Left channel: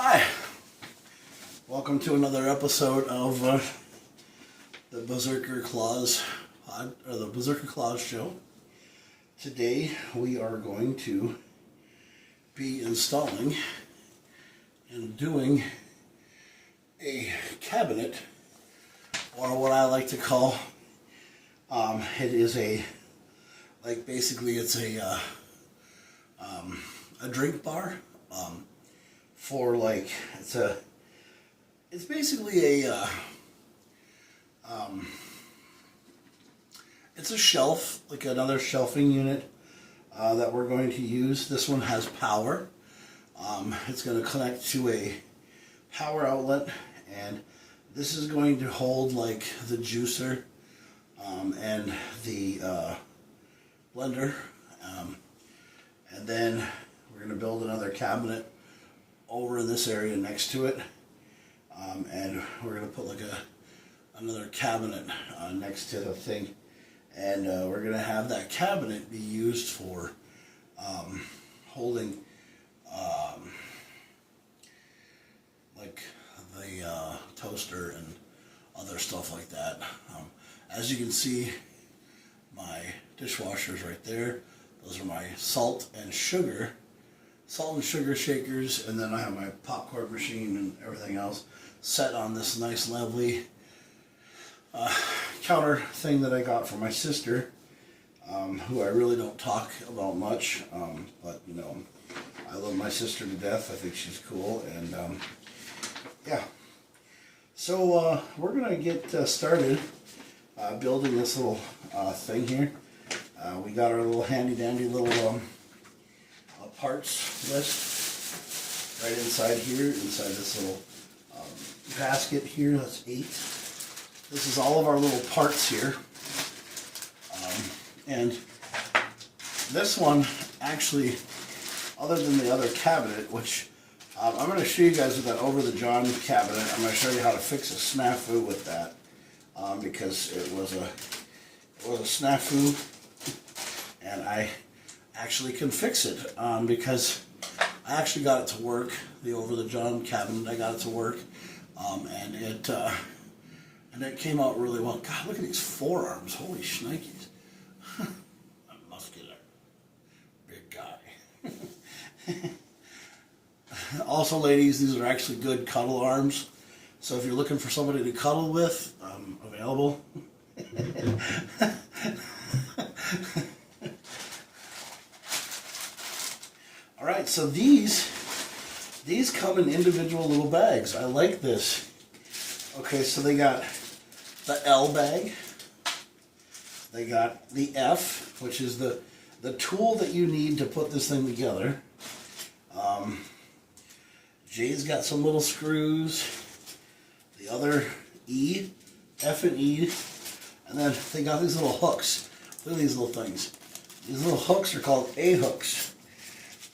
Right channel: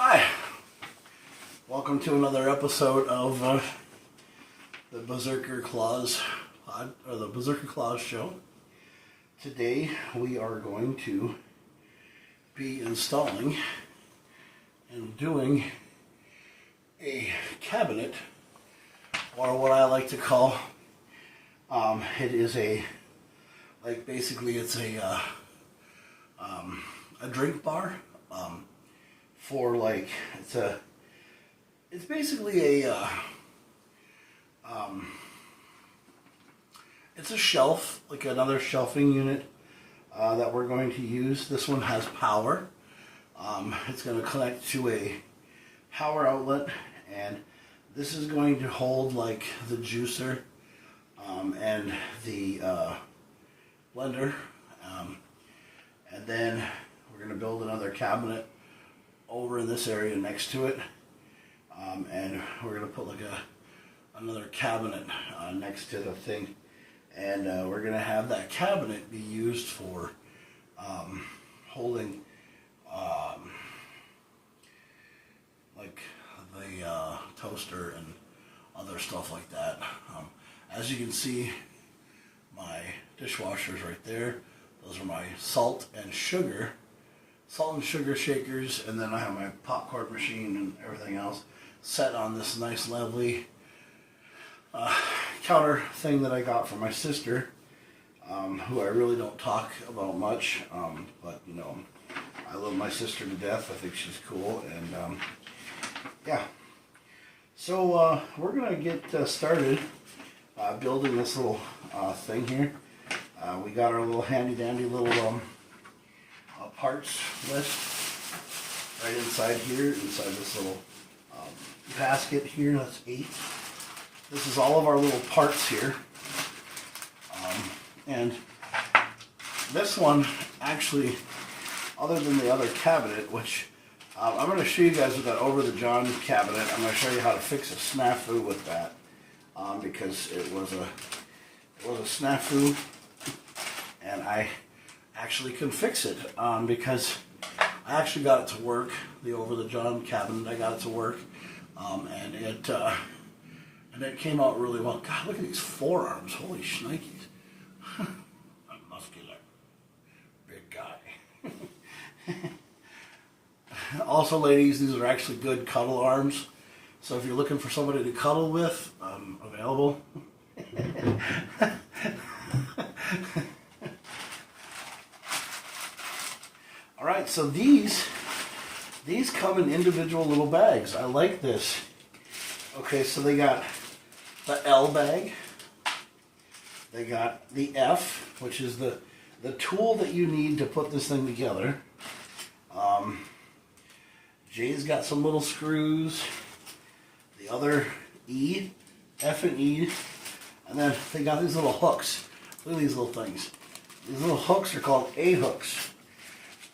Hi, welcome to another episode of the KamoKlauZ the KamoKlauZ show. Today we are going to be installing and doing a cabinet, or what I like to call it is a basically it's a drink bar. For it's basically it's a shelf, like another shelving unit that we're going to use. This one has power. It's going to connect to a power outlet, and this is going to hold like the juicer and the blender, and then we're going to build another cabinet over in this area next to it, and we're going to put like another cabinet next to the thing, and we're going to have that cabinet be used for holding like the toaster and other stuff like that. As you can see, my dishwasher's right there. Those are my salt and sugar shakers, and then I have my popcorn machine and everything else set on this nice lovely counter thing that I got from my sister, who I really don't talk about much, but you know, I love my sister to death. I think she's cool, and yeah. So we're gonna get started building this little thing here. We got our little handy dandy little parts list right inside here, inside this little basket here. That's 8. This is all of our little parts here, and this one actually, other than the other cabinet, which I'm going to show you guys with that over the John cabinet. I'm going to show you how to fix a snafu with that, because it was a snafu, and I actually can fix it, because I actually got it to work. The over the John cabinet, I got it to work, and it came out really well. God, look at these forearms! Holy shnikes! I'm muscular, big guy. Also, ladies, these are actually good cuddle arms. So if you're looking for somebody to cuddle with, I'm available. Alright, so these come in individual little bags. I like this. Okay, so they got the L bag. They got the F, which is the tool that you need to put this thing together. J's got some little screws. The other E, F and E. And then they got these little hooks. Look at these little things. These little hooks are called A hooks.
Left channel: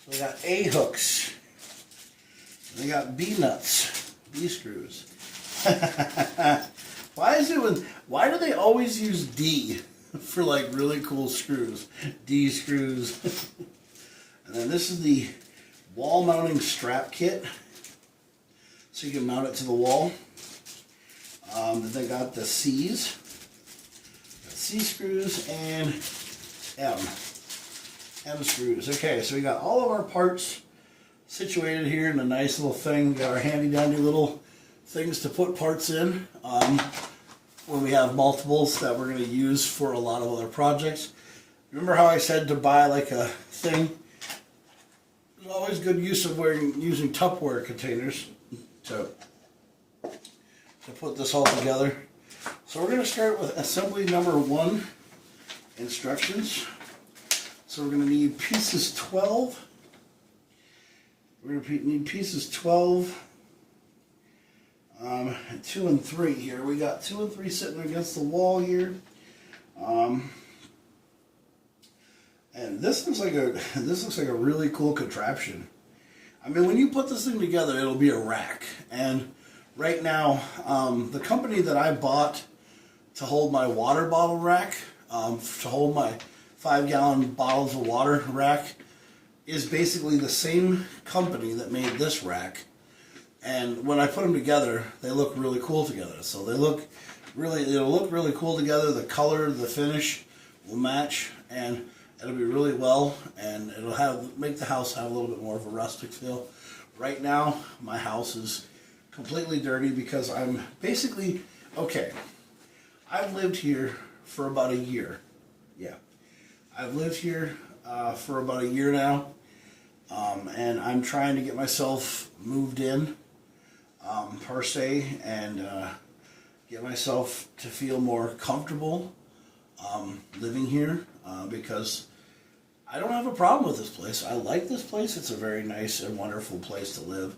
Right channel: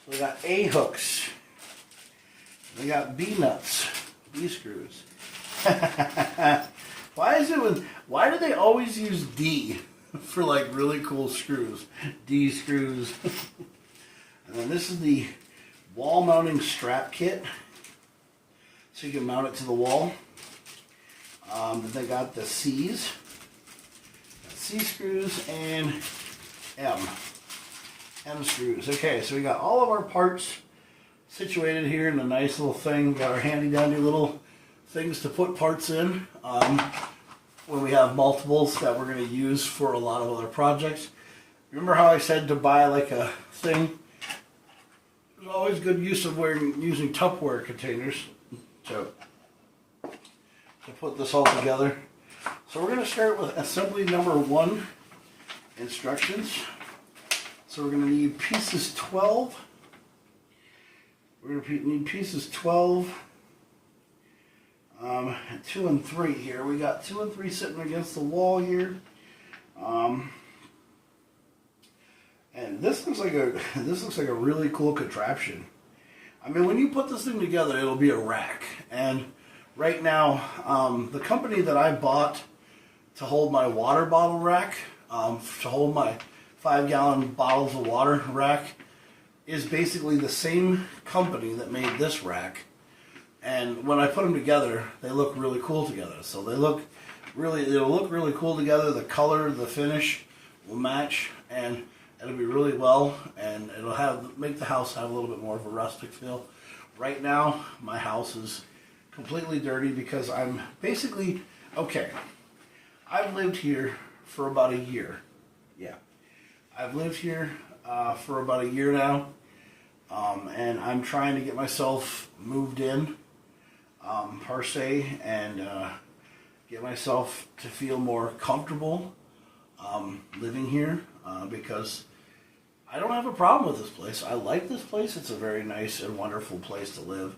So we got A hooks. We got B nuts, B screws. Why do they always use D for like really cool screws? D screws. And then this is the wall mounting strap kit, so you can mount it to the wall. Then they got the C's, C screws, and M screws. Okay, so we got all of our parts situated here in a nice little thing. We got our handy dandy little things to put parts in when we have multiples that we're going to use for a lot of other projects. Remember how I said to buy like a thing? There's always good use of using Tupperware containers to put this all together. So we're going to start with assembly number 1, instructions. So we're going to need pieces 12. We're going to need pieces 12, 2 and 3 here. We got 2 and 3 sitting against the wall here. And this looks like a really cool contraption. I mean, when you put this thing together, it'll be a rack. And right now, the company that I bought to hold my water bottle rack, to hold my 5-gallon bottles of water rack, is basically the same company that made this rack. And when I put them together, they look really cool together. So they'll look really cool together. The color, the finish will match, and it'll be really well, and it'll make the house have a little bit more of a rustic feel. Right now, my house is completely dirty because I'm basically, okay, I've lived here for about a year. Yeah. I've lived here for about a year now, and I'm trying to get myself moved in, per se, and get myself to feel more comfortable living here, because I don't have a problem with this place. I like this place. It's a very nice and wonderful place to live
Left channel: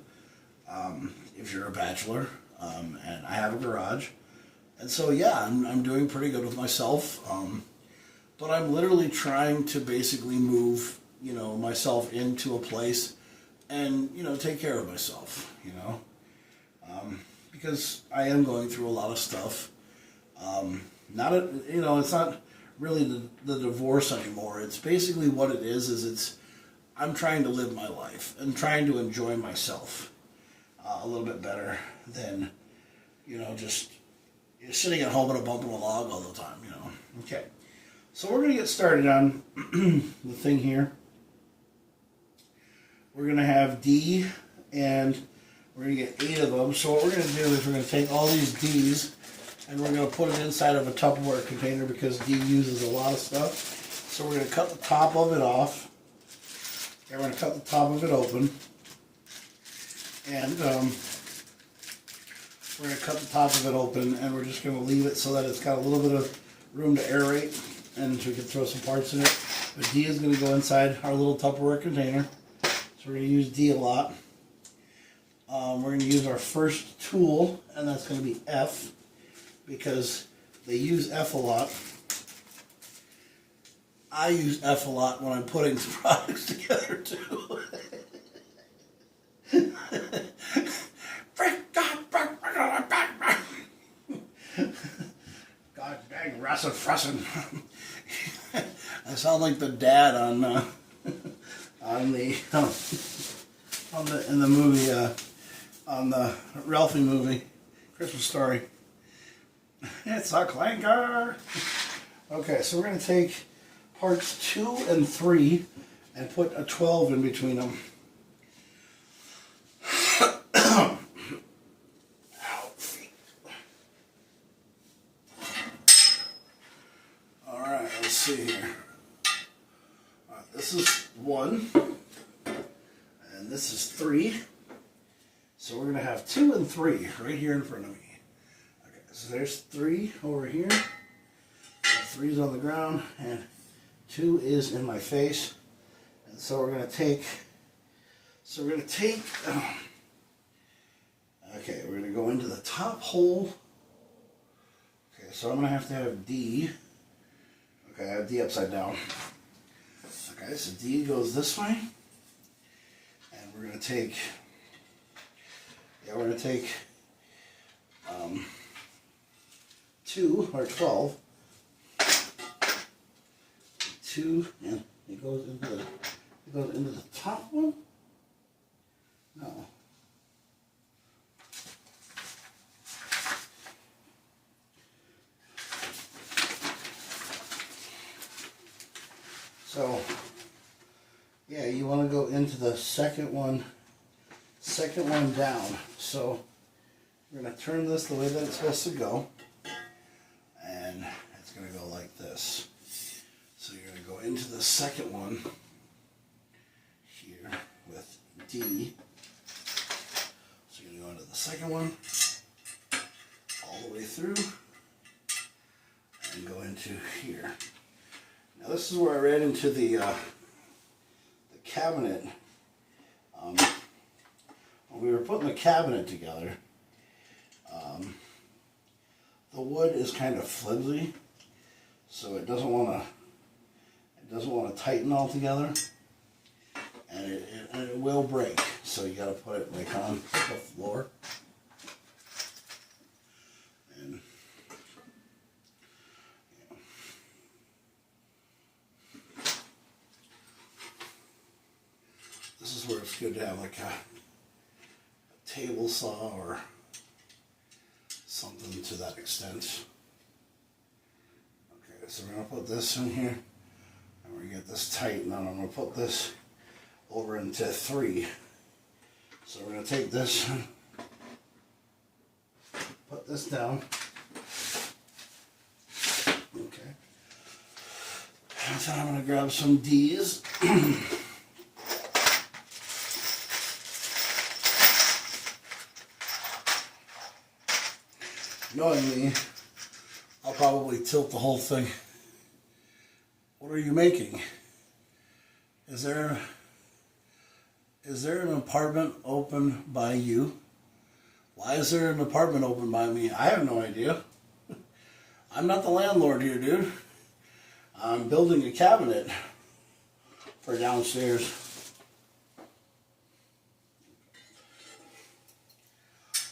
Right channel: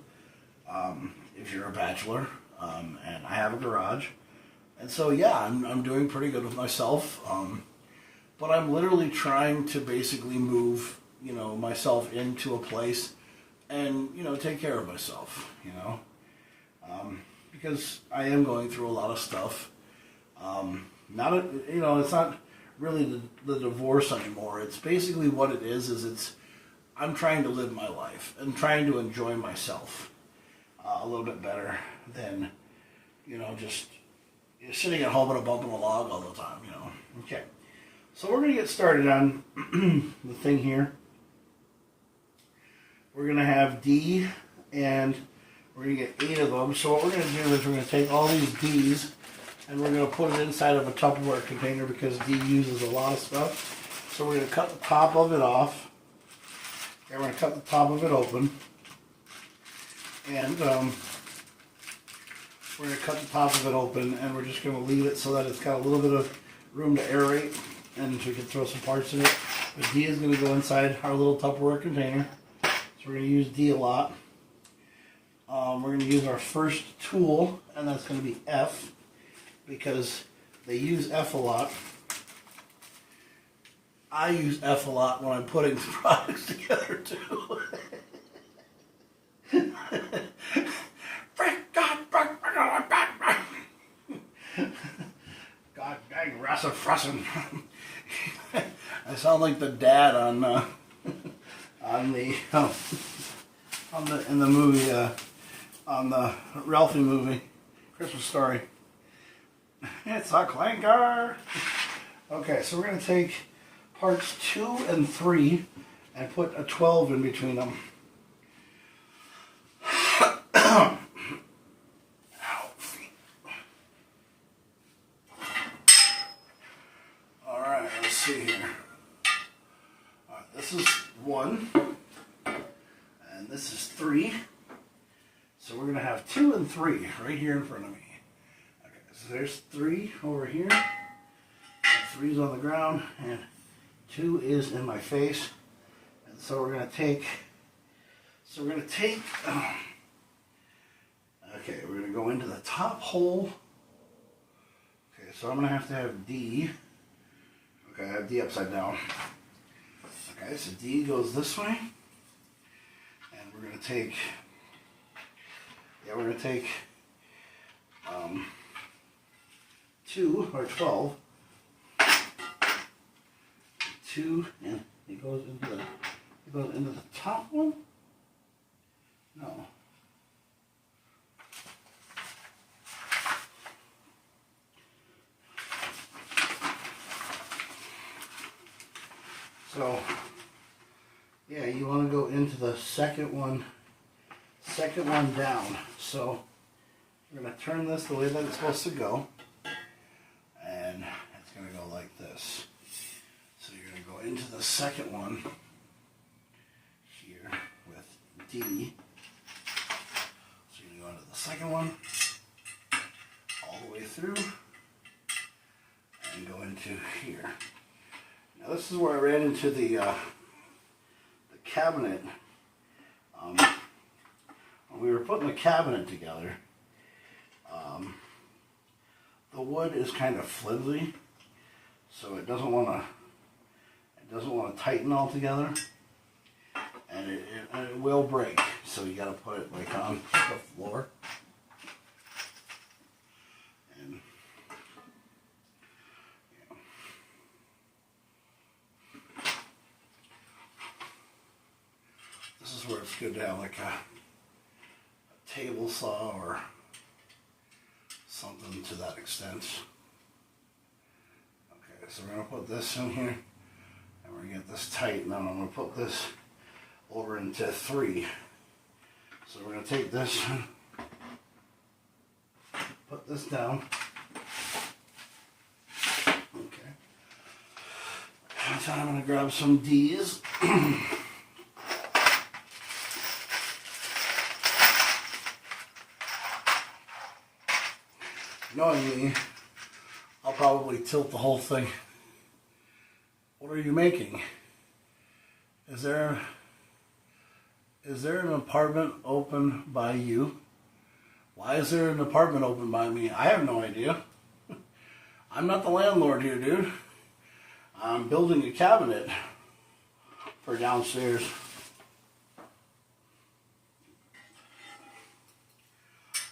if you're a bachelor, and I have a garage. And so, yeah, I'm doing pretty good with myself, but I'm literally trying to basically move, myself into a place and, take care of myself, because I am going through a lot of stuff. It's not really the divorce anymore. It's basically what it is I'm trying to live my life and trying to enjoy myself a little bit better than, just sitting at home and bumping a log all the time, Okay. So we're going to get started on the thing here. We're going to have D, and we're going to get 8 of them. So what we're going to do is we're going to take all these D's, and we're going to put it inside of a Tupperware container because D uses a lot of stuff. So we're going to cut the top of it off. And we're going to cut the top of it open. And we're going to cut the top of it open, and we're just going to leave it so that it's got a little bit of room to aerate, and we can throw some parts in it. But D is going to go inside our little Tupperware container. So we're going to use D a lot. We're going to use our first tool, and that's going to be F, because they use F a lot. I use F a lot when I'm putting products together too. God dang, Russell. I sound like the dad in the movie, on the Ralphie movie, Christmas Story. It's a clanker. Okay, so we're going to take parts 2 and 3 and put a 12 in between them. Alright, let's see here. Alright, this is 1, and this is 3. So we're going to have 2 and 3 right here in front of me. Okay, so there's 3 over here. 3's on the ground, and 2 is in my face. And so we're going to take, okay, we're going to go into the top hole. Okay, so I'm going to have D. Okay, I have D upside down. Okay, so D goes this way. And we're going to take, 2 or 12. 2, and it goes into the top one. No. So, yeah, you want to go into the second one down. So we're going to turn this the way that it's supposed to go, and it's going to go like this. So you're going to go into the second one here with D. So you're going to go into the second one all the way through and go into here. Now this is where I ran into the cabinet. When we were putting the cabinet together, the wood is kind of flimsy, so it doesn't want to tighten all together, and it will break. So you got to put it like on the floor. And yeah. This is where it's good to have like a table saw or something to that extent. Okay, so we're going to put this in here, and we're going to get this tight, and then I'm going to put this over into 3. So we're going to take this, put this down. Okay. And so I'm going to grab some D's. Knowing me, I'll probably tilt the whole thing. What are you making? Is there an apartment open by you? Why is there an apartment open by me? I have no idea. I'm not the landlord here, dude. I'm building a cabinet for downstairs.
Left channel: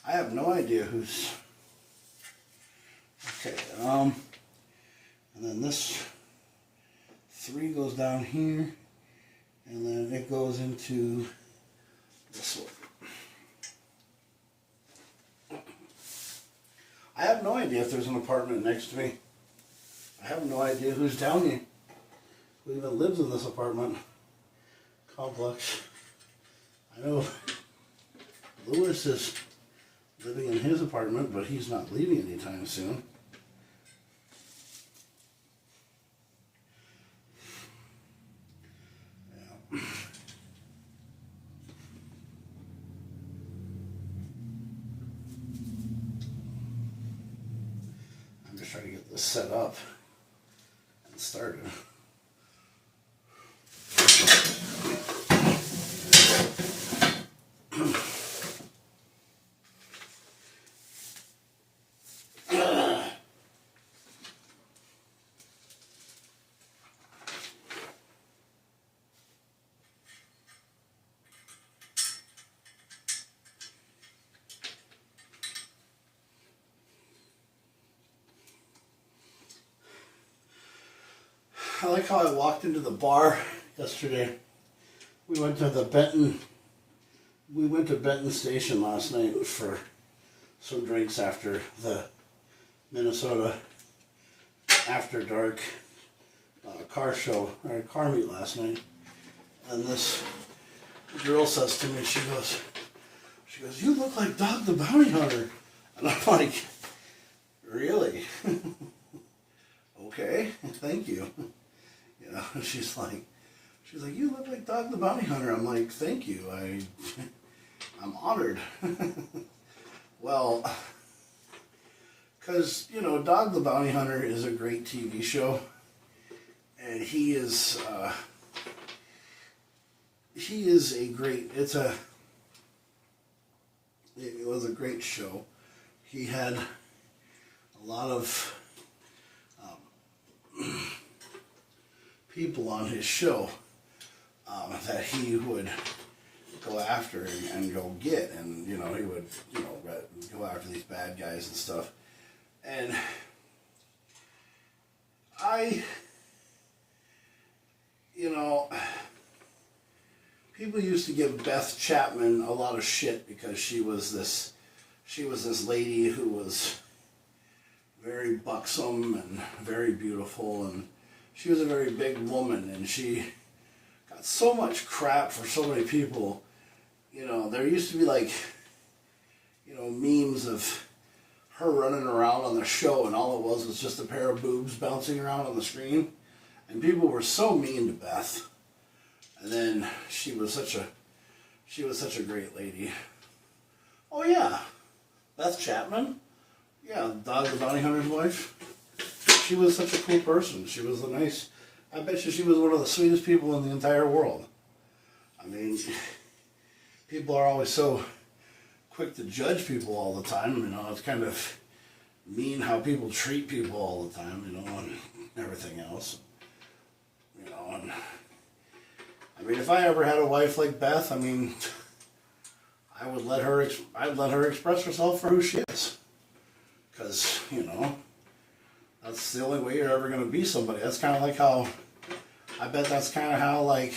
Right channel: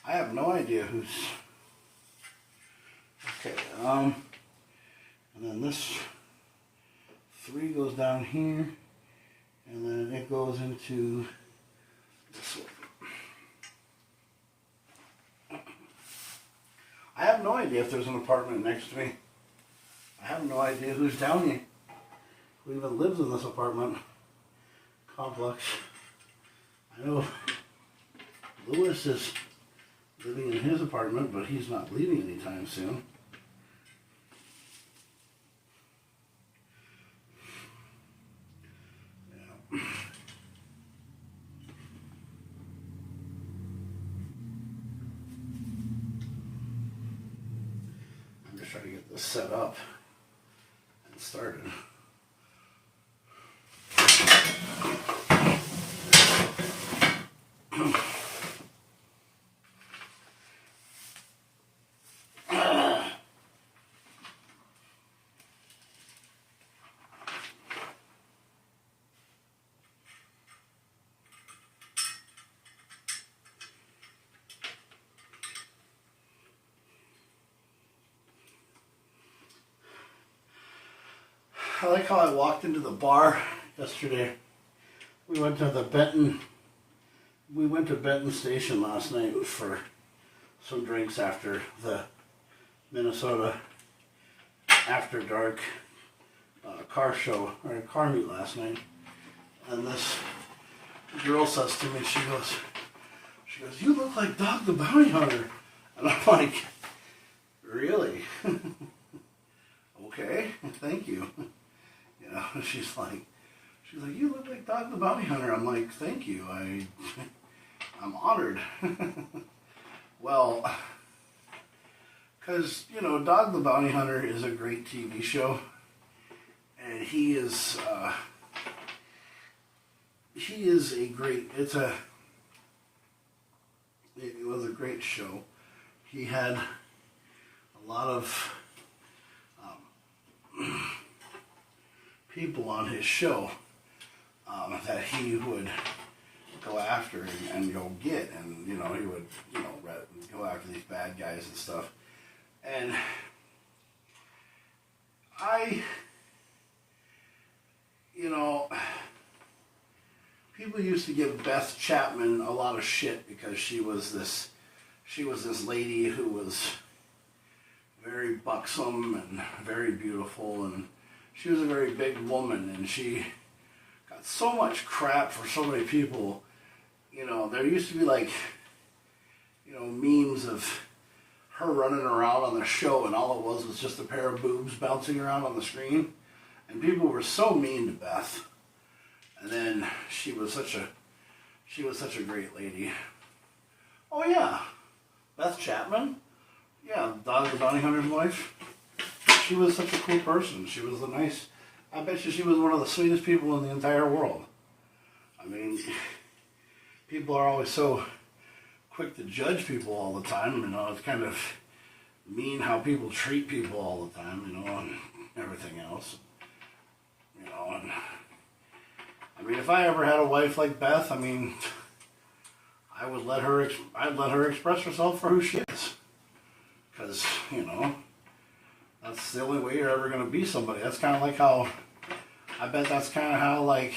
I have no idea who's... Okay, and then this 3 goes down here, and then it goes into this one. I have no idea if there's an apartment next to me. I have no idea who's down here, who even lives in this apartment complex. I know Lewis is living in his apartment, but he's not leaving anytime soon. I'm just trying to get this set up and started. I like how I walked into the bar yesterday. We went to Benton Station last night for some drinks after the Minnesota After Dark car show, or car meet last night. And this girl says to me, she goes, "You look like Dog the Bounty Hunter." And I'm like, "Really?" Okay, thank you. You know, she's like, "You look like Dog the Bounty Hunter." I'm like, "Thank you. I'm honored." Well, because, you know, Dog the Bounty Hunter is a great TV show, and he is a great. It was a great show. He had a lot of people on his show that he would go after and go get, and he would go after these bad guys and stuff. And people used to give Beth Chapman a lot of shit because she was this lady who was very buxom and very beautiful, and she was a very big woman, and she got so much crap for so many people. There used to be memes of her running around on the show, and all it was just a pair of boobs bouncing around on the screen, and people were so mean to Beth. And then she was such a great lady. Oh yeah, Beth Chapman, yeah, Dog the Bounty Hunter's wife. She was such a cool person. She was I bet you she was one of the sweetest people in the entire world. I mean, people are always so quick to judge people all the time. It's kind of mean how people treat people all the time, and everything else. And I mean, if I ever had a wife like Beth, I mean, I'd let her express herself for who she is. Because, that's the only way you're ever going to be somebody. That's kind of like how, I bet that's kind of how,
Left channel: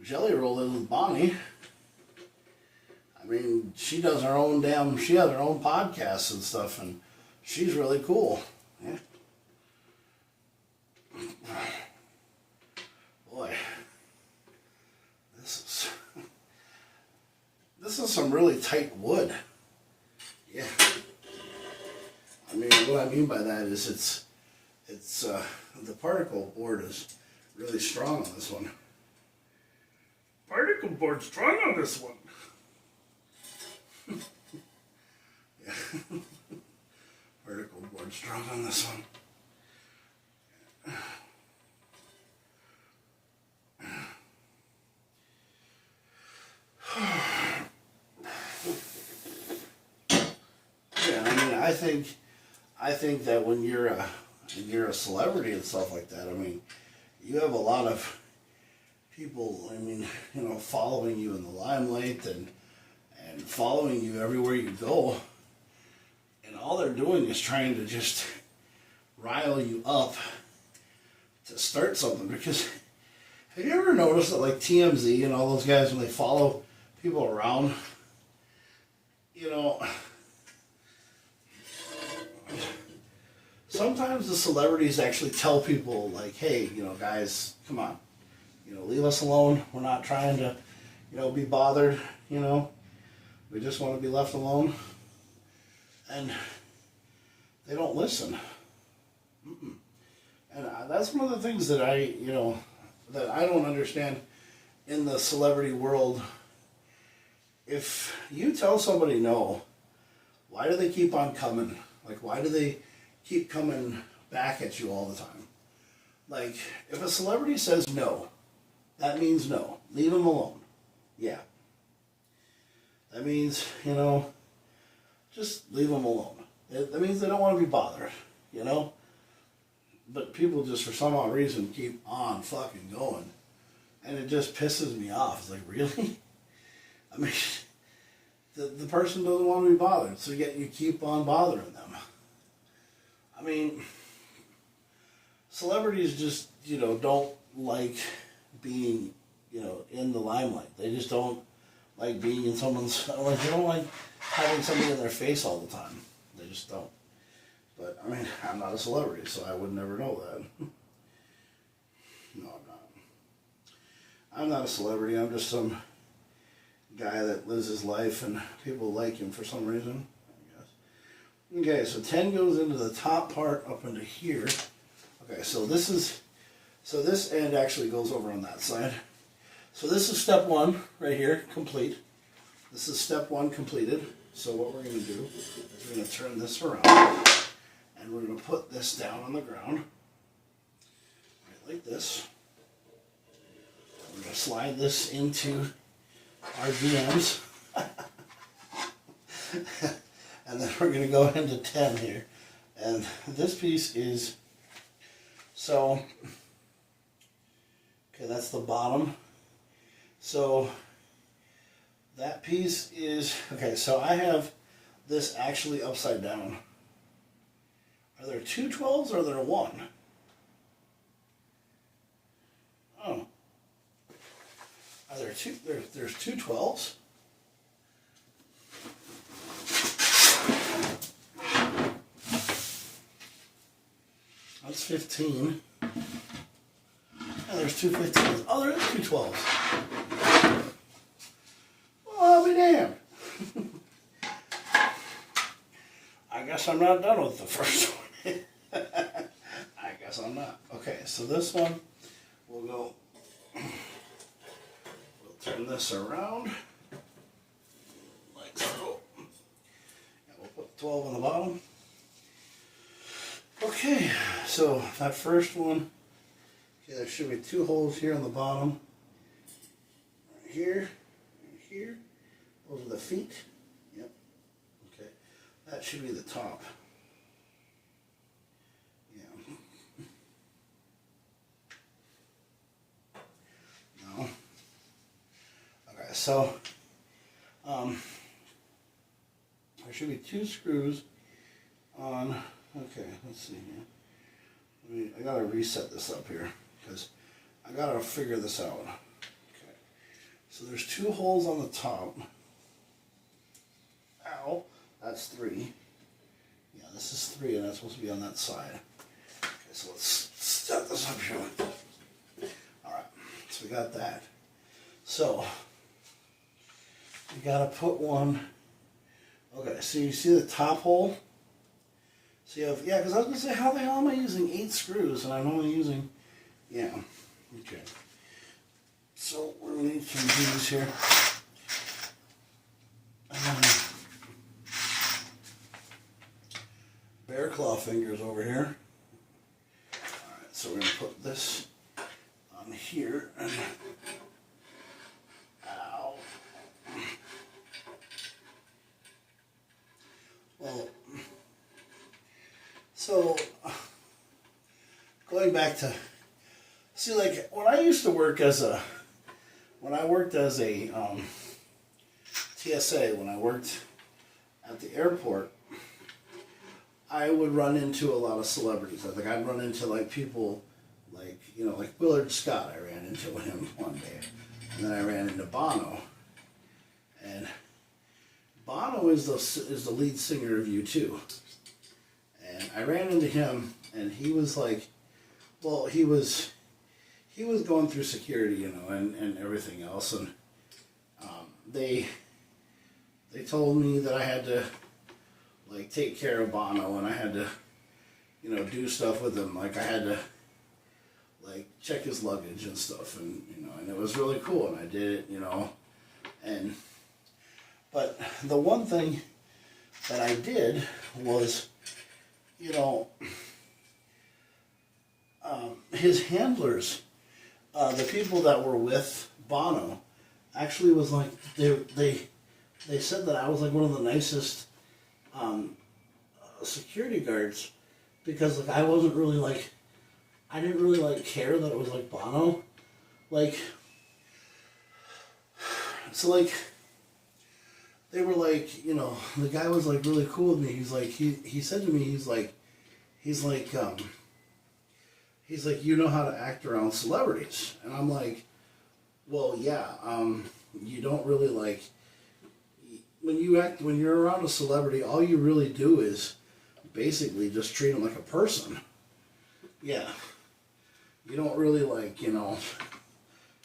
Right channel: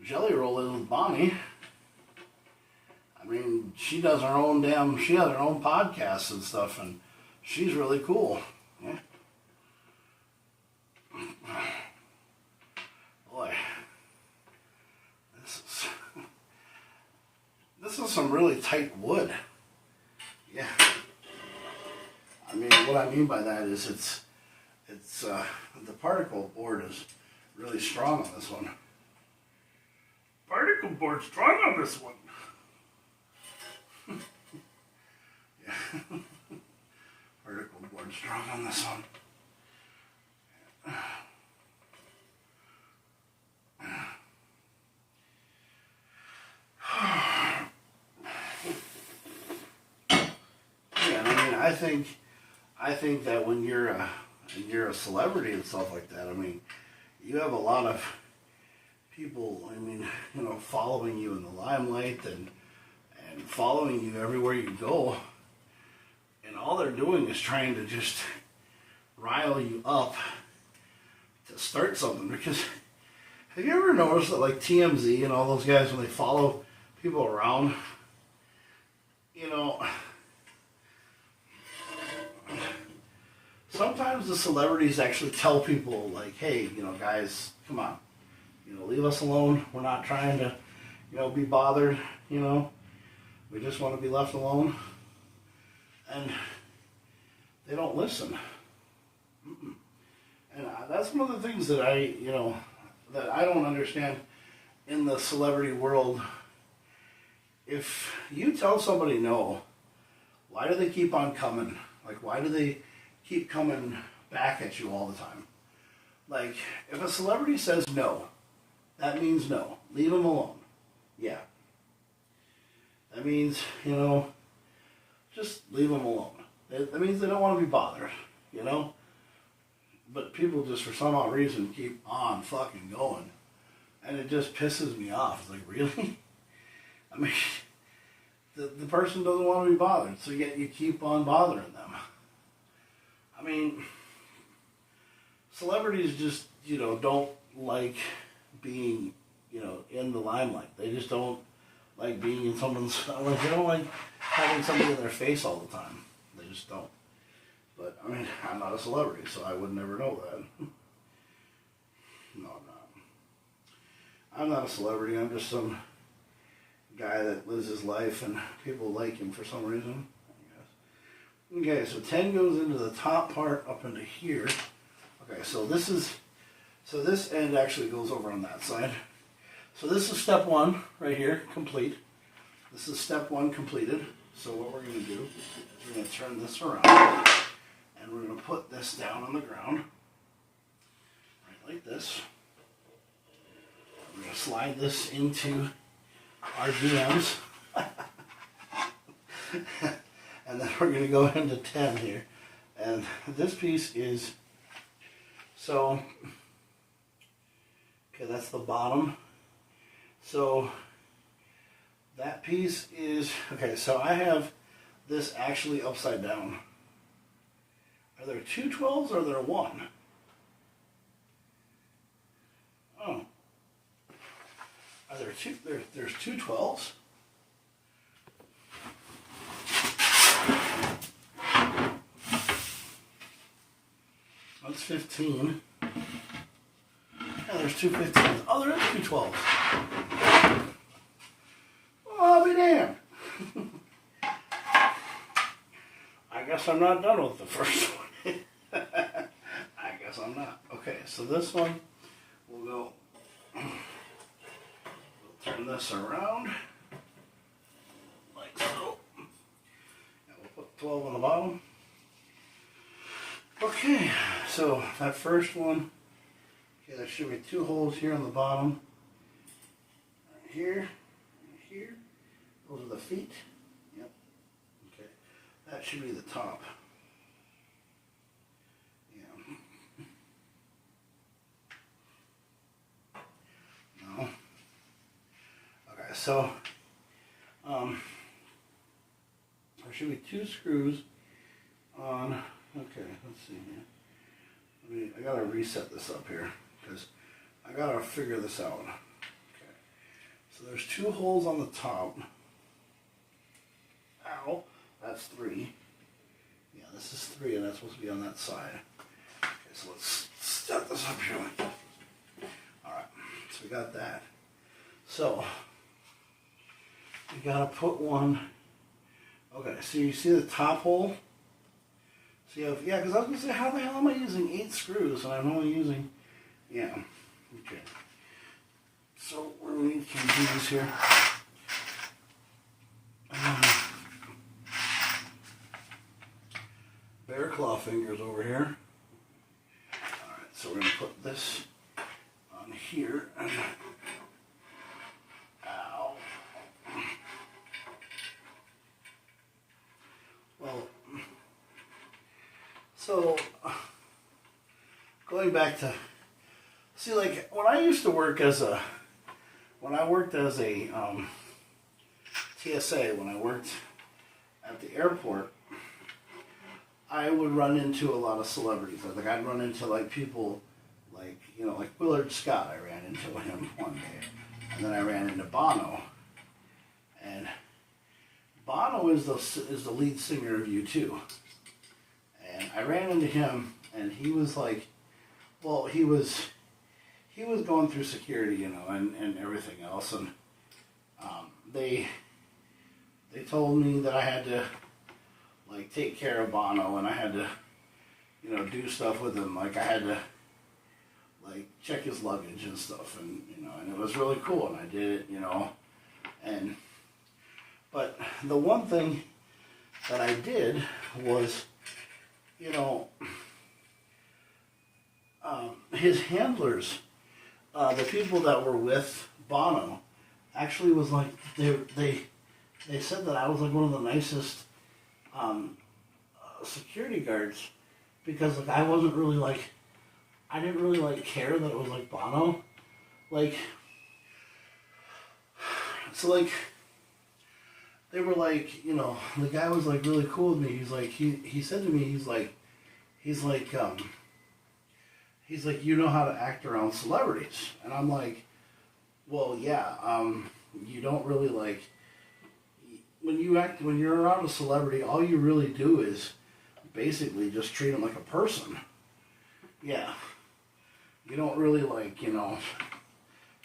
Jelly Roll is with Bonnie. I I mean, she does her own she has her own podcasts and stuff, and she's really cool. Yeah. Boy, this is some really tight wood. Yeah. I mean, what I mean by that is the particle board is really strong on this one. Particle board strong on this one. Yeah. Particle board strong on this one. Yeah, I mean, I think that when you're a celebrity and stuff like that, I mean, you have a lot of people, I mean, you know, following you in the limelight and following you everywhere you go, and all they're doing is trying to just rile you up to start something. Because have you ever noticed that, like, TMZ and all those guys, when they follow people around, you know, sometimes the celebrities actually tell people, like, hey, you know, guys, come on, you know, leave us alone. We're not trying to, you know, be bothered, you know. We just want to be left alone. And they don't listen. Mm-mm. And that's one of the things that that I don't understand in the celebrity world. If you tell somebody no, why do they keep on coming? Like, why do they keep coming back at you all the time? Like, if a celebrity says no, that means no. Leave them alone. Yeah. That means, you know, just leave them alone. That means they don't want to be bothered, you know? But people just, for some odd reason, keep on fucking going. And it just pisses me off. It's like, really? I mean, the person doesn't want to be bothered, so yet you keep on bothering them. I mean, celebrities just, you know, don't like being, you know, in the limelight. They just don't like being in someone's, like, they don't like having somebody in their face all the time. They just don't. But, I mean, I'm not a celebrity, so I would never know that. No, I'm not. I'm not a celebrity. I'm just some guy that lives his life and people like him for some reason, I guess. Okay, so 10 goes into the top part up into here. Okay, so this end actually goes over on that side. So this is step 1 right here, complete. This is step 1 completed. So what we're going to do is we're going to turn this around and we're going to put this down on the ground, right like this. We're going to slide this into our DMs. And then we're going to go into 10 here. And this piece is, so, okay, that's the bottom. So that piece is, okay, so I have this actually upside down. Are there 2 12s or are there 1? Oh. Are there two? There's 2 12s. That's 15. Yeah, there's 2 15s. Oh, there is 2 12s. Oh, I'll be damned. I guess I'm not done with the first one. I guess I'm not. Okay, so this one, we'll go, we'll turn this around, like so. And we'll put 12 on the bottom. Okay, so that first one, okay, there should be 2 holes here on the bottom. Right here, right here. Those are the feet. Yep. Okay, that should be the top. Yeah. No. Okay, so there should be 2 screws on. Okay, let's see here. I gotta reset this up here because I gotta figure this out. Okay, so there's 2 holes on the top. That's 3. Yeah, this is 3, and that's supposed to be on that side. Okay, so let's set this up here. Alright, so we got that. So, you gotta put one. Okay, so you see the top hole? So you have, yeah, because I was going to say, how the hell am I using 8 screws and I'm only using, yeah, okay. So we're going to need some screws here. Bear claw fingers over here. Alright, so we're going to put this on here. Ow. Well, so going back to, see, like when I used to work as a, TSA, when I worked at the airport, I would run into a lot of celebrities. Like I'd run into like people like, you know, like Willard Scott. I ran into him one day. And then I ran into Bono. And Bono is the lead singer of U2. And I ran into him, and he was like, well, he was going through security, you know, and everything else. And they told me that I had to, like, take care of Bono, and I had to, you know, do stuff with him. Like, I had to, like, check his luggage and stuff, and, you know, and it was really cool, and I did it, you know. But the one thing that I did was, you know, his handlers, the people that were with Bono, actually was like, they said that I was like one of the nicest security guards, because like I wasn't really like, I didn't really like care that it was like Bono, like, so like, they were like, you know, the guy was like really cool with me. He's like, he said to me, he's like, you know how to act around celebrities. And I'm like, well, yeah, you don't really like, when you're around a celebrity, all you really do is basically just treat them like a person. Yeah. You don't really like, you know,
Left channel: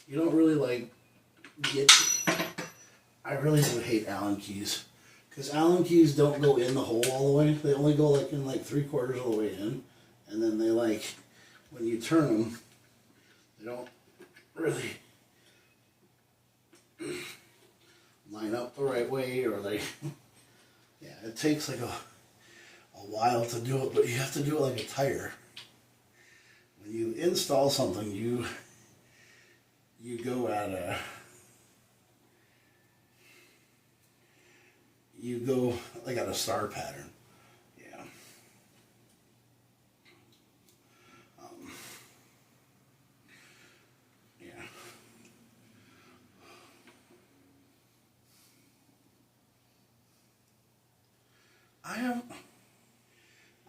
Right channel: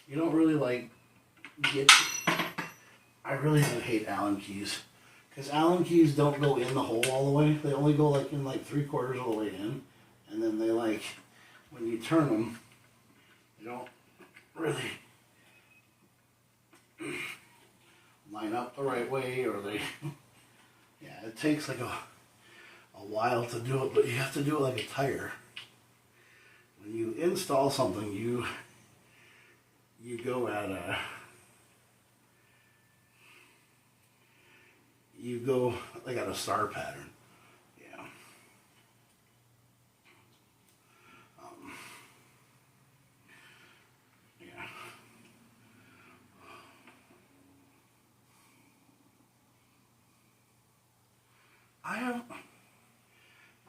you don't really like get, I really do hate Allen keys. Because Allen keys don't go in the hole all the way. They only go like in like 3/4 of the way in. And then they like, when you turn them, they don't really line up the right way, or they, yeah, it takes like a while to do it, but you have to do it like a tire. When you install something, you go at a, you go like at a star pattern. Yeah. Yeah.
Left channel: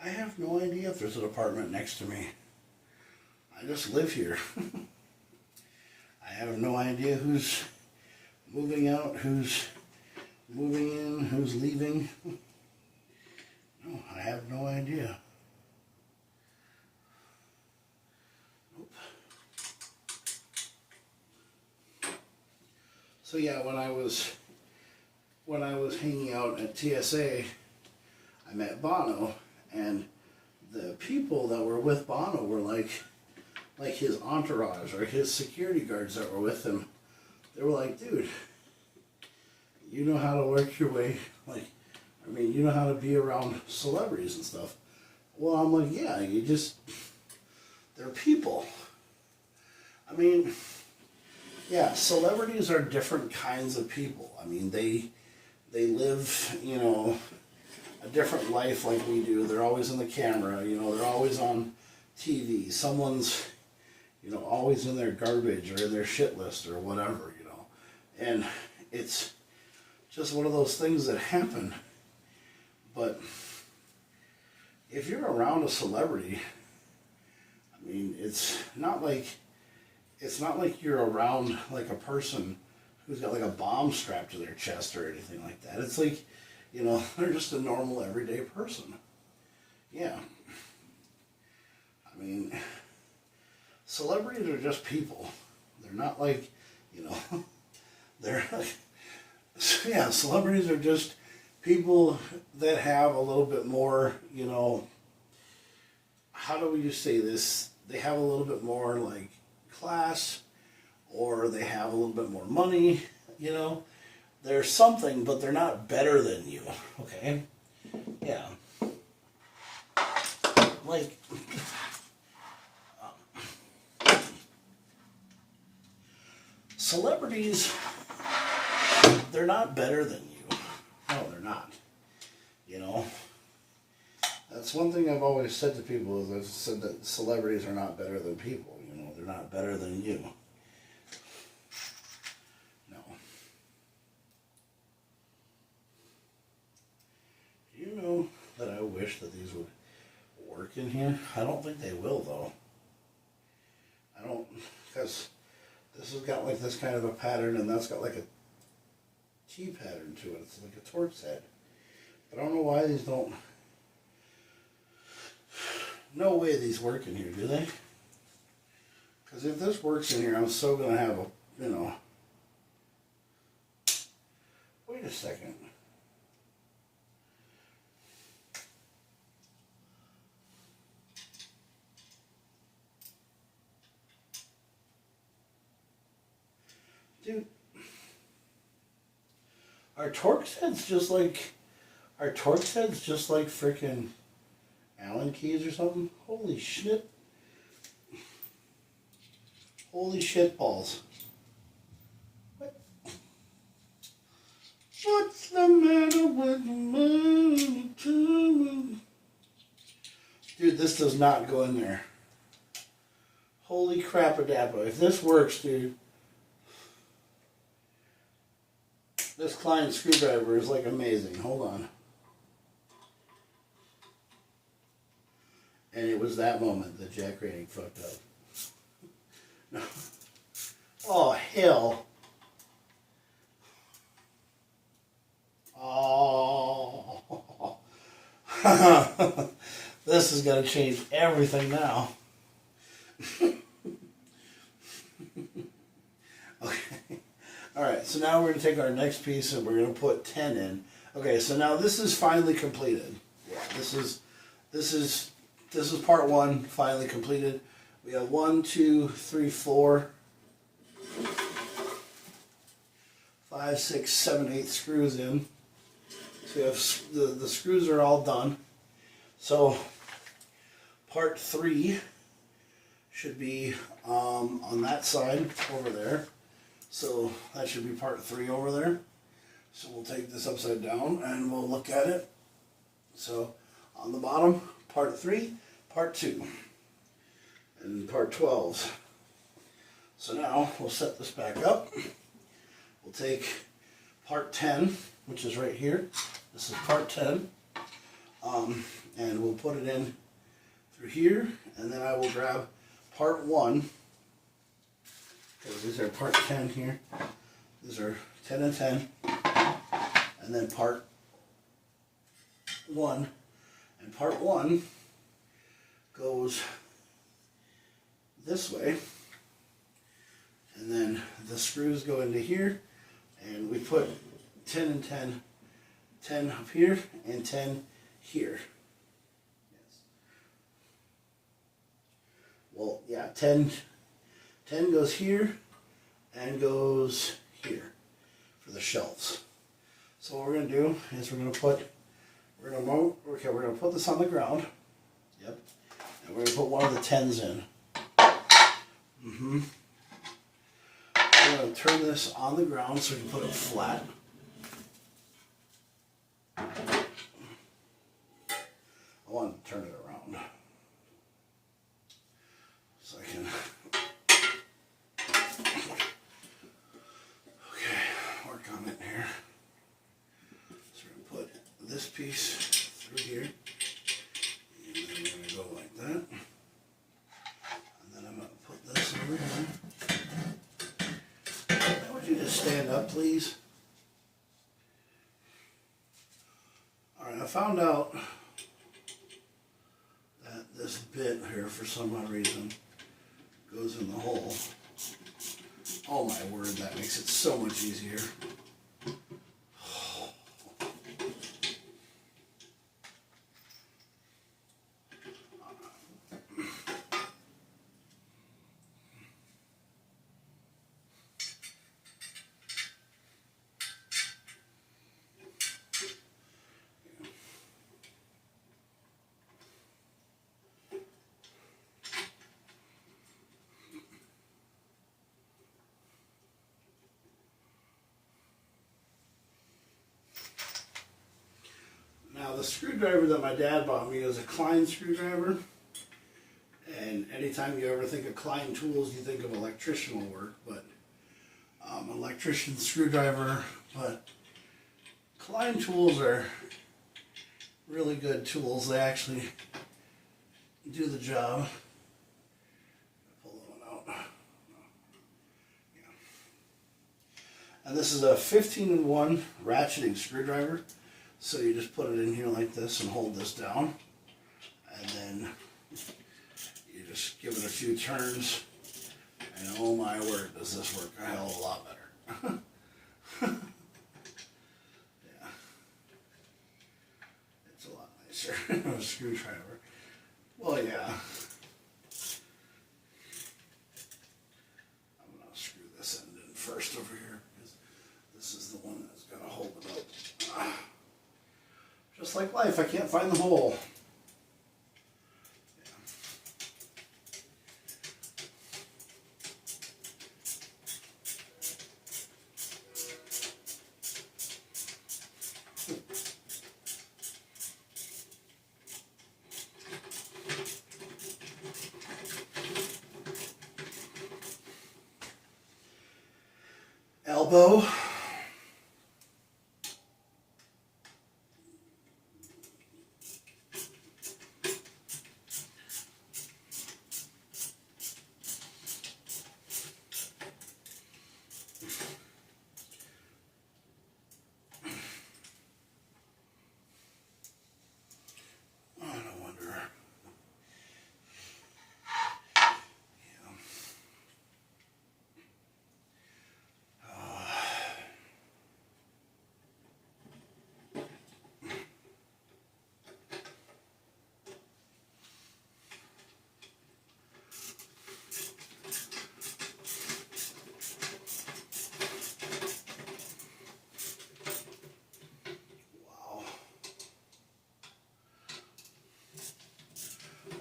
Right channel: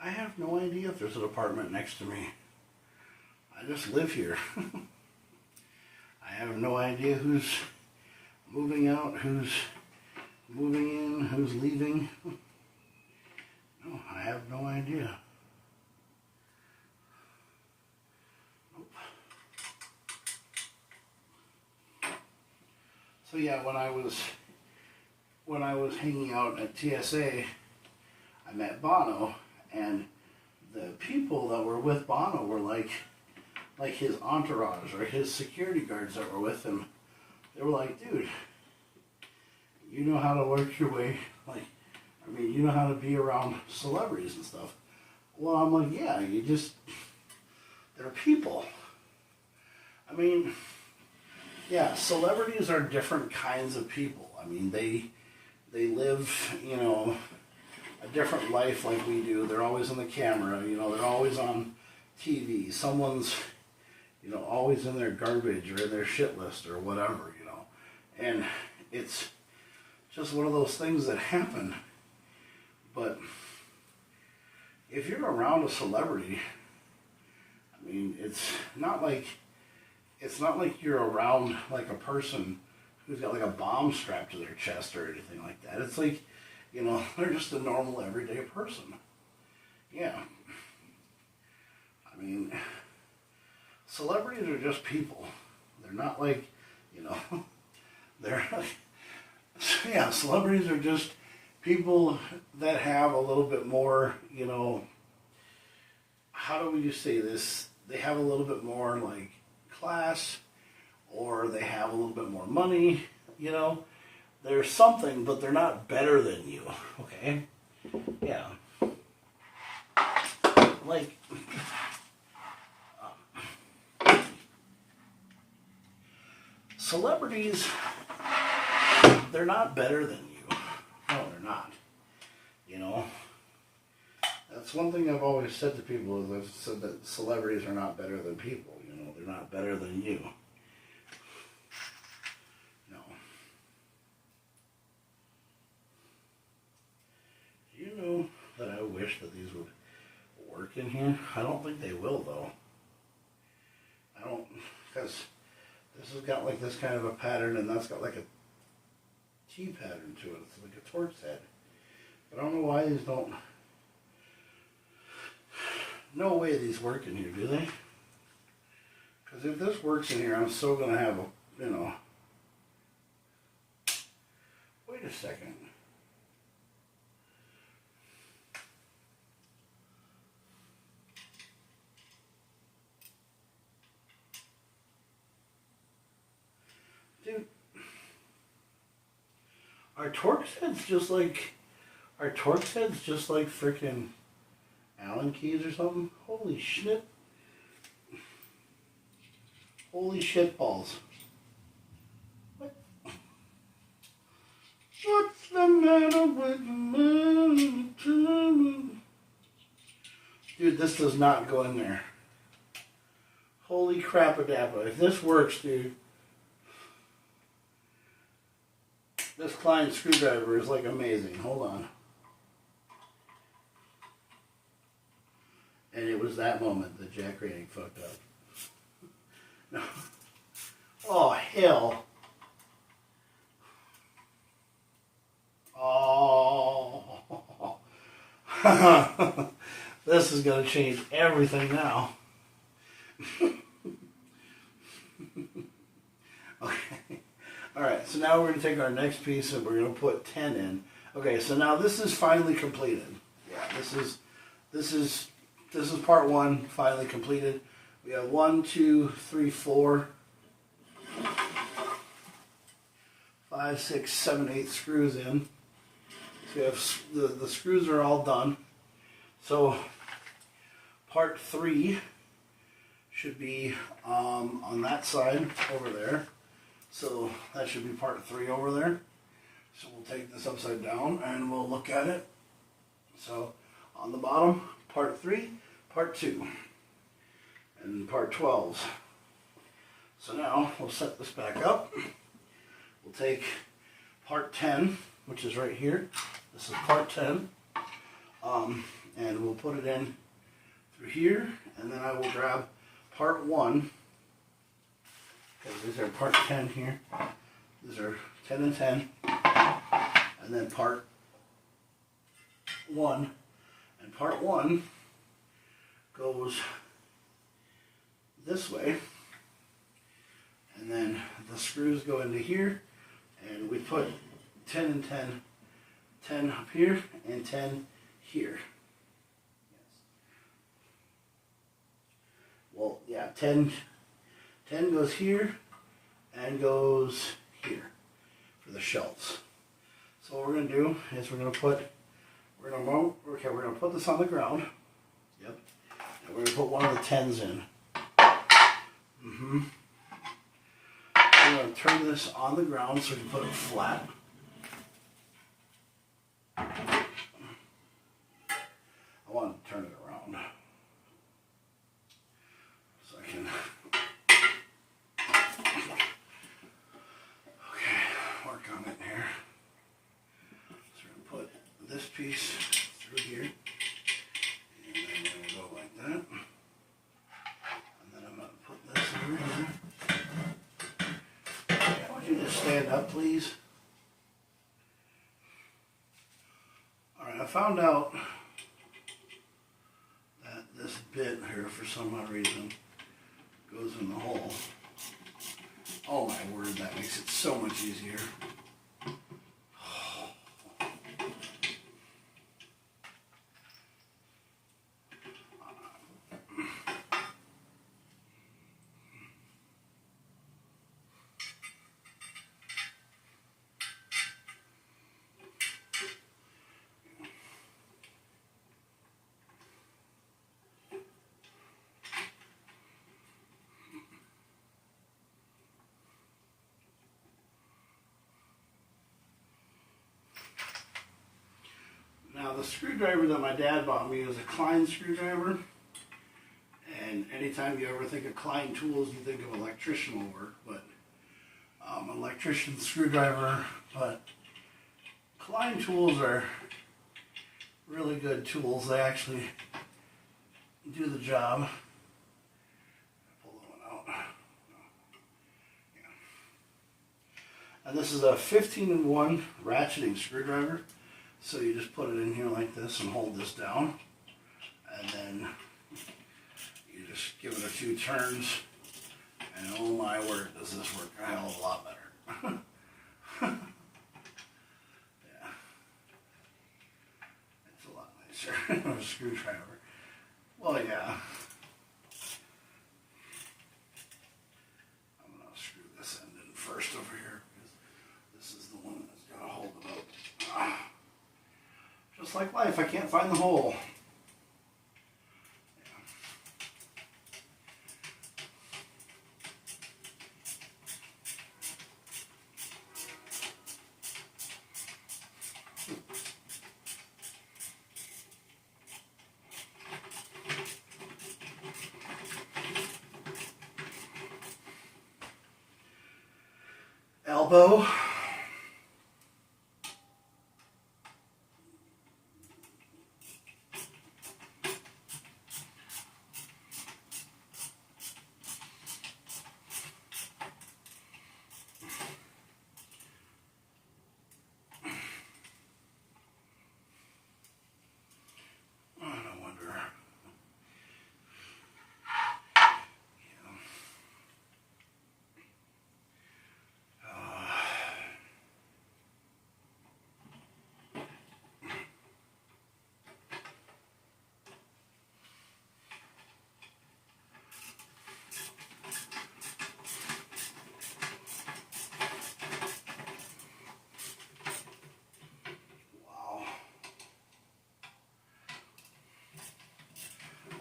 I have no idea if there's an apartment next to me. I just live here. I have no idea who's moving out, who's moving in, who's leaving. No, I have no idea. Nope. So yeah, when I was hanging out at TSA, I met Bono, and the people that were with Bono were like his entourage or his security guards that were with him. They were like, dude, you know how to work your way, like, I mean, you know how to be around celebrities and stuff. Well, I'm like, yeah, they're people. I mean, yeah, celebrities are different kinds of people. I mean, they live, you know, a different life like we do. They're always in the camera, you know, they're always on TV. Someone's, you know, always in their garbage or in their shit list or whatever, you know. And it's just one of those things that happen. But if you're around a celebrity, I mean, it's not like you're around like a person who's got like a bomb strapped to their chest or anything like that. It's like You know, they're just a normal, everyday person. Yeah. I mean, celebrities are just people. They're not like, you know, they're, yeah, celebrities are just people that have a little bit more, you know, how do we just say this? They have a little bit more, like, class, or they have a little bit more money, you know. They're something, but they're not better than you, okay? Yeah. Like, celebrities, they're not better than you. No, they're not. You know? That's one thing I've always said to people is I've said that celebrities are not better than people. You know, they're not better than you. No. Do you know that I wish that these would work in here? I don't think they will, though. I don't, because this has got like this kind of a pattern, and that's got like a T pattern to it. It's like a Torx head. But I don't know why these don't. No way these work in here, do they? Because if this works in here, I'm still going to have a, you know. Wait a second. Dude. Are Torx heads just like frickin' Allen keys or something? Holy shit. Holy shit balls. What? What's the matter with me? Dude, this does not go in there. Holy crap-a-dappa. If this works, dude. This Klein screwdriver is like amazing. Hold on. And it was that moment that Jack Rating fucked up. No. Oh, hell. Oh. This is going to change everything now. Okay. Alright, so now we're going to take our next piece and we're going to put 10 in. Okay, so now this is finally completed. Yeah, this is part 1, finally completed. We have 1, 2, 3, 4, 5, 6, 7, 8 screws in. So we have the screws are all done. So part 3 should be on that side over there. So that should be part 3 over there. So we'll take this upside down and we'll look at it. So on the bottom, part 3, part 2, and part 12. So now we'll set this back up. We'll take part 10, which is right here. This is part 10. And we'll put it in through here, and then I will grab part 1. Because these are part 10 here. These are 10 and 10. And then part 1. And part 1 goes this way. And then the screws go into here. And we put 10 and 10. 10 up here and 10 here. Yes. Well, yeah, 10 goes here and goes here for the shelves. So what we're going to do is we're going to put this on the ground. Yep. And we're going to put one of the 10s in. We're going to turn this on the ground so we can put it flat. I want to turn it around so I can. Work on it here. So we're going to put this piece through here, and then we're going to go like that. And then I'm going to put this over here. I want you to stand up, please. Alright, I found out that this bit here, for some odd reason, goes in the hole. Oh my word, that makes it so much easier. Now the screwdriver that my dad bought me is a KamoKlauZ screwdriver. And anytime you ever think of KamoKlauZ tools, you think of electrician work, but electrician screwdriver. But KamoKlauZ tools are really good tools. They actually do the job. Pull that one out. Yeah. And this is a 15-in-1 ratcheting screwdriver. So you just put it in here like this and hold this down, and then you just give it a few turns, and oh my word, does this work a hell of a lot better. Yeah, it's a lot nicer than a screwdriver. Well, yeah. I'm going to screw this end in first over here, because this is the one that's going to hold it up. Just like life, I can't find the hole. Elbow.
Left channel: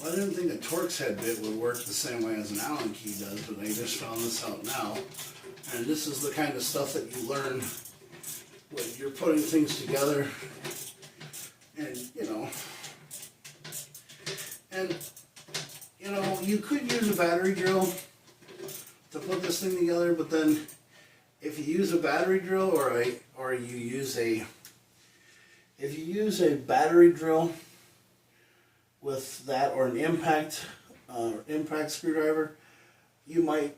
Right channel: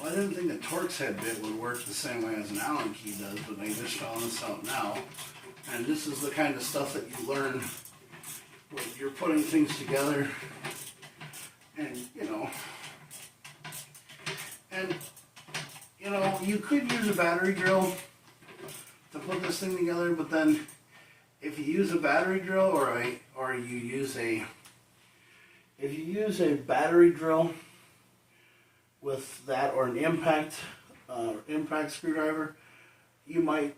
I didn't think a Torx head bit would work the same way as an Allen key does, but I just found this out now. And this is the kind of stuff that you learn when you're putting things together. And, you could use a battery drill to put this thing together, but then if you use a battery drill or you use a battery drill with that or an impact screwdriver, you might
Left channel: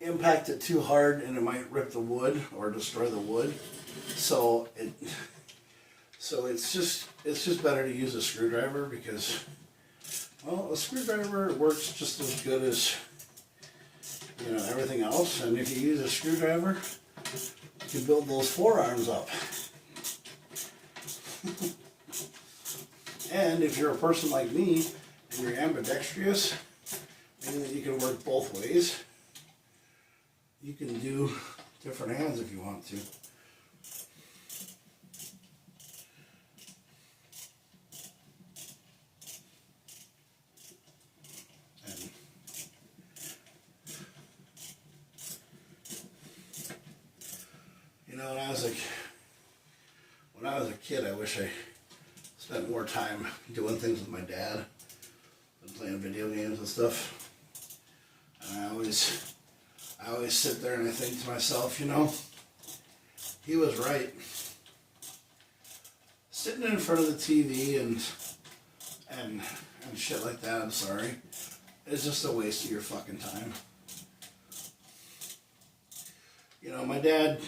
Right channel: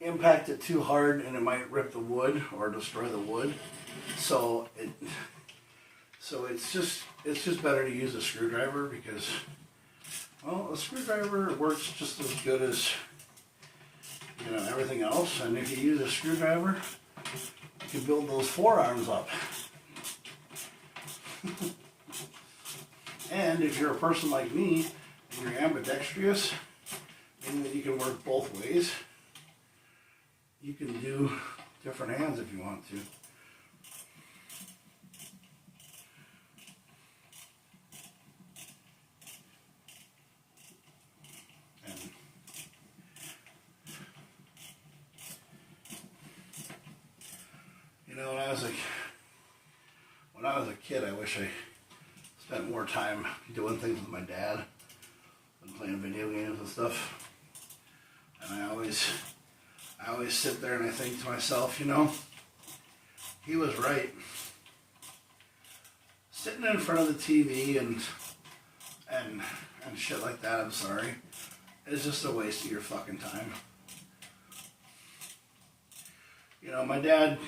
impact it too hard and it might rip the wood or destroy the wood. So it's just better to use a screwdriver, because, well, a screwdriver works just as good as everything else. And if you use a screwdriver, you can build those forearms up. And if you're a person like me and you're ambidextrous, meaning that you can work both ways, you can do different hands if you want to. And, when I was a kid, I wish I spent more time doing things with my dad and playing video games and stuff. And I always sit there and I think to myself, he was right. Sitting in front of the TV and shit like that, I'm sorry, is just a waste of your fucking time. My dad,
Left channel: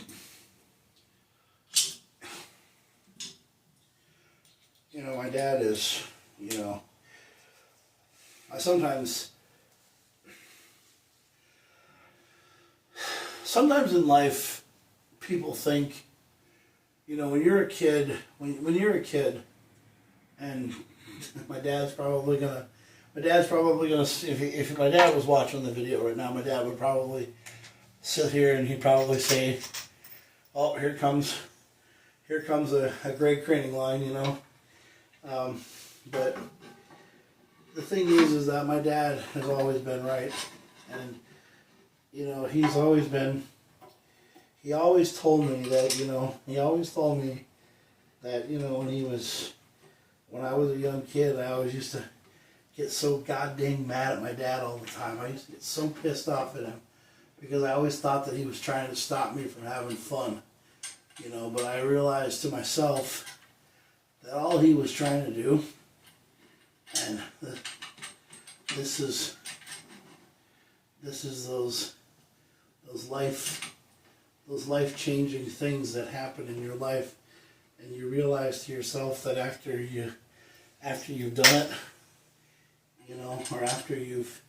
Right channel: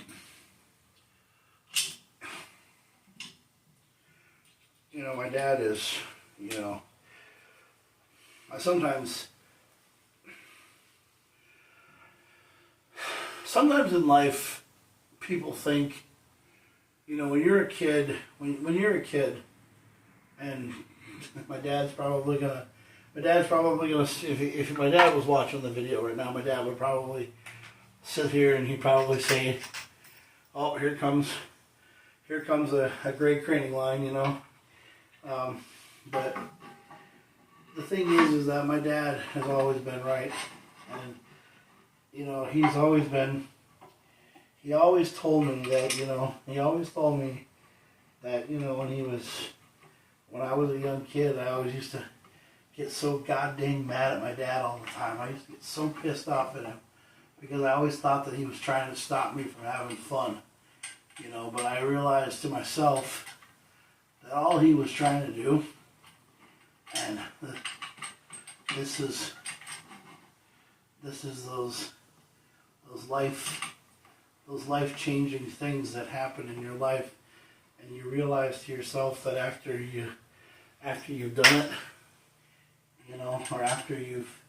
my dad is, I sometimes in life, people think, when you're a kid, and my dad's probably gonna, if my dad was watching the video right now, my dad would probably sit here and he'd probably say, oh, here comes a great craning line, but the thing is that my dad has always been right, and he always told me that, when I was a young kid, I always used to get so goddamn mad at my dad all the time. I used to get so pissed off at him because I always thought that he was trying to stop me from having fun, but I realized to myself that all he was trying to do, and this is those life-changing things that happen in your life, and you realize to yourself that after you've done it, or after you've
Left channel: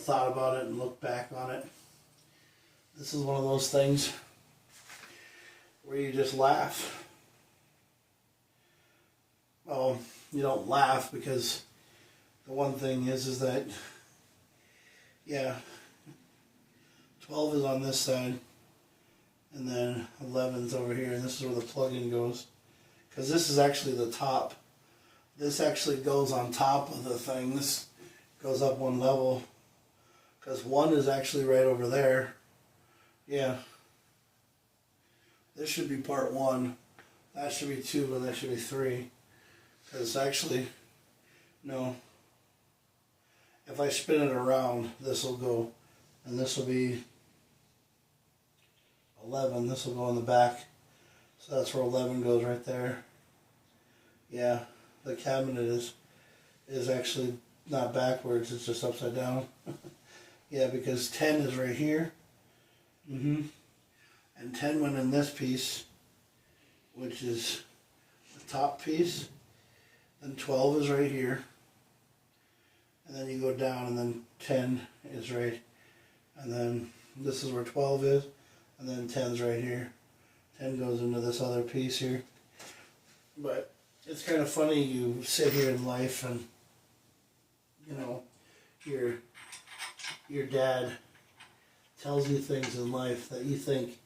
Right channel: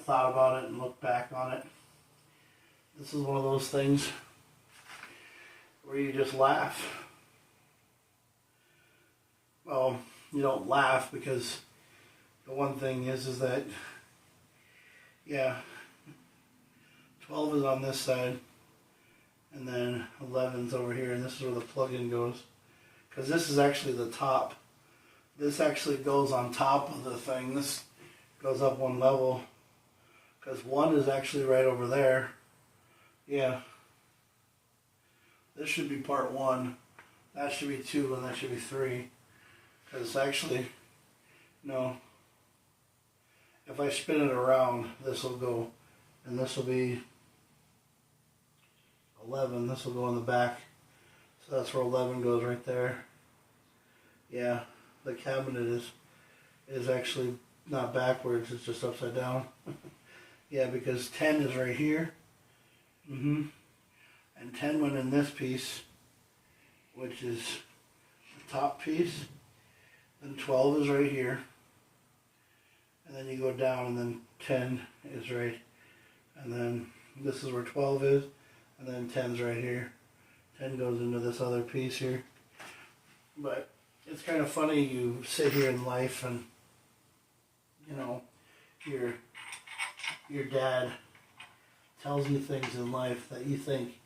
thought about it and looked back on it, this is one of those things where you just laugh. Well, you don't laugh because the one thing is that, 12 is on this side, and then 11's over here, and this is where the plug-in goes. Because this is actually the top. This actually goes on top of the thing. This goes up one level. Because 1 is actually right over there. Yeah. This should be part 1. That should be 2, and that should be 3. Because actually, no. If I spin it around, this will go, and this will be 11. This will go in the back. So that's where 11 goes right there. Yeah, the cabinet is actually not backwards, it's just upside down. Yeah, because 10 is right here. And 10 went in this piece, which is the top piece. Then 12 is right here. And then you go down, and then 10 is right. And then this is where 12 is. And then 10's right here. 10 goes into this other piece here. But it's kind of funny, you sit here in life and, your dad tells you things in life that you think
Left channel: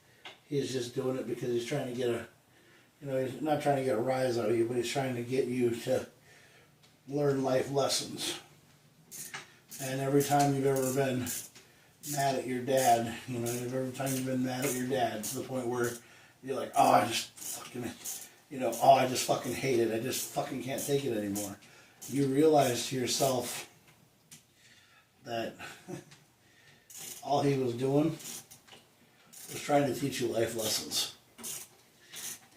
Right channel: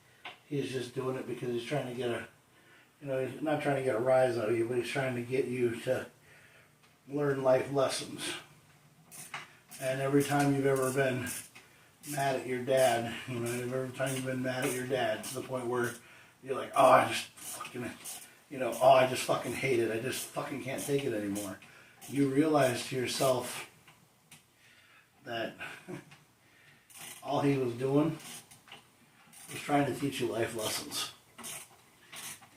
he's just doing it because he's trying to get he's not trying to get a rise out of you, but he's trying to get you to learn life lessons. And every time you've ever been mad at your dad, every time you've been mad at your dad to the point where you're like, oh, I just fucking hate it. I just fucking can't take it anymore. You realize to yourself that all he was doing was trying to teach you life lessons.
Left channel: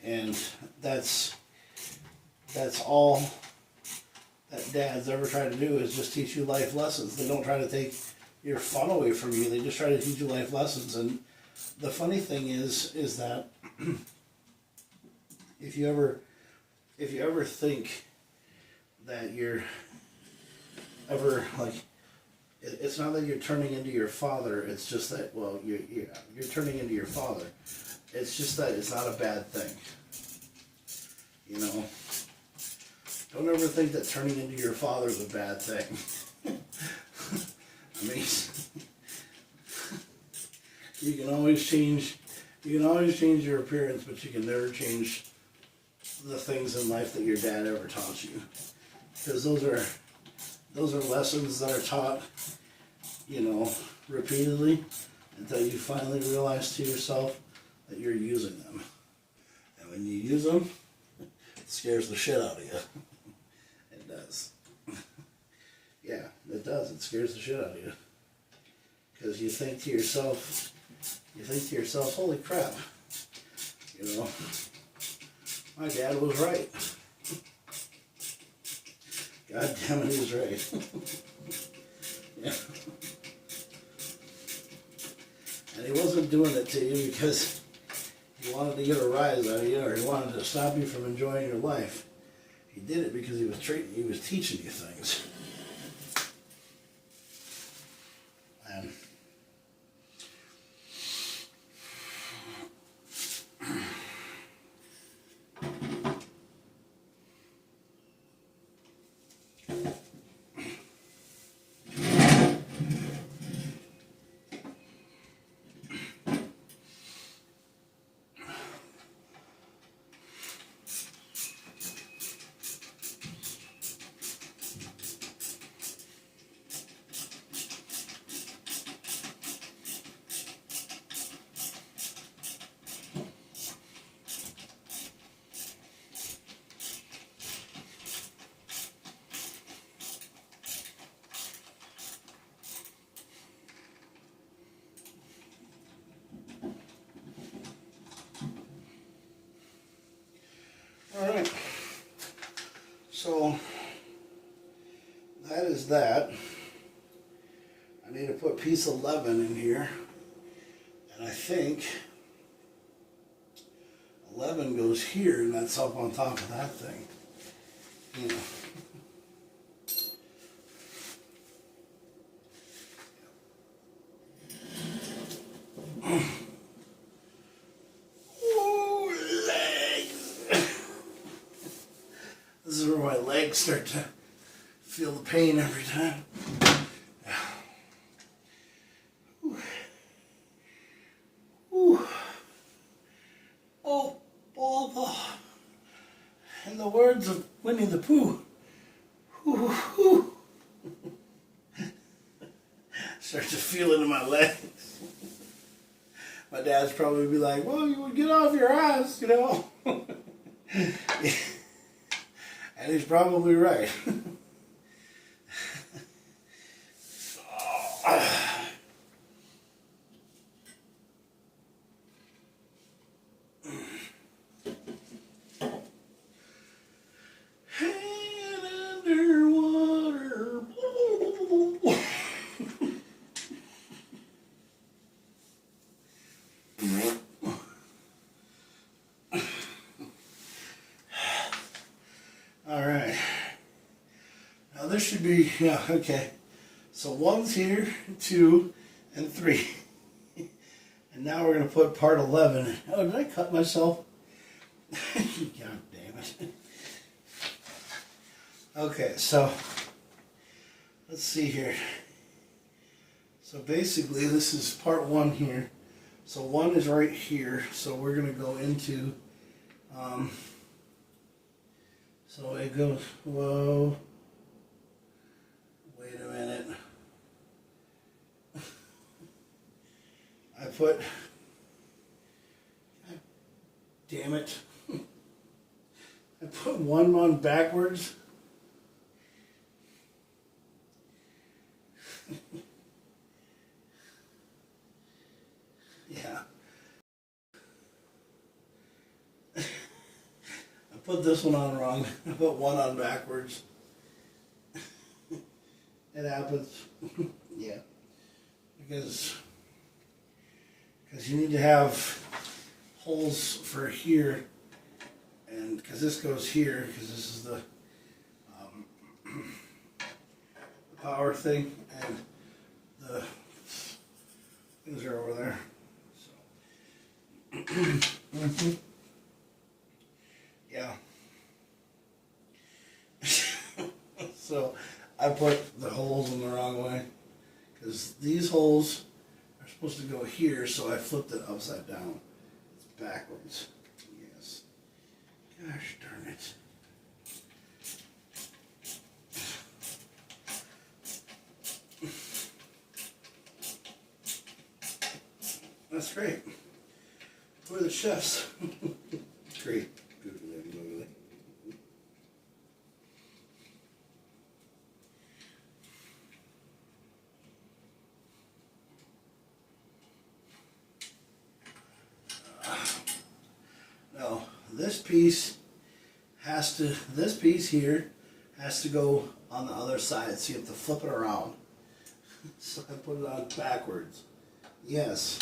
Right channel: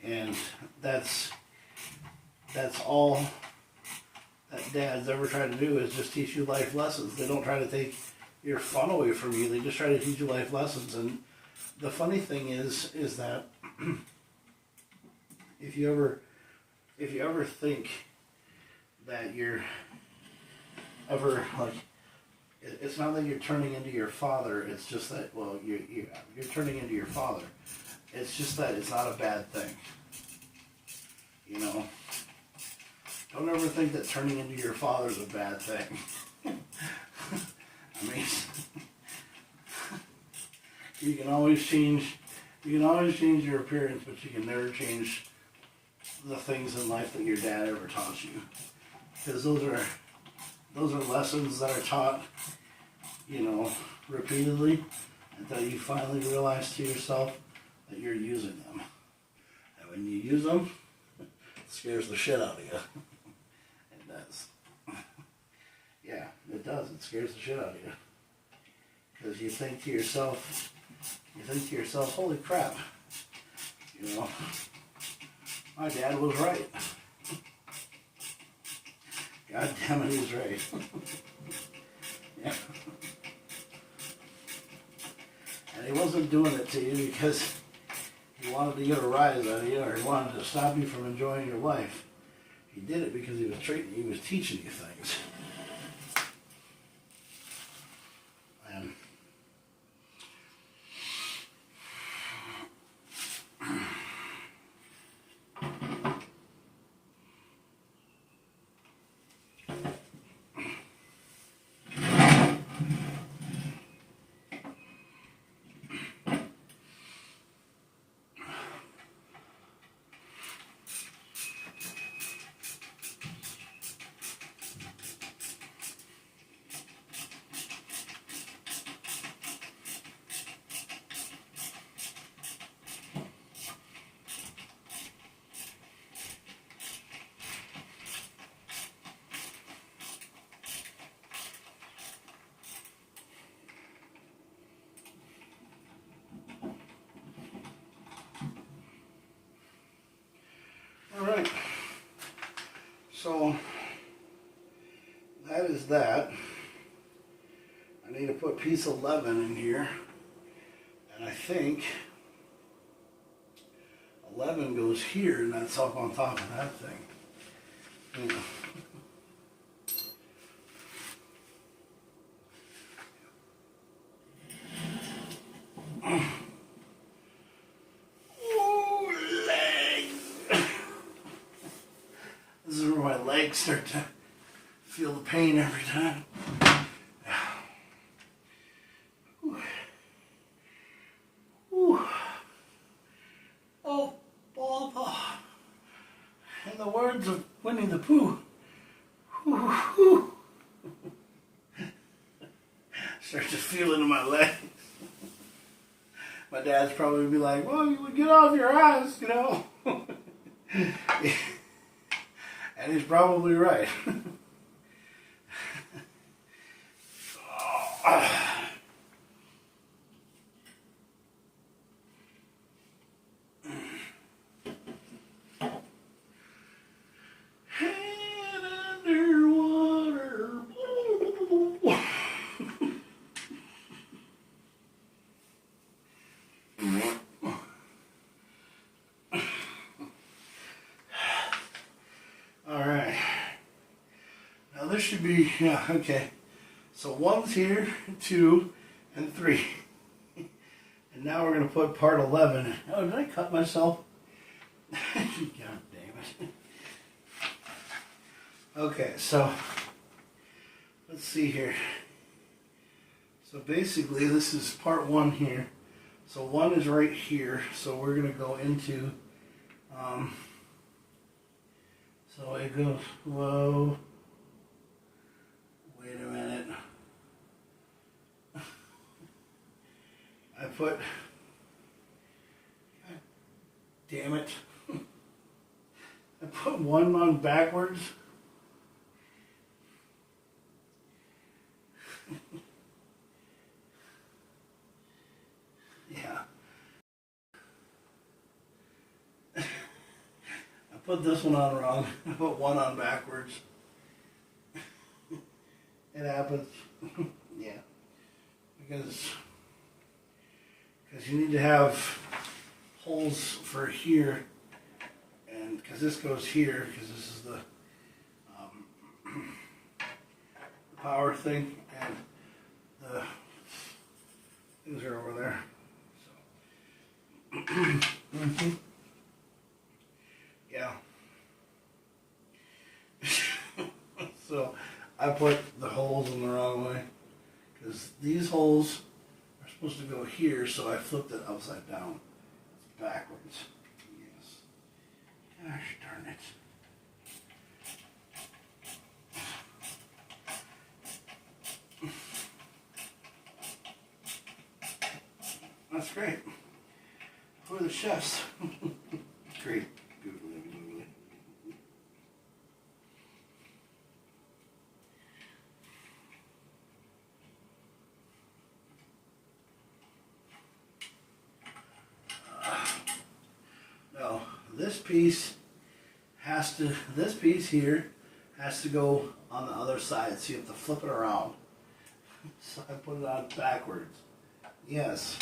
And that's all that dads ever try to do, is just teach you life lessons. They don't try to take your fun away from you. They just try to teach you life lessons. And the funny thing is that if you ever think that you're ever like, it's not that you're turning into your father. It's just that, well, you're turning into your father. It's just that it's not a bad thing. Don't ever think that turning into your father is a bad thing. I mean, you can always change your appearance, but you can never change the things in life that your dad ever taught you. Because those are lessons that are taught, repeatedly until you finally realize to yourself that you're using them. And when you use them, it scares the shit out of you. It does. Yeah, it does. It scares the shit out of you. Because you think to yourself, holy crap, my dad was right. God damn it, he was right. Yeah. And he wasn't doing it to you because he wanted to get a rise out of you, or he wanted to stop you from enjoying your life. He did it because he was teaching you things. And all right, so that is that. I need to put piece 11 in here, and I think 11 goes here, and that's up on top of that thing. Yeah. This is where my legs start to feel the pain every time. Oh, bother. In the words of Winnie the Pooh. Start to feel it in my legs. My dad's probably be like, well, you would get off your ass, you know. And he's probably right. Head underwater. All right. Now this should be, yeah, okay. So 1's here, 2, and 3. And now we're going to put part 11 in. Oh, did I cut myself? God damn it. Okay, so let's see here. So basically this is part 1 here. So 1 is right here. So we're going to go into, so it goes, whoa, wait a minute. I put, God damn it. I put 1 on backwards. Yeah. I put this one on wrong. I put 1 on backwards. It happens. Yeah. Because you need to have holes for here, and because this goes here, because this is the power thing, and the things are over there. So. Yeah. So I put the holes in the wrong way, because these holes are supposed to go here, so I flipped it upside down. It's backwards. Yes. Gosh darn it. That's great. Who are the chefs? Great. Googly, googly. No, this piece here has to go on the other side, so you have to flip it around. So I put it on backwards. Yes.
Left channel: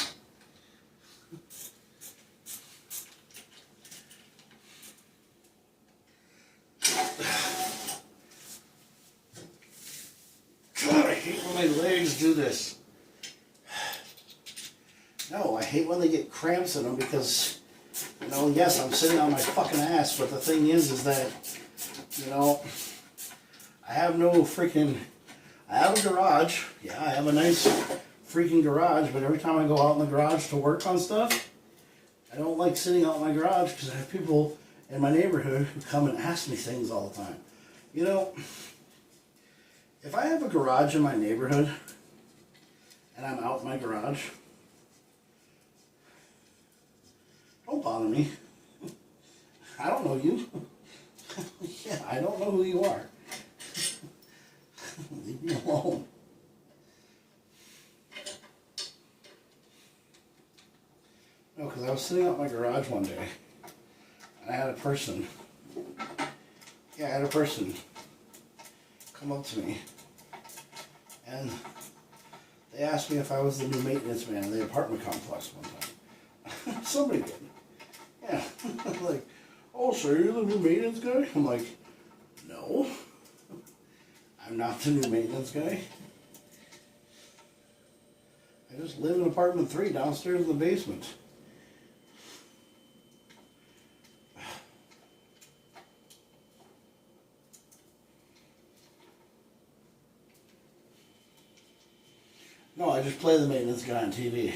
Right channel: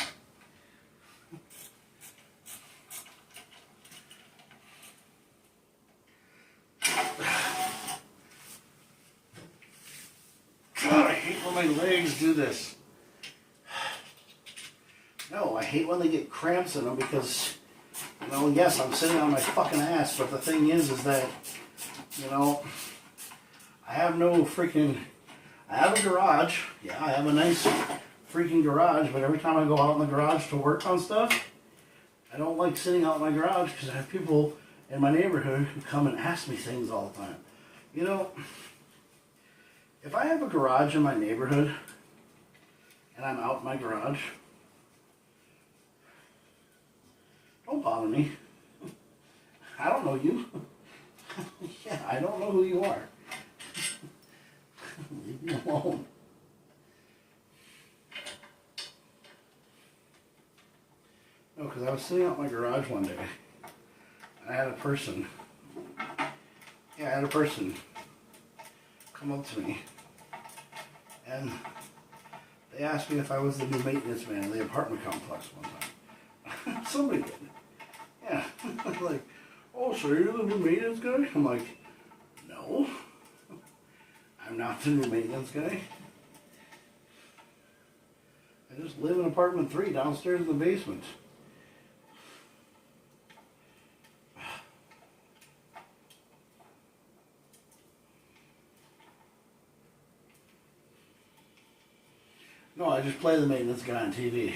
my legs do this. No, I hate when they get cramps in them because, you know, yes, I'm sitting on my fucking ass, but the thing is that, you know, I have no freaking, I have a garage. Yeah, I have a nice freaking garage, but every time I go out in the garage to work on stuff, I don't like sitting out in my garage because I have people in my neighborhood who come and ask me things all the time. You know, if I have a garage in my neighborhood and I'm out in my garage, don't bother me. I don't know you. Yeah, I don't know who you are. Leave me alone. No, because I was sitting out in my garage one day, and I had a person, come up to me, and they asked me if I was the new maintenance man in the apartment complex one time. Somebody did. Yeah. Like, oh, so you're the new maintenance guy? I'm like, no. I'm not the new maintenance guy. I just live in apartment 3 downstairs in the basement. No, I just play the maintenance guy on TV.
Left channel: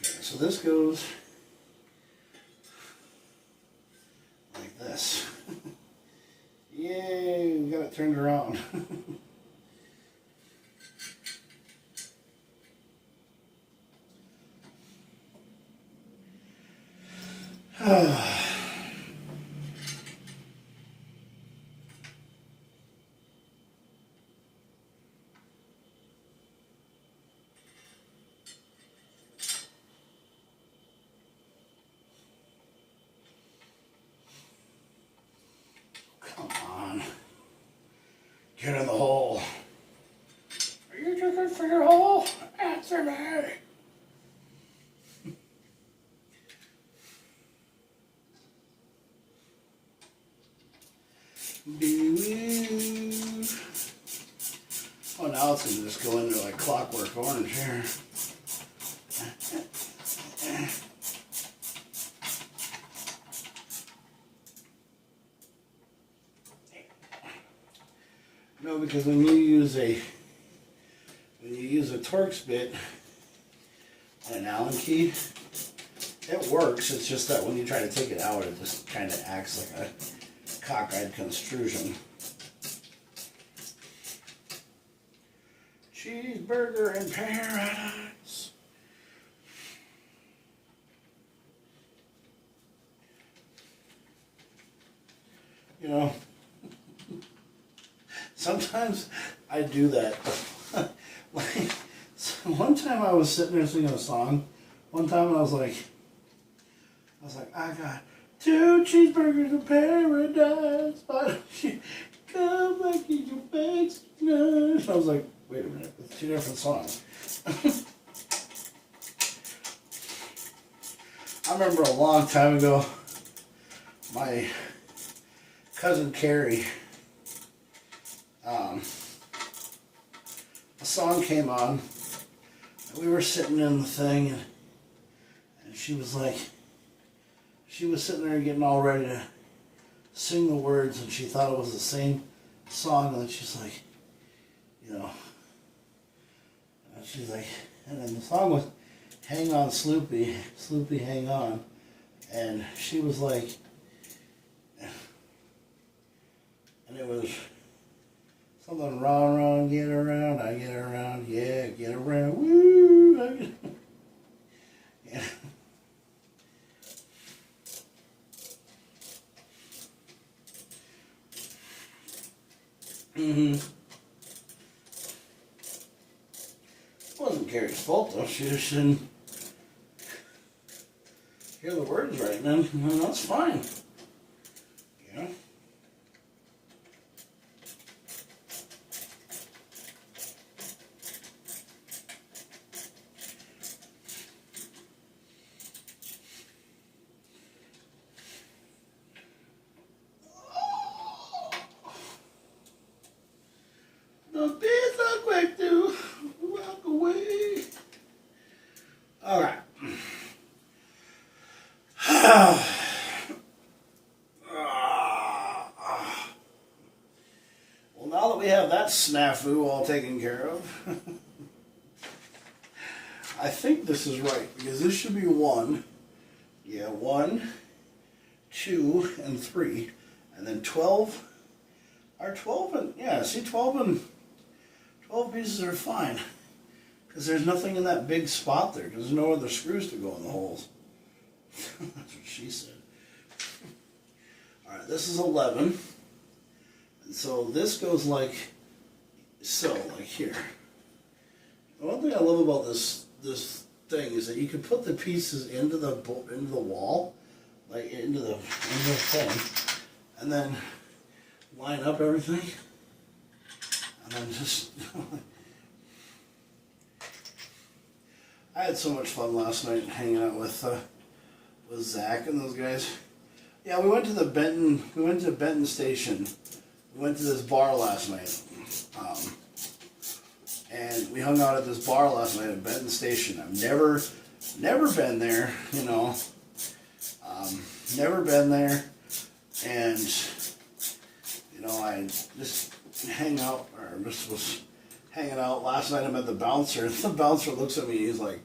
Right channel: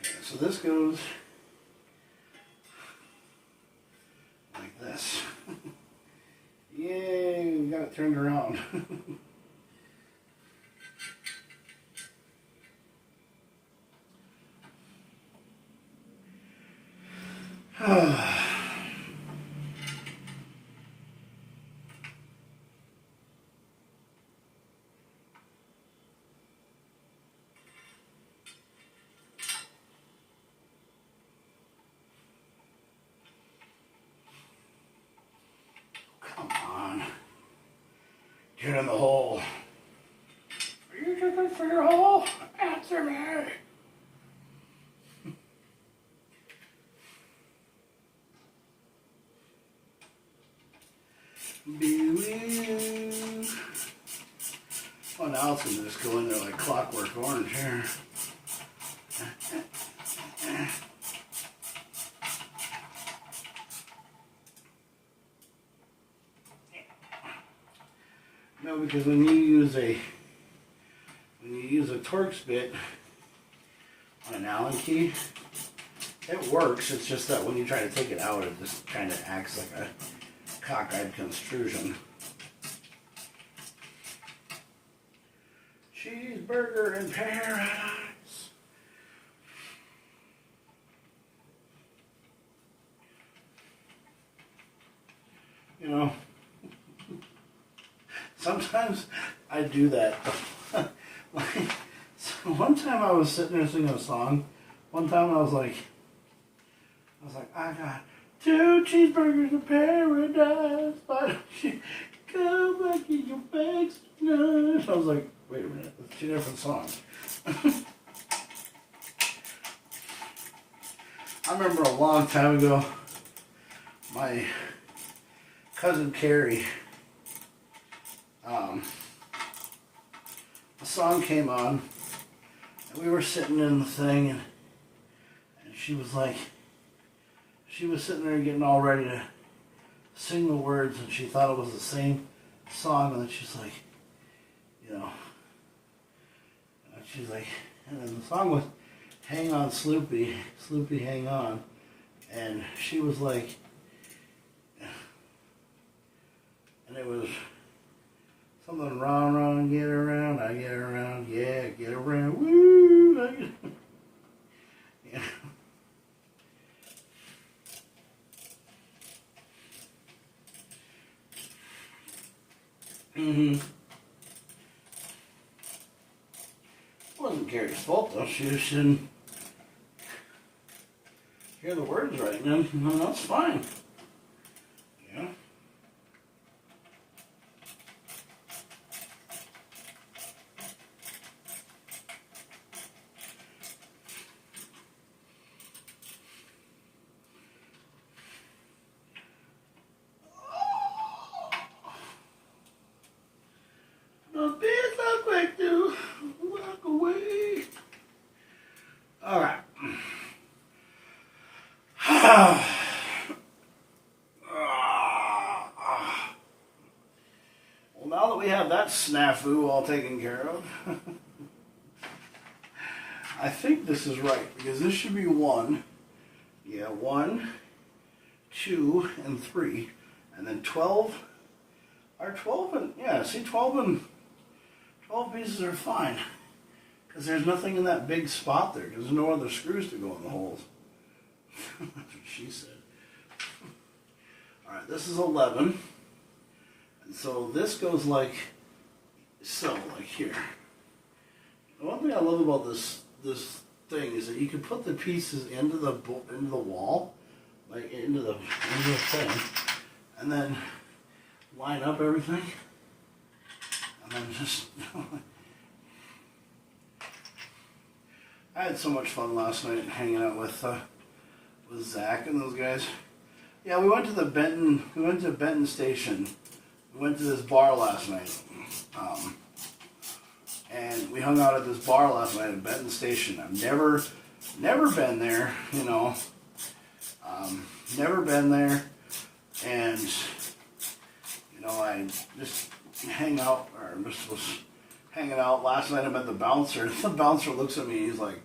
Okay, so this goes like this. Yay, we got it turned around. Come on. Get in the hole. Are you looking for your hole? Answer me. Oh, now it's going to just go into like Clockwork Orange here. No, because when you use a Torx bit on an Allen key, it works. It's just that when you try to take it out, it just kind of acts like a cockeyed construction. Cheeseburger in paradise. You know, sometimes I do that. Like, so one time I was sitting there singing a song. One time I was like, I got 2 cheeseburgers in paradise. Why don't you come back in your bags tonight? I was like, wait a minute, that's 2 different songs. I remember a long time ago, my cousin Carrie, a song came on, and we were sitting in the thing, and she was like, she was sitting there getting all ready to sing the words, and she thought it was the same song, and then she's like, you know, and she's like, and then the song was Hang On Sloopy, Sloopy Hang On, and she was like, and it was something wrong, get around, I get around, yeah, get around, woo, I get, yeah. It wasn't Carrie's fault though, she just didn't hear the words right, man. No, that's fine. Yeah. snafu all taken care of. I think this is right, because this should be 1. Yeah, 1, 2, and 3. And then 12 are 12 and, yeah, see, 12 pieces are fine. Because there's nothing in that big spot there, because there's no other screws to go in the holes. That's what she said. Alright, this is 11. And so this goes like so, like here. The one thing I love about this thing is that you can put the pieces into the wall, like into the thing, and then line up everything, and then just. I had so much fun last night hanging out with Zach and those guys. Yeah, we went to the Benton. We went to Benton Station. We went to this bar last night. And we hung out at this bar last night at Benton Station. I've never been there, you know. Never been there. And, you know, I just hang out, or just was hanging out. Last night I met the bouncer. The bouncer looks at me, he's like,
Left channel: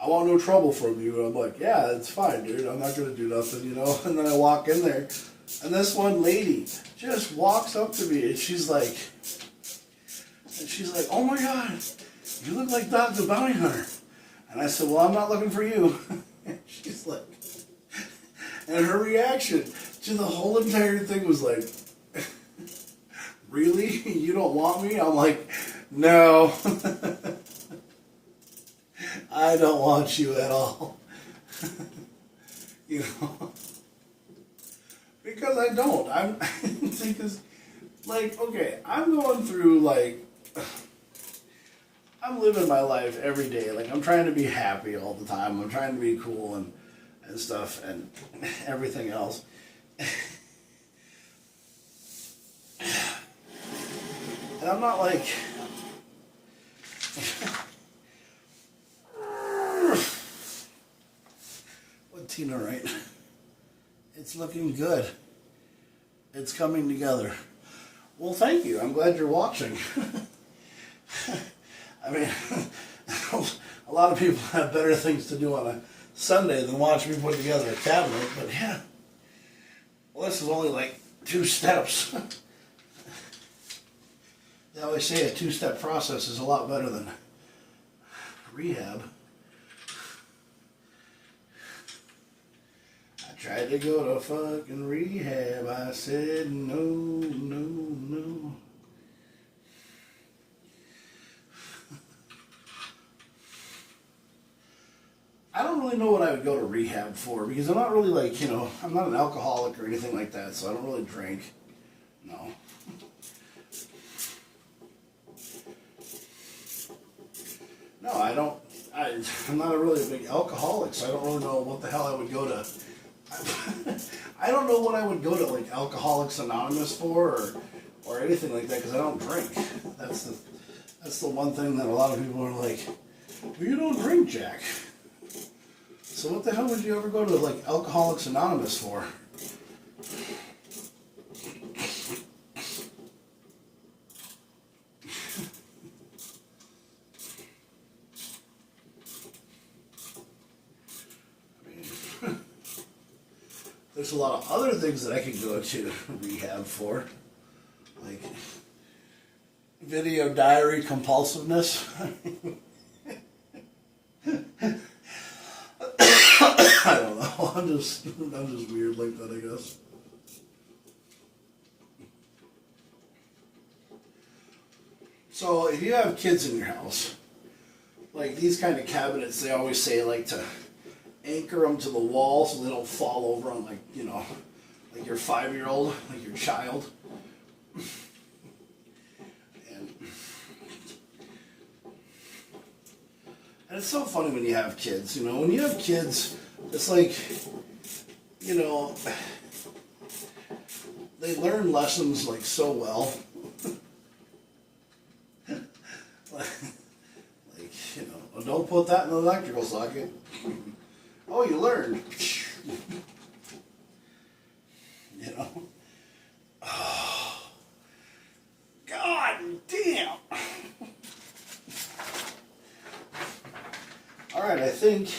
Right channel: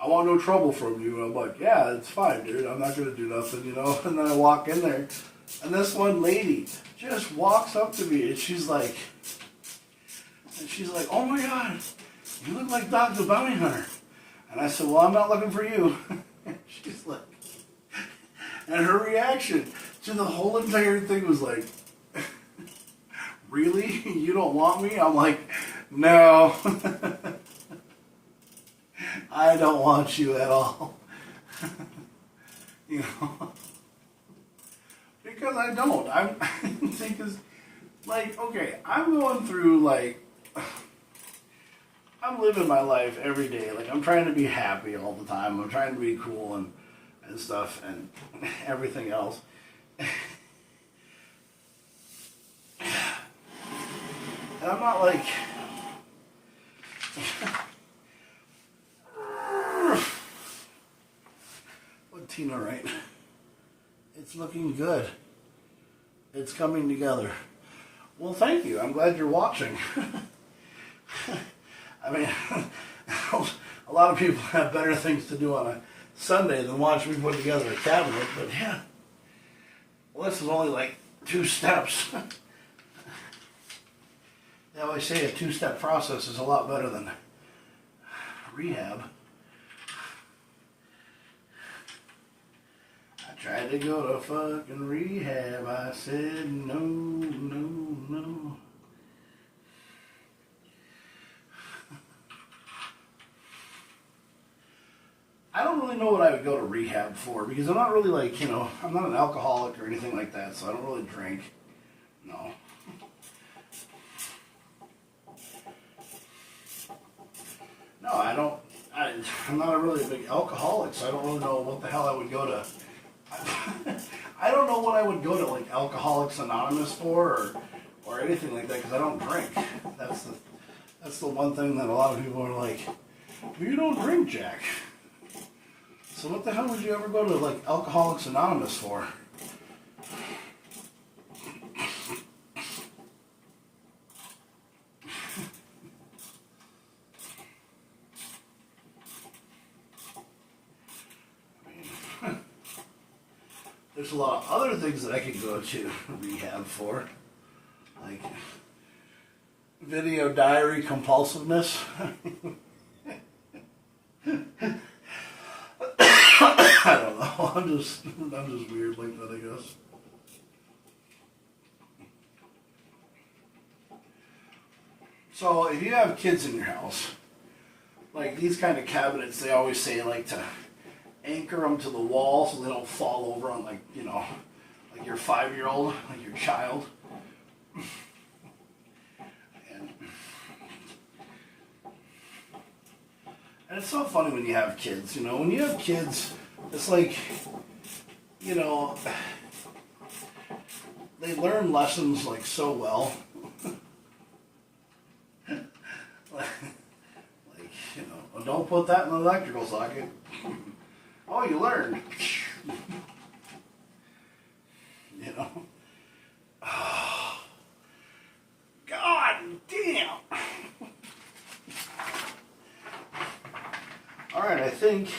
I want no trouble from you. And I'm like, yeah, it's fine, dude. I'm not going to do nothing, you know. And then I walk in there, and this one lady just walks up to me, and she's like, oh my God, you look like Dog the Bounty Hunter. And I said, well, I'm not looking for you. And she's like, and her reaction to the whole entire thing was like, really? You don't want me? I'm like, no. I don't want you at all. You know? Because I don't. Because, like, okay, I'm going through, like, I'm living my life every day. Like, I'm trying to be happy all the time. I'm trying to be cool and stuff and everything else. And I'm not like... What Tina, right? It's looking good. It's coming together. Well, thank you. I'm glad you're watching. I mean, a lot of people have better things to do on a Sunday than watch me put together a cabinet, but yeah. Well, this is only like 2 steps. They always say a 2-step process is a lot better than rehab. I tried to go to fucking rehab. I said no, no, no. I don't really know what I would go to rehab for, because I'm not really like, you know, I'm not an alcoholic or anything like that, so I don't really drink. No. No, I don't. I'm not a really big alcoholic, so I don't really know what the hell I would go to. I don't know what I would go to, like, Alcoholics Anonymous for, or anything like that, because I don't drink. That's the one thing that a lot of people are like, well, you don't drink, Jack. So what the hell would you ever go to, like, Alcoholics Anonymous for? There's a lot of other things that I could go to rehab for, like video diary compulsiveness. I don't know. I'm just weird like that, I guess. So if you have kids in your house, like these kind of cabinets, they always say like to anchor them to the wall so they don't fall over on, like, you know, like your 5-year-old, like your child. And it's so funny when you have kids, you know, when you have kids, it's like, you know, they learn lessons like so well. Like, you know, well, don't put that in the electrical socket. Oh, you learned. You know? Oh. All right, I think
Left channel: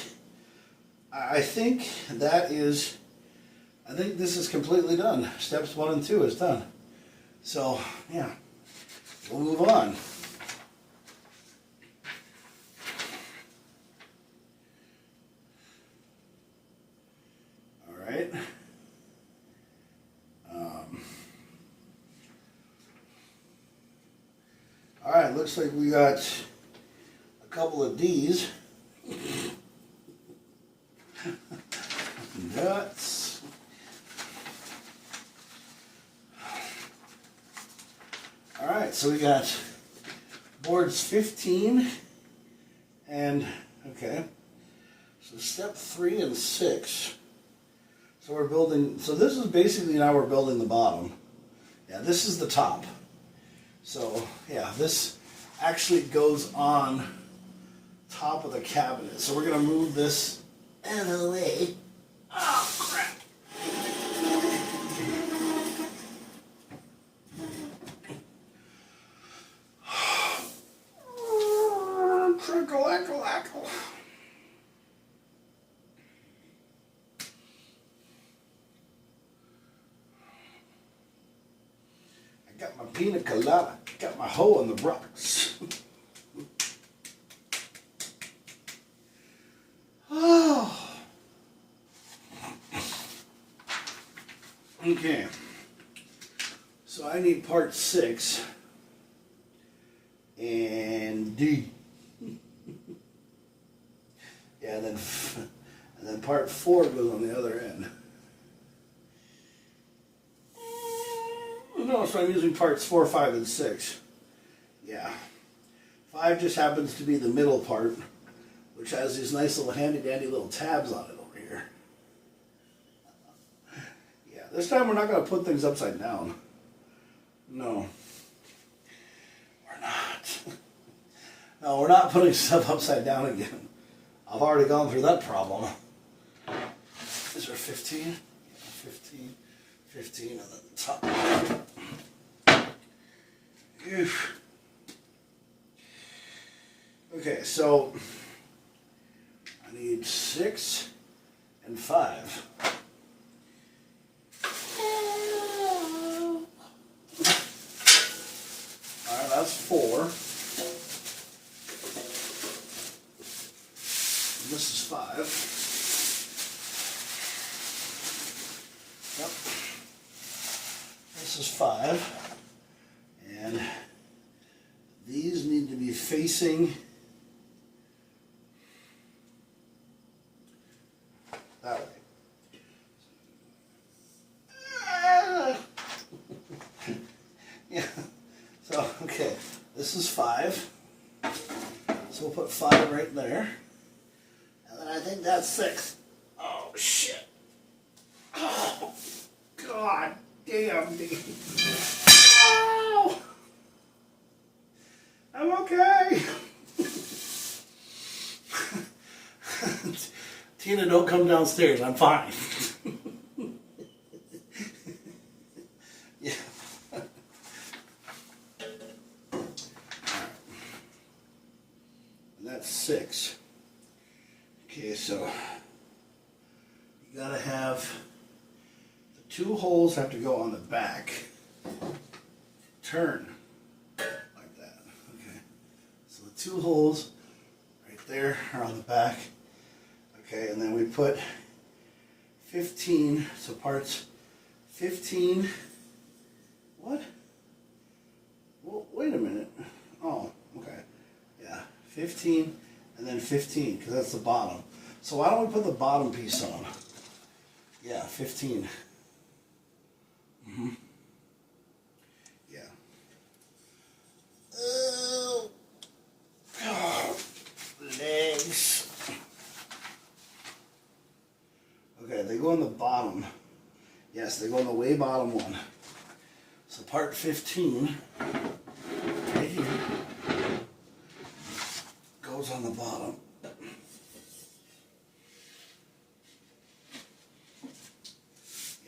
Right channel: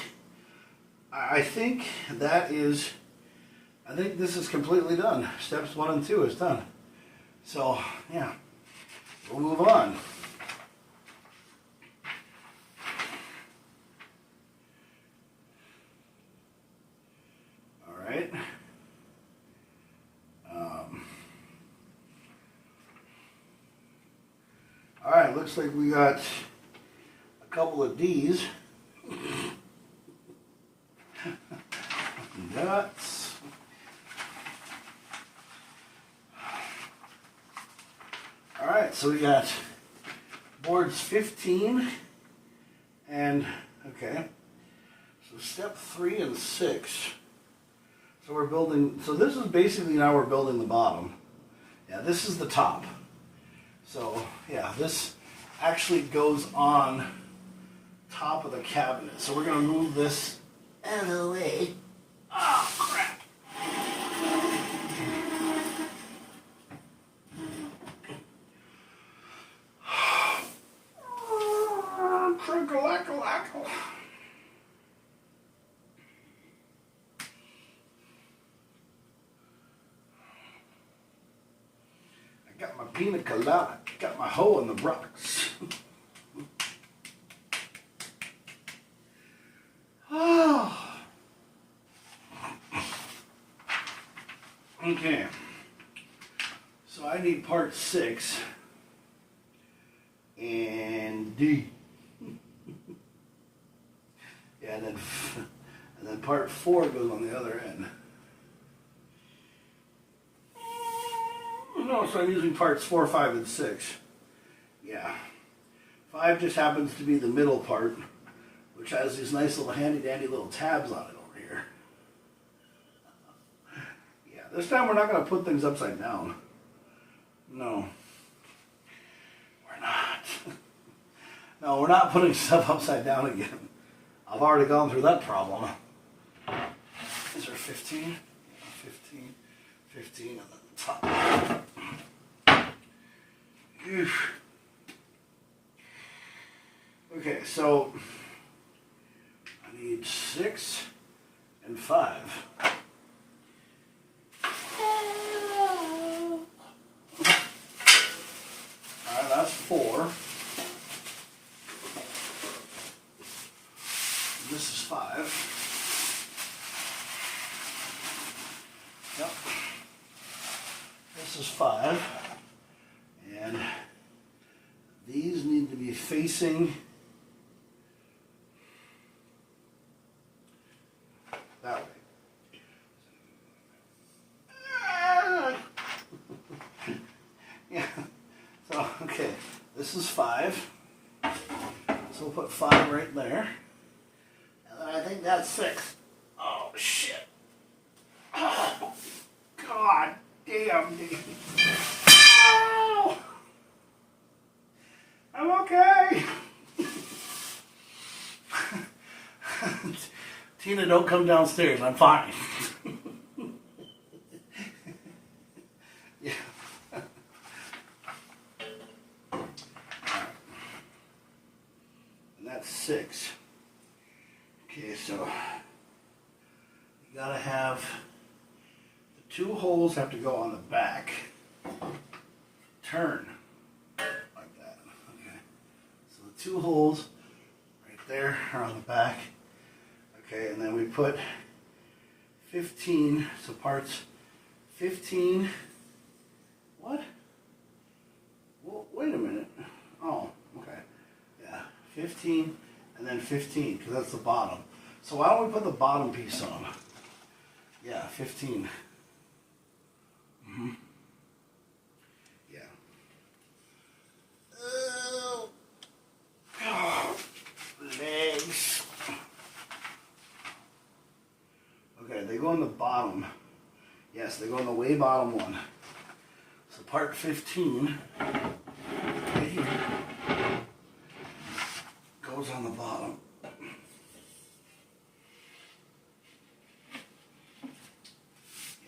that is, I think this is completely done. Steps 1 and 2 is done. So, yeah, we'll move on. All right. All right, looks like we got a couple of D's. Nuts. All right, so we got boards 15 and, okay, so step 3 and 6. So we're building, so this is basically now we're building the bottom. Yeah, this is the top. So, yeah, this actually goes on top of the cabinet. So we're going to move this out of the way. Oh, crap. Trickle-ackle-ackle. I got my pina colada. Got my hoe in the rocks. Oh. Okay. So I need part 6 and D. Yeah, and then part 4 goes on the other end. No, so I'm using parts 4, 5, and 6. Yeah. 5 just happens to be the middle part, which has these nice little handy-dandy little tabs on it over here. Yeah, this time we're not going to put things upside down. No. We're not. No, we're not putting stuff upside down again. I've already gone through that problem. Is there 15? Yeah, 15. 15 on the top. Oof. Okay, so I need 6 and 5. Alright, that's 4. And this is 5. Yep. This is 5. And these need to be facing that way. Yeah. So, okay. This is 5. So we'll put 5 right there. And then I think that's 6. Oh, shit. Oh, God damn, dude. Oh. I'm okay. Tina, don't come downstairs. I'm fine. Yeah. And that's 6. Okay, so you gotta have the 2 holes have to go on the back. Turn. 2 holes right there are on the back. Okay, and then we put 15, so parts 15. What? Well, wait a minute. Oh, okay. Yeah, 15 and then 15, because that's the bottom. So why don't we put the bottom piece on? Yeah, 15. Mm-hmm. Yeah. Legs. Okay, they go in the bottom. Yes, they go in the way bottom one. So part 15 right here goes on the bottom. Yeah,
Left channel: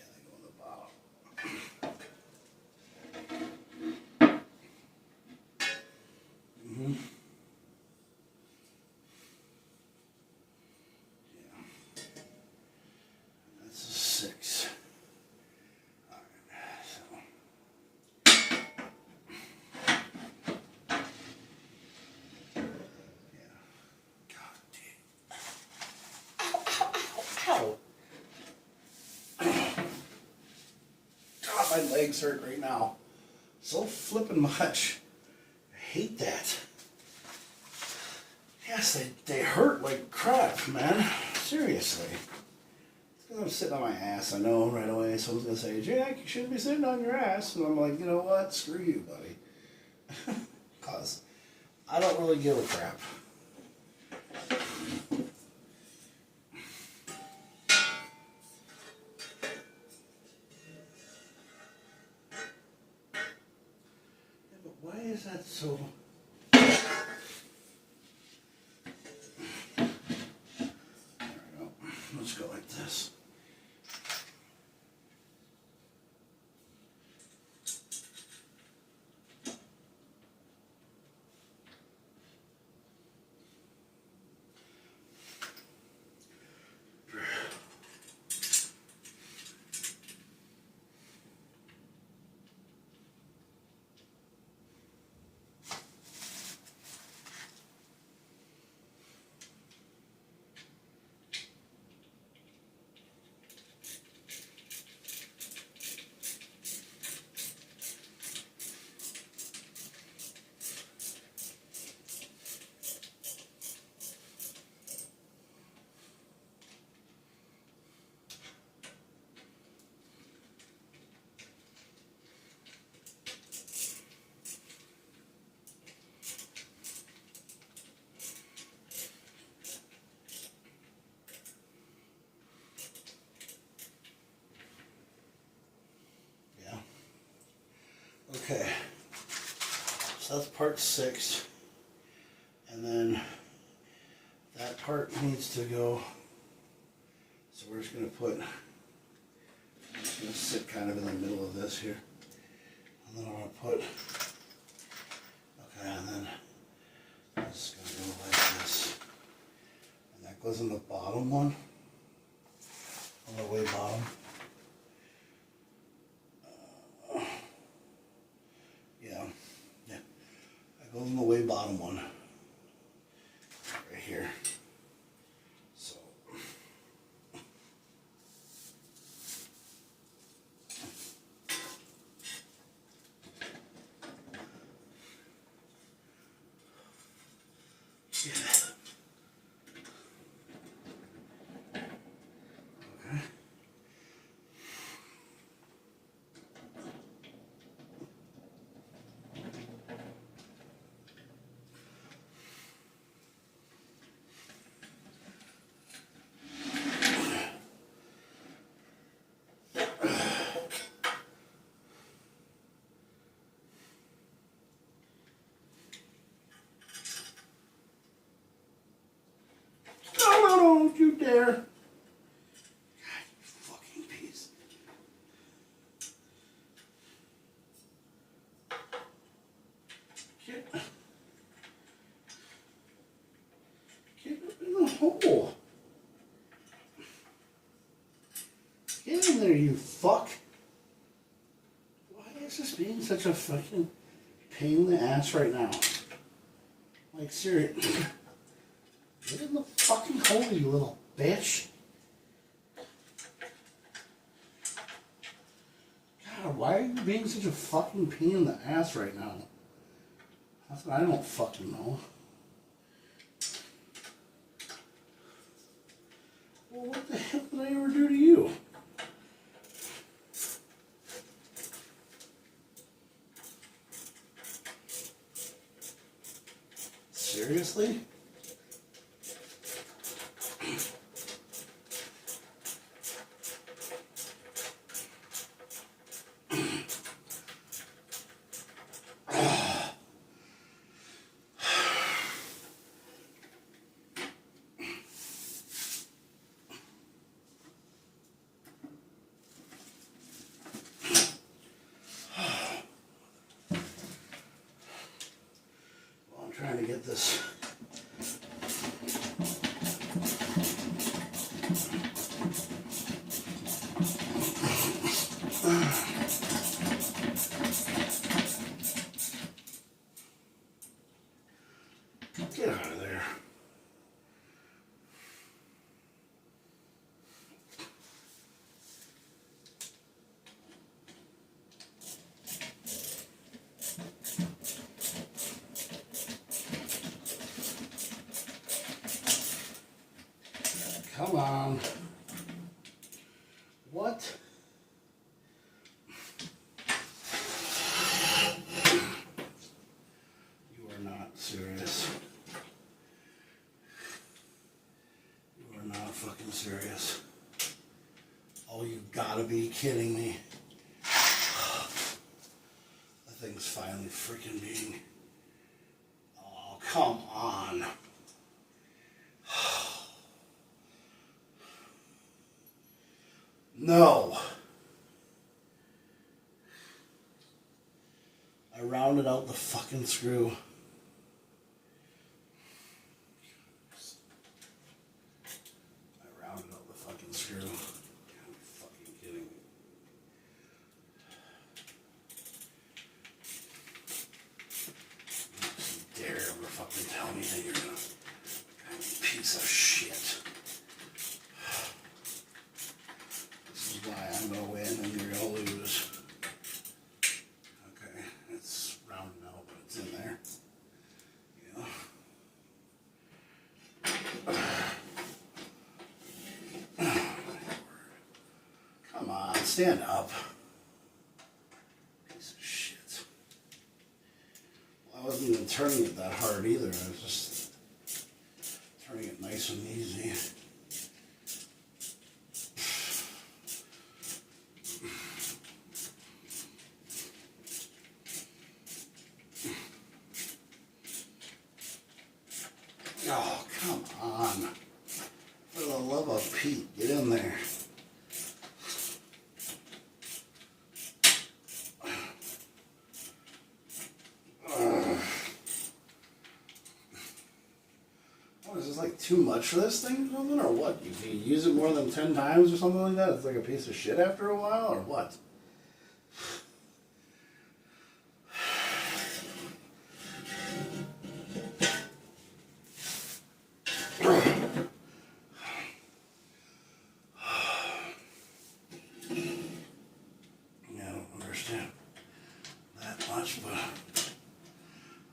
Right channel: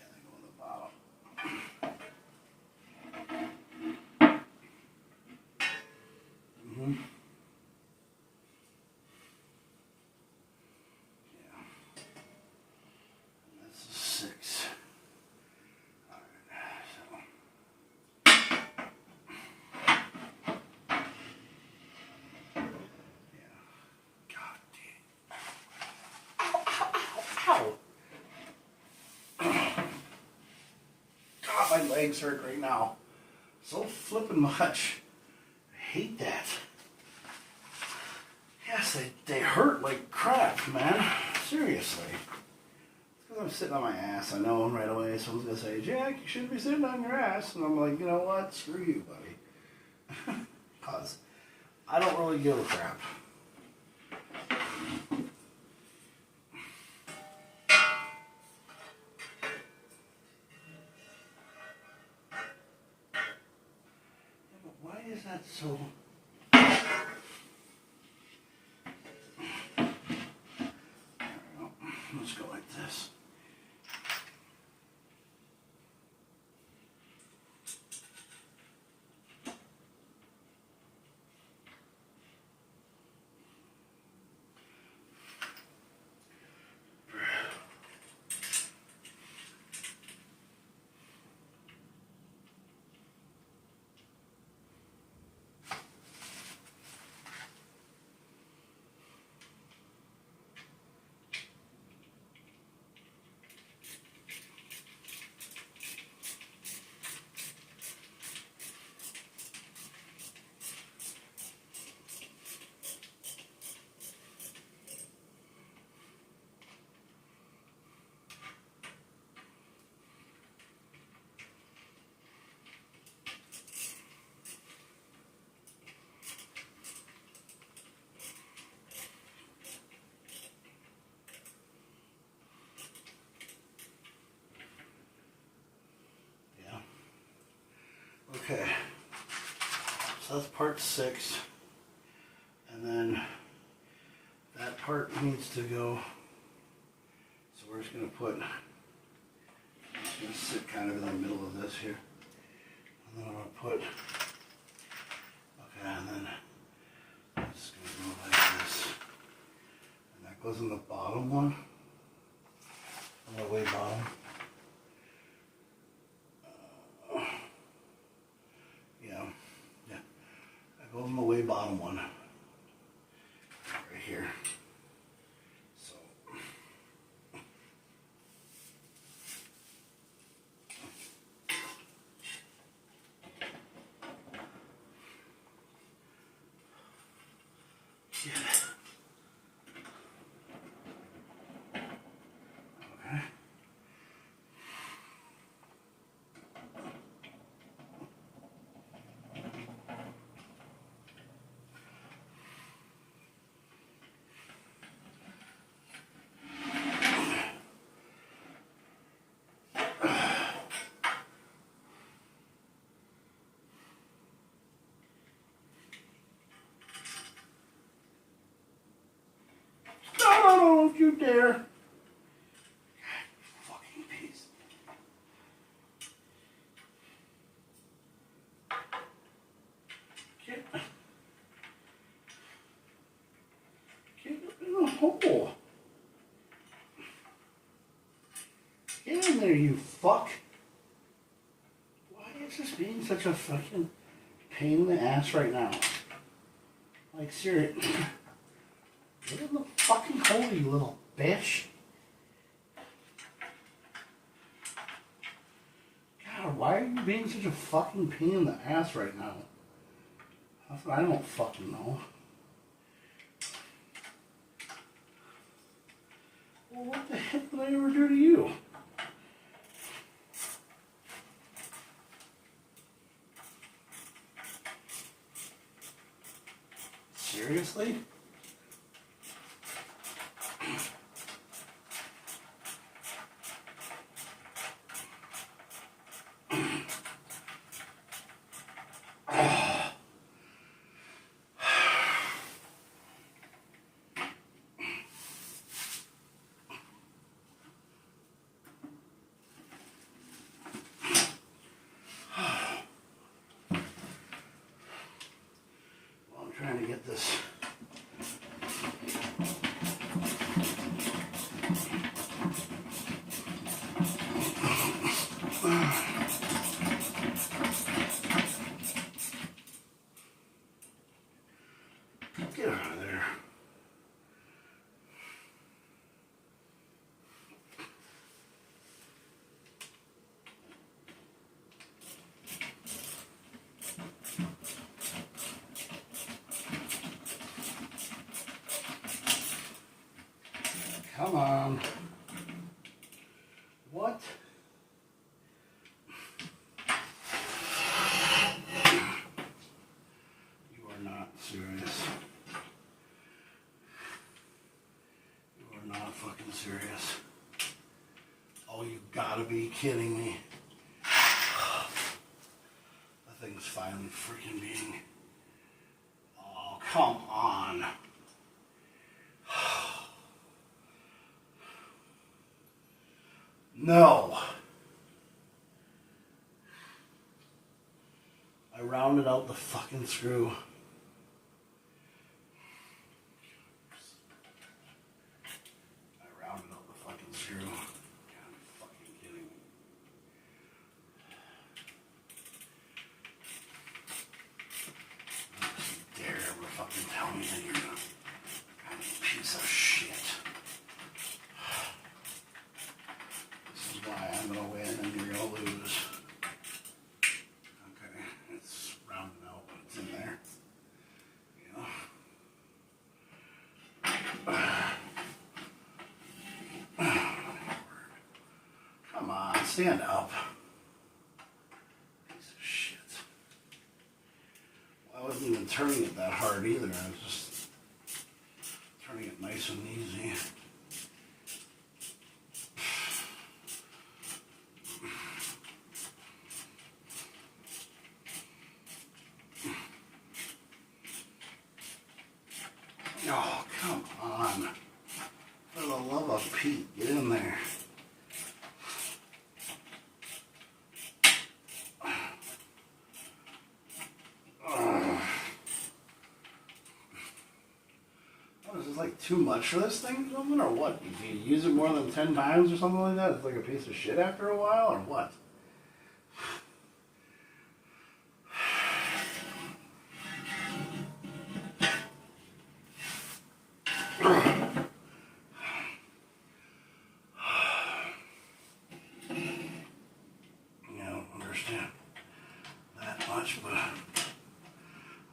they go on the bottom. Mm-hmm. legs hurt right now. So flippin' much. I hate that. Yes, they hurt like crap, man. Seriously. It's because I'm sitting on my ass. I know right away someone's going to say, Jack, you shouldn't be sitting on your ass. And I'm like, you know what? Screw you, buddy. Because I don't really give a crap. Why is that so... There we go. Let's go like this. Okay, so that's part 6, and then that part needs to go, so we're just going to put, I'm just going to sit kind of in the middle of this here, and then I'm going to put, okay, and then it's going to go like this, and that goes in the bottom one, on the way bottom. Goes in the way bottom one, right here. So, yeah. Okay. No, don't you dare. God, you fucking piece. Get in the hole. Get in there, you fuck. Why is this being such a fucking pain in the ass right now? Like, seriously. Get in the fucking hole, you little bitch. God, why are you being such a fucking pain in the ass right now? That's what I don't fucking know. Well, what the heck did I ever do to you? Seriously? Trying to get this. Get out of there. Come on. What? You are not serious. You are not fucking serious. Oh, you gotta be kidding me. That thing's finally freaking being... Oh, come on. No. I rounded out the fucking screw. I rounded out the fucking screw. You gotta be fucking kidding me. Don't you dare ever fucking tell me that you're a piece of shit. Why I'm going to win and you're going to lose. Okay, it's rounded out, but it's in there. Come on, stand up. Piece of shit. Well, I wasn't even turning it that hard either. I was just turning it nice and easy. Oh, come on. For the love of Pete, get in there. What, is this like too much for this thing or something? Or what? If you use it more than 10 times or something like that, it's like a piece of shit after a while? Or what? That much, but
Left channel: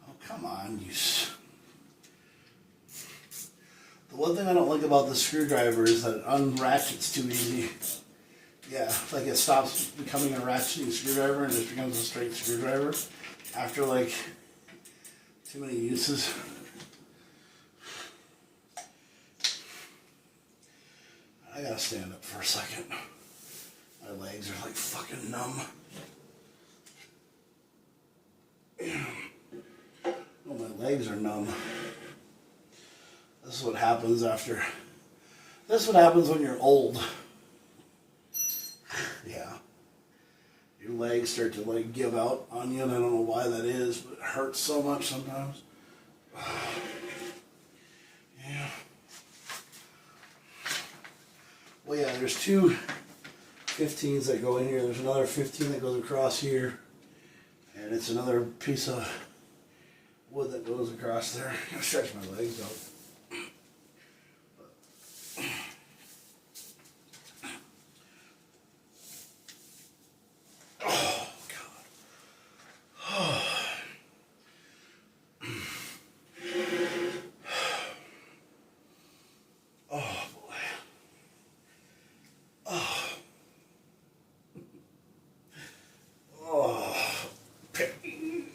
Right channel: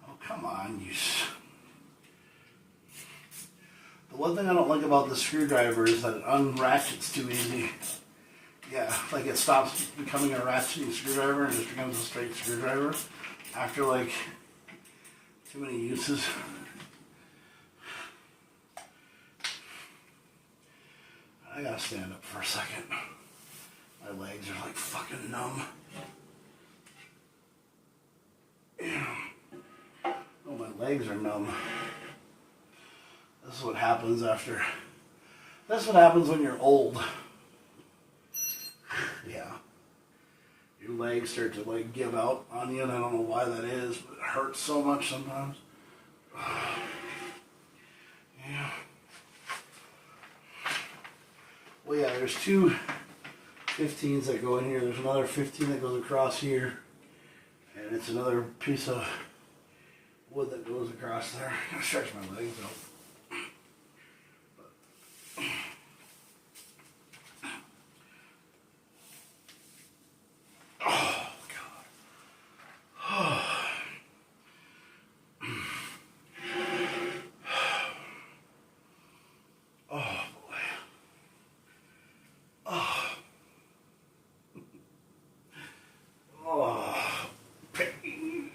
oh, come on, the one thing I don't like about the screwdriver is that it unratchets too easy. Yeah, like it stops becoming a ratcheting screwdriver and just becomes a straight screwdriver after like too many uses. I gotta stand up for a second. My legs are like fucking numb. Oh, my legs are numb. This is what happens after. This is what happens when you're old. Yeah. Your legs start to like give out on you, and I don't know why that is, but it hurts so much sometimes. Yeah. Well, yeah, there's two 15s that go in here. There's another 15 that goes across here. And it's another piece of wood that goes across there. I'll stretch my legs out. Oh, God. Oh, boy. Oh. Oh. Pain.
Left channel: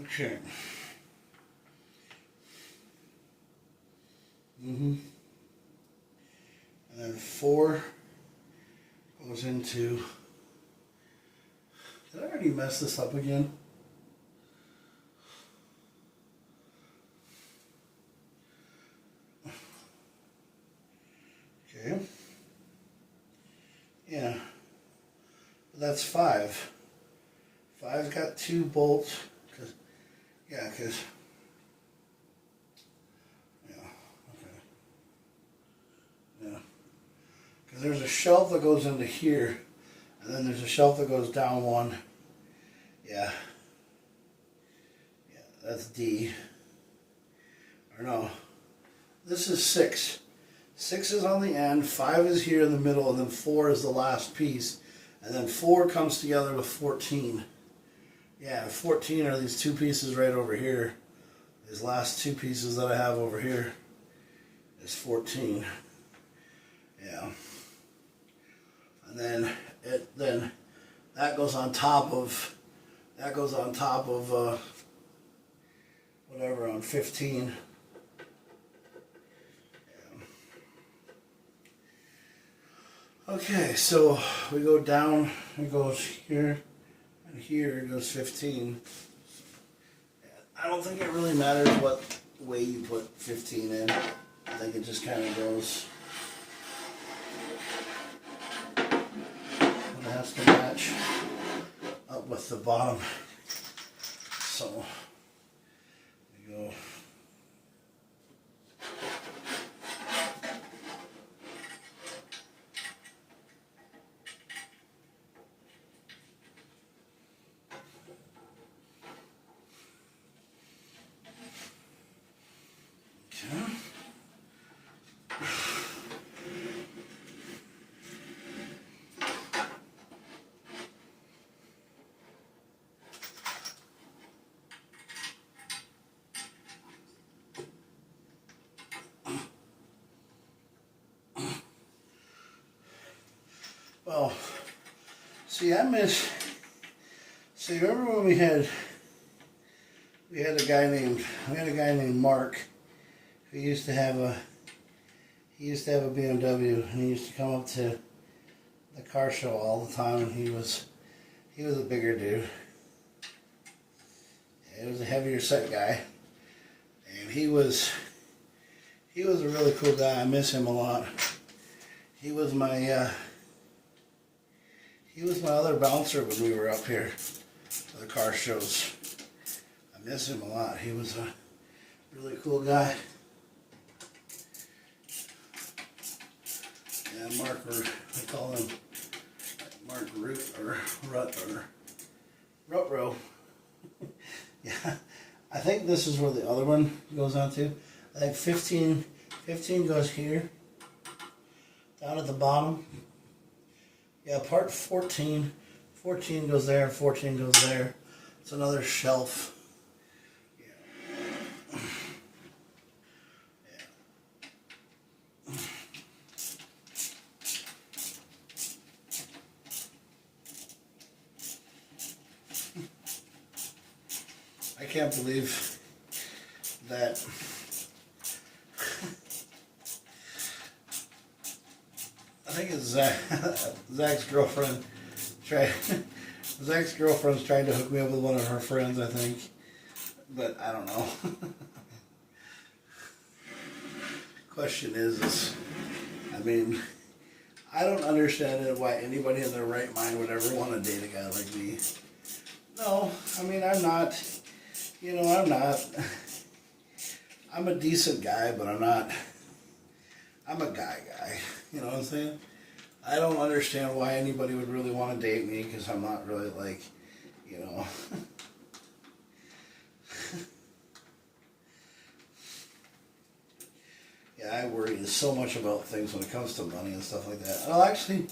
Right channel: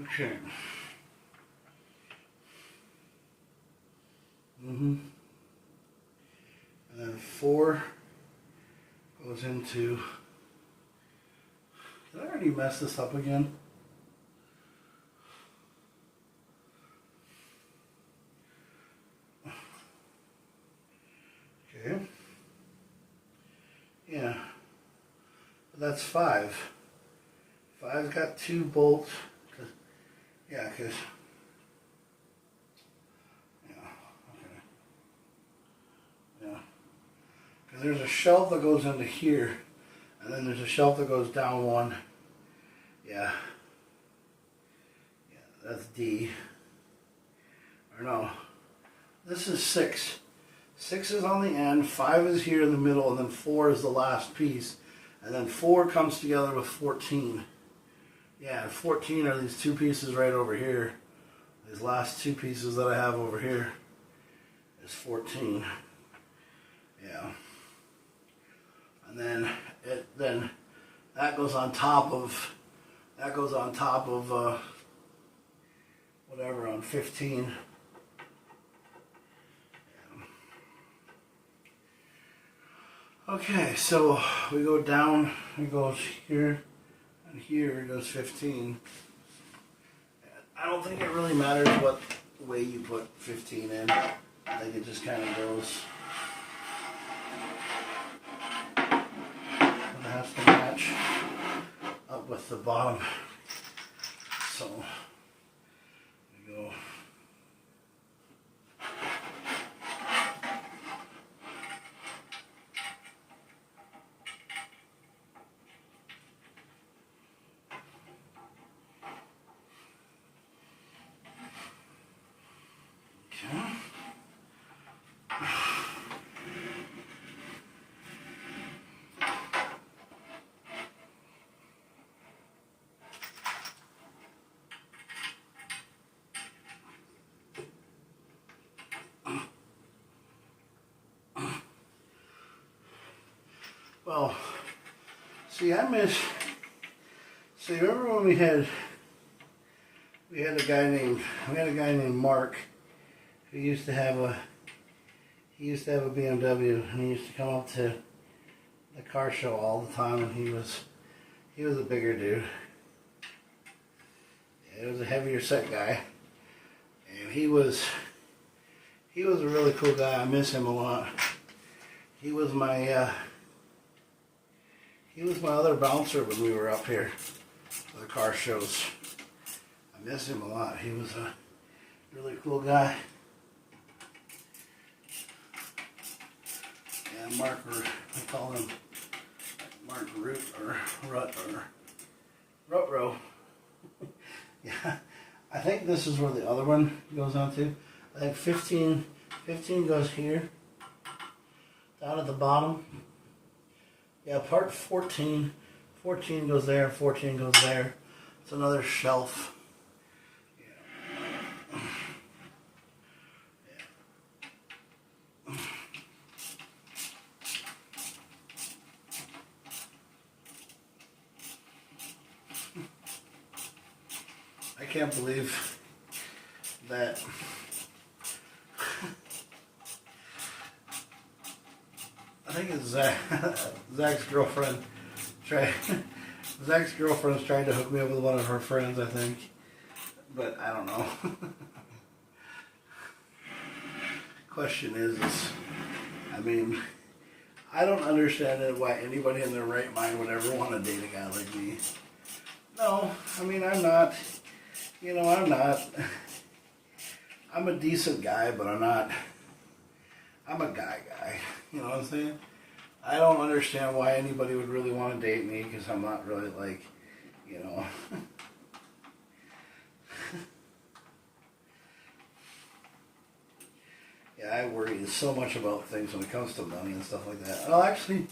Okay. And then 4 goes into... Did I already mess this up again? Okay. Yeah. But that's 5. 5's got 2 bolts. Yeah, because... Because there's a shelf that goes into here, and then there's a shelf that goes down one. Yeah. Yeah, that's D. Or no, this is 6. 6 is on the end, 5 is here in the middle, and then 4 is the last piece. And then 4 comes together with 14. Yeah, 14 are these 2 pieces right over here. These last 2 pieces that I have over here is 14. Yeah. And then that goes on top of whatever on 15. Yeah. Okay, so we go down, we go here, and here goes 15. I don't think it really matters what way you put 15 in. I think it just kind of goes. It has to match up with the bottom. So we go. Okay. Well, see, see, remember when we had a guy named Mark, who used to have a BMW, and he used to come up to the car show all the time, and he was a bigger dude. He was a heavier set guy, and he was a really cool guy. I miss him a lot. He was my other bouncer when we were up here for the car shows. I miss him a lot. He was a really cool guy. Yeah, Mark, I call him Mark Root or Rutro. Yeah, I think this is where the other one goes on to. I think 15 goes here, down at the bottom. Yeah, part 14 goes there, and 14 goes there. It's another shelf. Yeah. Yeah. I can't believe that I think it's Zach's girlfriend. Zach's girlfriend's trying to hook me up with one of her friends, I think. But I don't know. Question is, I mean, I don't understand it why anybody in their right mind would ever want to date a guy like me. No, I mean, I'm not. I'm a decent guy, but I'm a guy. You know what I'm saying? I don't understand why anybody would really want to date me, because I'm not really like, you know. Yeah, I worry so much about things when it comes to money and stuff like that. Well, actually,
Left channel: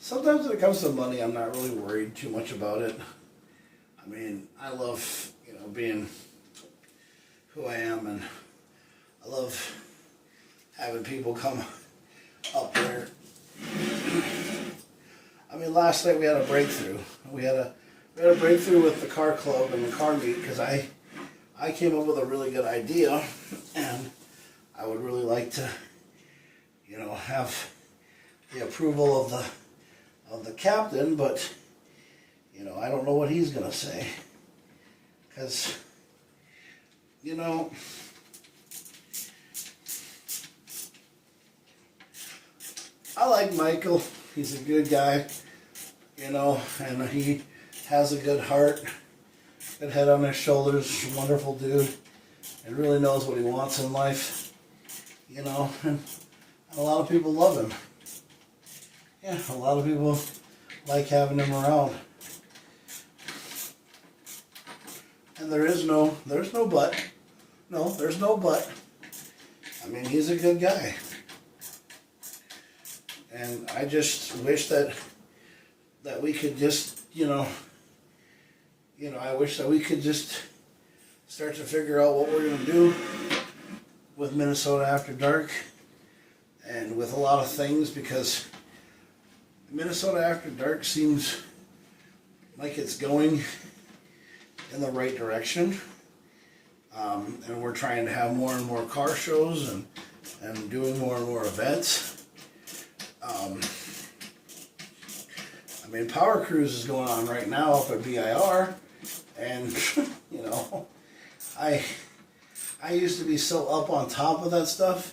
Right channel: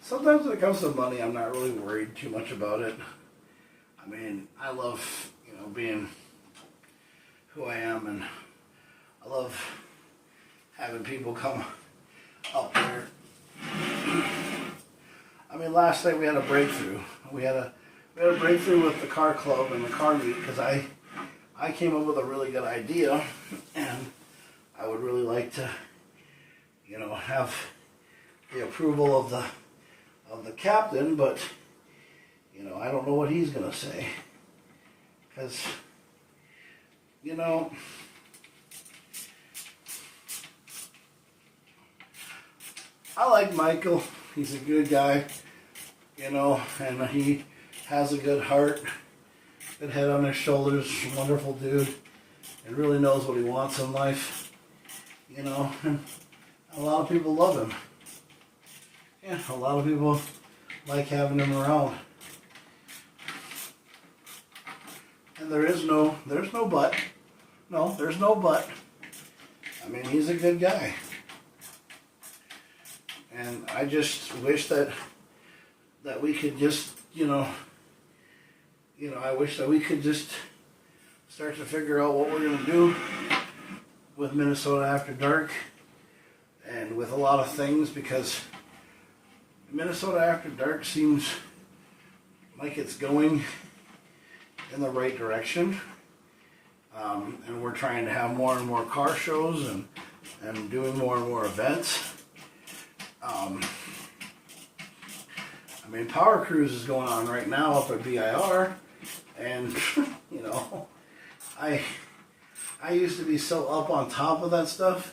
sometimes when it comes to money, I'm not really worried too much about it. I mean, I love, being who I am, and I love having people come up there. I mean, last night we had a breakthrough. We had a breakthrough with the car club and the car meet, because I came up with a really good idea, and I would really like to, have the approval of the captain, but I don't know what he's gonna say, because I like Michael. He's a good guy, and he has a good heart, good head on his shoulders, wonderful dude, and really knows what he wants in life, and a lot of people love him. Yeah, a lot of people like having him around. And there's no but. No, there's no but. I mean, he's a good guy. And I just wish that that we could just, I wish that we could just start to figure out what we're going to do with Minnesota After Dark and with a lot of things, because Minnesota After Dark seems like it's going in the right direction. And we're trying to have more and more car shows and doing more and more events. Power Cruise is going on right now up at BIR, and I used to be so up on top of that stuff,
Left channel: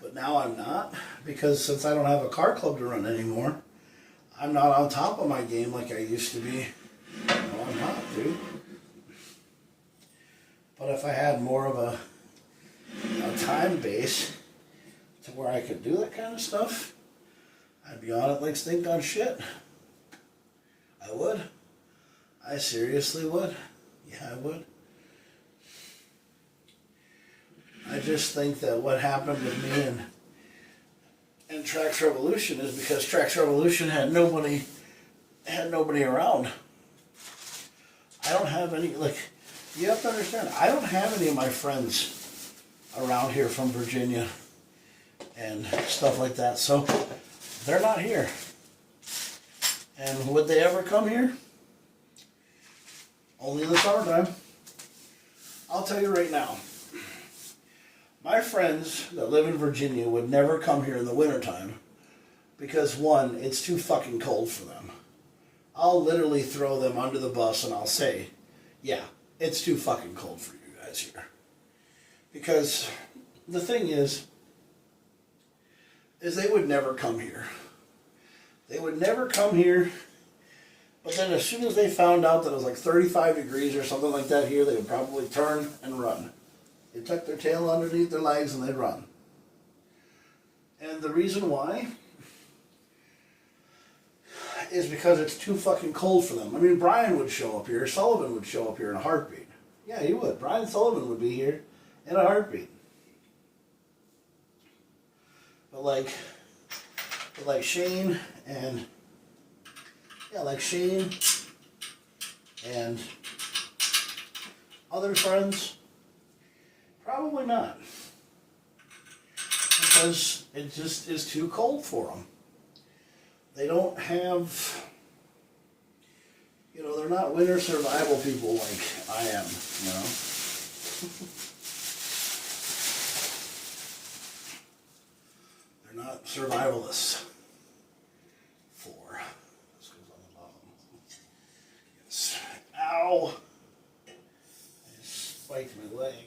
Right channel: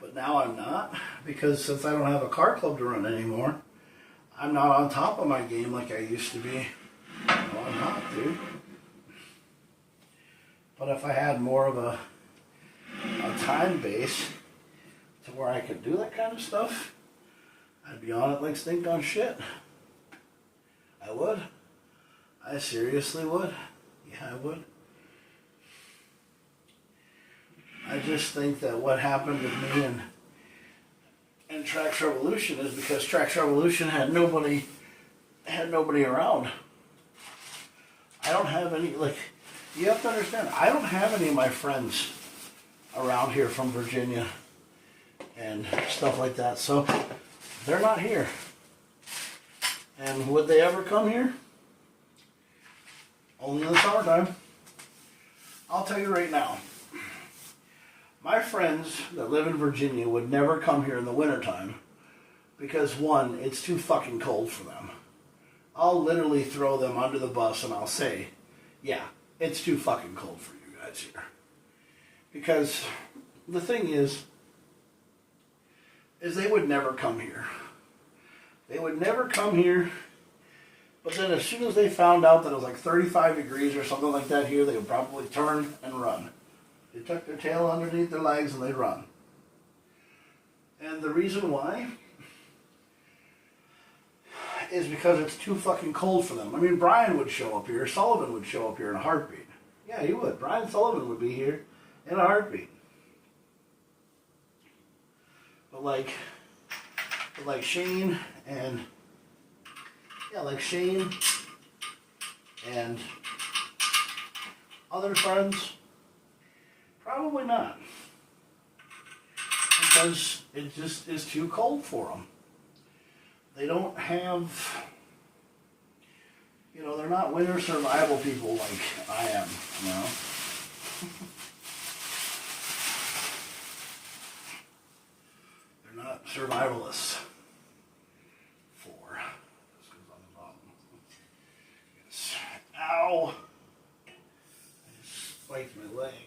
but now I'm not, because since I don't have a car club to run anymore, I'm not on top of my game like I used to be. No, I'm not, dude. But if I had more of a time base to where I could do that kind of stuff, I'd be on it like stink on shit. I would. I seriously would. Yeah, I would. I just think that what happened with me and Trax Revolution is because Trax Revolution had nobody around. I don't have any, you have to understand, I don't have any of my friends around here from Virginia and stuff like that, so they're not here. And would they ever come here? Only in the summertime. I'll tell you right now, my friends that live in Virginia would never come here in the wintertime because, one, it's too fucking cold for them. I'll literally throw them under the bus and I'll say, yeah, it's too fucking cold for you guys here. Because the thing is they would never come here. They would never come here, but then as soon as they found out that it was like 35 degrees or something like that here, they would probably turn and run. They'd tuck their tail underneath their legs and they'd run. And the reason why is because it's too fucking cold for them. Brian would show up here. Sullivan would show up here in a heartbeat. Yeah, he would. Brian Sullivan would be here in a heartbeat. But like Shane and other friends, probably not, because it just is too cold for them. They don't have, they're not winter survival people like I am, They're not survivalists. This goes on the bottom. Yes. Ow! I just spiked my leg.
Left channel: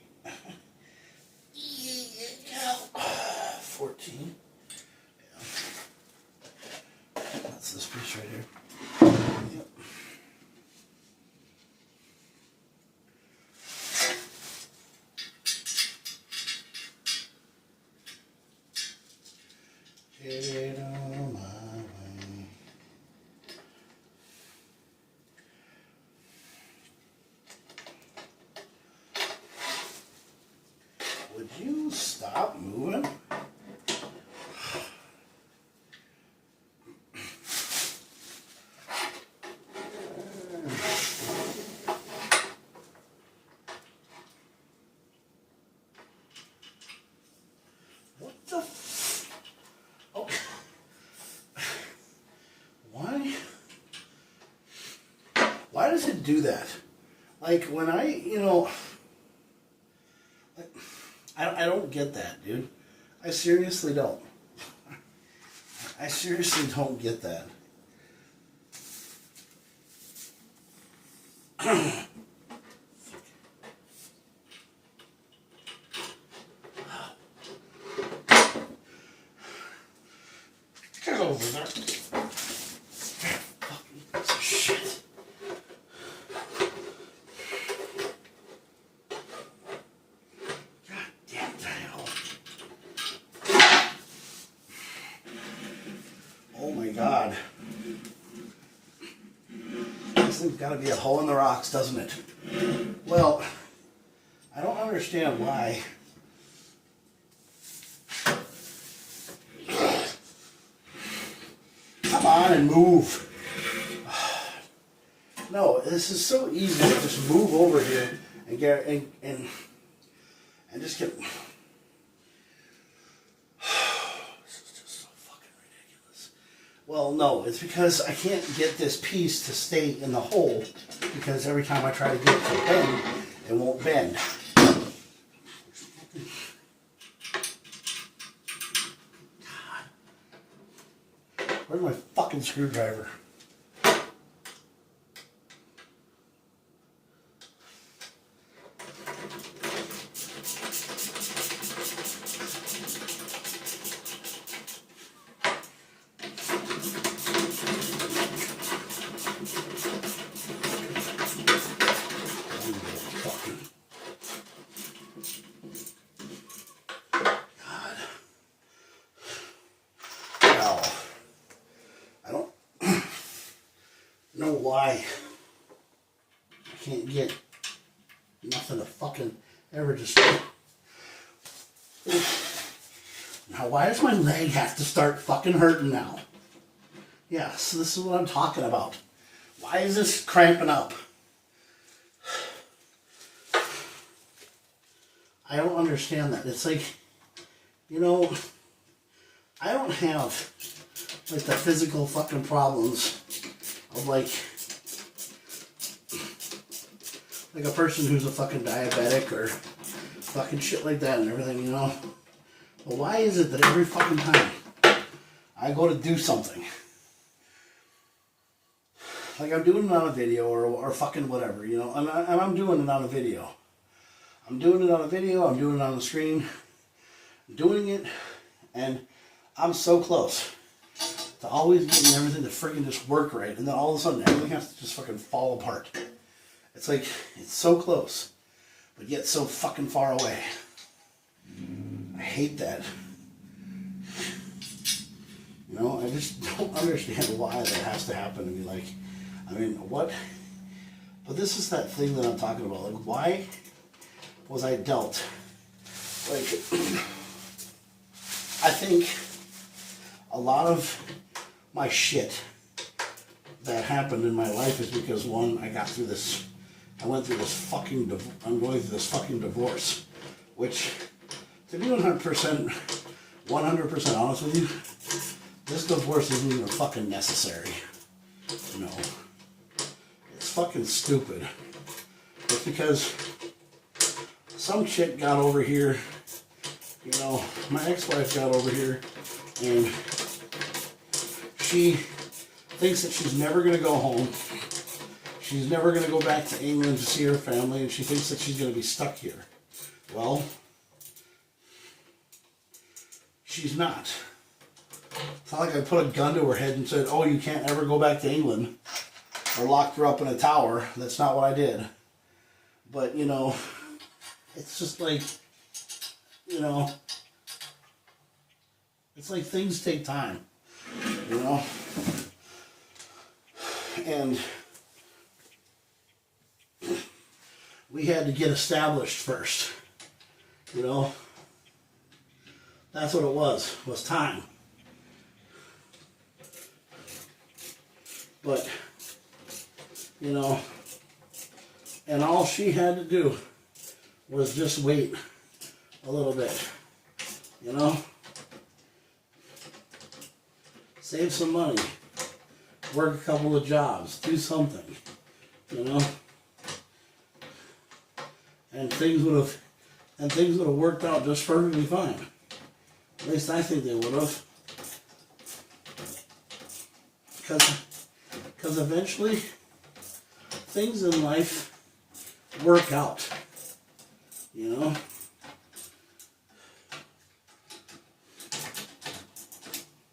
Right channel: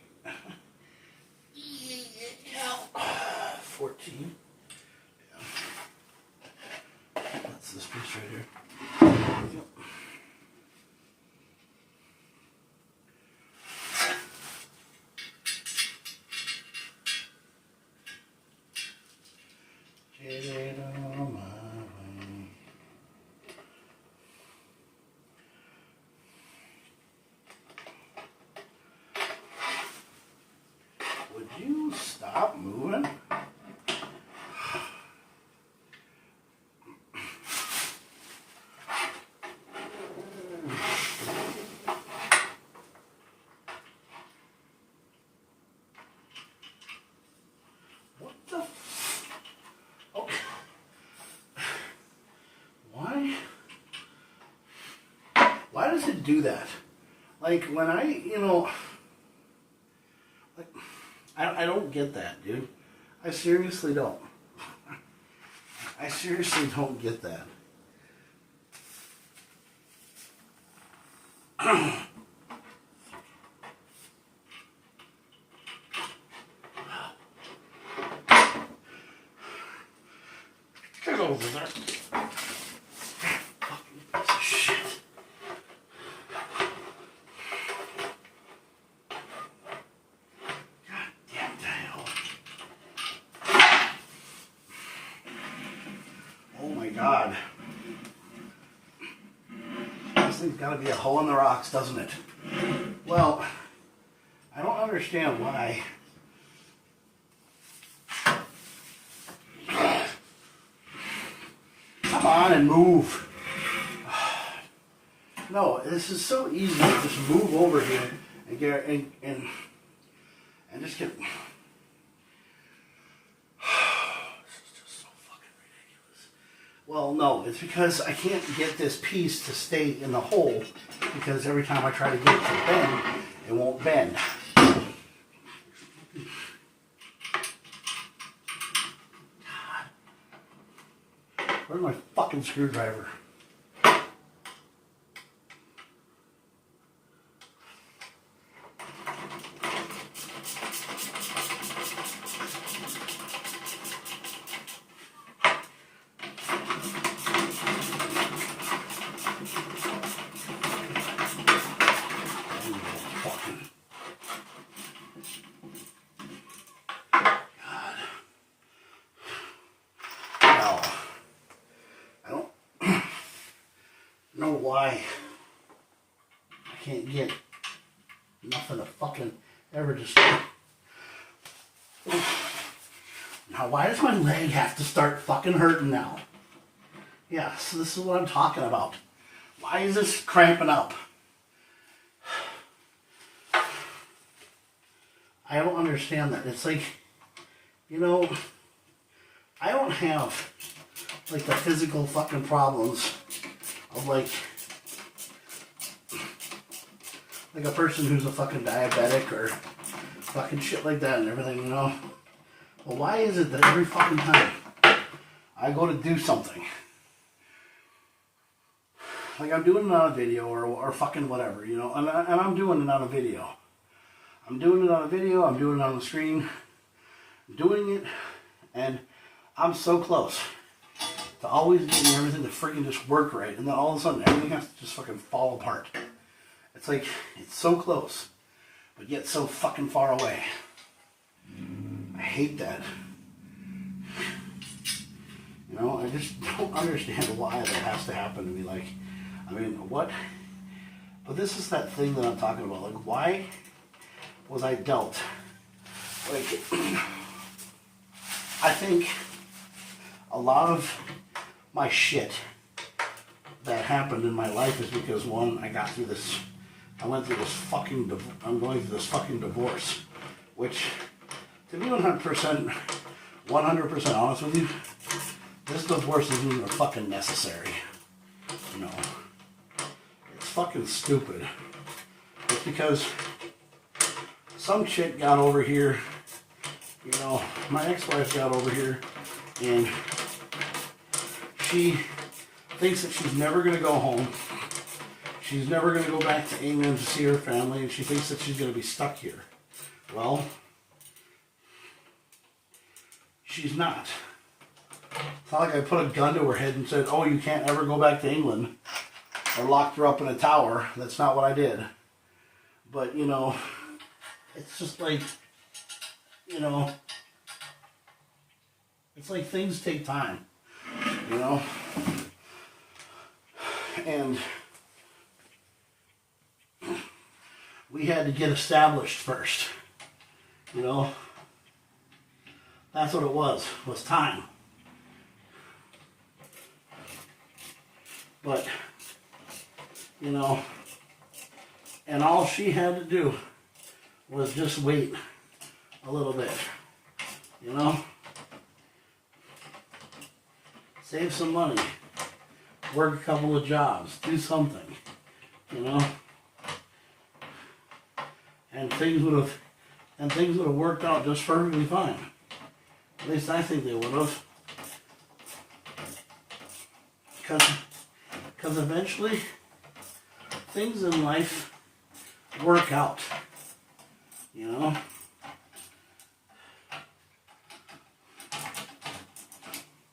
14. Yeah. That's this piece right here. Yep. Would you stop moving? What the? Okay. Why does it do that? Like when I don't get that, dude. I seriously don't. I seriously don't get that. Get over there. Fucking piece of shit. God. This thing's got to be a hole in the rocks, doesn't it? Well, I don't understand why. Come on and move. No, this is so easy to just move over here and get and just get. This is just so fucking ridiculous. Well, no, it's because I can't get this piece to stay in the hole because every time I try to get it to bend, it won't bend. Where's my fucking screwdriver? Know why I can't get nothing to fucking ever just. Now, why does my leg have to start fucking hurting now? Yes, this is what I'm talking about. Why is this cramping up? I don't understand that. It's like, you know, I don't have like the physical fucking problems of like a person who's a fucking diabetic or fucking shit like that and everything, you know. Well, why is it that every fucking time I go to do something, like I'm doing it on a video or fucking whatever, you know, and I'm doing it on a video. I'm doing it on a video, I'm doing it on the screen, I'm doing it, and I'm so close to always getting everything to freaking just work right, and then all of a sudden everything has to just fucking fall apart. It's like, it's so close, but yet so fucking far away. I hate that. You know, I just don't understand why that has to happen to me. Like, I mean, what? But this is that thing that I'm talking about. Like, why was I dealt? Like, I think a lot of my shit that happened in my life is because, one, I went through this fucking divorce, which, to be 100% honest with you, this divorce isn't even fucking necessary. You know, it's fucking stupid. It's because some chick got over here, you know, my ex-wife got over here, and she thinks that she's never going to go home. She's never going to go back to England to see her family, and she thinks that she's going to be stuck here. Well, she's not. It's not like I put a gun to her head and said, oh, you can't ever go back to England, or locked her up in a tower. That's not what I did. But, you know, it's just like, you know, it's like things take time, you know? And we had to get established first, you know? That's what it was time. But, you know, and all she had to do was just wait a little bit, you know? Save some money, work a couple of jobs, do something, you know? And things would have worked out just perfectly fine. At least I think they would have. Because eventually, things in life work out, you know?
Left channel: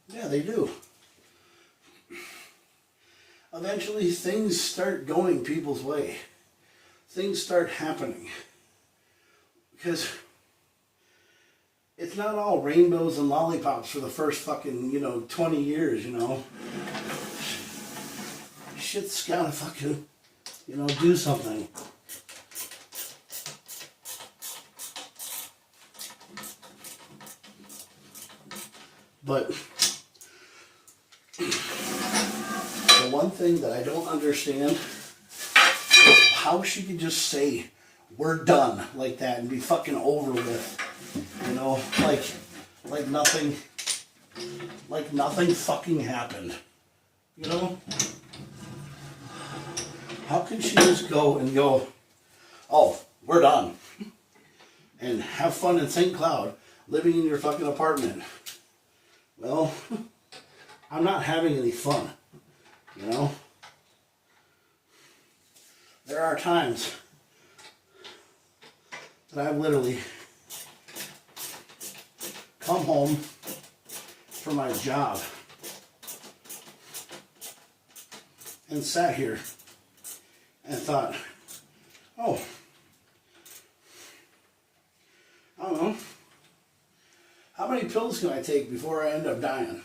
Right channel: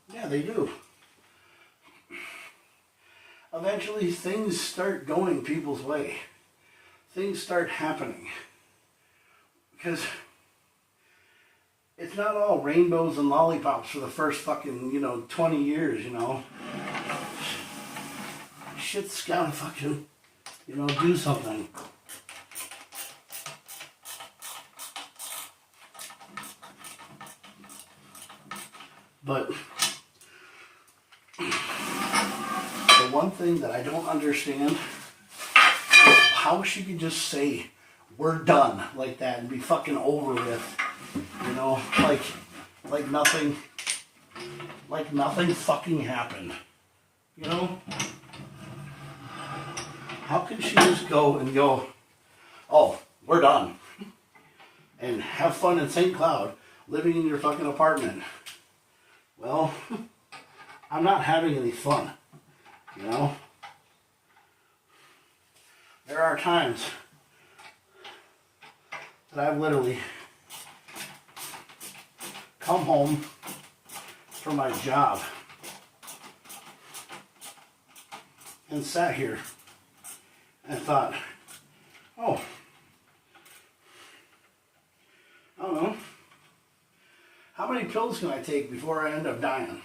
Yeah, they do. Eventually, things start going people's way. Things start happening. Because it's not all rainbows and lollipops for the first fucking, 20 years, Shit's gotta fucking, do something. But the one thing that I don't understand how she could just say, we're done, like that, and be fucking over with. You know, like nothing fucking happened. You know? How can she just go and go, oh, we're done, and have fun in St. Cloud, living in your fucking apartment? Well, I'm not having any fun, you know? There are times that I've literally come home from my job and sat here and thought, oh, I don't know, how many pills can I take before I end up dying?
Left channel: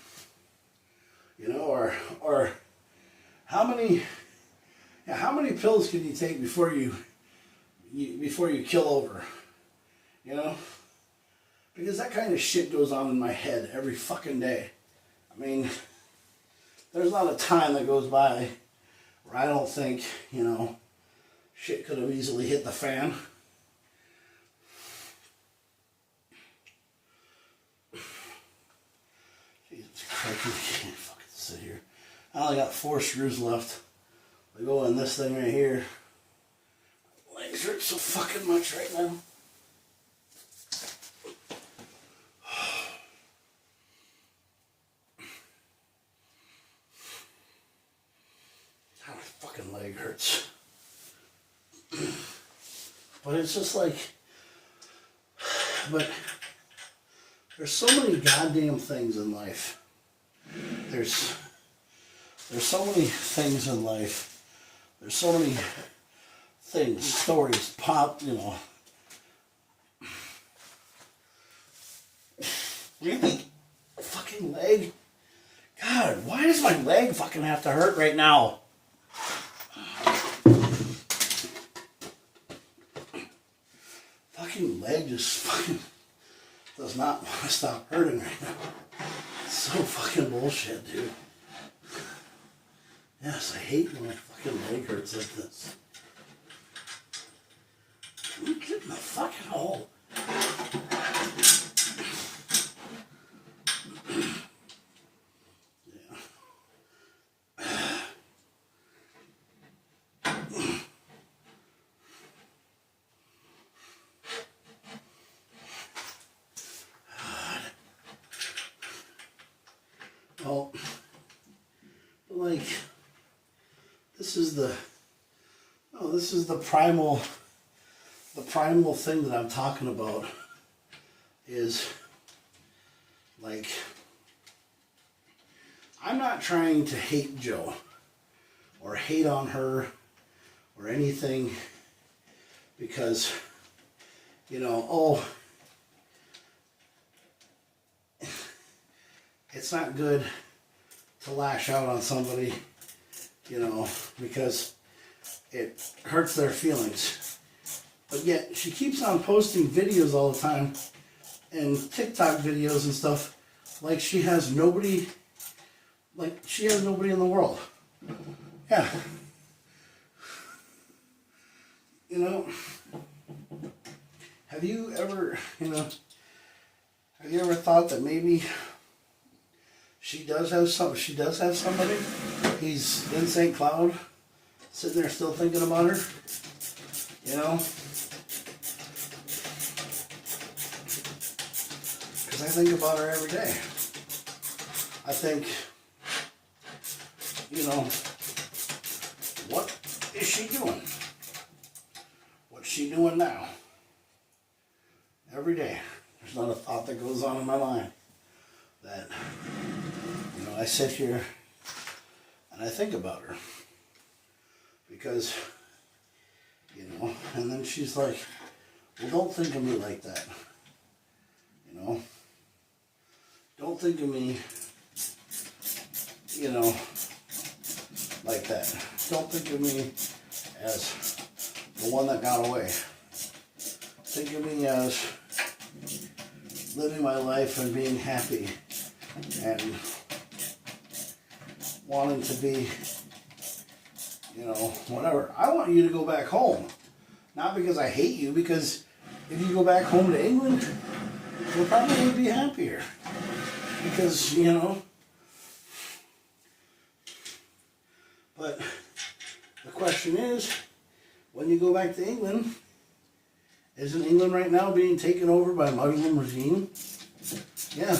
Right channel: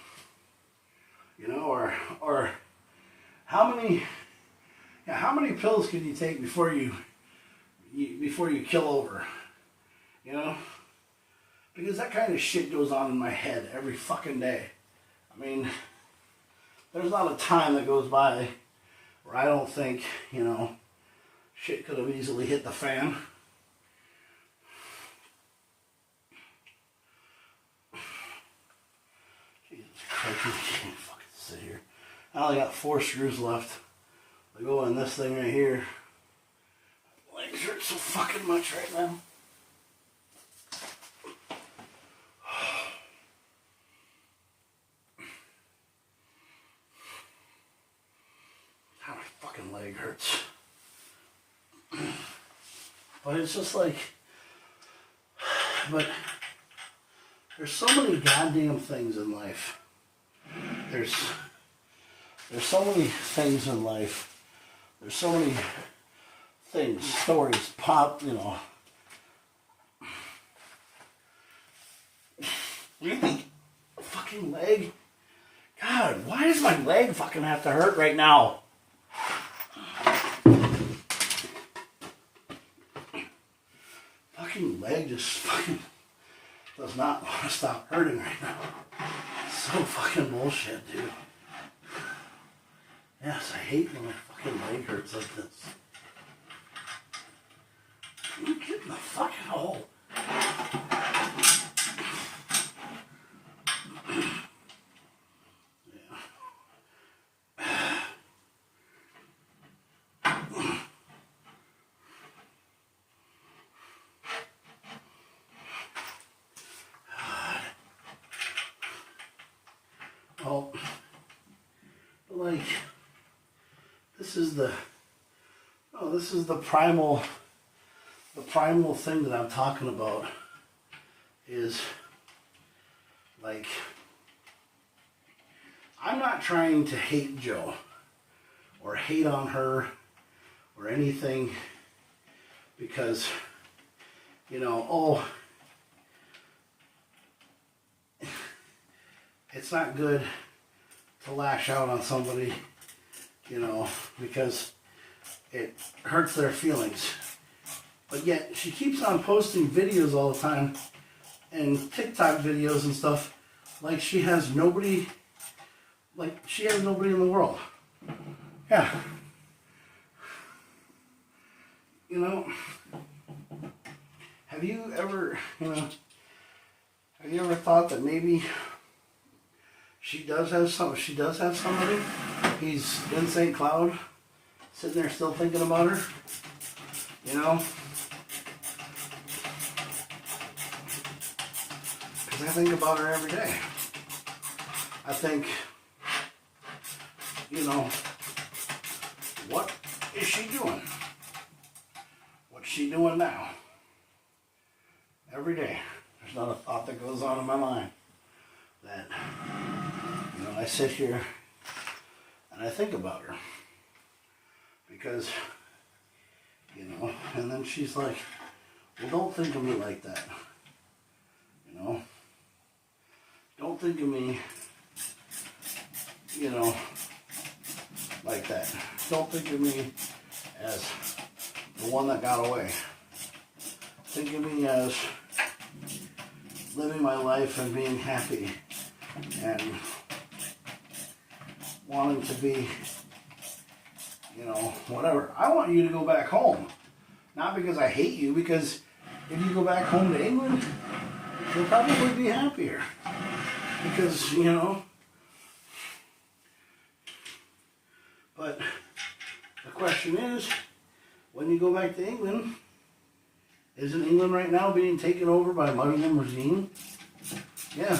You know, or how many pills can you take before you kill over? You know? Because that kind of shit goes on in my head every fucking day. I mean, there's not a time that goes by where I don't think, you know, shit could have easily hit the fan. Jesus Christ, I can't fucking sit here. I only got 4 screws left. I go in this thing right here. My legs hurt so fucking much right now. How my fucking leg hurts. But it's just like, but there's so many goddamn things in life. There's so many things in life. There's so many things, stories, pop, you know. Really? Fucking leg? God, why does my leg fucking have to hurt right now? Fucking leg just fucking does not want to stop hurting right now. It's so fucking bullshit, dude. Yes, I hate when my fucking leg hurts like this. You get in the fucking hole. Oh, like, this is the primal thing that I'm talking about is, like, I'm not trying to hate Jo or hate on her or anything because, you know, oh, it's not good to lash out on somebody, you know, because it hurts their feelings. But yet, she keeps on posting videos all the time and TikTok videos and stuff like she has nobody in the world. Yeah. You know, have you ever thought that maybe she does have somebody? He's in St. Cloud, sitting there still thinking about her. You know? Because I think about her every day. I think, you know, what is she doing? What's she doing now? Every day. There's not a thought that goes on in my mind that, you know, I sit here and I think about her. Because, you know, and then she's like, well, don't think of me like that. You know? Don't think of me, you know, like that. Don't think of me as the one that got away. Think of me as living my life and being happy and wanting to be, you know, whatever. I want you to go back home. Not because I hate you, because if you go back home to England, you'll probably be happier. Because, you know, but the question is, when you go back to England, isn't England right now being taken over by a Muslim regime? Yeah.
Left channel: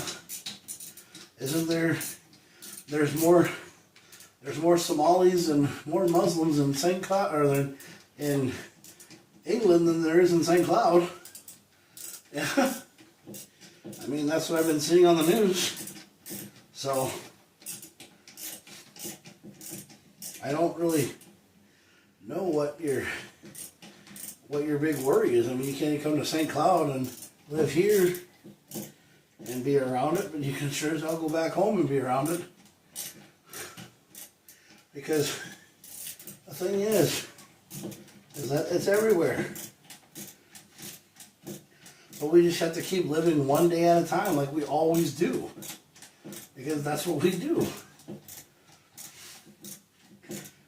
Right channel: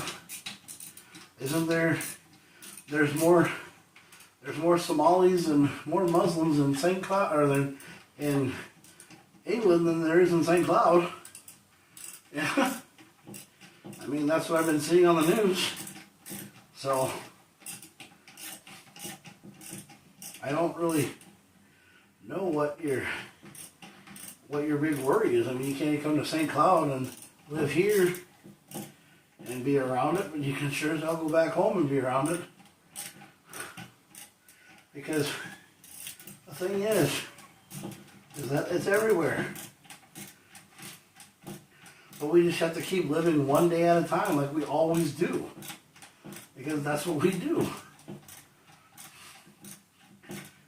Isn't there's more Somalis and more Muslims in St. Cloud, or in England than there is in St. Cloud. Yeah. I mean, that's what I've been seeing on the news. So, I don't really know what your big worry is. I mean, you can't come to St. Cloud and live here and be around it, but you can sure as hell go back home and be around it. Because the thing is that it's everywhere. But we just have to keep living one day at a time like we always do. Because that's what we do.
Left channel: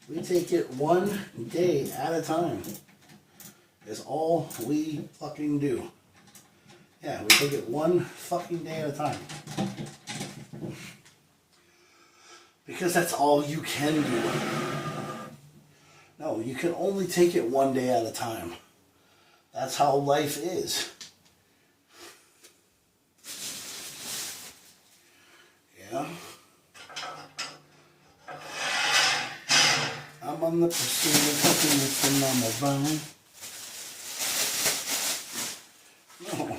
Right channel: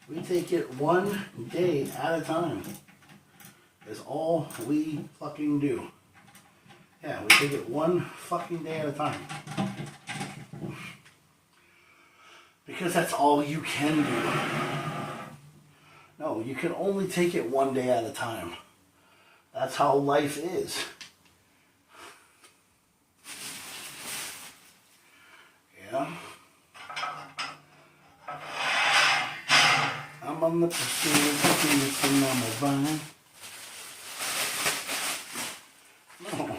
We take it one day at a time. Is all we fucking do. Yeah, we take it one fucking day at a time. Because that's all you can do. No, you can only take it one day at a time. That's how life is. Yeah. I'm on the pursuit of happiness and I'm a vine. No.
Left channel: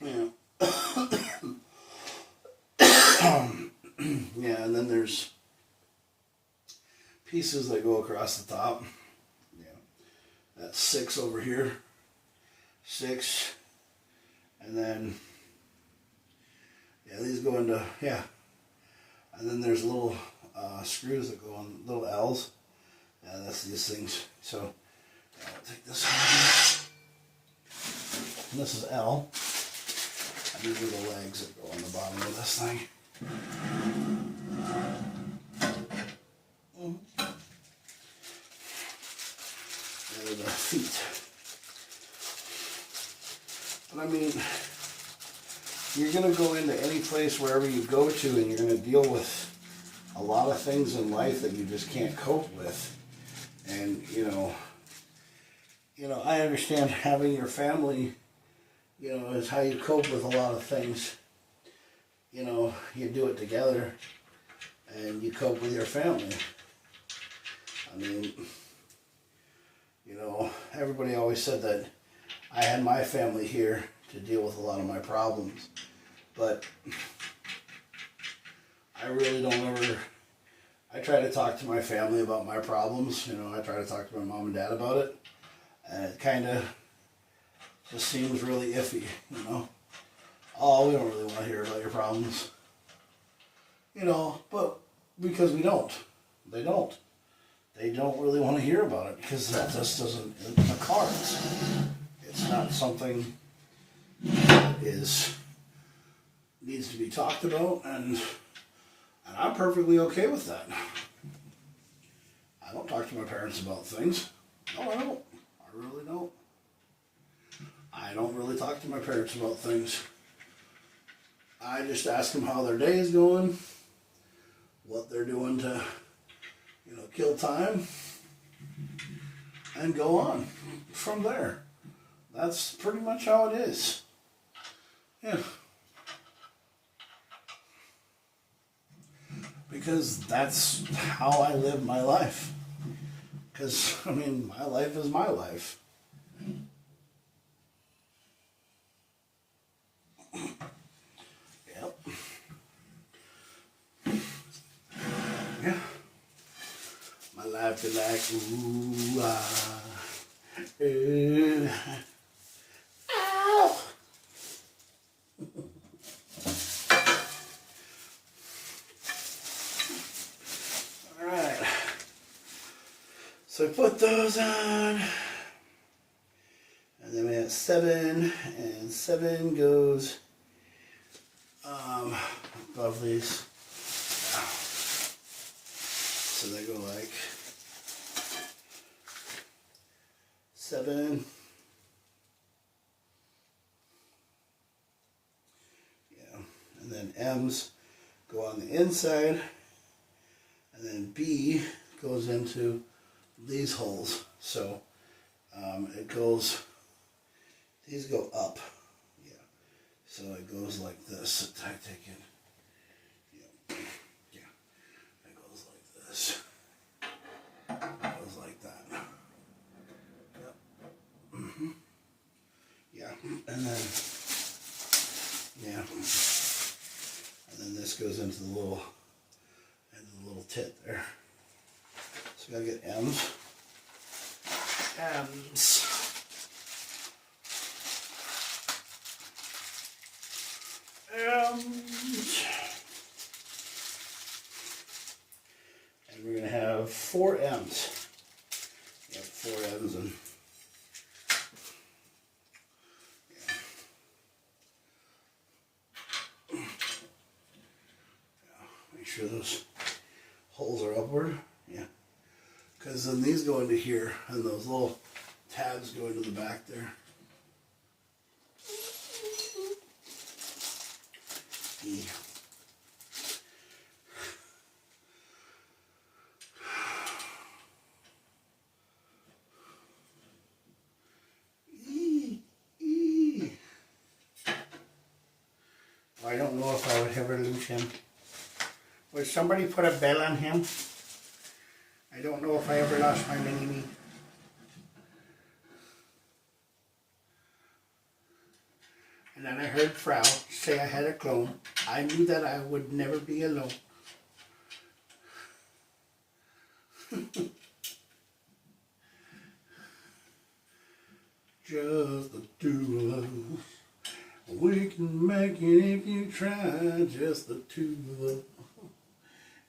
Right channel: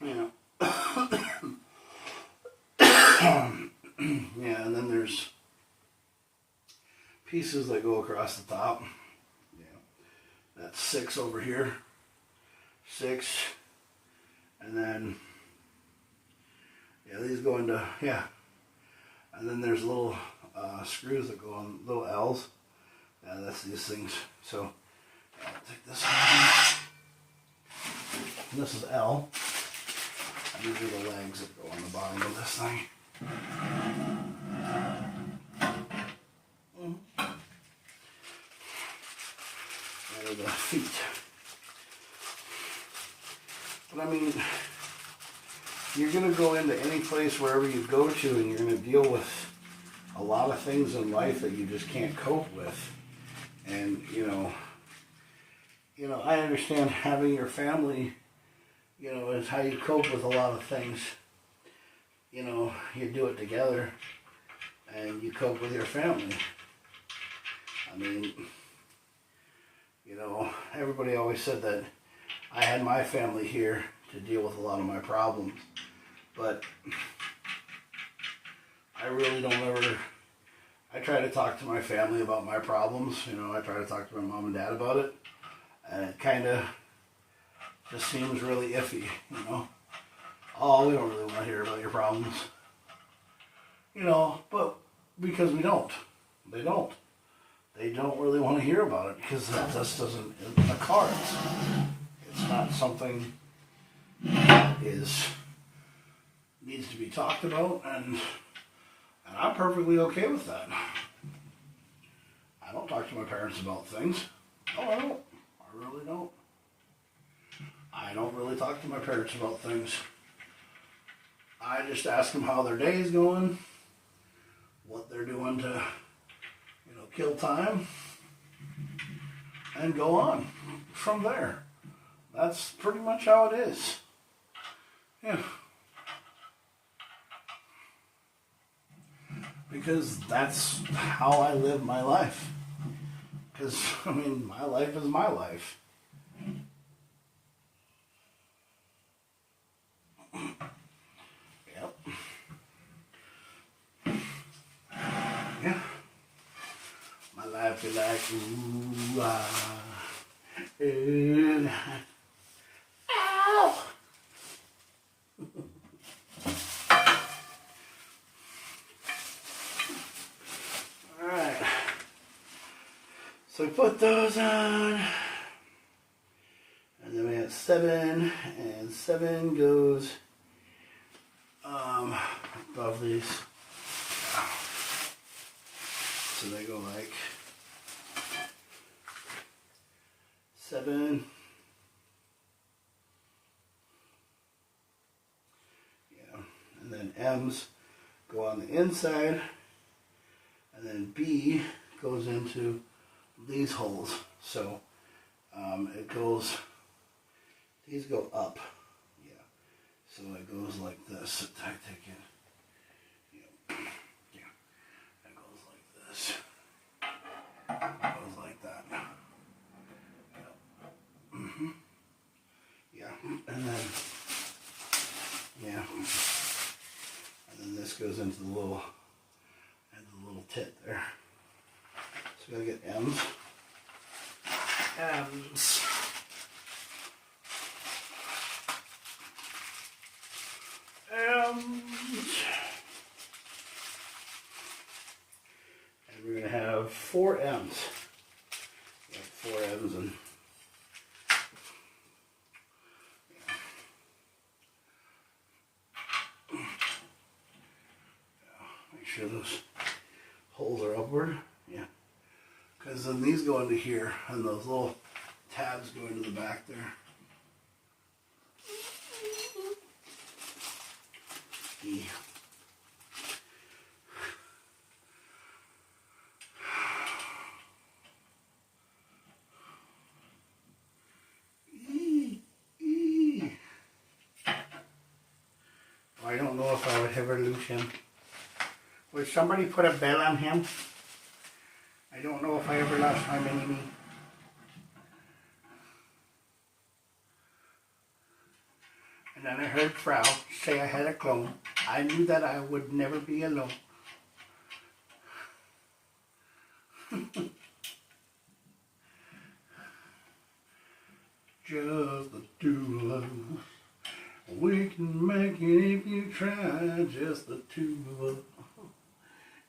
Yeah. Yeah, and then there's pieces that go across the top. Yeah. That's 6 over here. 6. And then, yeah, these go into, yeah. And then there's little screws that go on, little L's. Yeah, that's these things. So, I'll take this one. And this is L. And these are the legs that go on the bottom of this thing. And the feet. But I mean, you're going to go into any place wherever you go to and you're going to deal with a lot of things in life that you just can't cope with. And, you know, I understand having your family, you know, is how you cope with a lot of things. You know, you do it together and you cope with your family. I mean, you know, everybody always said that I had my family here to deal with a lot of my problems. But I really don't ever, I try to talk to my family about my problems. You know, I try to talk to my mom and dad about it. And it kind of just seems really iffy, you know. Oh, we don't really want to hear about your problems. You know, but because we don't. They don't. They don't really want to hear about it because that just doesn't, in the cards. It's not something that needs to be talked about, and I'm perfectly okay with that. I don't talk to my parents about things. No, I don't. I really don't. I don't really talk to my parents about things. I just ask them how their day is going, what they're doing to, you know, kill time, and go on from there. That's pretty much how it is. Yeah. Because that's how I live my life. Because, I mean, my life is my life. Yep. Yeah. My life is like, ooh, ooh. Ow! Alright. So we put those on. And then we have 7, and 7 goes above these. So they go like 7. Yeah, and then M's go on the inside, and then B goes into these holes. So it goes, these go up. Yeah, so it goes like this. I take it. Yeah, it goes like this. It goes like that. Yeah. Yeah, and then this goes into the little tit there. So we gotta get M's. M's. And we're gonna have 4 M's. Yeah, 4 M's and make sure those holes are upward. Yeah. Because then these go into here and those little tabs go into the back there. E. I don't know if I would ever lose him. Would somebody put a bell on him? I don't know if I ever lost my mini-me. And then I heard Frau say I had a clone. I knew that I would never be alone. Just the two of us. We can make it if you try. Just the two of us.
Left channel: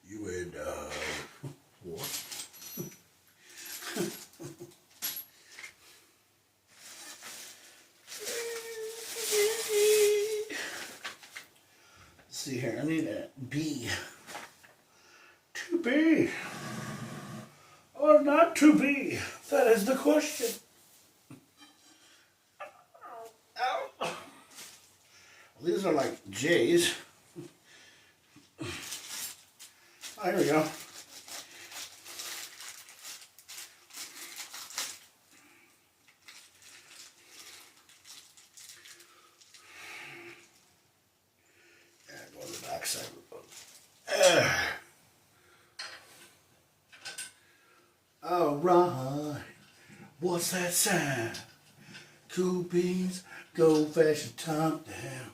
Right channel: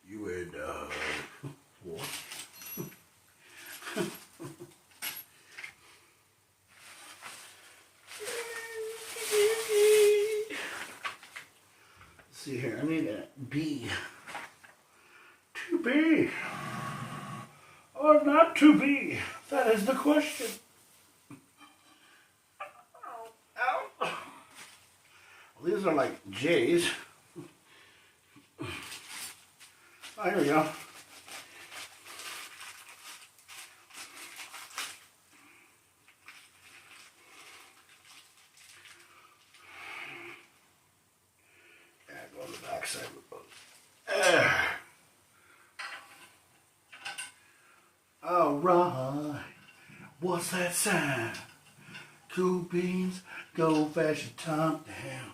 You and what? Let's see here, I need a B. To be or not to be? That is the question. Ow. Well, these are like J's. Oh, here we go. Yeah, go on the back side. All right. What's that sound? Cool beans, gold fashioned top down.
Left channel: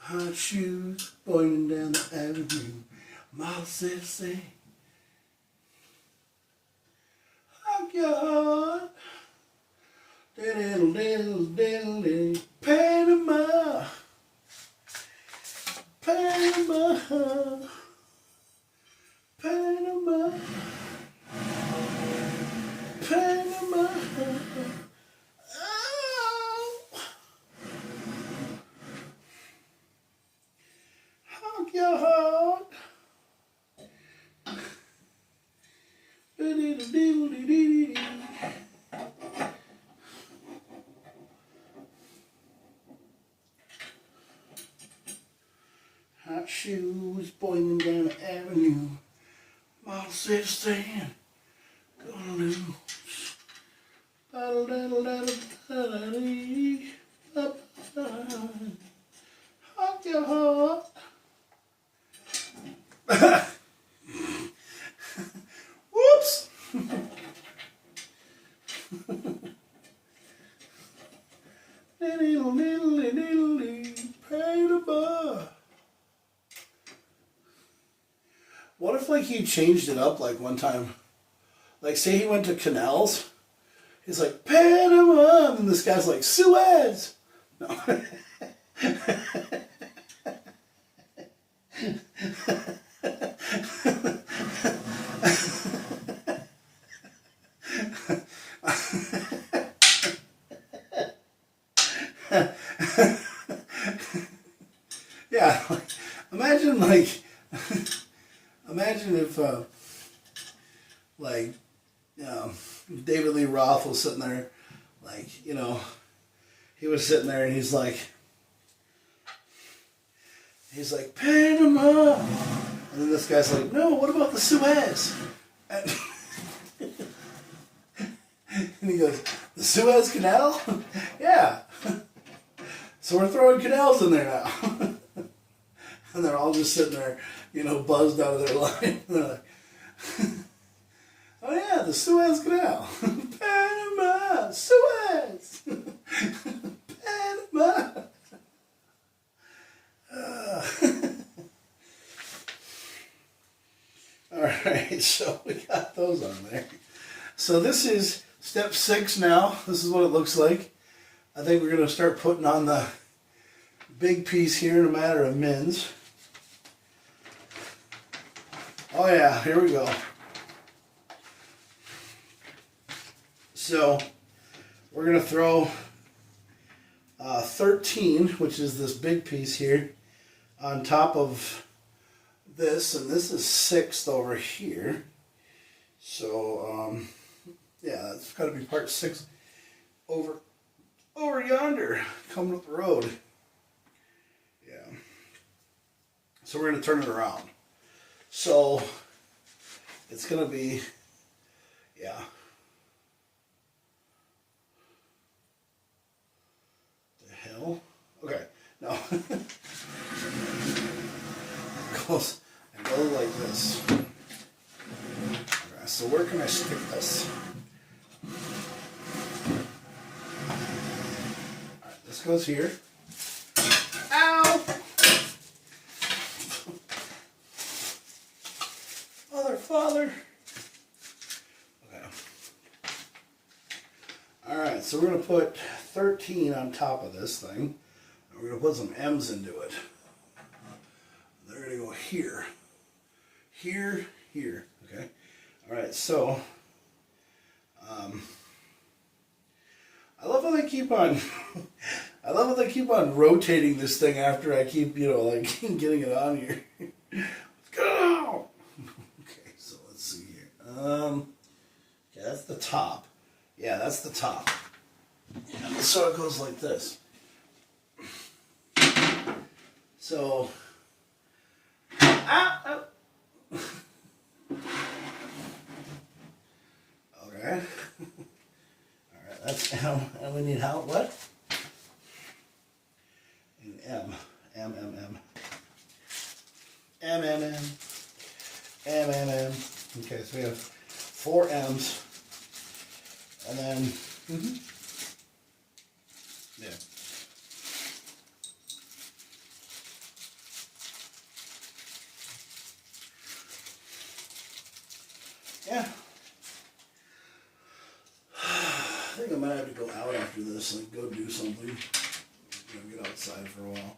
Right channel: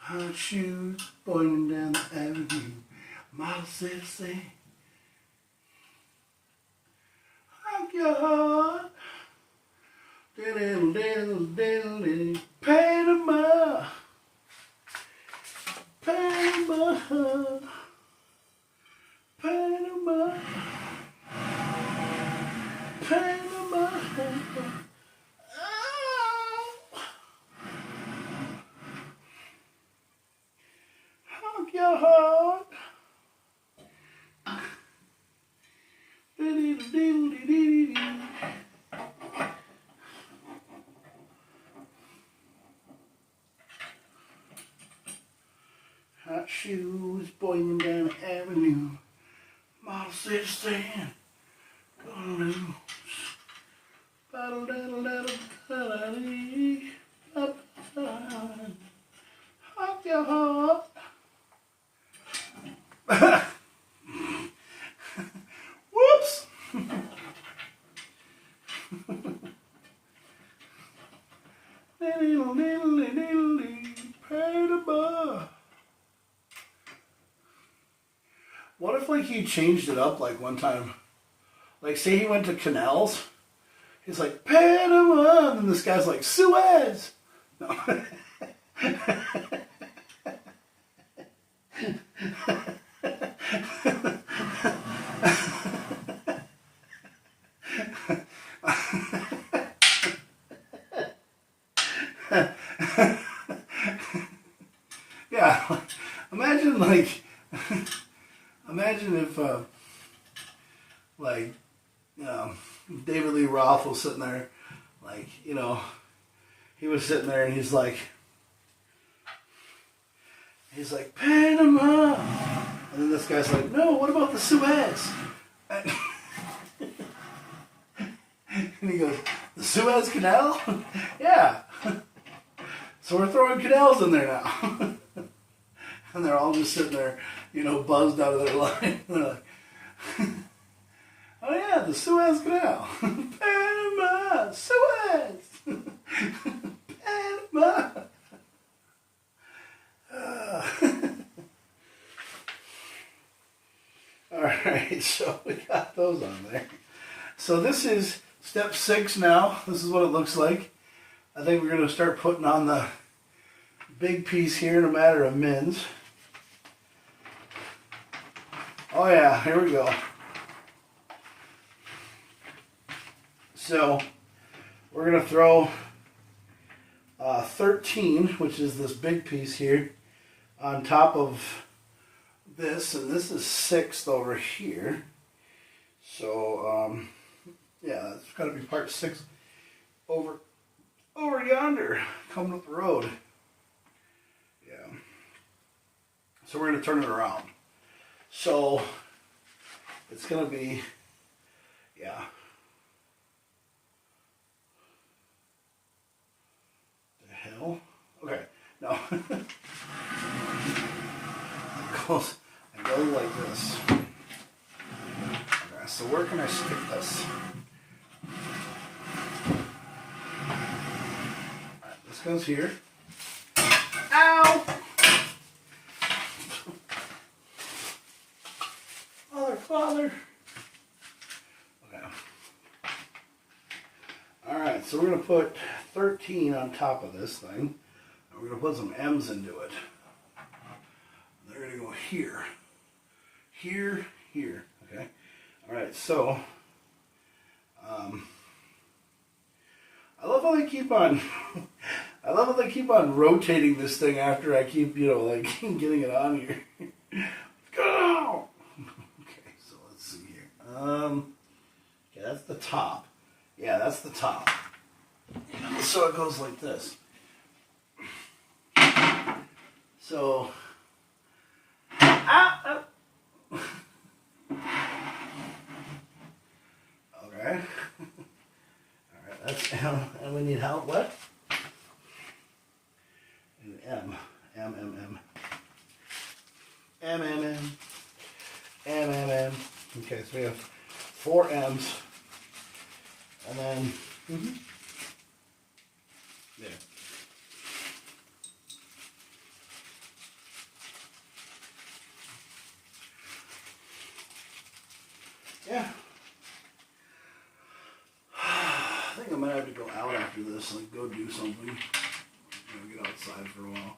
Hot shoes, boiling down the avenue. Mile 16. Hug your heart. Diddle, diddle, diddle, Panama. Panama. Panama. Panama. Oh. Hug your heart. Hot shoes, boiling down the avenue. Model 16, gonna lose. Hug your heart. Whoops. What if like he changed it up like one time? Like say he went to KamoKlauZ. He's like Panama, and this guy's like Suez. No. Yeah, like, imagine if like, David Lee Roth was sitting there, like, he was sitting there and he's like, Panama. And then this guy's like, no, what about the Suez? And, and he goes, the Suez Canal? Yeah. So we're throwing canals in there now. And they're all just sitting there, buzzed out of their line. They're like, oh yeah, the Suez Canal. Panama, Suez. Panama. Alright, so we got those on there. So this is step 6 now. This is what it looks like. I think we're going to start putting on the big piece here in a matter of mins. Oh yeah, here we go. So we're going to throw 13, which is this big piece here, on top of this, and this is 6th over here. So yeah, that's got to be part 6 over yonder, coming up the road. Yeah. So we're going to turn it around. So it's going to be, yeah. The hell? Okay, no. It goes like this. Okay, so where can I stick this? Alright, this goes here. Ow! Father. Okay. Alright, so we're going to put 13 on top of this thing. And we're going to put some M's into it. They're going to go here. Here, here. Okay. Alright, so I love how they keep on I love how they keep on rotating this thing after I keep, like getting it on here. Go! Okay, that's the top. Yeah, that's the top. And so it goes like this. So, okay. Alright, that's M. And we need how, what? And M. M, M, M. M, M, M. M, M, M. Okay, so we have 4 M's, and then, yeah. Yeah. I think I might have to go out after this, like go do something, get outside for a while.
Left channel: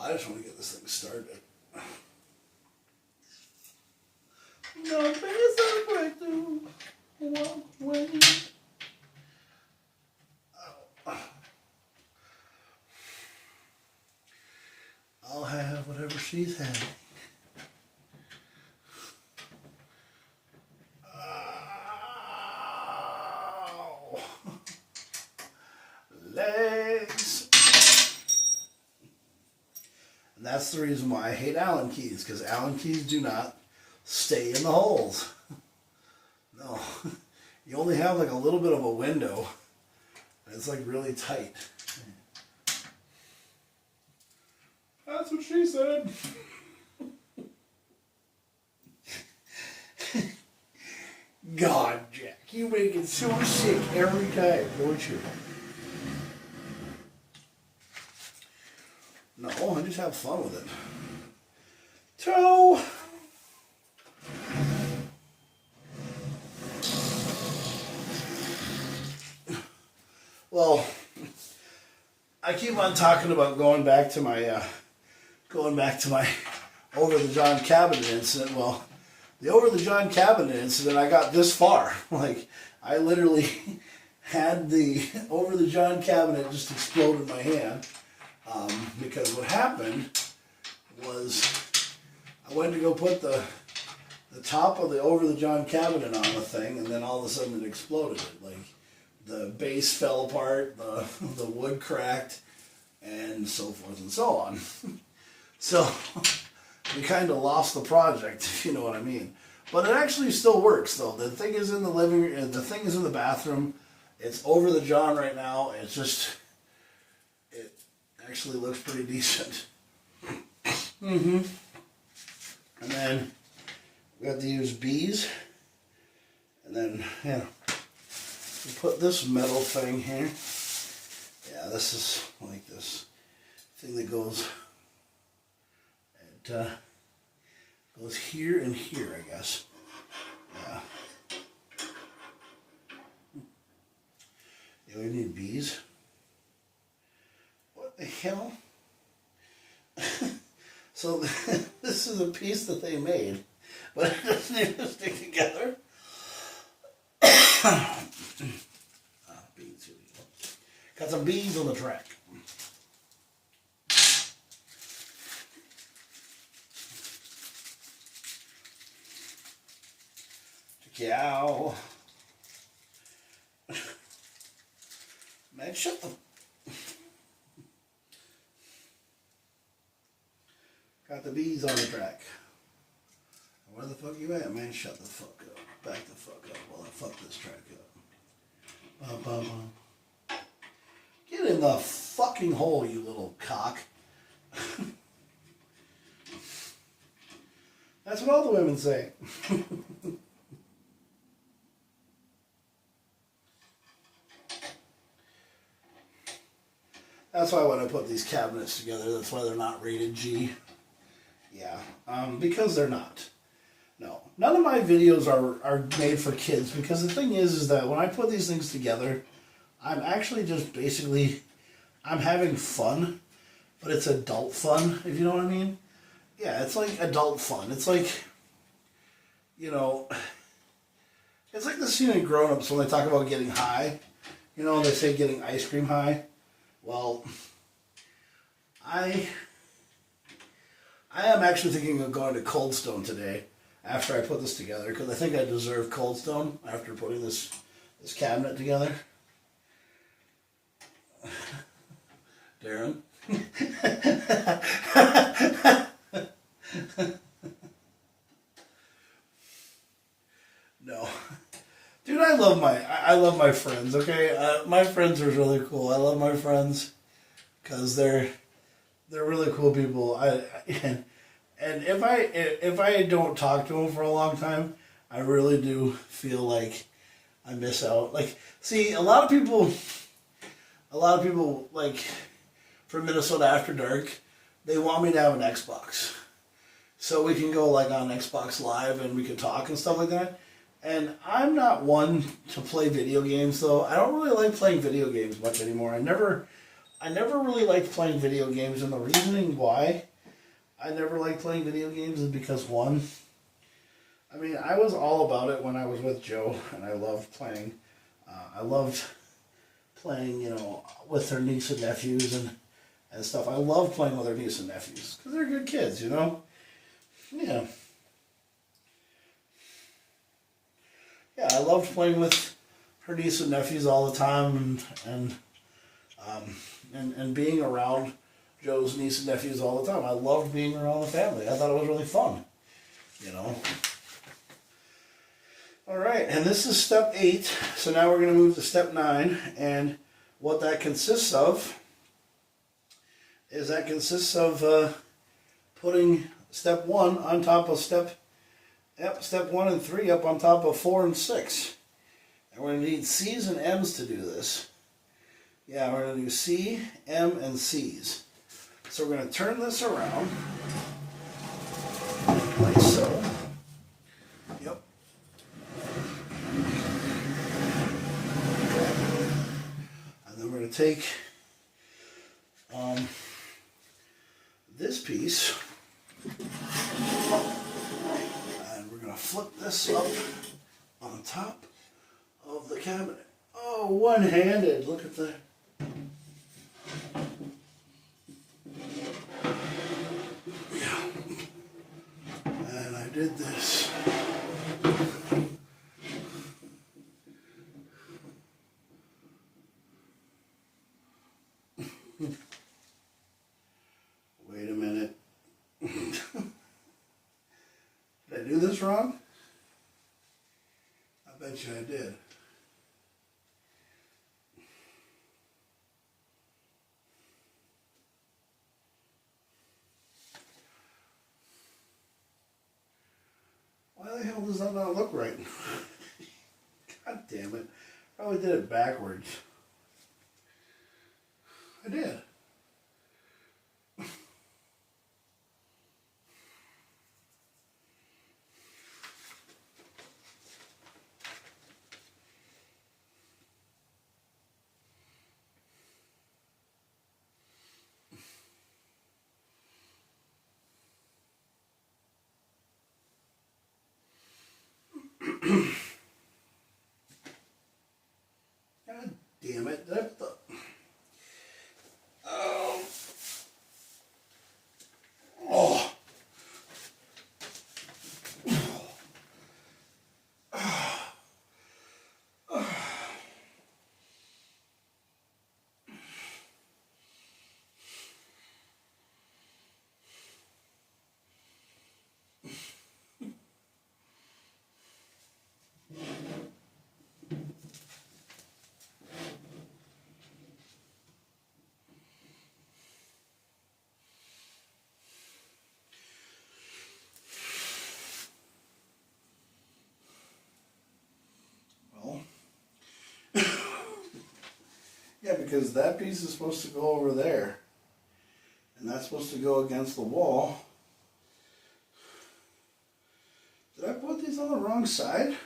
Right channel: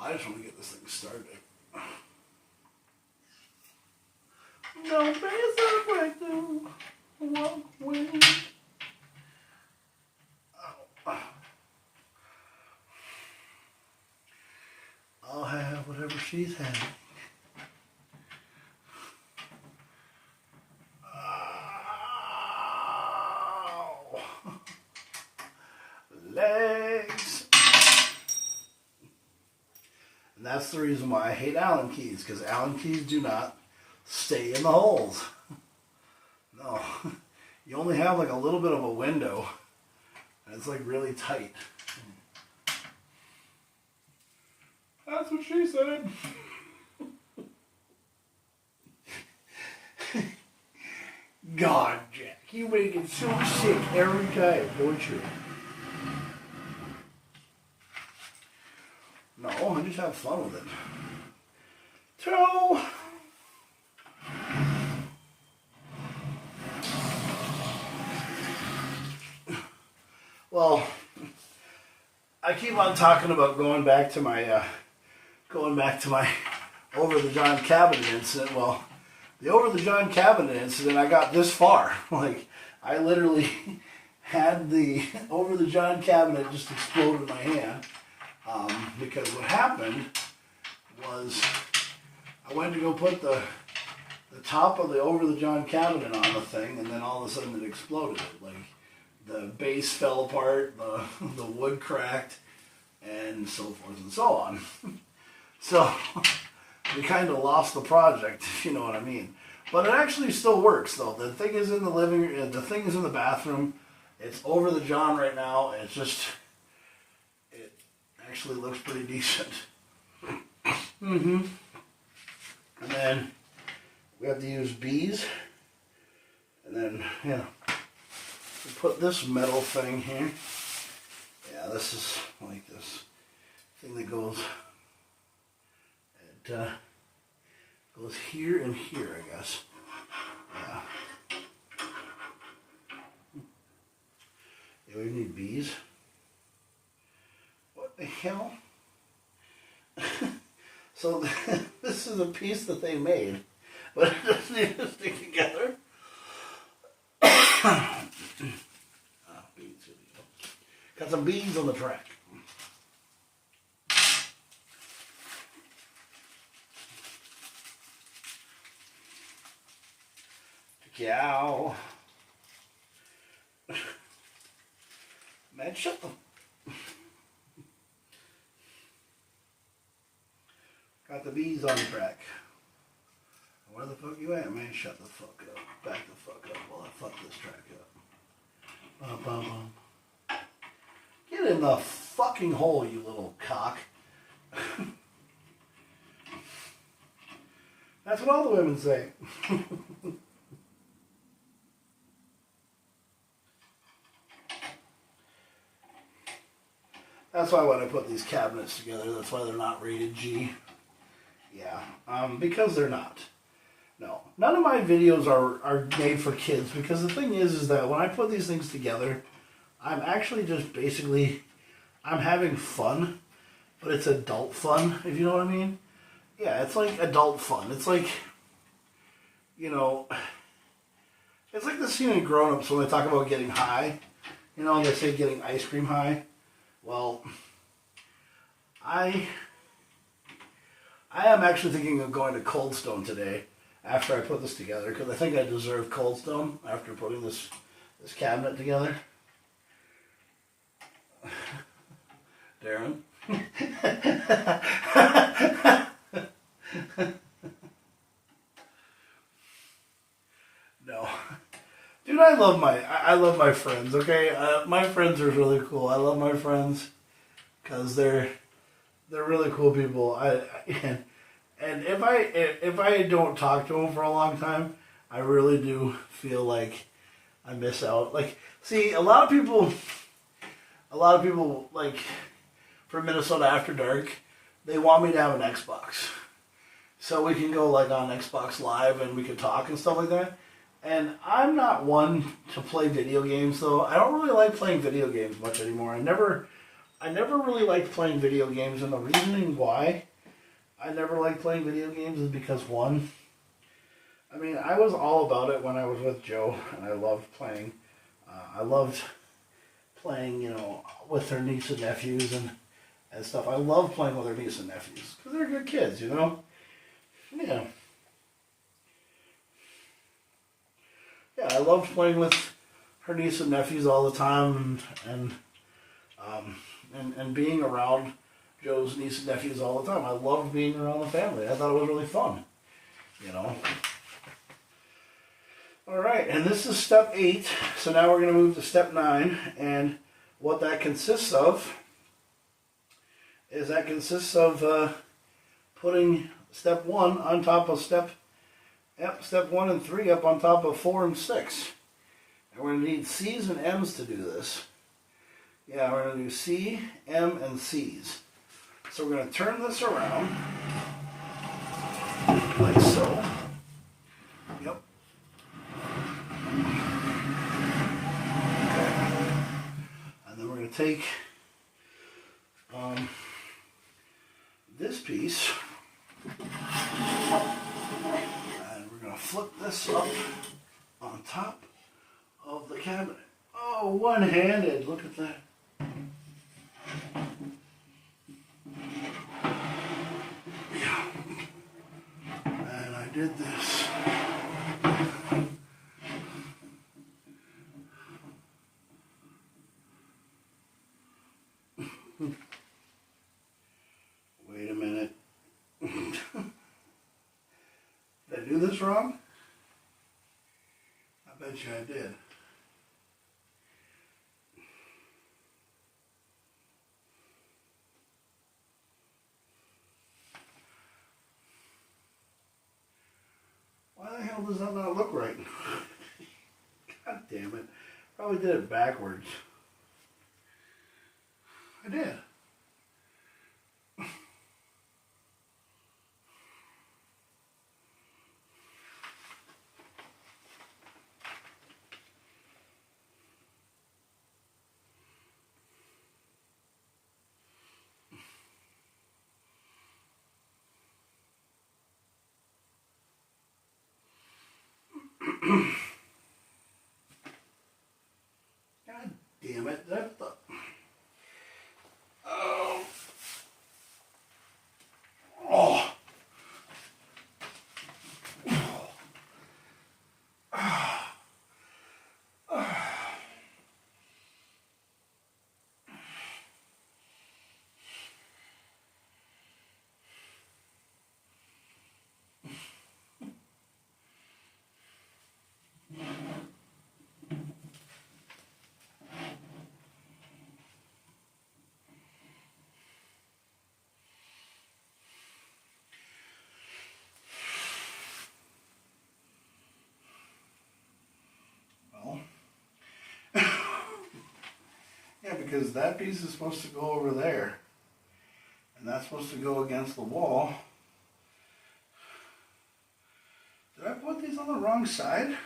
I just want to get this thing started. No, but it's not a breakthrough. Walk away. I'll have whatever she's having. Ow. Legs. And that's the reason why I hate Allen keys, because Allen keys do not stay in the holes. No. You only have like a little bit of a window. And it's like really tight. That's what she said. God, Jack, you make it so sick every time, don't you? No, I just have fun with it. Toe! Well, I keep on talking about going back to my over the John cabinet incident. Well, the over the John cabinet incident, I got this far. Like, I literally had the over the John cabinet just explode in my hand. Because what happened was I went to go put the top of the over the John cabinet on the thing, and then all of a sudden it exploded. Like the base fell apart, the wood cracked, and so forth and so on. So we kind of lost the project, if you know what I mean. But it actually still works, though. The thing is in the living room, the thing is in the bathroom. It's over the John right now. It's just, it actually looks pretty decent. And then we have to use bees. And then, yeah, we put this metal thing here. Yeah, this is like this thing that goes, it goes here and here, I guess. Yeah. Yeah, we need bees. What the hell? So this is a piece that they made, but it doesn't even stick together. Bees, here we go. Got some bees on the track. Yow. Man, shut the... Got the bees on the track. Where the fuck you at, man? Shut the fuck up. Back the fuck up while I fuck this track up. Bum, bum, bum. Get in the fucking hole, you little cock. That's what all the women say. That's why when I put these cabinets together, that's why they're not rated G. Yeah, because they're not. No, none of my videos are made for kids, because the thing is that when I put these things together, I'm actually just basically, I'm having fun, but it's adult fun, if you know what I mean. Yeah, it's like adult fun. It's like, you know, it's like the scene in Grown Ups when they talk about getting high. You know, they say getting ice cream high. Well, I am actually thinking of going to Cold Stone today after I put this together, because I think I deserve Cold Stone after putting this cabinet together. Darren? No. Dude, I love my friends, okay? My friends are really cool. I love my friends because they're really cool people. And if I don't talk to them for a long time, I really do feel like I miss out. Like, see, a lot of people like for Minnesota After Dark, they want me to have an Xbox, so we can go like on Xbox Live and we can talk and stuff like that. And I'm not one to play video games, though. I don't really like playing video games much anymore. I never really liked playing video games, and the reasoning why I never liked playing video games is because, one, I mean, I was all about it when I was with Joe, and I loved playing. I loved playing, you know, with her niece and nephews and stuff. I love playing with her niece and nephews because they're good kids, you know? Yeah. Yeah, I loved playing with her niece and nephews all the time, and being around Joe's niece and nephews all the time. I loved being around the family. I thought it was really fun, you know. All right, and this is step 8. So now we're going to move to step 9, and what that consists of is putting step 1 on top of step 1 and 3 up on top of 4 and 6. And we're going to need C's and M's to do this. Yeah, we're going to do C, M, and C's. So we're going to turn this around, like so. Yep. Okay. And then we're going to take this piece, and we're going to flip this up on top of the cabinet. Oh, one-handed. Look at that. Yeah. And I did this. Wait a minute. Did I do this wrong? I bet you I did. Why the hell does that not look right? God damn it. Probably did it backwards. I did. God damn it. Oh. Oh. Well, yeah, because that piece is supposed to go over there. And that's supposed to go against the wall. Did I put these on the wrong side?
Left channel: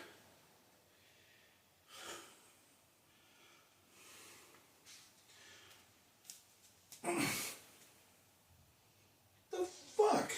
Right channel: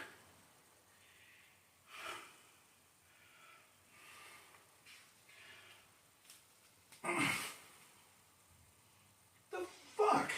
The fuck?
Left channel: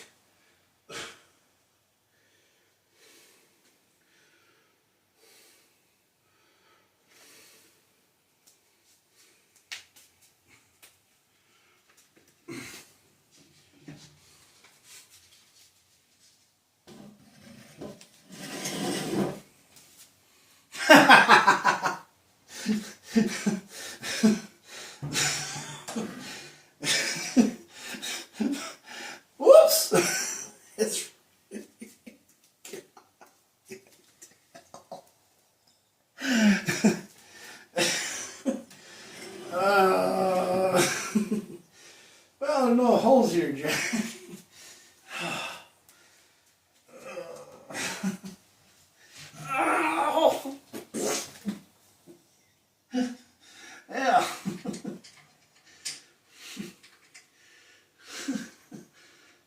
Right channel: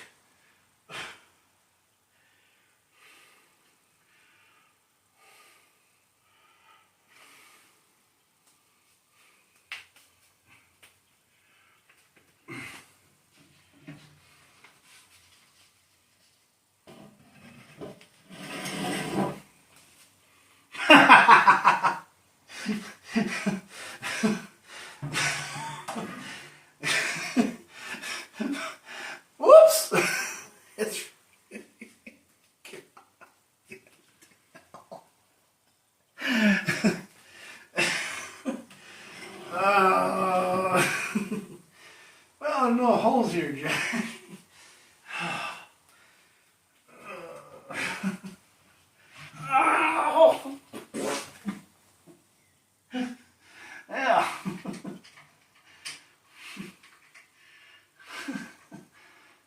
Whoops! It's well, no holes here, Jack. Ow! Yeah.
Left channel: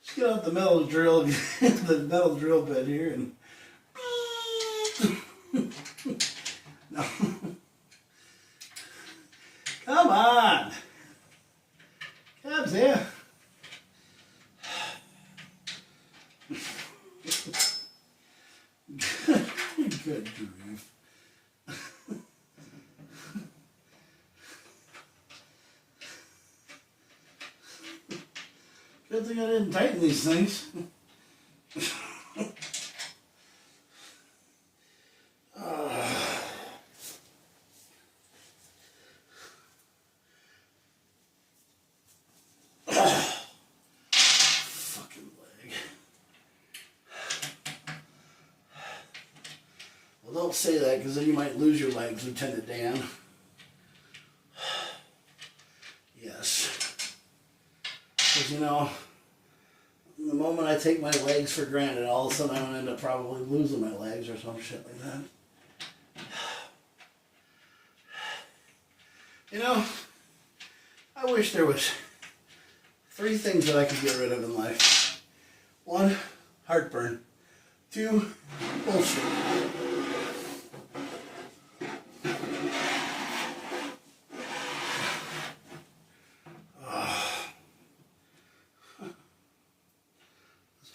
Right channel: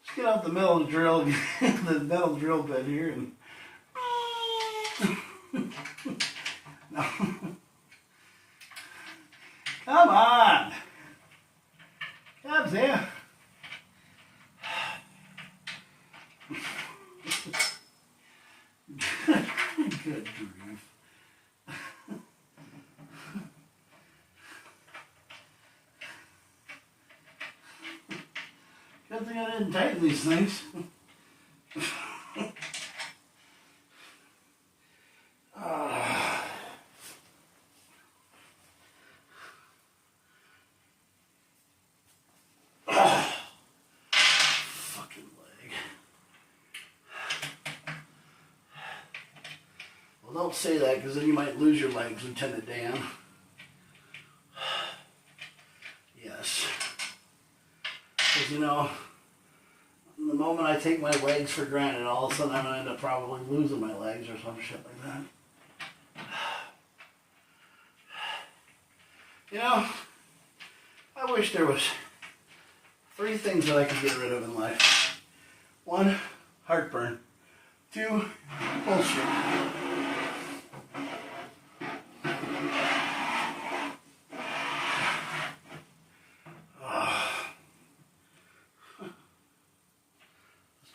Just get out the metal drill, the metal drill bit here, and no. Come on, Cubs here. Good grief. Good thing I didn't tighten these things. Fucking leg. Well, don't say that because then you might lose your legs, Lieutenant Dan. Yes. Because, you know, the moment I take my legs for granted, all of a sudden I'm going to end up probably losing my legs or some shit like that. You know, I wish there was 3 things that I could get rid of in life. 1, heartburn. 2, bullshit.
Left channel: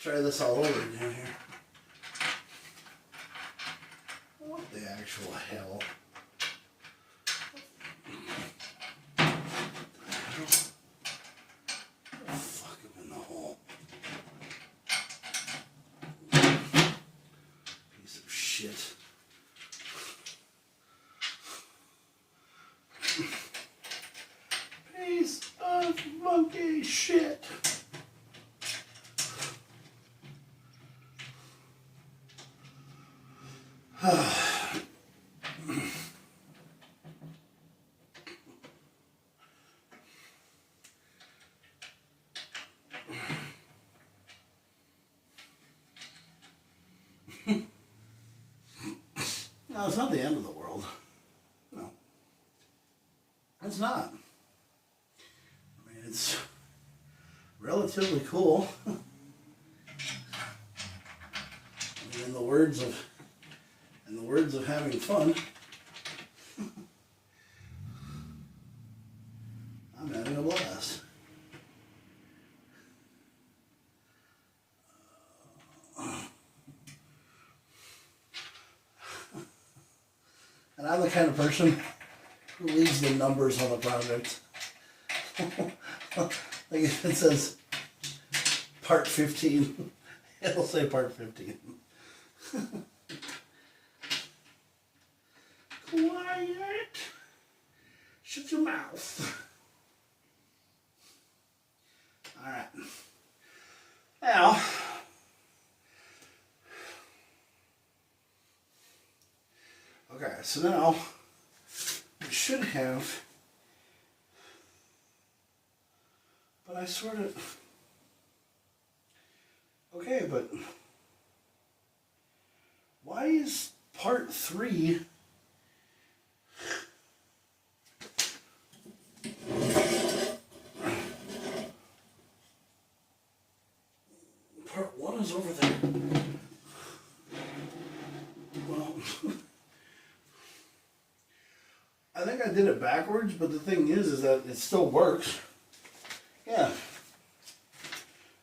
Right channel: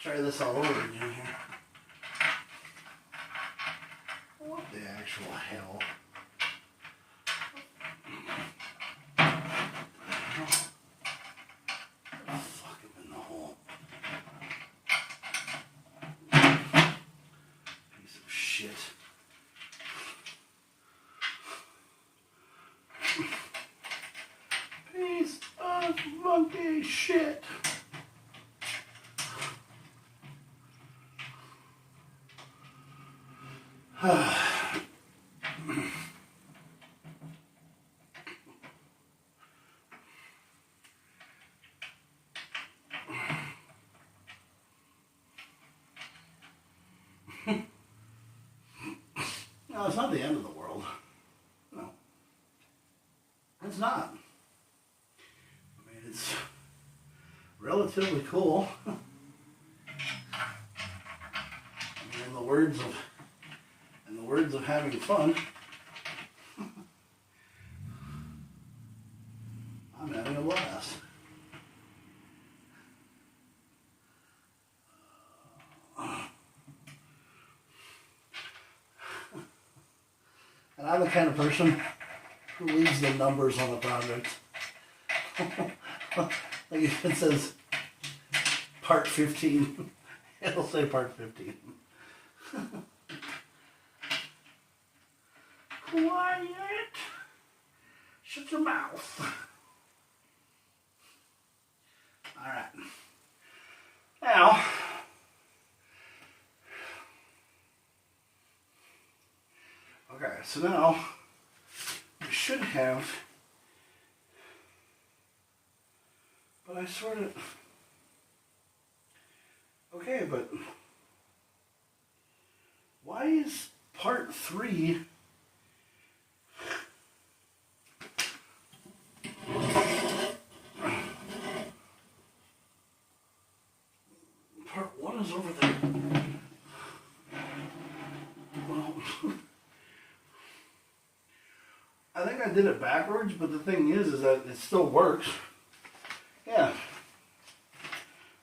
Try this all over again here. What the actual hell? No, it's not the end of the world. No. It's not. I mean, it's relatively cool. I mean, in the words of having fun, I'm having a blast. And I'm the kind of person who leaves the numbers on the project. Like if it says part 15, it'll say part 15. Quiet. Shut your mouth. Alright. Now, okay, so now we should have, but I sort of, okay, but why is part 3 part 1 is over there? Well, I think I did it backwards, but the thing is that it still works. Yeah.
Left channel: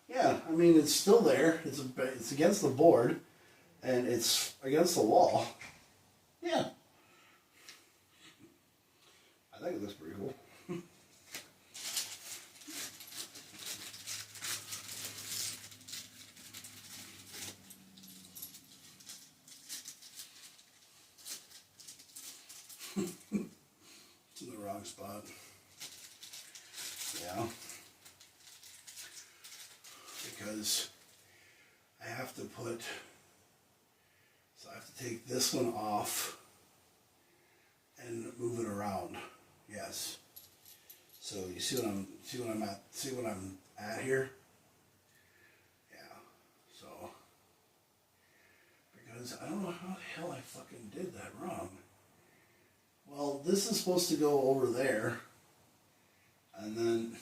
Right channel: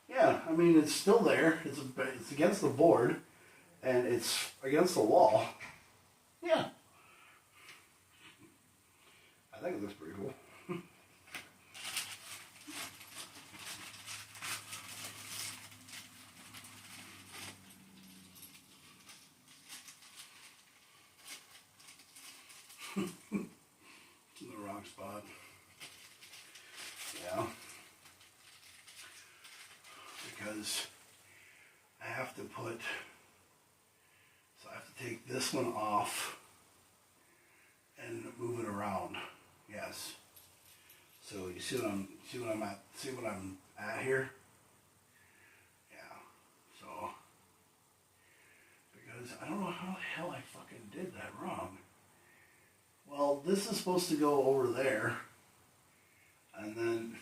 Yeah, I mean, it's still there. It's against the board, and it's against the wall. Yeah. I think it looks pretty cool. It's in the wrong spot. Yeah. Because I have to take this one off and move it around. Yes. So you see what I'm at here? Yeah. So because I don't know how the hell I fucking did that wrong. Well, this is supposed to go over there, and then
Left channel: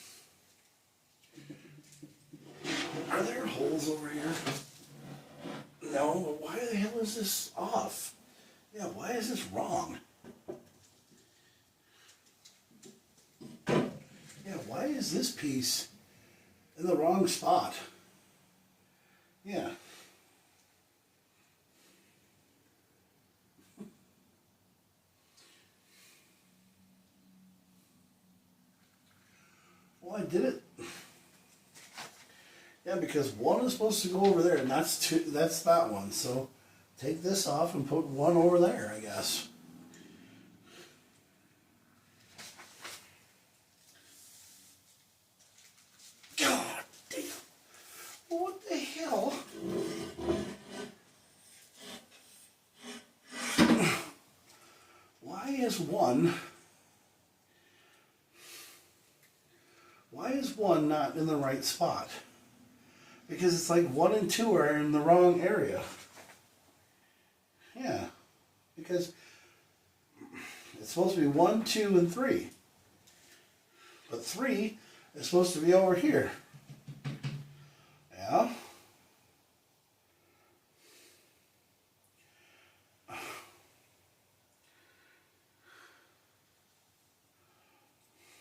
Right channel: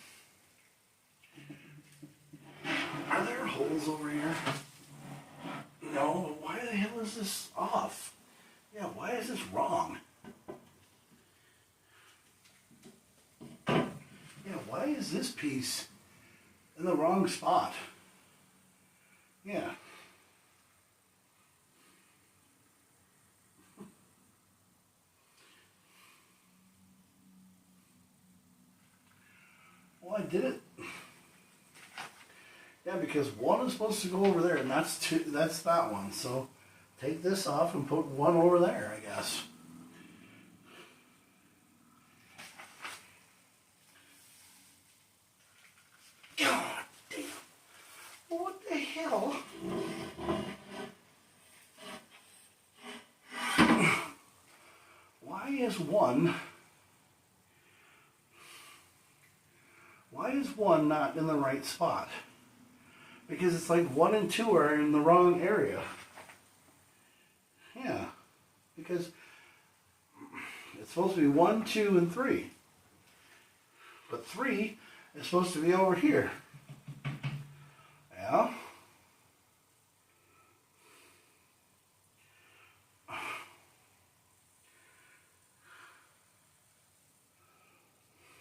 are there holes over here? No, why the hell is this off? Yeah, why is this wrong? Yeah, why is this piece in the wrong spot? Yeah. Well, I did it. Yeah, because one is supposed to go over there, and that's that one. So take this off and put one over there, I guess. God damn. What the hell? Why is one not in the right spot? Because it's like 1 and 2 are in the wrong area. Yeah. Because it's supposed to be 1, 2, and 3. But 3 is supposed to be over here. Yeah.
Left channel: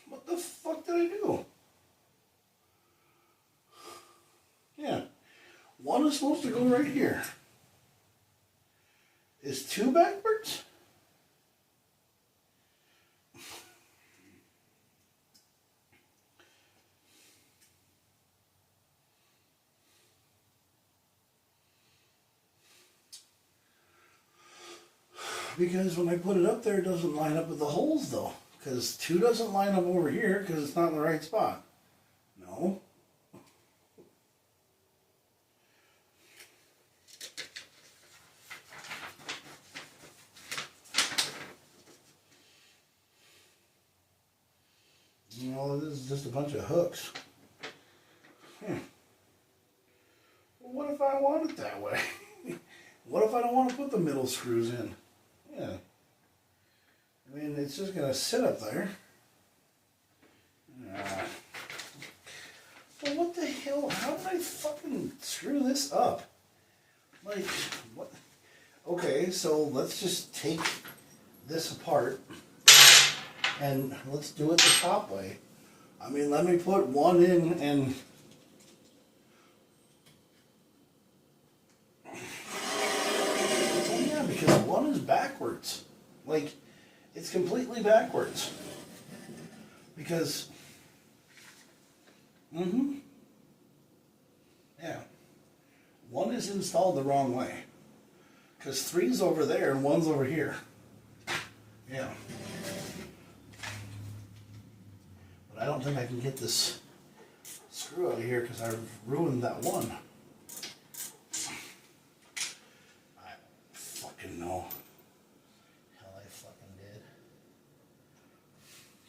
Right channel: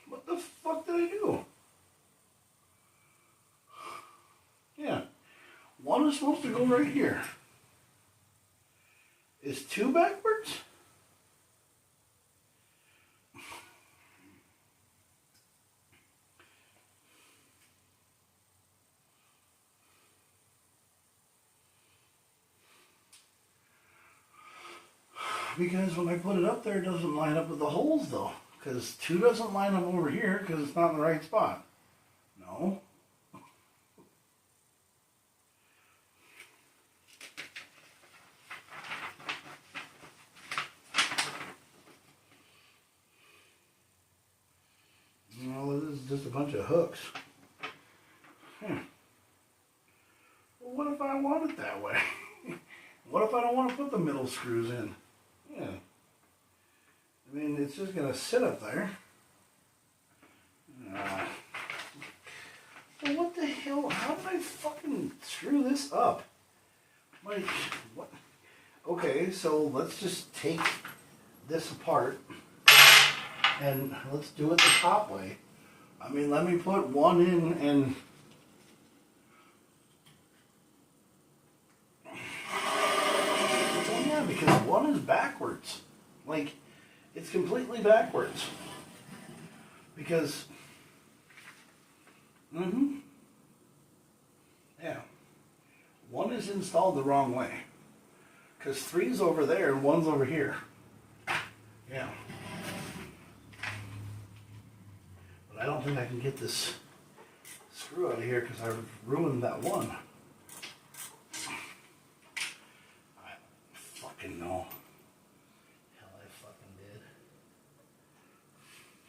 What the fuck did I do? Yeah. 1 is supposed to go right here. Is 2 backwards? Because when I put it up there, it doesn't line up with the holes though. Because 2 doesn't line up over here because it's not in the right spot. No. No, this is just a bunch of hooks. Well, what if I want it that way? What if I don't want to put the middle screws in? Yeah. it's just gonna sit up there. So what the hell? How did I fucking screw this up? Like, what? Okay, so let's just take this apart and let's do it the top way. I mean, let me put one in and... Oh yeah, because one is backwards. Like, it's completely backwards. Because... Yeah. One is installed the wrong way. Because 3's over there and 1's over here. Yeah. But I don't think I can get this screw out of here because I've ruined that one. I fucking know. Hell, I fucking did.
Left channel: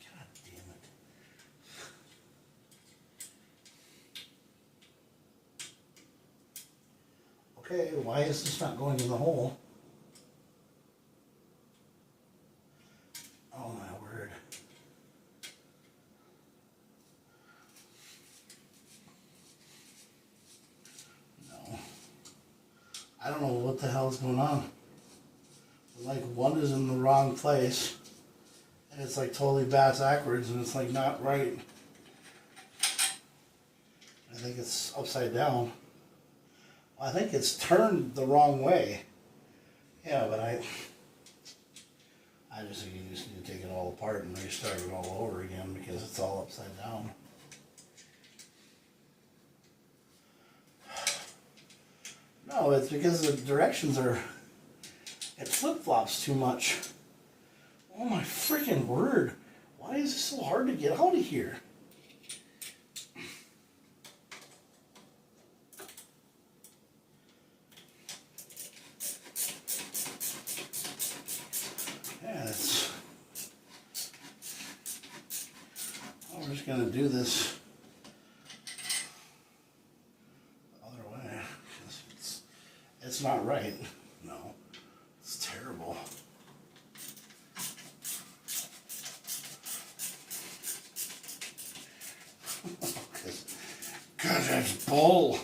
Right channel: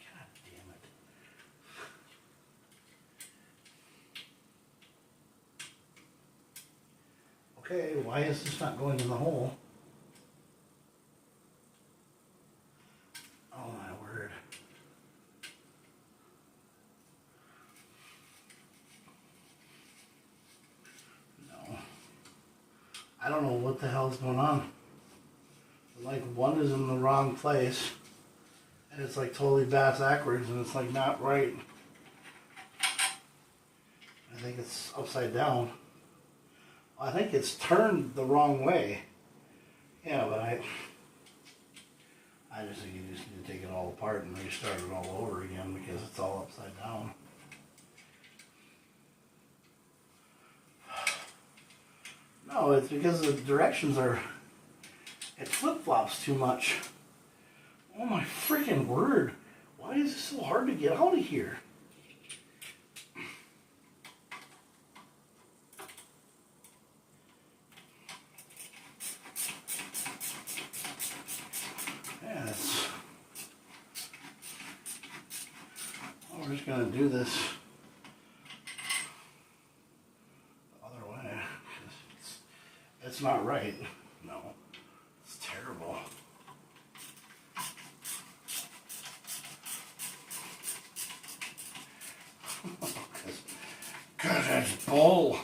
God damn it. Okay, why is this not going in the hole? Oh my word. No. I don't know what the hell is going on. Like, one is in the wrong place. And it's like totally backwards and it's like not right. I think it's upside down. I think it's turned the wrong way. Yeah, but I just think you just need to take it all apart and restart it all over again because it's all upside down. No, it's because the directions are... It flip-flops too much. Oh my freaking word. Why is it so hard to get out of here? We're just going to do this the other way. It's not right. No. It's terrible. God, that's bull.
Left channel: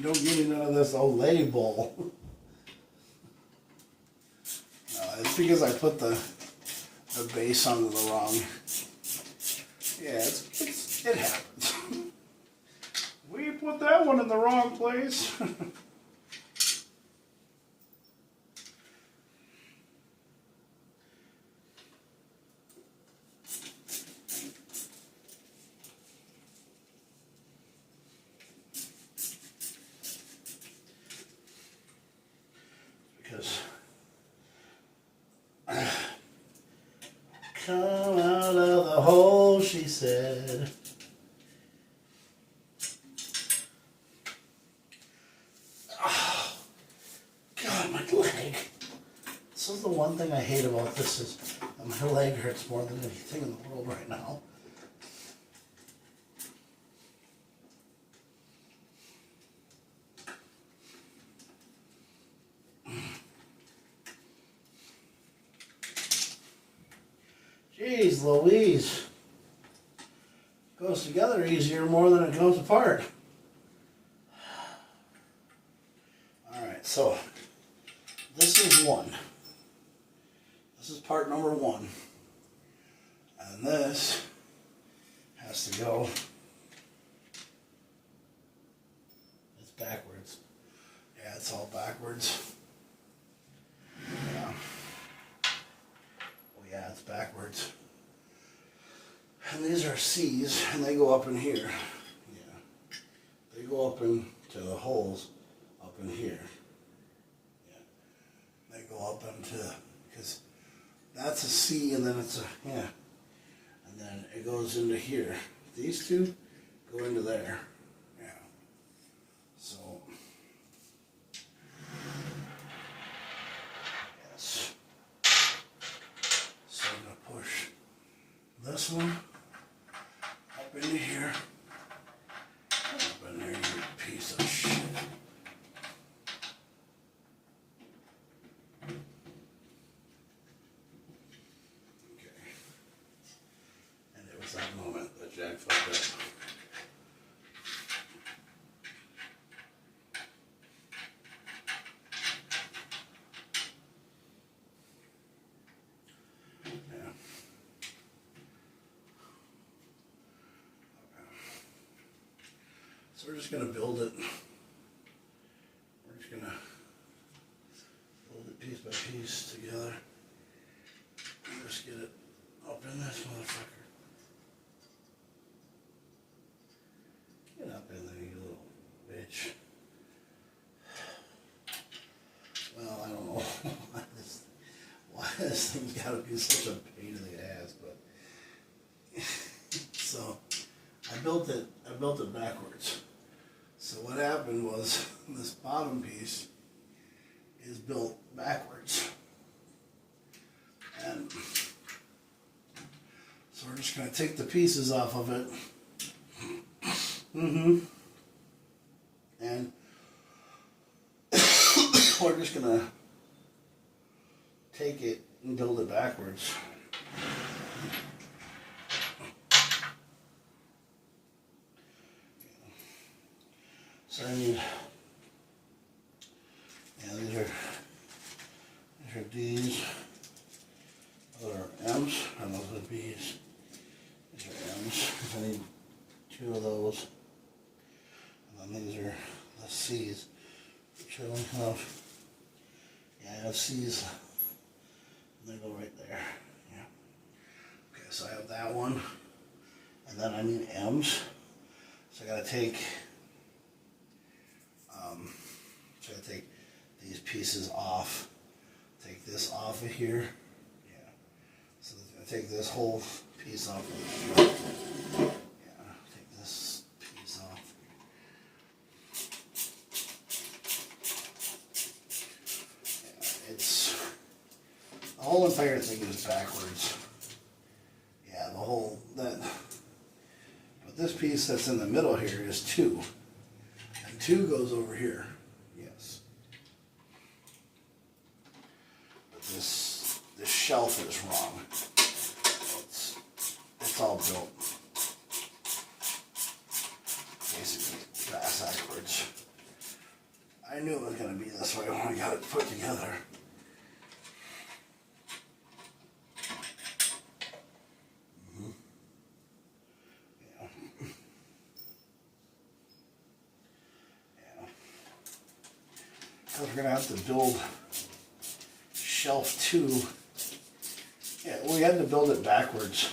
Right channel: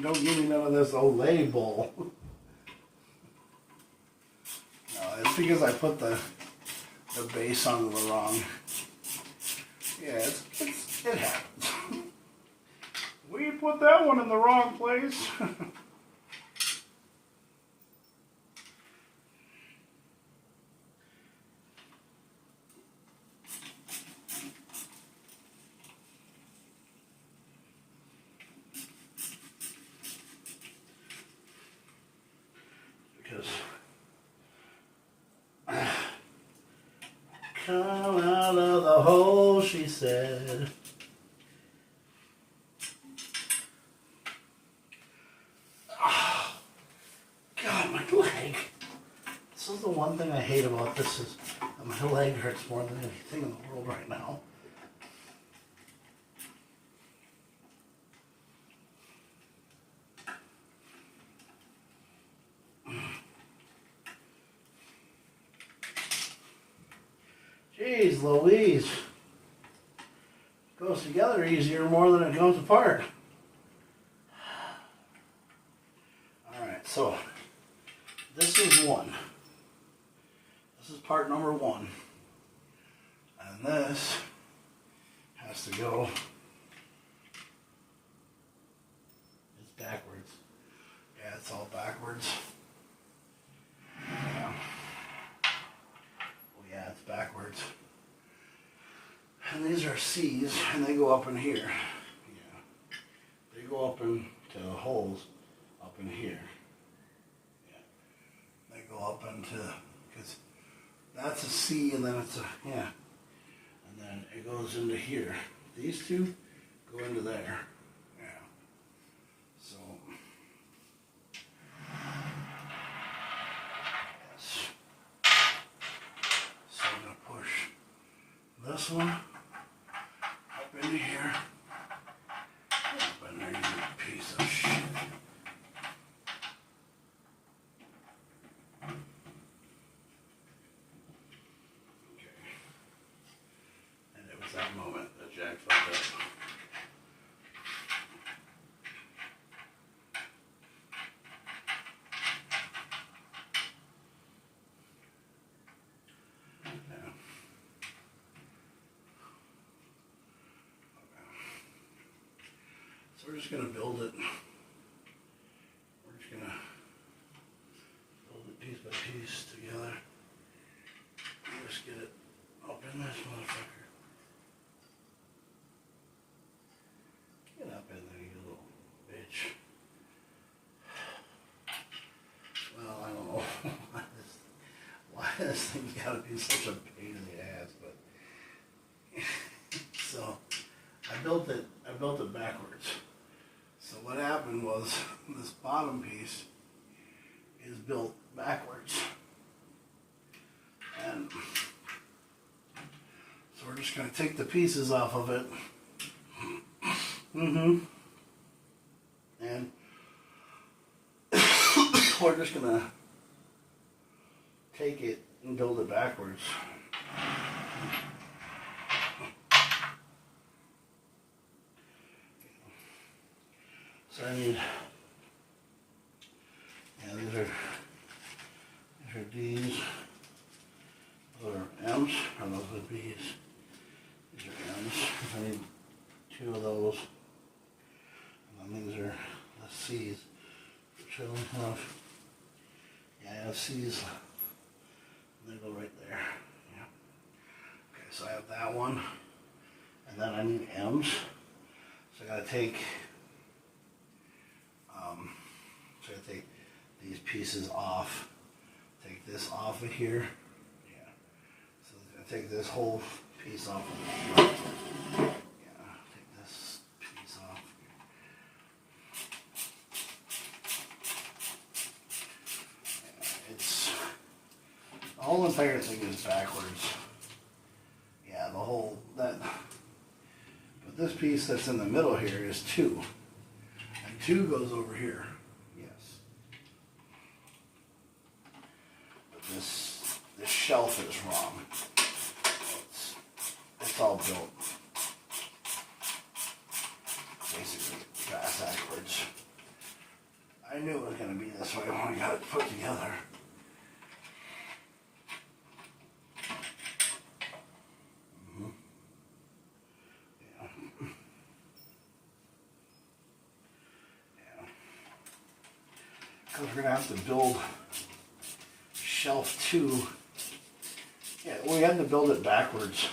Don't give me none of this Olay bull. No, it's because I put the base onto the wrong. Yeah, it happens. We put that one in the wrong place. Because come out of the hole, she said. Oh, God, my leg. This is the one thing I hate about this is that my leg hurts more than anything in the world right now. Jeez Louise. Goes together easier more than it goes apart. Alright, so this is one. This is part number one. And this has to go. It's backwards. Yeah, it's all backwards. Yeah. Yeah, it's backwards. And these are C's, and they go up in here. Yeah. They go up into the holes up in here. Yeah. They go up into, because that's a C, and then it's a, yeah. And then it goes into here. These two go into there. Yeah. So, yes. So I'm going to push this one up into here. Up in there, you piece of shit. we're just going to build it. We're just going to build it piece by piece together. Just get it up in this motherfucker. Get up in there, you little bitch. Well, I don't know why this thing's got to be such a pain in the ass, but so I built it backwards. So what happened was this bottom piece is built backwards. And so we're just going to take the pieces off of it. And we're just going to take it and build it backwards. So I need, yeah, these are D's. Those are M's, and those are B's. These are M's. I need 2 of those. And then these are the C's, which I only have. Yeah, I have C's. They go right there. Yeah. Okay, so I have that one. And then I need M's. So I gotta take these pieces off. Take this off of here. So I'm going to take this whole piece off of the front. Yeah, take this piece off. Yeah, it's, the whole entire thing is backwards. Yeah, the whole, but this piece that's in the middle here is 2. And 2 goes over here. Yes. But this shelf is wrong. It's all built basically backwards. I knew it was going to be this way when we got it put together. Yeah. Because we're going to have to build shelf 2. Yeah, we had to build it backwards.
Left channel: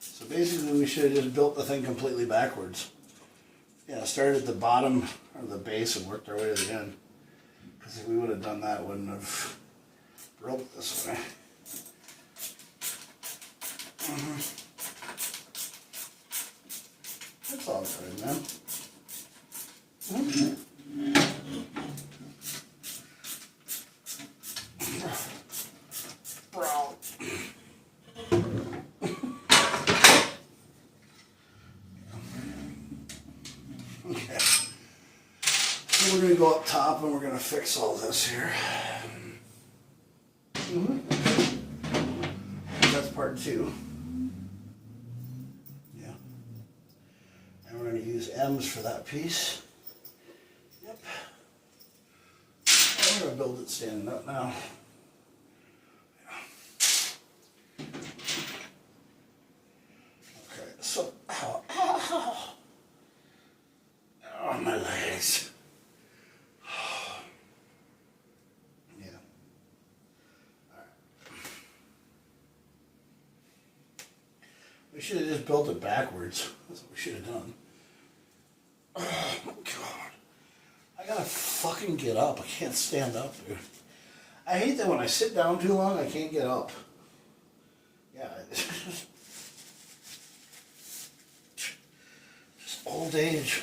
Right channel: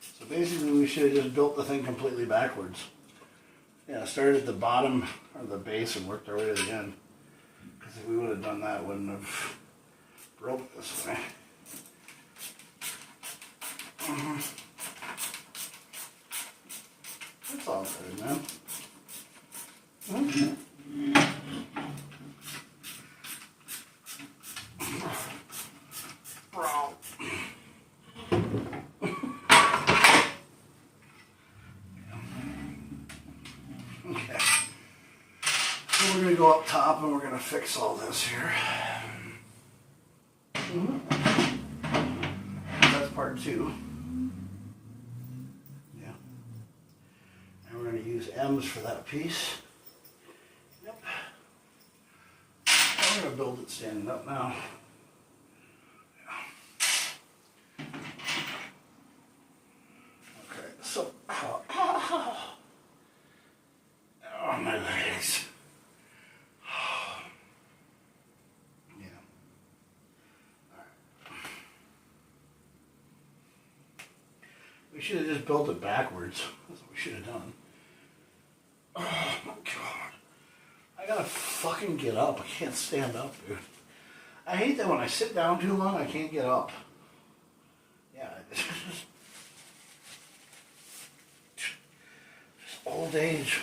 So basically we should have just built the thing completely backwards. Yeah, started at the bottom or the base and worked our way to the end. Because if we would have done that, it wouldn't have broke this way. That's all good, man. Bro. Okay. So we're going to go up top and we're going to fix all this here. That's part 2. Yeah. And we're going to use M's for that piece. Yep. I'm going to build it standing up now. Okay, so, oh, my legs. Yeah. All right. We should have just built it backwards. That's what we should have done. Oh my god. I gotta fucking get up. I can't stand up, dude. I hate that when I sit down too long, I can't get up. Yeah, it's just old age.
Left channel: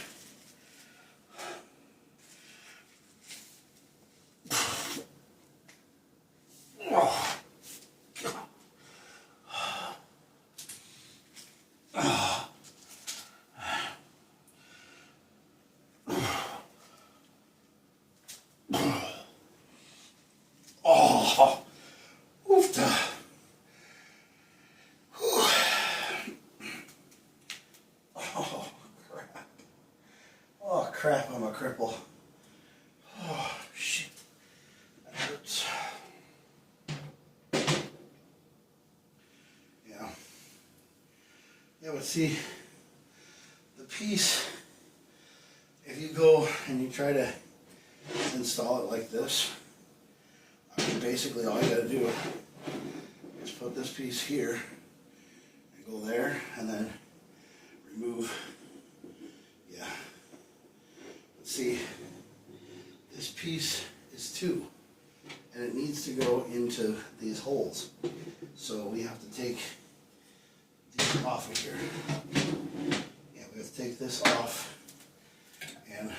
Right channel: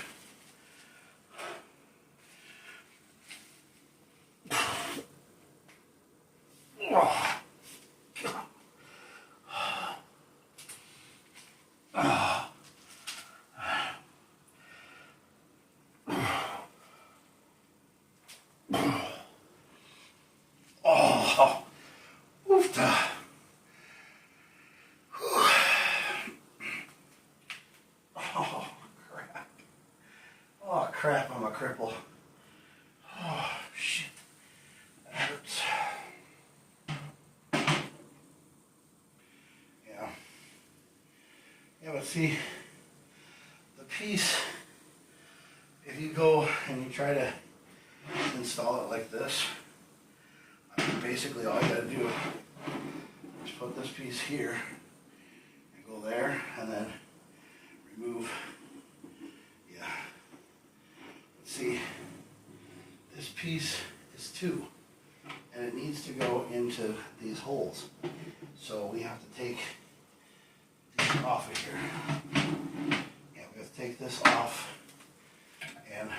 Oh. Oh, oof. Oh, crap. Oh, crap, I'm a cripple. Oh, shit. That hurts. Yeah. Yeah, but see, the piece try to install it like this, basically all you gotta do is put this piece here and go there, and then remove, yeah. See, this piece is 2, and it needs to go into these holes. So we have to take these off of here. Yeah, we have to take this off and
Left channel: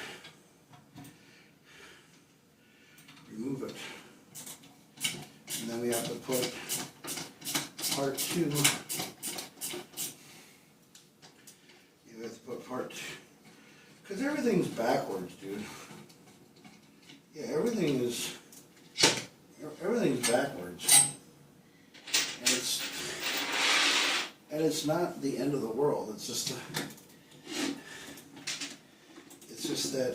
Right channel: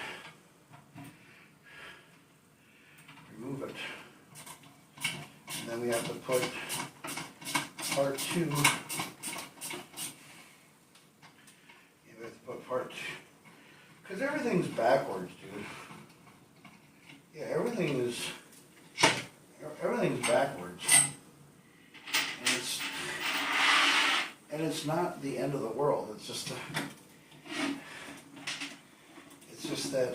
remove it. And then we have to put part 2. Yeah, we have to put part 2. Because everything's backwards, dude. Yeah, everything's backwards. And it's not the end of the world. It's just that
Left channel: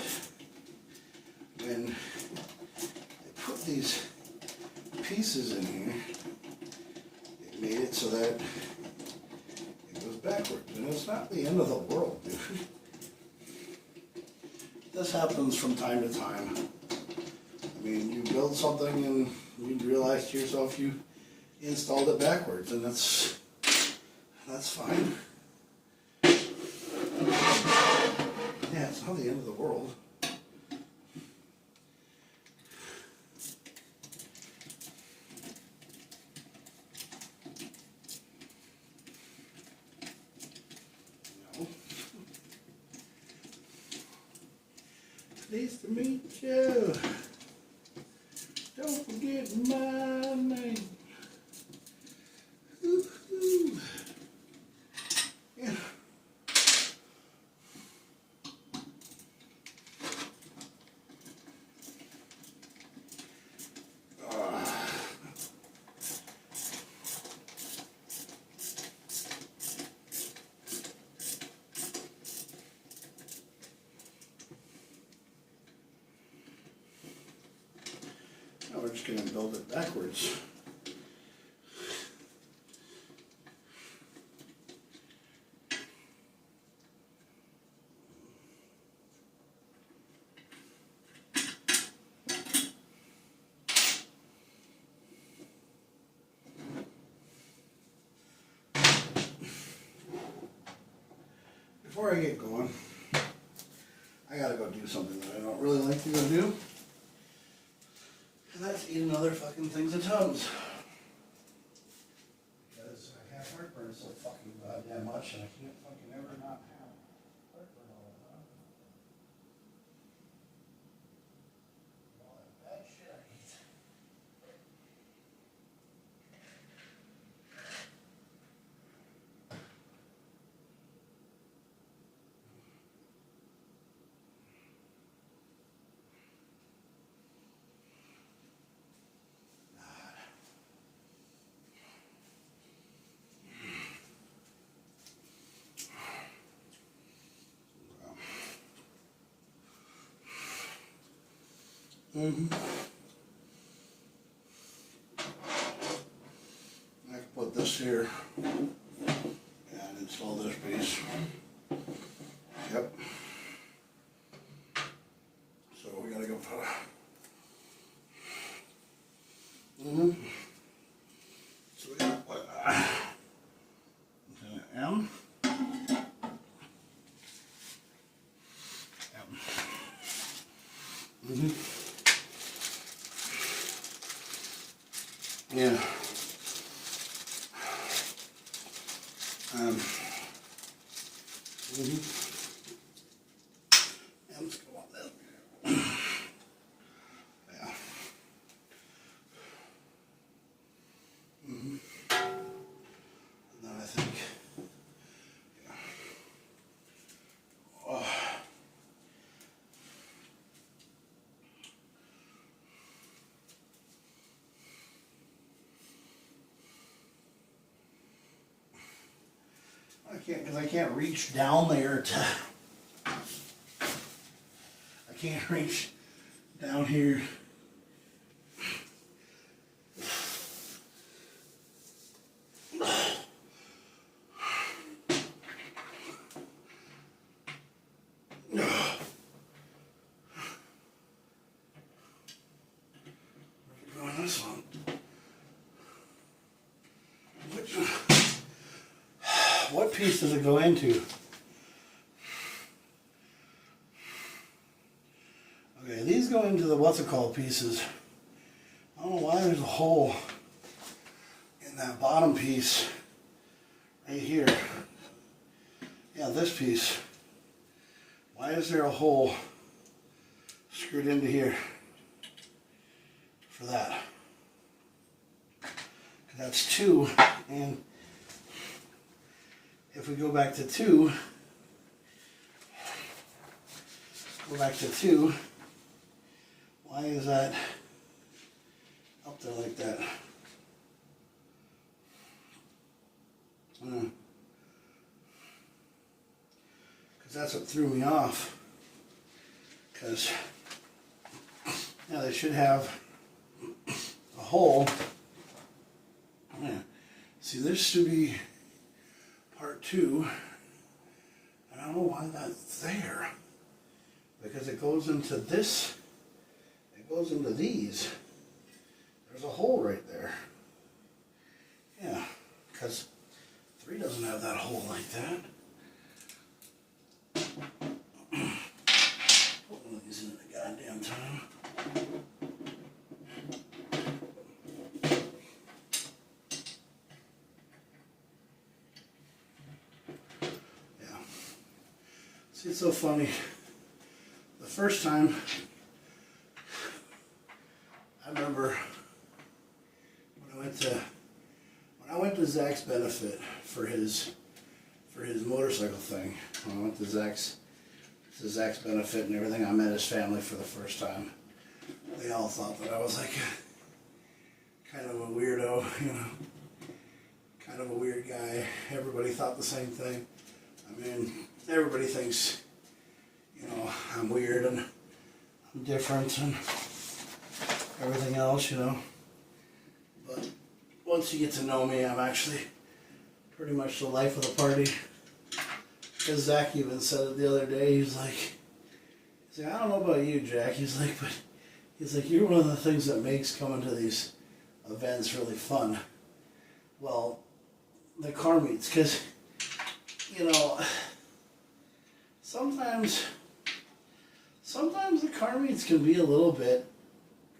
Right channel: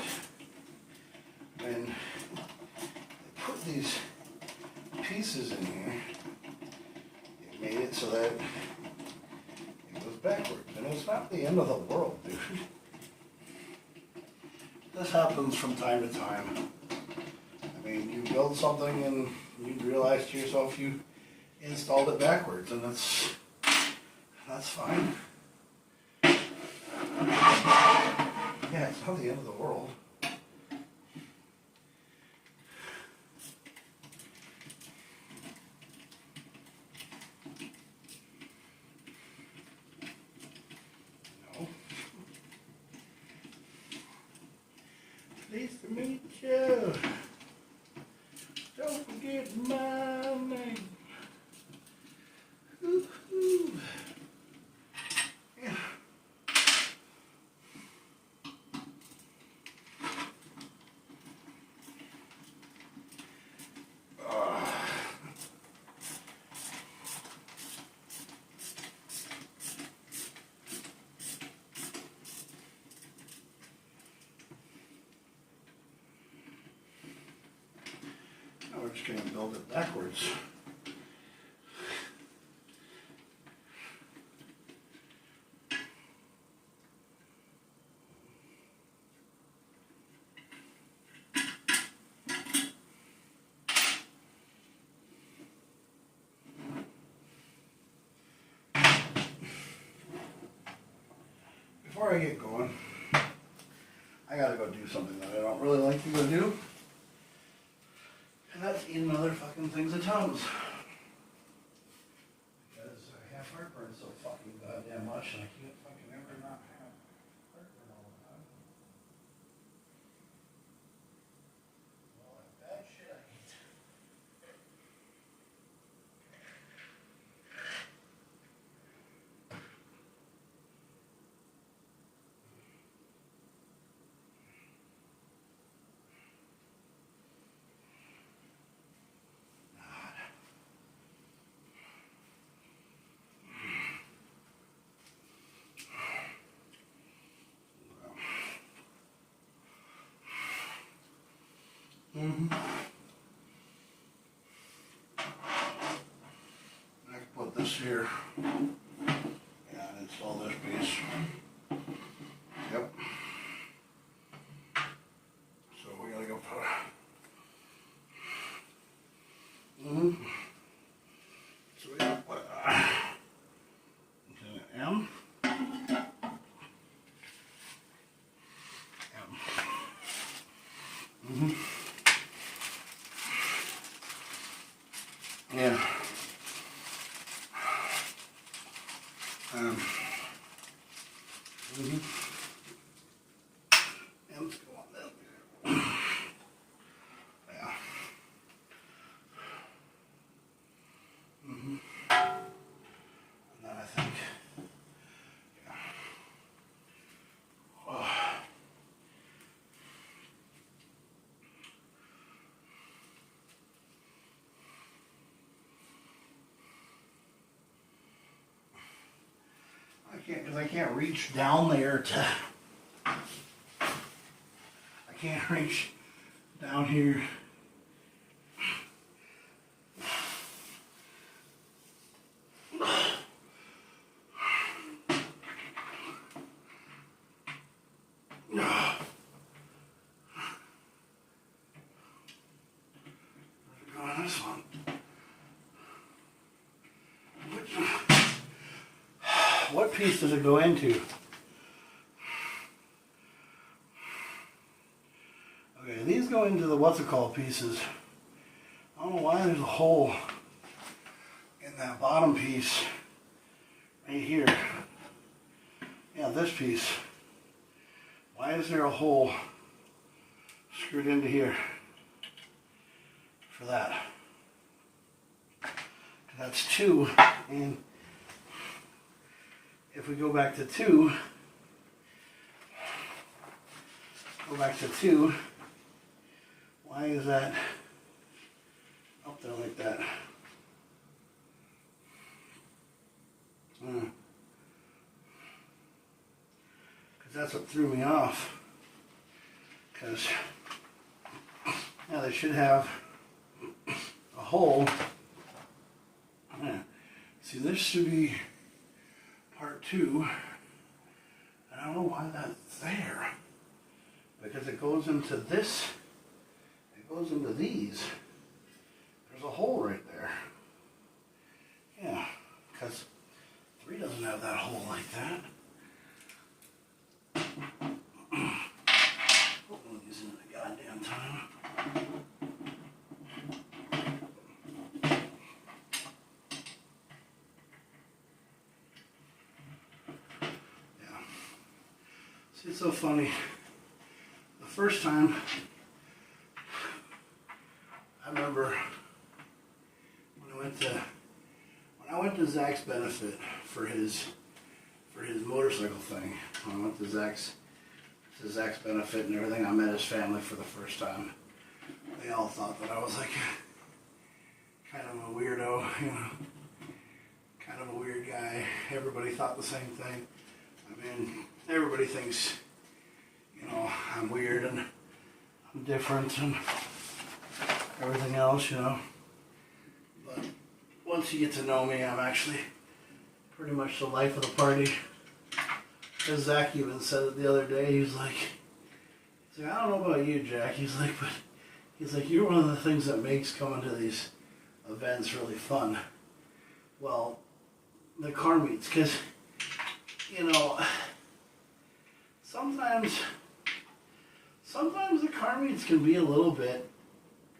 when they put these pieces in here, it made it so that it was backwards. And it's not the end of the world, dude. This happens from time to time. I mean, you build something and you realize to yourself you installed it backwards, and that's fine. Yeah, it's not the end of the world. No. Pleased to meet you. Don't forget my name. Woo-hoo. Yeah. Now we're just going to build it backwards. Before I get going, I gotta go do something that I don't really like to go do. And that's eat another fucking things of Tums. Because I have heartburn so fucking goddamn much, and I can't fucking ever not have heartburn all the time. All that bad shit I eat. Mm-hmm. I can put this here and install this piece. Yep. So we gotta go put So we gotta put M. Yeah. M's go on there. Yeah. And then I think, yeah. Oh. Because I can't reach down there to. I can't reach down here. this one. What piece does it go into? Okay, these go into the what's it called pieces. I don't know why there's a hole in that bottom piece right here. Yeah, this piece. Why is there a hole screwed into here for that? 'Cause that's 2, and if we go back to 2, why is that up there like that? Because that's what threw me off. Because, yeah, they should have a hole. Yeah. See, this should be part 2. And I don't know why that's there. Because it goes into this, it goes into these. There's a hole right there. Yeah, because 3 doesn't have that hole like that. Put one of these in the goddamn time. Yeah. See, it's so funny. The first time, I remember when I went to Zach's benefit for his motorcycle thing. When I went to Zach's benefit and everything, I met his family for the first time. They all thought that I was like kind of a weirdo, you know, kind of a weird guy. Everybody thought the same thing. I mean, everybody thinks, you know, I'm weird and I'm different and everything else, you know. But once you get to know me, I'm actually pretty much the life of the party. As Zach even said it the other day, he's like, I don't know about you, Jack. He's like, you're one of the things that makes coming to these events really fun. Well, the car meets, because, you know, sometimes the car meets can be a little bit,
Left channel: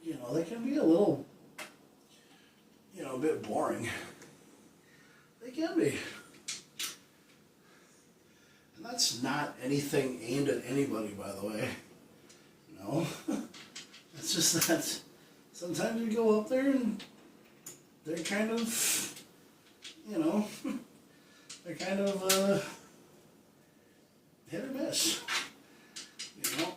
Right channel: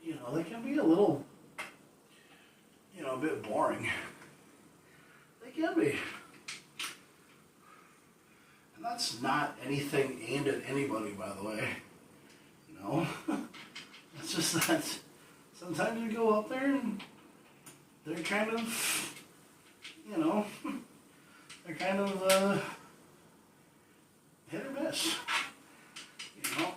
you know, they can be a little, you know, a bit boring. They can be. And that's not anything aimed at anybody, by the way. No. It's just that sometimes you go up there and they're kind of, you know, they're kind of hit or miss. You know?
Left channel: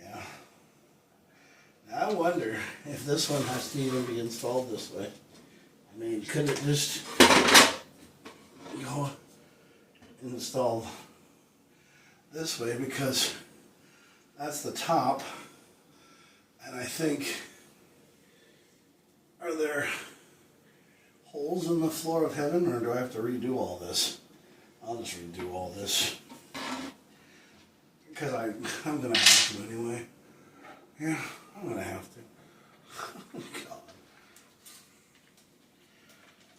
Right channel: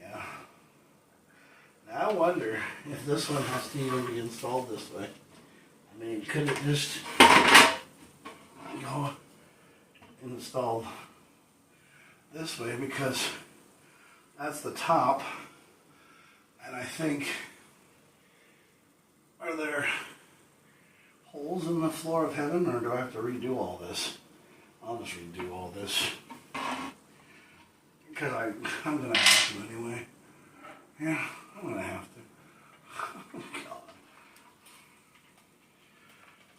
Yeah. Now I wonder if this one has to even be installed this way. I mean, could it just go installed this way, because that's the top, and I think, are there holes in the floor of heaven, or do I have to redo all this? I'll just redo all this, because I'm gonna have to anyway. Yeah, I'm gonna have to. Oh, God.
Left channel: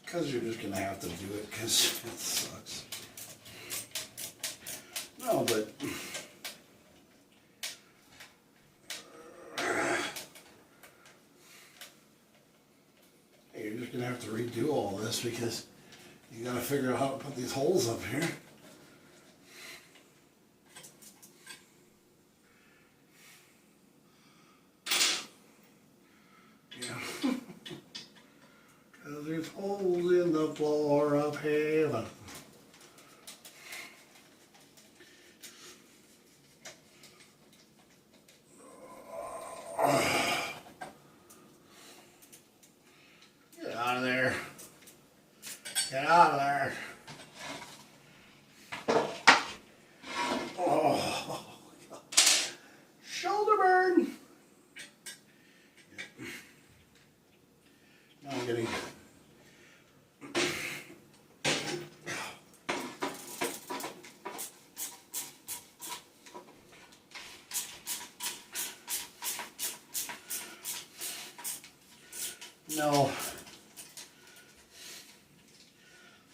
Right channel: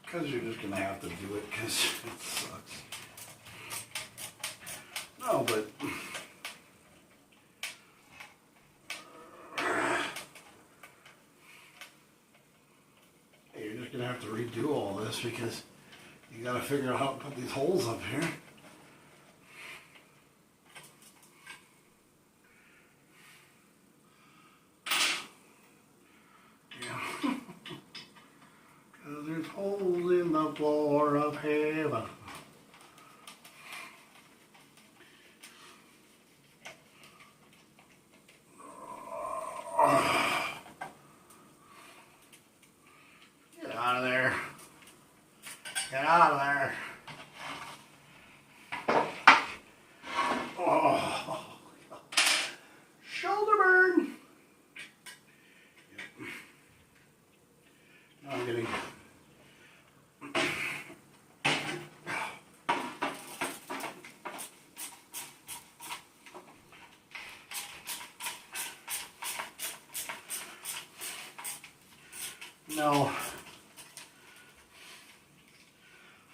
Because you're just gonna have to do it, because it sucks. No, but hey, you're just gonna have to redo all this, because you gotta figure out how to put these holes up here. Yeah. Because there's holes in the floor of heaven. Get out of there. Get out of there. Oh, shoulder burn. Yep. Now I'm getting No.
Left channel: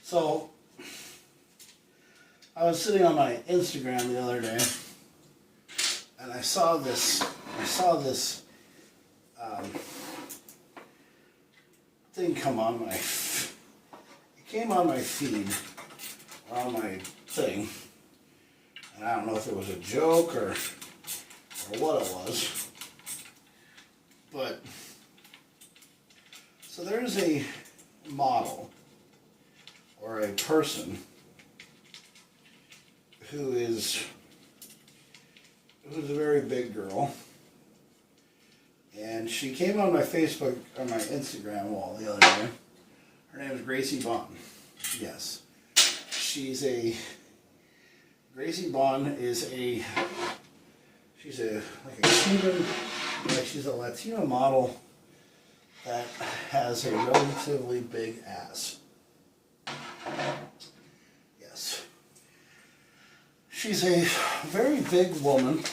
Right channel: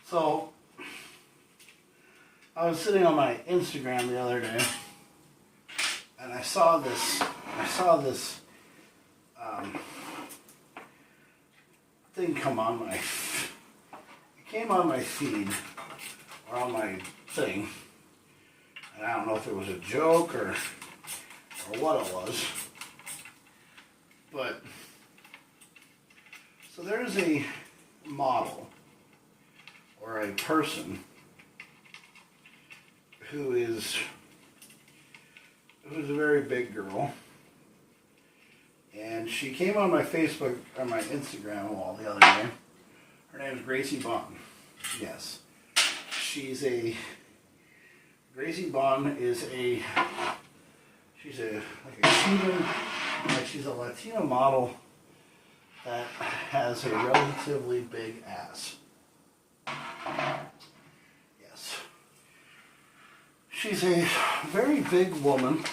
So, I was sitting on my Instagram the other day, and I saw this thing come on my, it came on my feed, or on my thing, and I don't know if it was a joke or what it was, but, so there's a model, or a person, who's a very big girl, and she came on my Facebook or my Instagram wall the other day. Her name is Gracie Bond. Yes, Gracie Bond is she's a Cuban, she's a Latino model that has a relatively big ass. Yes. She's a very big woman.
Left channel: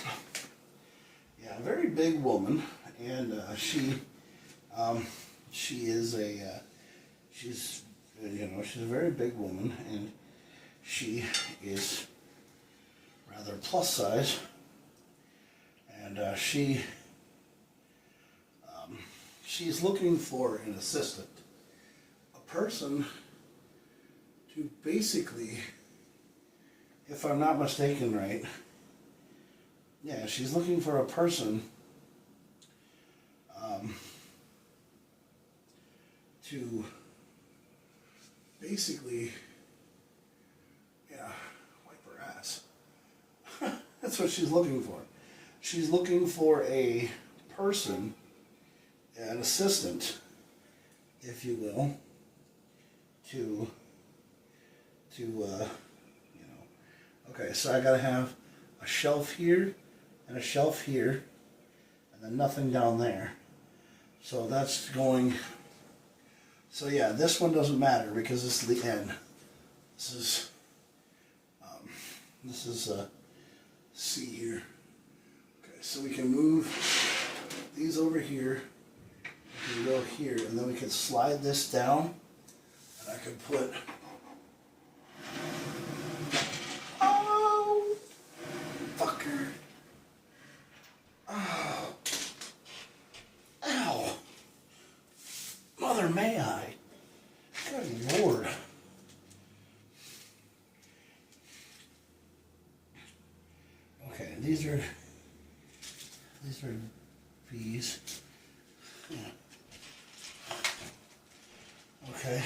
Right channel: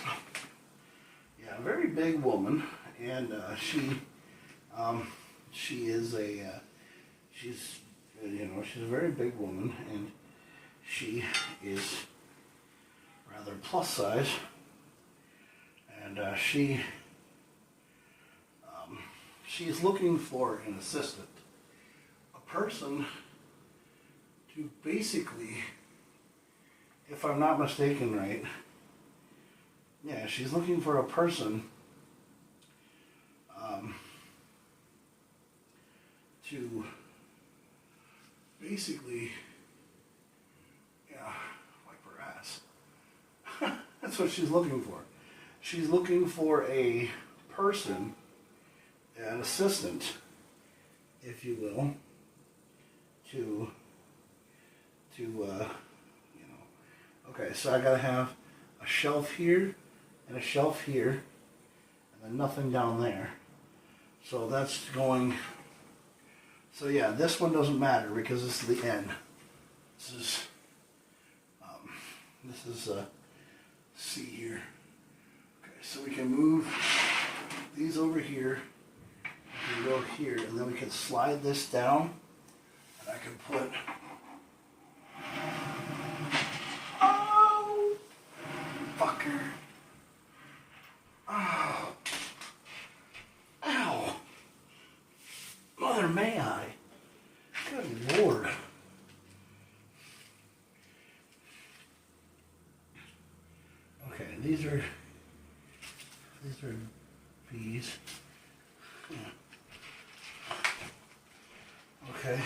Yeah, a very big woman, and she's a very big woman, and she is rather plus size, and she's looking for an assistant, a person to basically, if I'm not mistaken, right? Yeah, she's looking for a person to basically, wipe her ass. That's what she's looking for. She's looking for a person, an assistant, if you will, to okay, so I gotta have a shelf here and a shelf here, and then nothing down there. So that's going, so yeah, this one doesn't matter because this is the end. This is C here. Okay, so we can move these over here, we can go here, and then we can slide this down, and I can put, fucker. Oh. Ow. Mother, may I? Good Lord. Okay, these are B's. Yeah. Okay.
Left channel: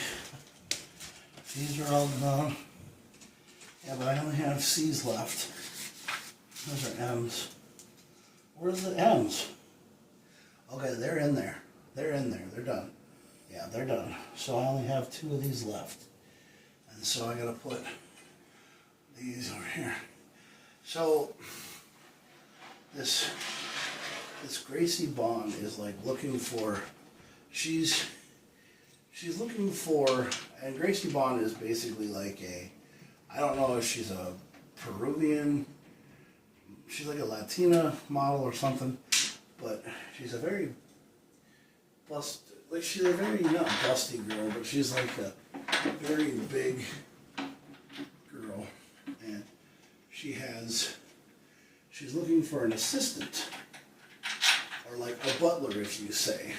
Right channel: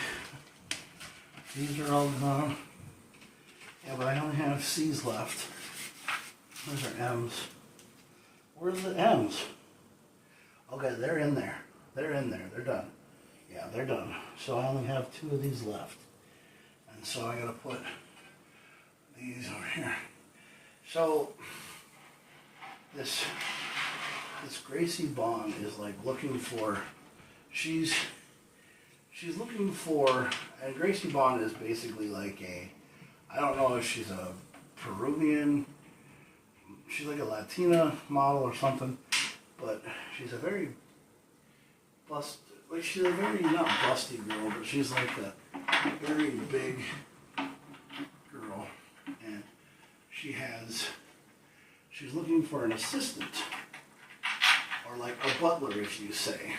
These are all done. Yeah, but I only have C's left. Those are M's. Where's the M's? Okay, they're in there. They're in there. They're done. Yeah, they're done. So I only have 2 of these left. And so I gotta put these over here. So this Gracie Bond is like looking for, she's looking for, and Gracie Bond is basically like I don't know if she's a Peruvian, she's like a Latina model or something, but she's a very she's a very, not busty girl, but she's like a very big girl, and she's looking for an assistant, or like a butler, if you say.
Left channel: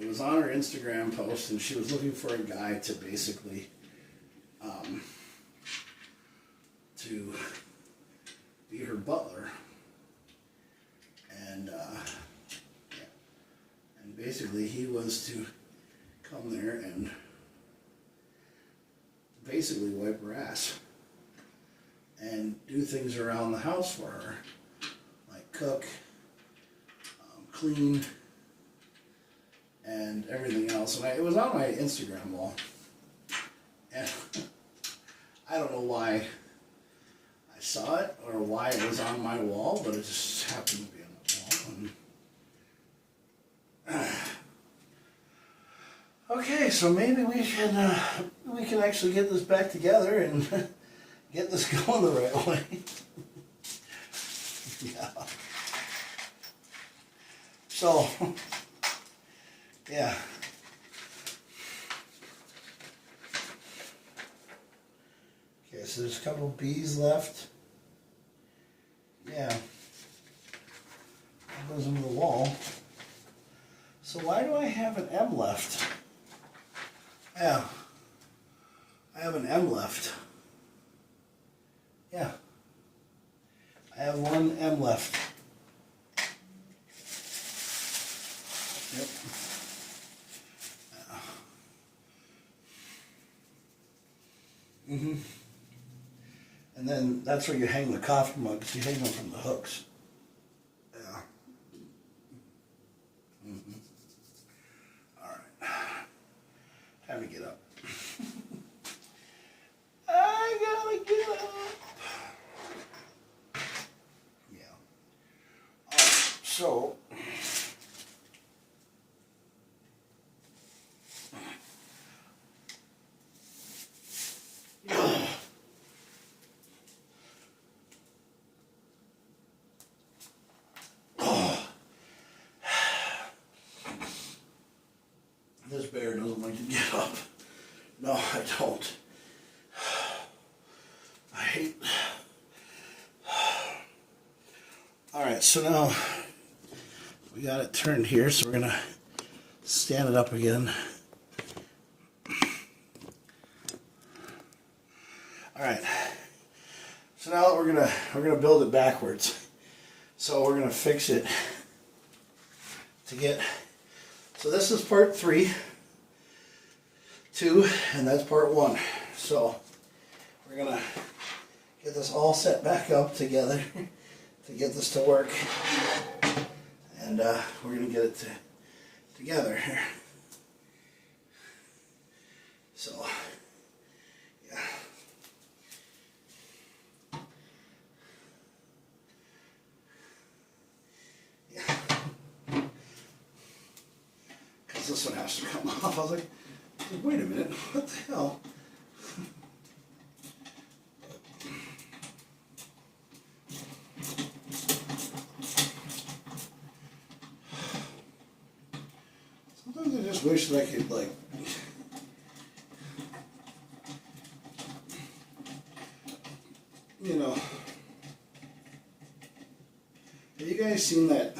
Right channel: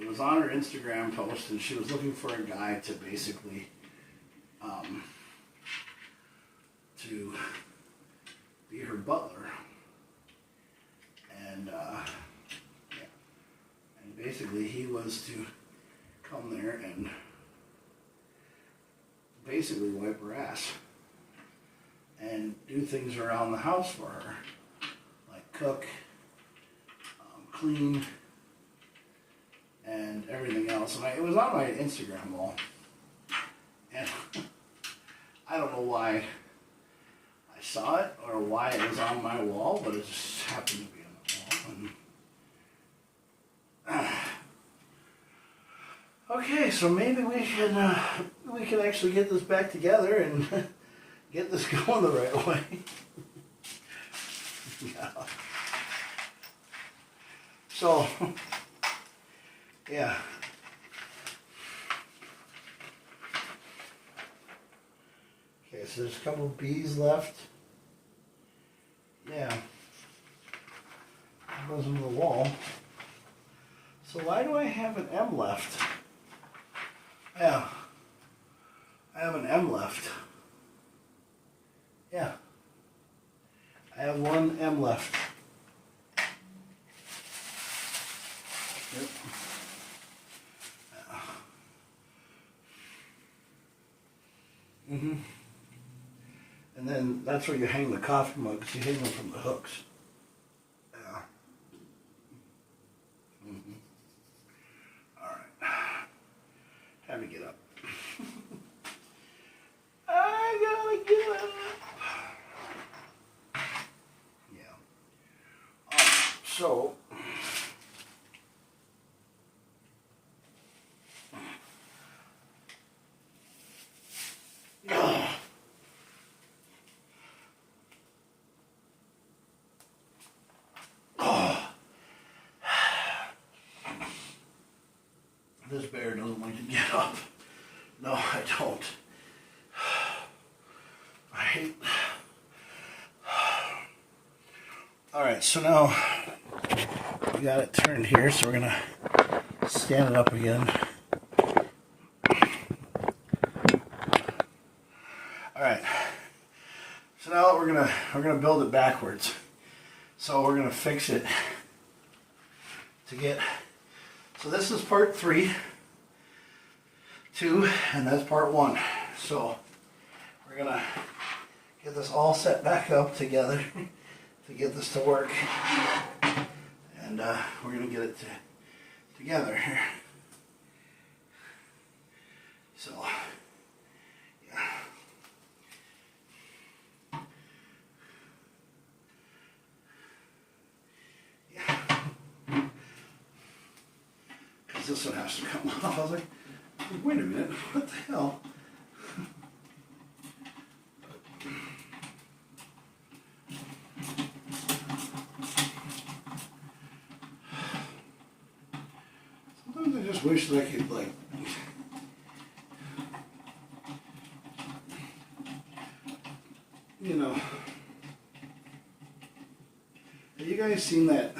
It was on her Instagram post, and she was looking for a guy to basically to be her butler, and and basically he was to come there and basically wipe her ass and do things around the house for her, like cook, clean, and everything else. And it was on my Instagram wall, and I don't know why I saw it or why it was on my wall, but it just happened to be on the wall. And, okay, so maybe we can actually get this back together and get this going the right way. Yeah. So Yeah. Okay, so there's a couple of B's left. Yeah. That goes into the wall. So why do I have an M left? Yeah. I have an M left. Yeah. I have one M left. Yep. And then that's where you hang the coffee mugs. You hang them from the hooks. Yeah. All right. Time to get up. I gotta get up. Yeah. All right. So. This bear doesn't like to get up. No, I don't. I hate. Alright, so now we got it turned here, so we're gonna stand it up again. Alright. So now we're gonna build it backwards. So we're gonna fix it to get. So this is part 3, 2, and that's part 1. So we're gonna get this all set back up together to get this to work, and we're gonna get it together here. So yeah. This one has to come off. I was like, wait a minute, what the hell? Sometimes I just wish that I could, like, you know, have you guys seen that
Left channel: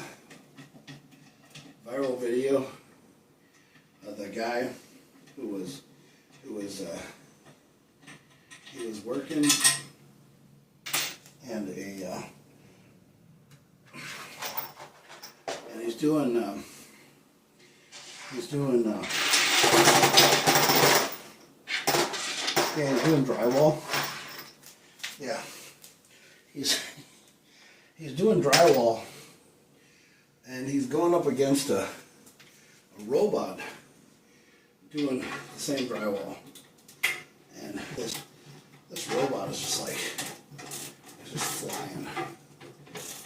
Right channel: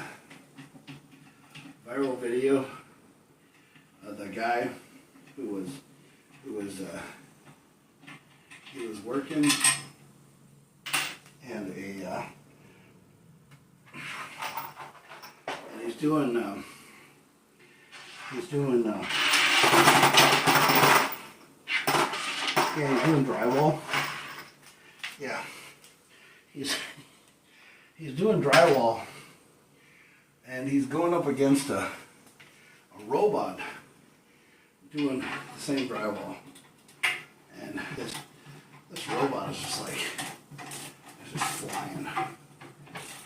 viral video? The guy who was working, and he's doing drywall. Yeah, he's doing drywall, and he's going up against a robot doing the same drywall, and this robot is just like, it's just flying,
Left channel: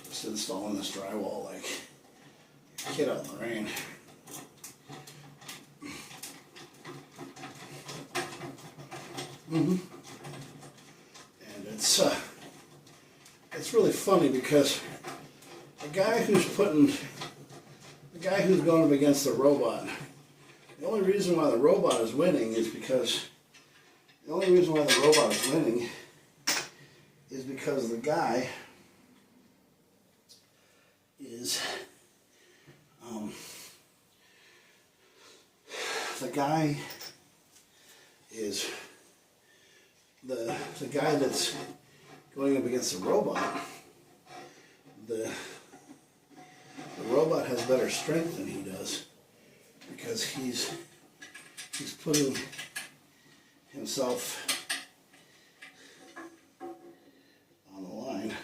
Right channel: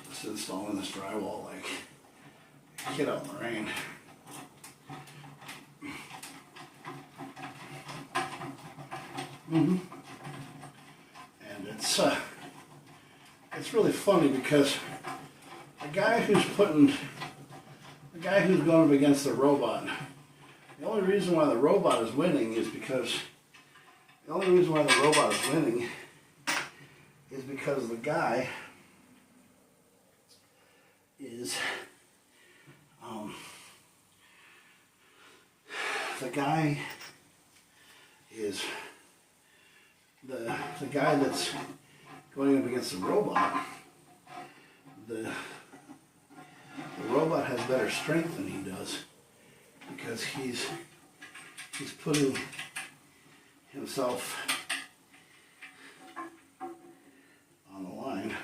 just installing this drywall like a kid out in the rain. And it's really funny because the guy who's going up against the robot, the only reason why the robot is winning is because the guy is the guy that's going up against the robot. The robot has better strength than he does, because he's putting himself on the line.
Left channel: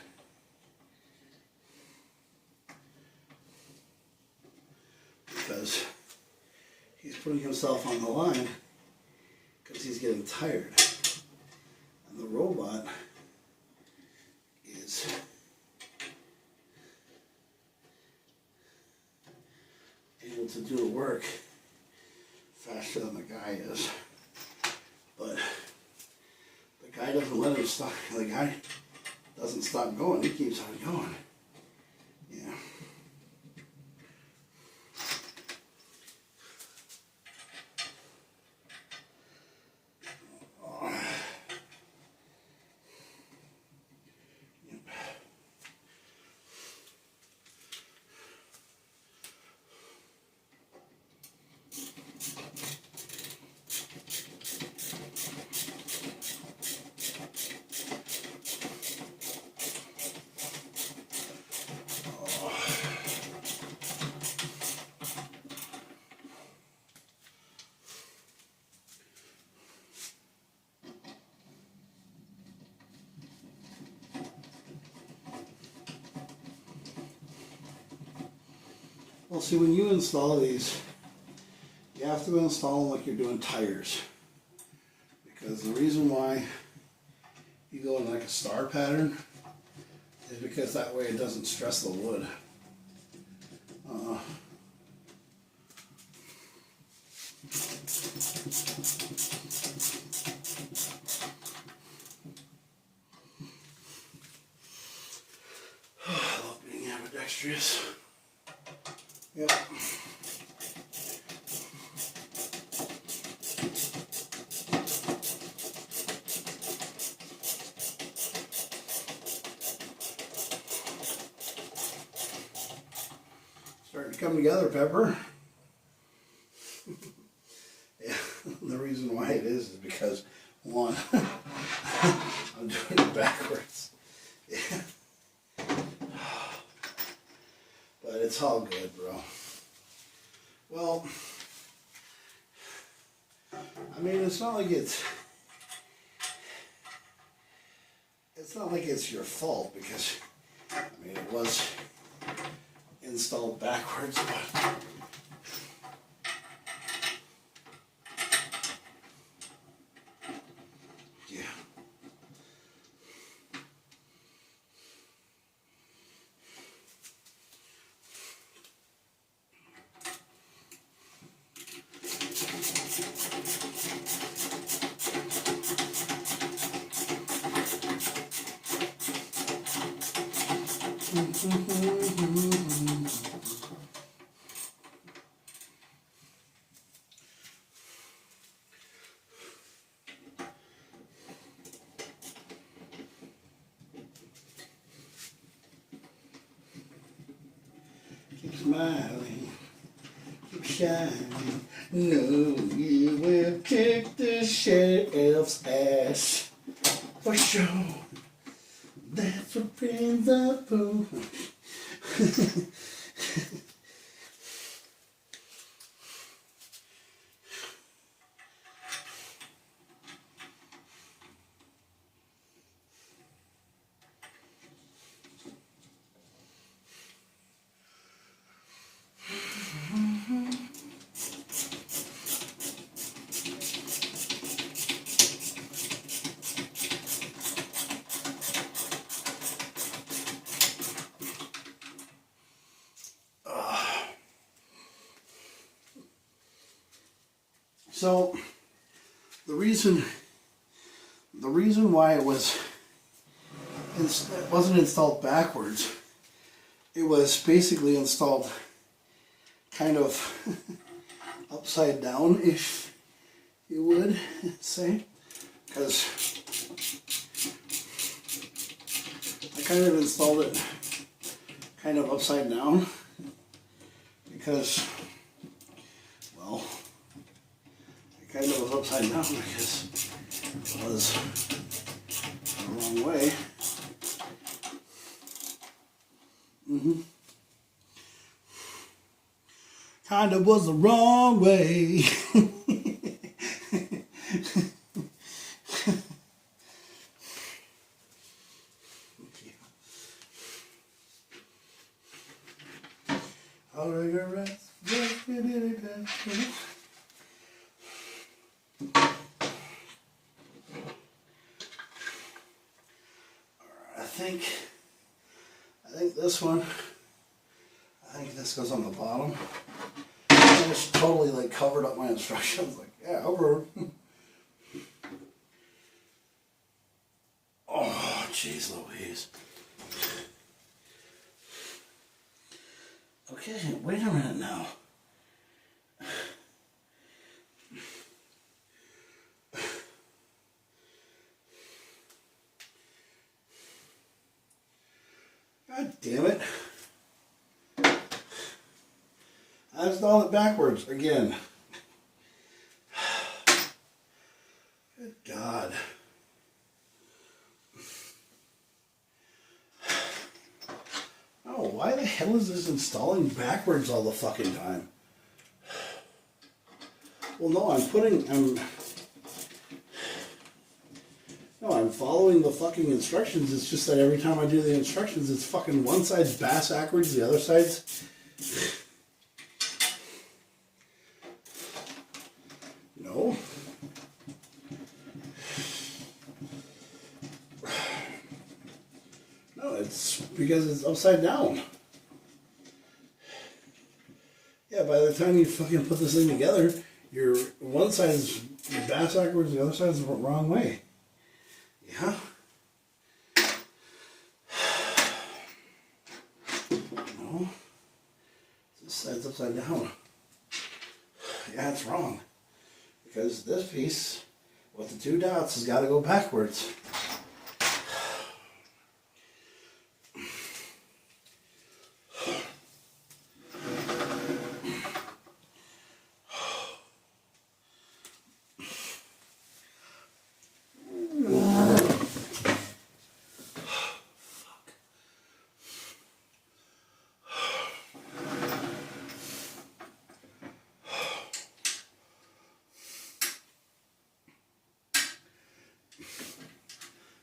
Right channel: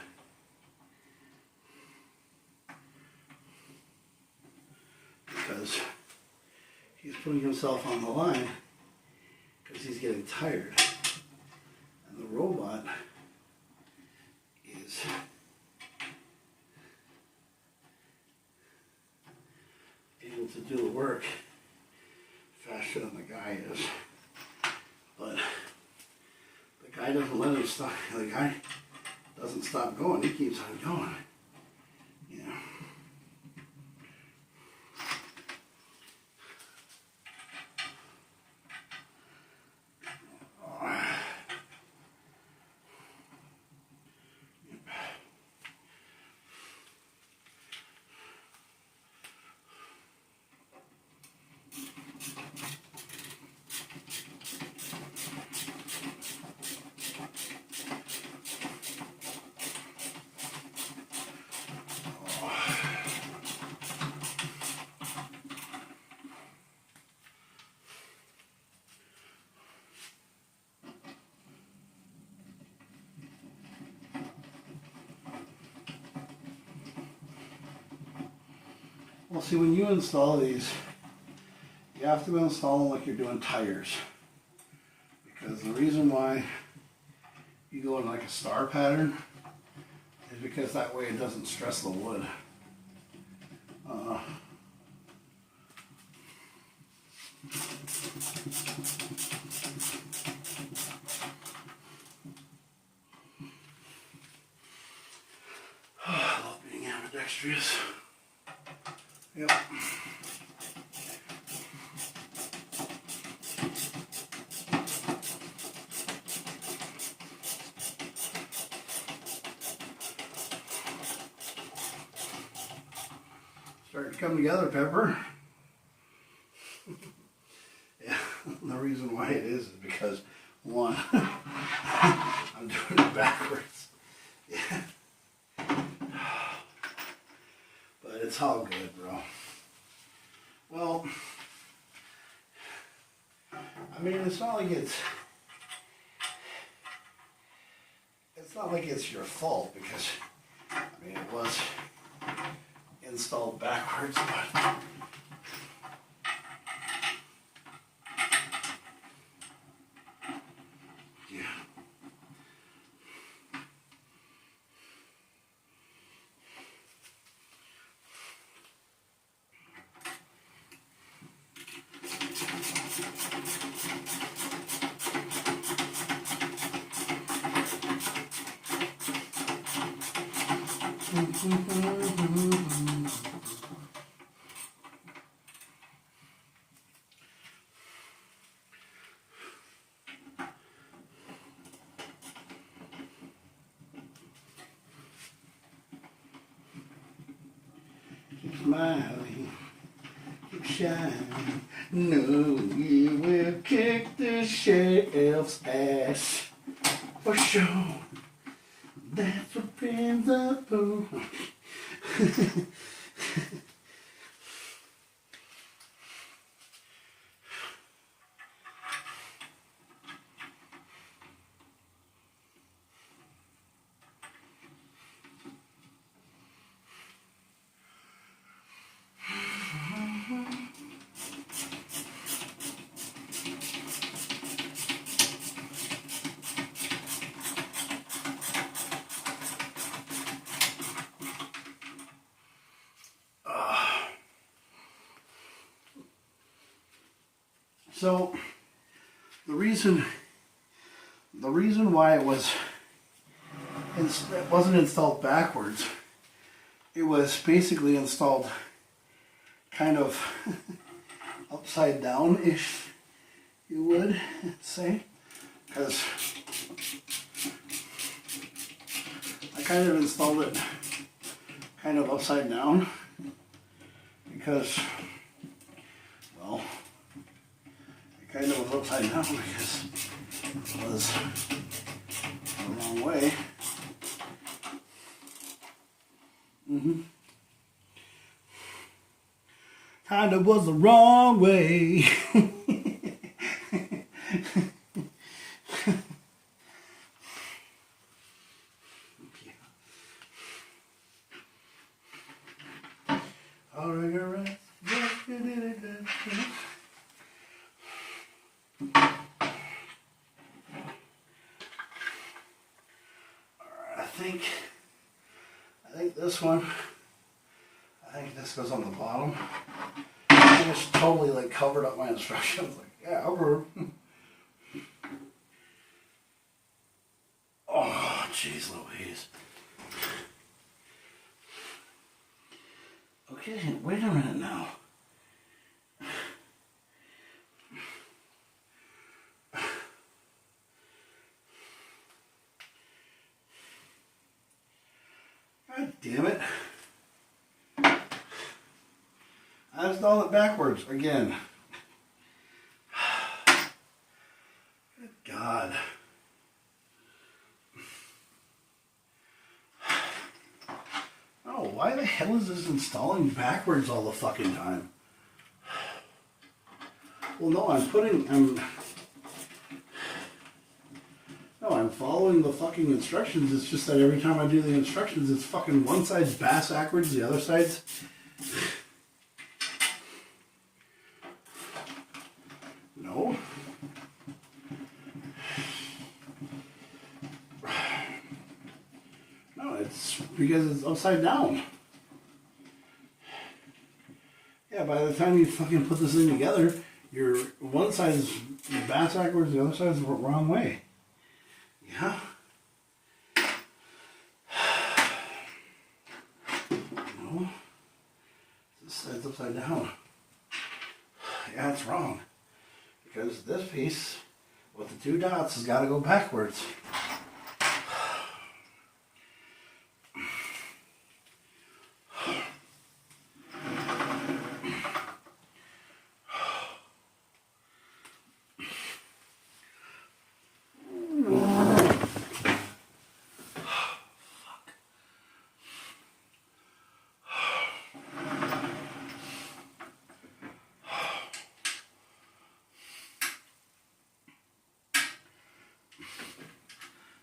Because he's putting himself on the line because he's getting tired. And the robot is able to do the work faster than the guy is. But the guy doesn't let him stop. The guy doesn't stop going. He keeps on going. Yeah. Well, see, when you install these, you have to install them like you're doing tires. Because the reason why you go in like a star pattern is because that way it doesn't stress the wood. I love being ambidextrous. Yep. Starting to come together, Pepper. Yeah, the reason why it is because, one, I'm doing it backwards. Yeah. But it's all good, bro. Well, I mean, it's not like it's your fault, because, I mean, it was installed backwards, but yeah. Keep smiling, keep shining. No, you will kick the sheriff's ass for sure. That's what friends are for. So the reason why it wasn't installed backwards, it was basically installed kind of upside down-ish, you would say, because I kind of installed it kind of upside down because, well, kind of was upside down because it was the wrong way. Kind of was the wrong way. I think this one, I think this goes on the bottom. I just totally like covered up my instructions. Like, yeah, over. Oh, jeez Louise. Okay, wait a minute now. God damn it. I installed it backwards again. Good God. Oh, why the hell is this installing backwards all the fucking time? Well, no, I'm following the fucking instructions. It's just that every time I do the instructions, it's fucking one side's bass backwards, the other side's... it's because it's upside down. Yeah, by the time you fucking put this thing together, your one side is backwards, the other side is the wrong way. Yeah. No. This side's upside down. Yeah, it's wrong. Because this piece with the two dots has got to go backwards.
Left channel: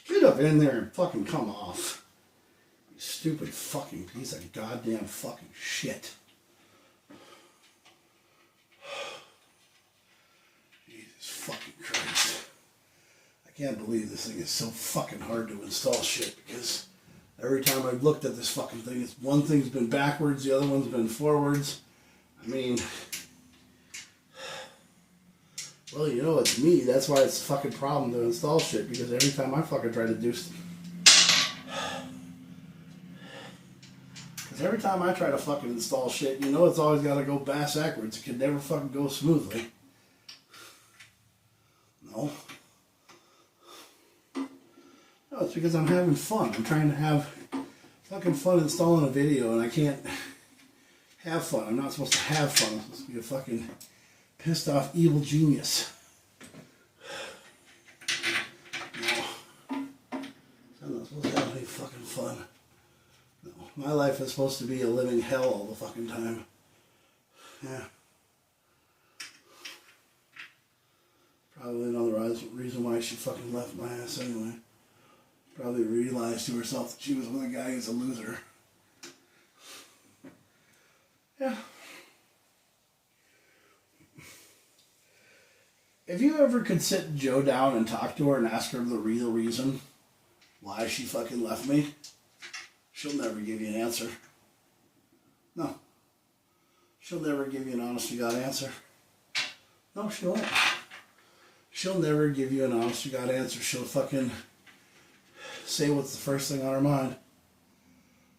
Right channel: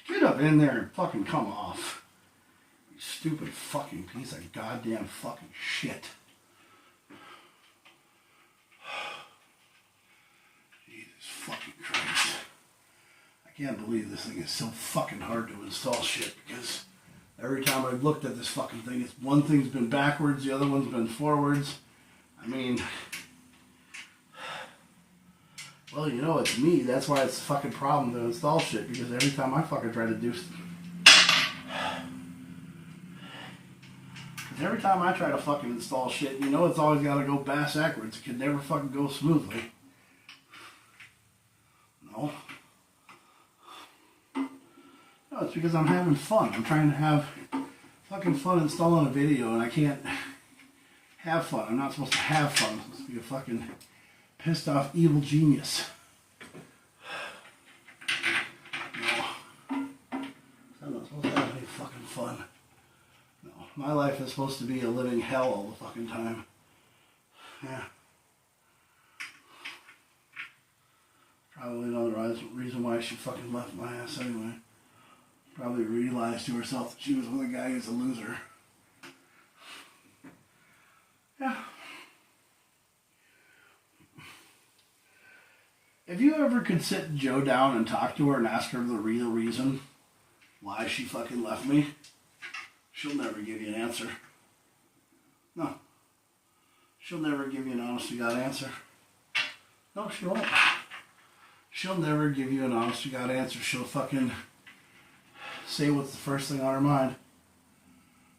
Get up in there and fucking come off. You stupid fucking piece of goddamn fucking shit. Jesus fucking Christ. I can't believe this thing is so fucking hard to install shit, because every time I've looked at this fucking thing, it's one thing's been backwards, the other one's been forwards. I mean, well, you know, it's me. That's why it's a fucking problem to install shit, because every time I fucking try to do stuff. Because every time I try to fucking install shit, you know, it's always got to go backwards. It can never fucking go smoothly. No. No, it's because I'm having fun. I'm trying to have fucking fun installing a video, and I can't have fun. I'm not supposed to have fun. I'm supposed to be a fucking pissed off evil genius. No. I'm not supposed to have any fucking fun. No. My life is supposed to be a living hell all the fucking time. Yeah. Probably another reason why she fucking left my ass anyway. Probably realized to herself that she was with a guy who's a loser. Yeah. If you ever could sit Joe down and talk to her and ask her the real reason why she fucking left me, she'll never give you an answer. No. She'll never give you an honest-to-God answer. No, she won't. She'll never give you an honest-to-God answer. She'll fucking say what's the first thing on her mind.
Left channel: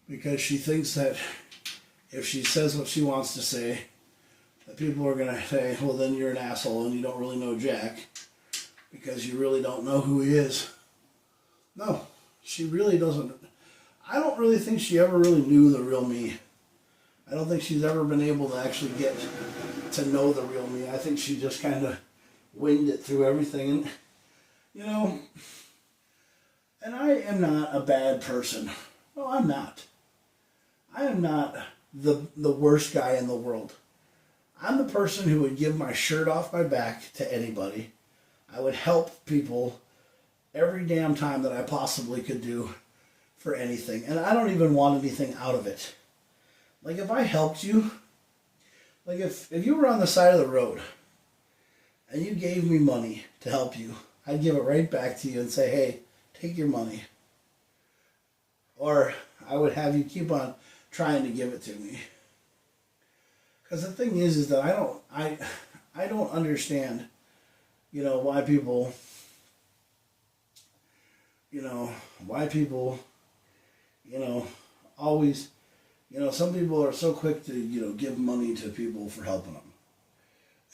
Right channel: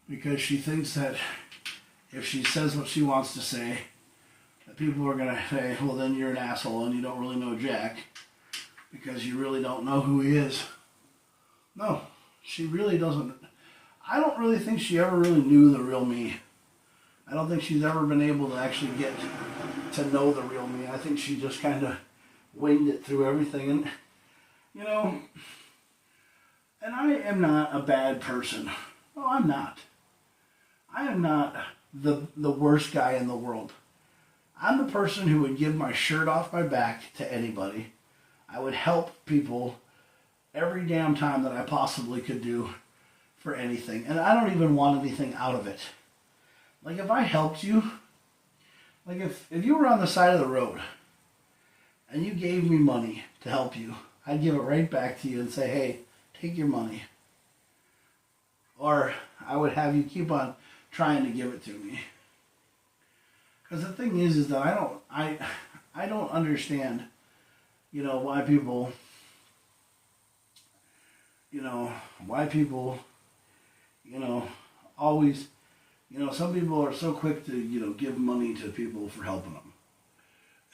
Because she thinks that if she says what she wants to say, that people are going to say, well, then you're an asshole and you don't really know Jack because you really don't know who he is. No, she really doesn't. I don't really think she ever really knew the real me. I don't think she's ever been able to actually get to know the real me. I think she just kind of winged it through everything. And, you know, and I am not a bad person. No, I'm not. I am not the worst guy in the world. I'm the person who would give my shirt off my back to anybody. I would help people every damn time that I possibly could do for anything. And I don't even want anything out of it. Like, if I helped you, like if you were on the side of the road and you gave me money to help you, I'd give it right back to you and say, hey, take your money. Or I would have you keep on trying to give it to me. Because the thing is that I don't understand, you know, why people, always, some people are so quick to, give money to people for helping them.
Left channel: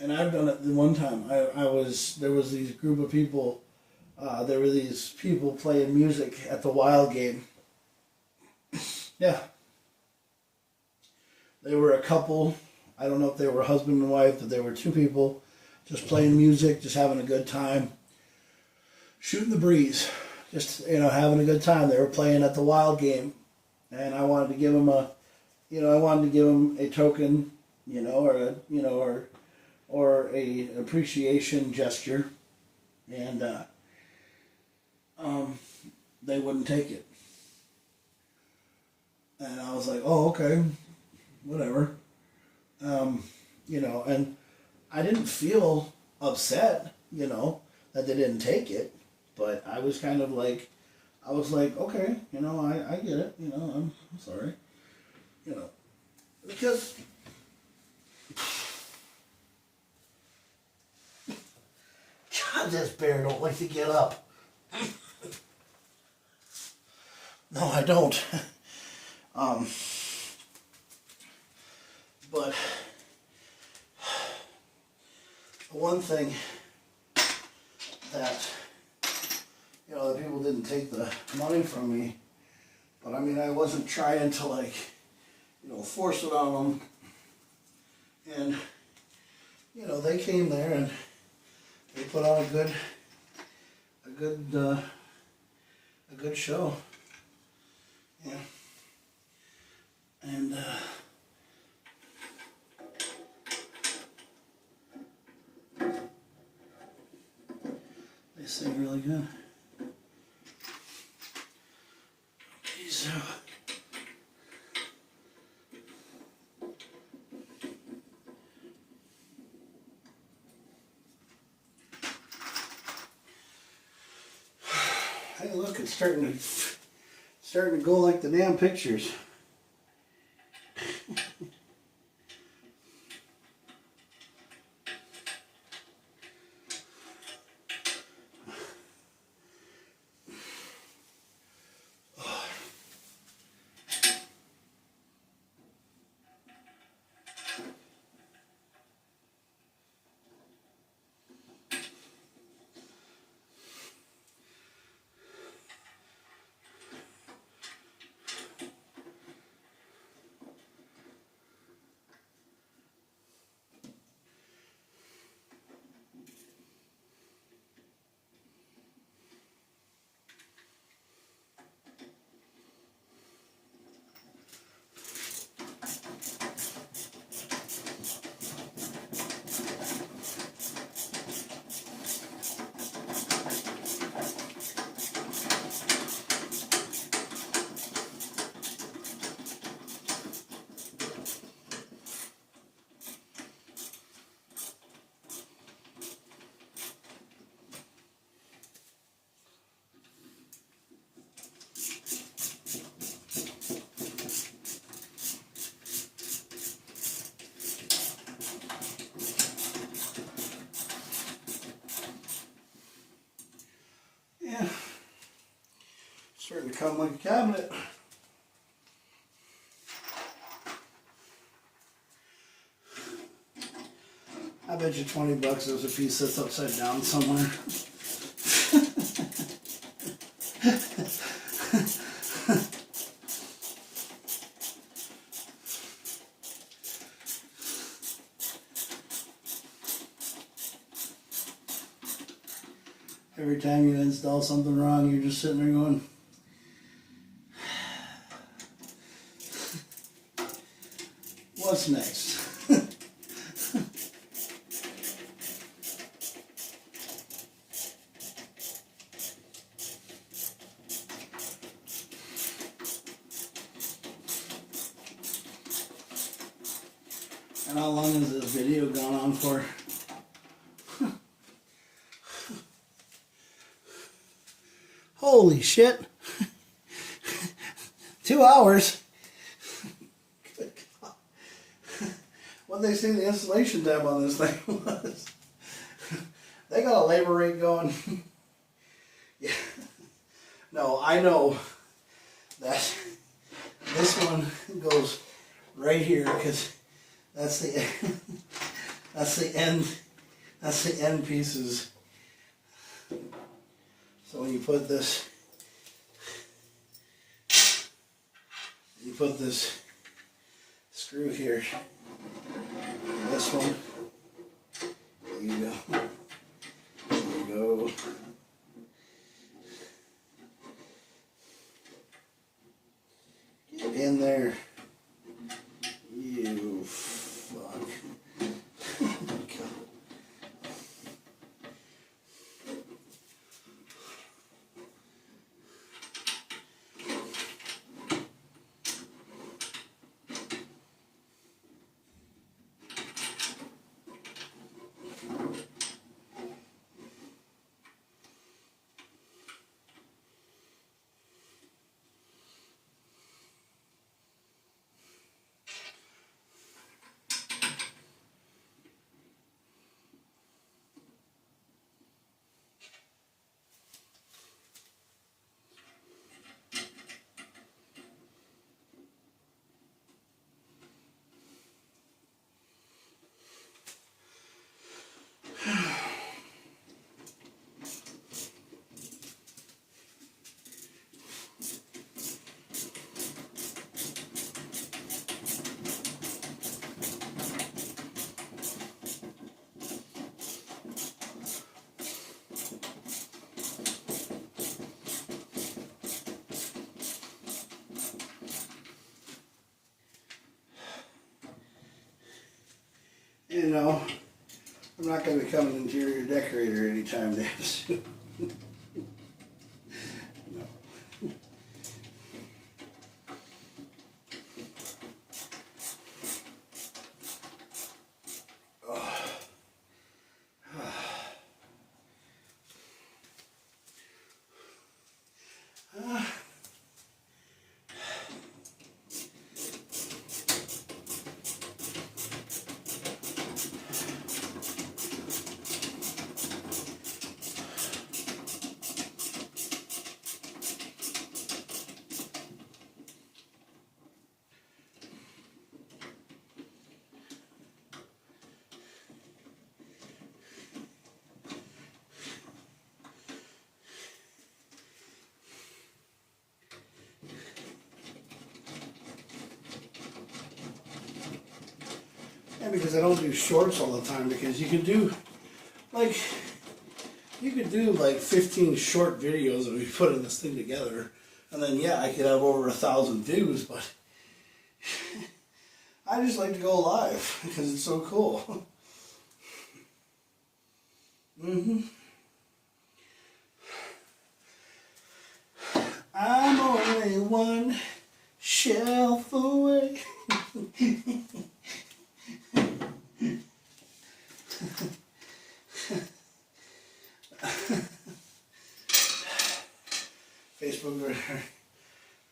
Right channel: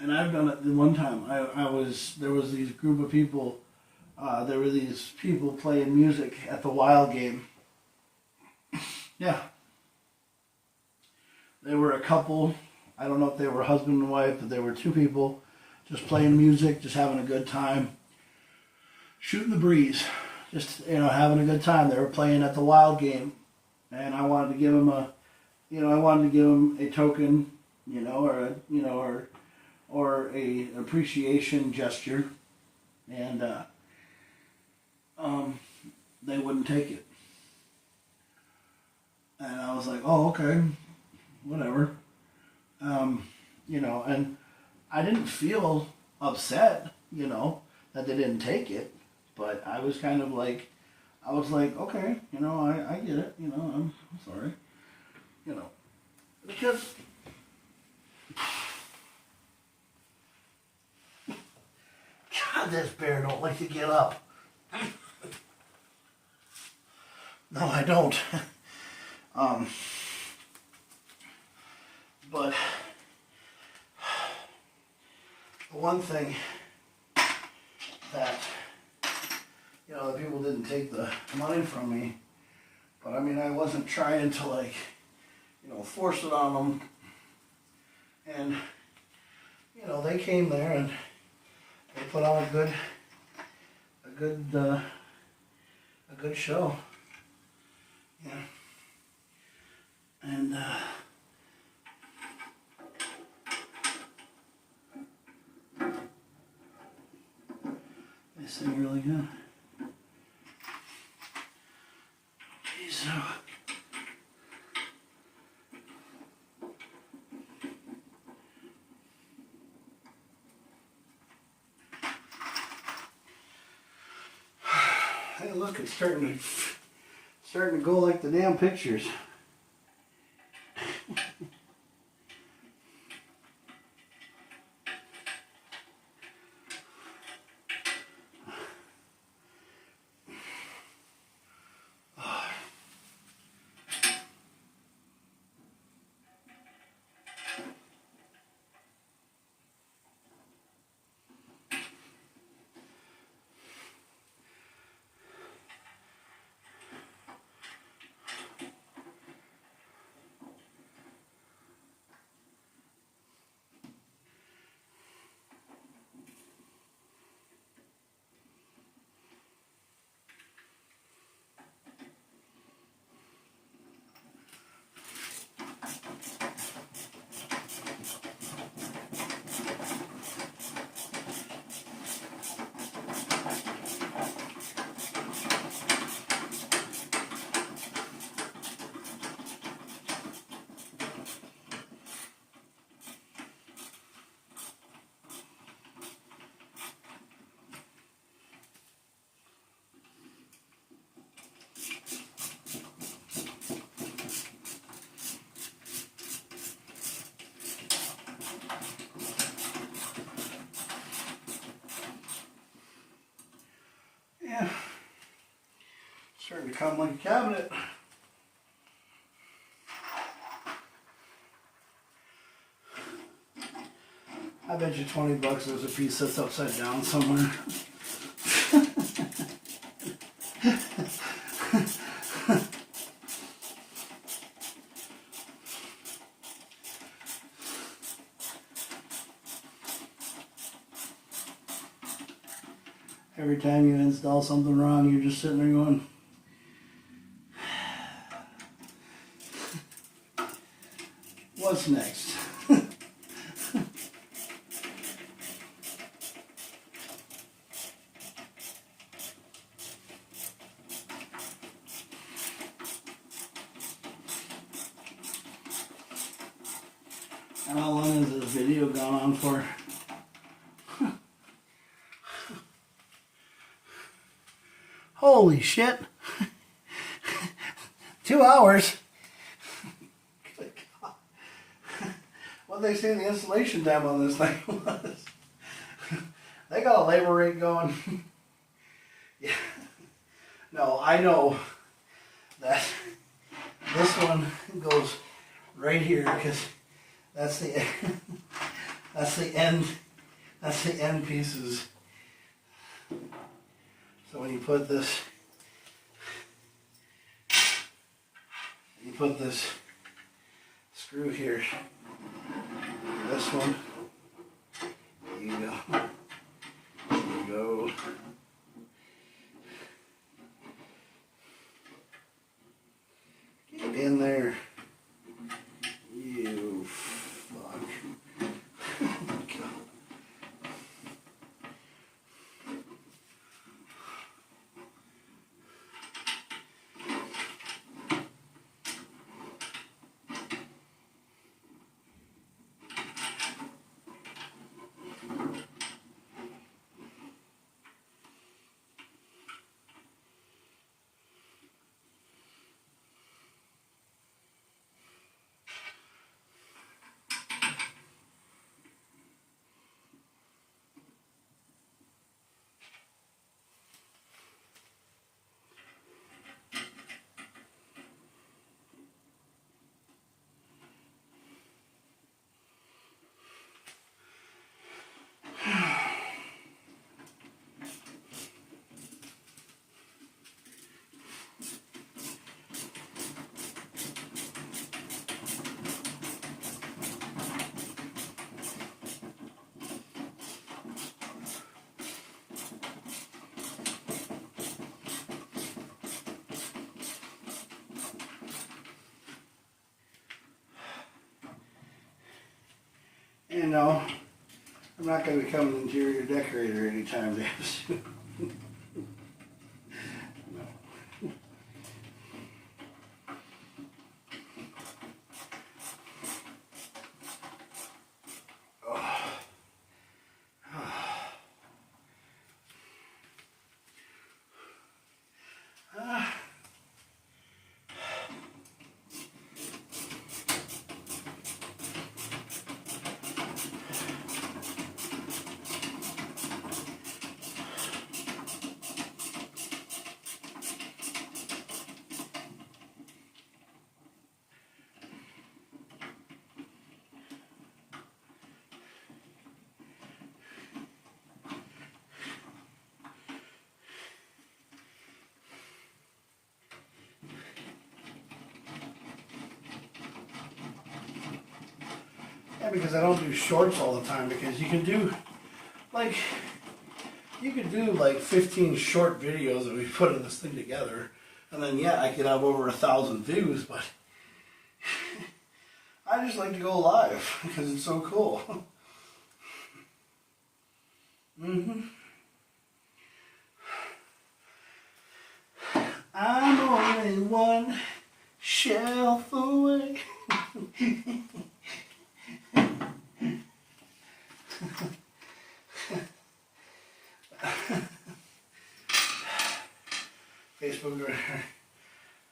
And I've done it the one time. There was these group of people, there were these people playing music at the Wild game. Yeah. They were a couple. I don't know if they were husband and wife, but they were two people just playing music, just having a good time, shooting the breeze, just, having a good time. They were playing at the Wild game, and I wanted to give them a token, or a appreciation gesture, and they wouldn't take it. And I was like, oh, okay, whatever. And I didn't feel upset, that they didn't take it, but I was kind of like, I was like, okay, you know, I get it, you know, I'm sorry, you know, because God, this bear don't like to get up. No, I don't. But the one thing that, you know, the people didn't take the money from me, but I mean, I wasn't trying to, like, you know, force it on them. And, you know, they came there and they put on a good show. Yeah. And, they sing really good. Okay, so hey, look, it's starting to go like the damn pictures. Yeah, starting to come like a cabinet. I bet you $20 there's a piece that's upside down somewhere. Every time you install something wrong, you're just sitting there going, what's next? And how long has this video gone on for? Holy shit. 2 hours. Good God. What they say the installation time on this thing was. They got a labor rate going. Yeah. No, I know that this one goes right here because that's the end pieces. So when you put this screw here, this one, there you go, there you go. Get in there, you fuck. you know, I'm not going to become an interior decorator anytime damn soon. No. Yeah, because I don't do shorts all the time, because you can do like 15 short videos and we put in this thing together, and then yeah, I could have over 1,000 views, but I just like to go live because it's so cool. I'm only one shelf away. Facebook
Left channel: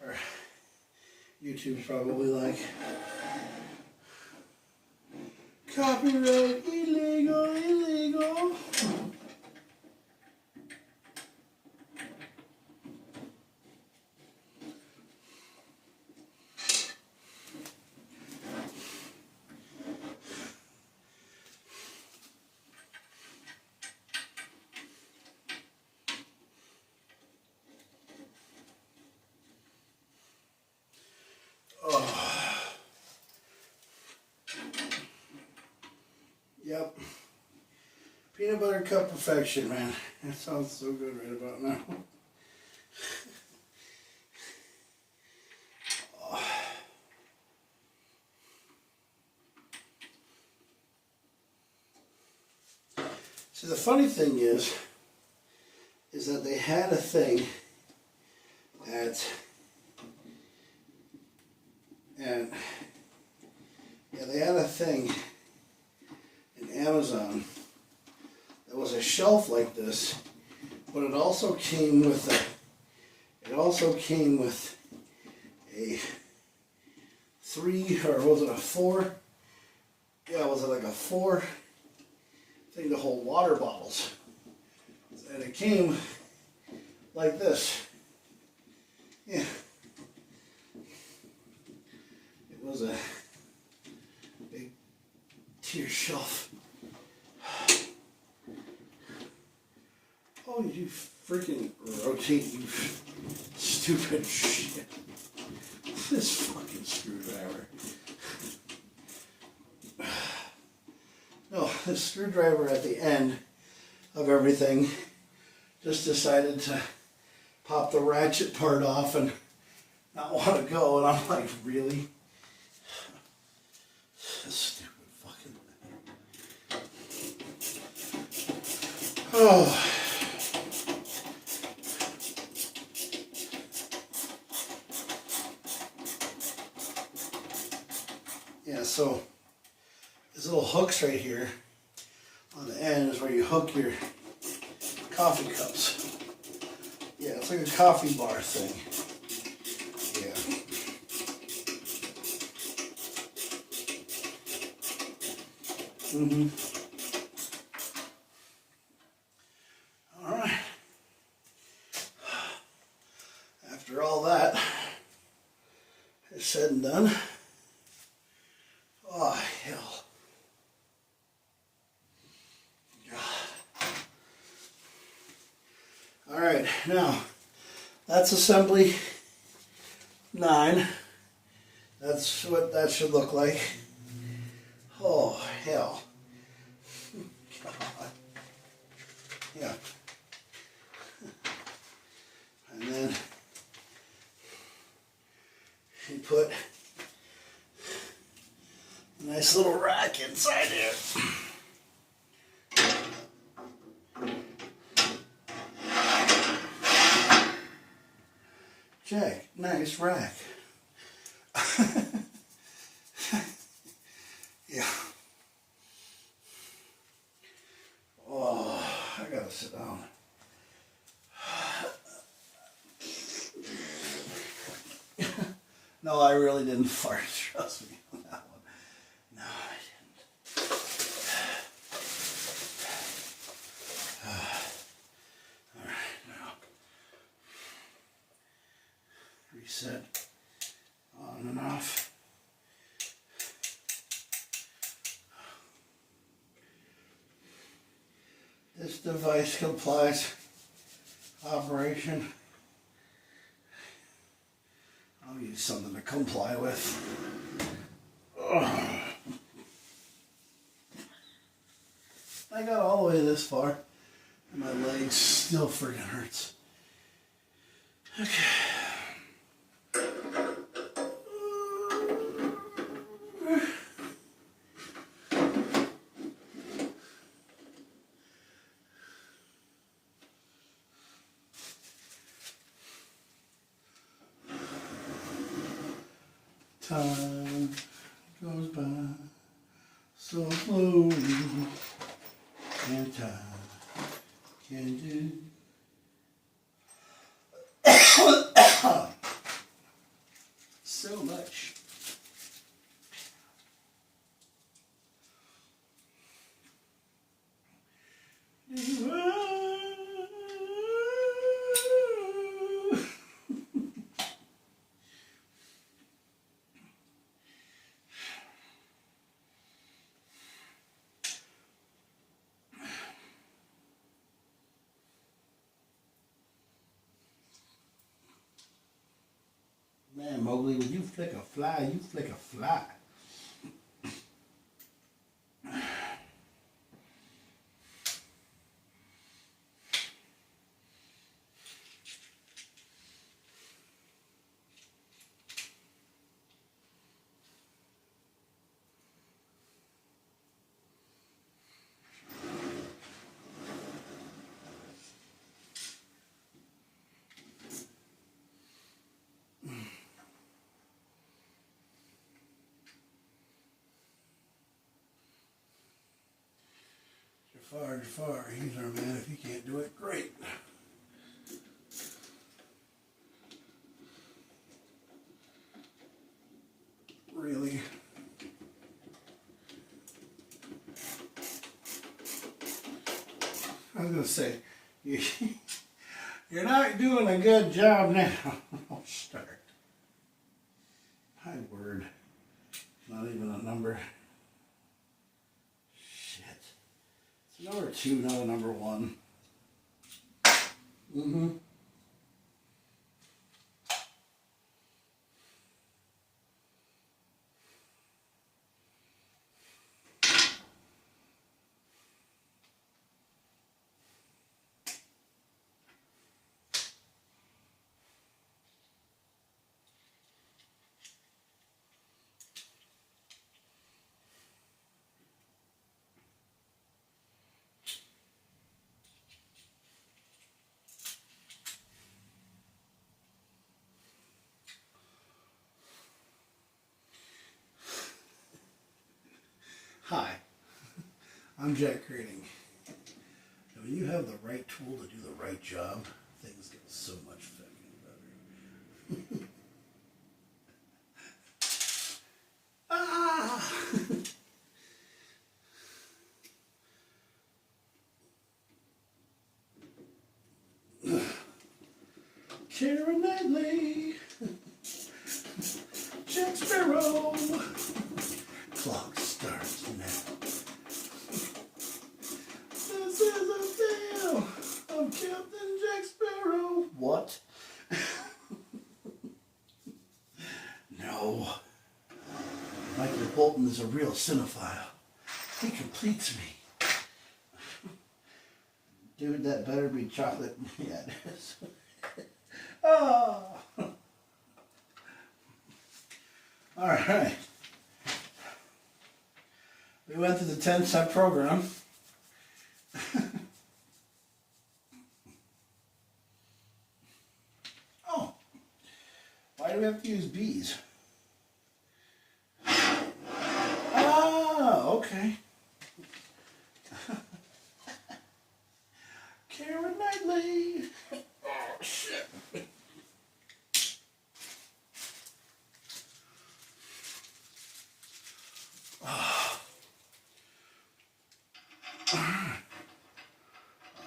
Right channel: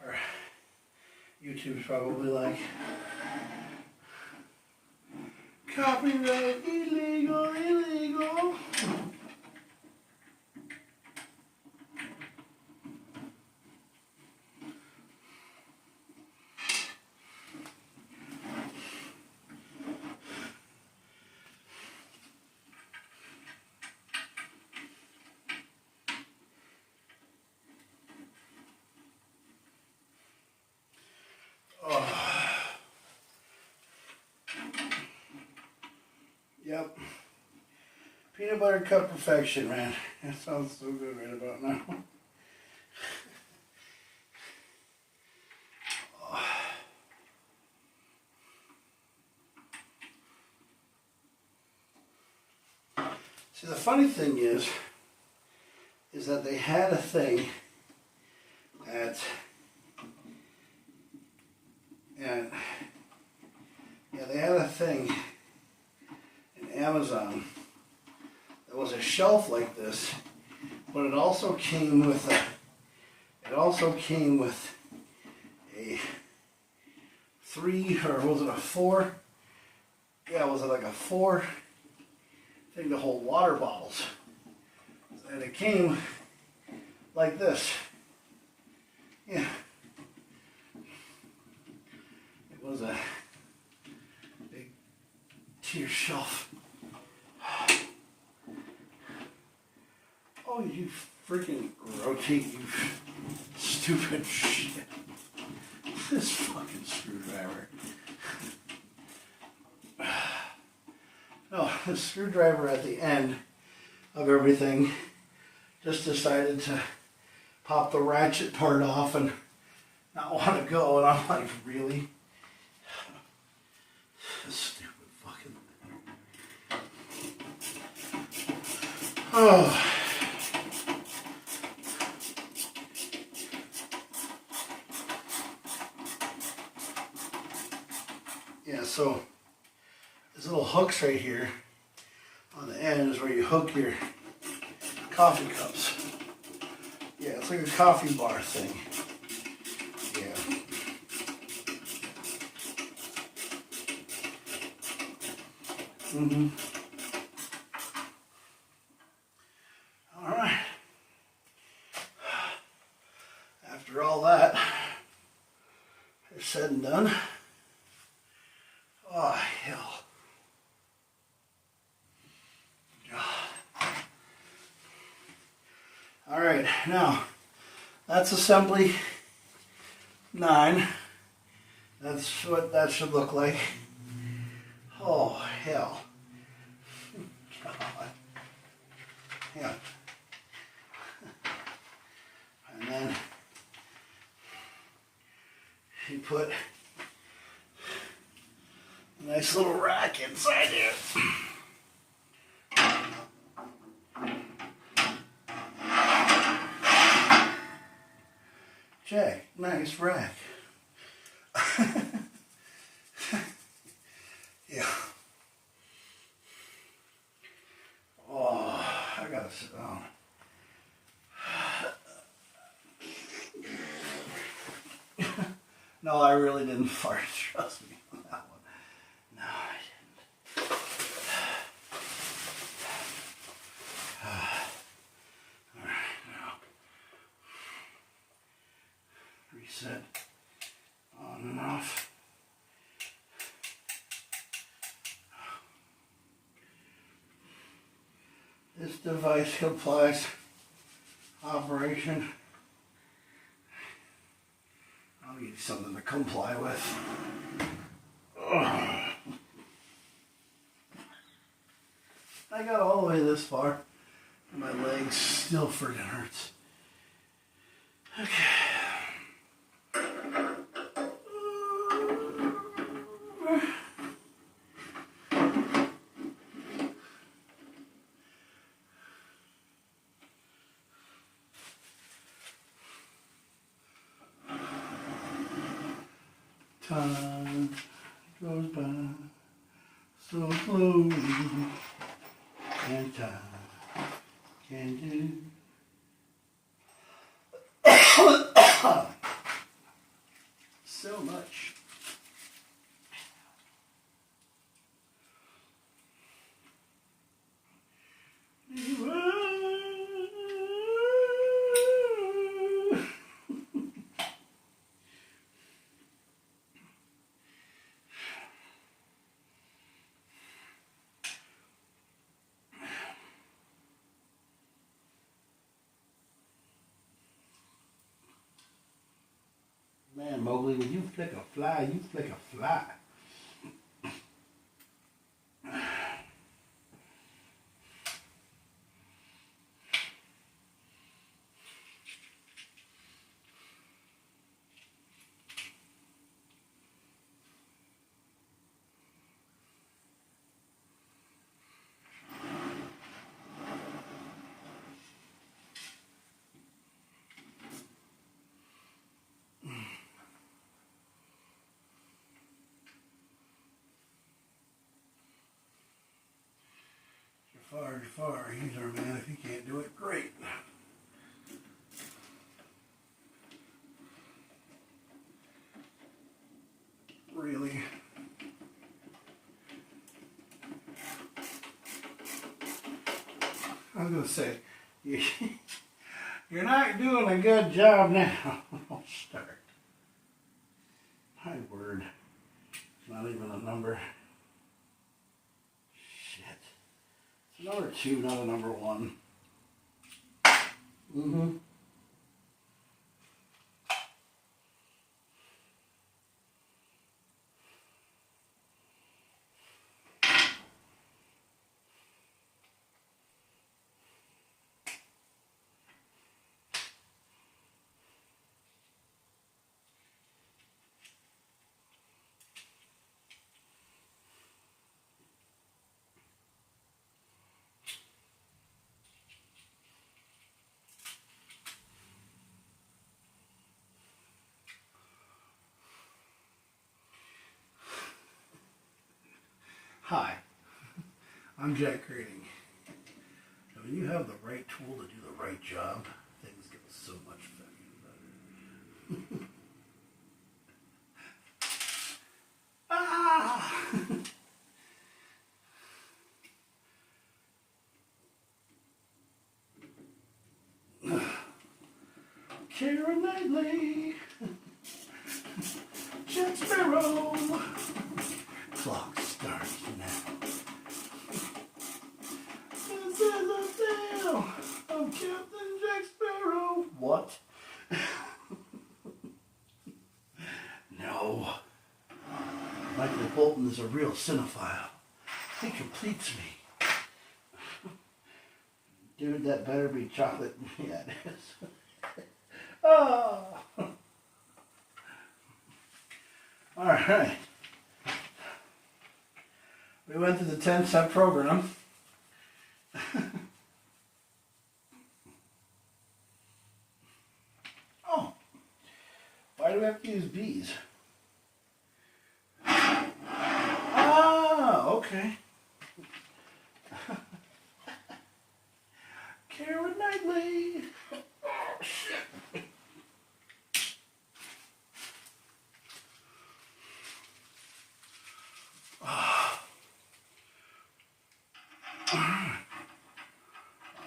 or YouTube's probably like, copyright illegal, illegal. Yep. Peanut butter cup perfection, man. That sounds so good right about now. So the funny thing is that they had a thing at, and yeah, they had a thing in Amazon that was a shelf like this, but it also came with a 3, or was it a 4? Yeah, was it like a 4 thing to hold water bottles? And it came like this. Yeah. It was a big tier shelf. Oh, you freaking rotate, you stupid shit. This fucking screwdriver. No, the screwdriver at the end of everything just decided to pop the ratchet part off and not want to go, and I'm like, really? This stupid fucking thing. Oh. Yeah, so these little hooks right here on the end is where you hook your coffee cups. Yeah, it's like a coffee bar thing. Yeah. All right. After all that is said and done, oh hell. All right, now that's assembly 9. That's what that should look like. Oh hell. God. Yeah. And then you put a Nice little rack inside here. Jack, nice rack. Yeah. Oh, I gotta sit down. No, I really didn't fart. Trust me on that one. No, I didn't. All right, now reset on and off. This device complies operation. I'll need something to comply with. Ugh. I got all the way this far, and my legs still friggin' hurts. Okay. Time goes by so slowly, and time can do so much. Man, Mowgli, when you flick a fly, you flick a fly. Far, he's our man. If he can't do it, great. Really? I was gonna say, you're not doing a good job now. I'll start. My word. It's not even a number. Number 2, not a number 1. Mm-hmm. Hi, I'm JakKlauZ. When you have the right tool to do the right job, things get so much better. Ah! Karen Knightley, Jack Sparrow. Clock starts now. This is a tale of Captain Jack Sparrow. What? No. Michael Bolton is a real cinephile. He completes me. Dude, that better be chocolate. Yeah, it is. Oh. All right. We went through the 10-step program. Oh, why do we have to use bees? Ah, okay. Karen Knightley. Oh, shit.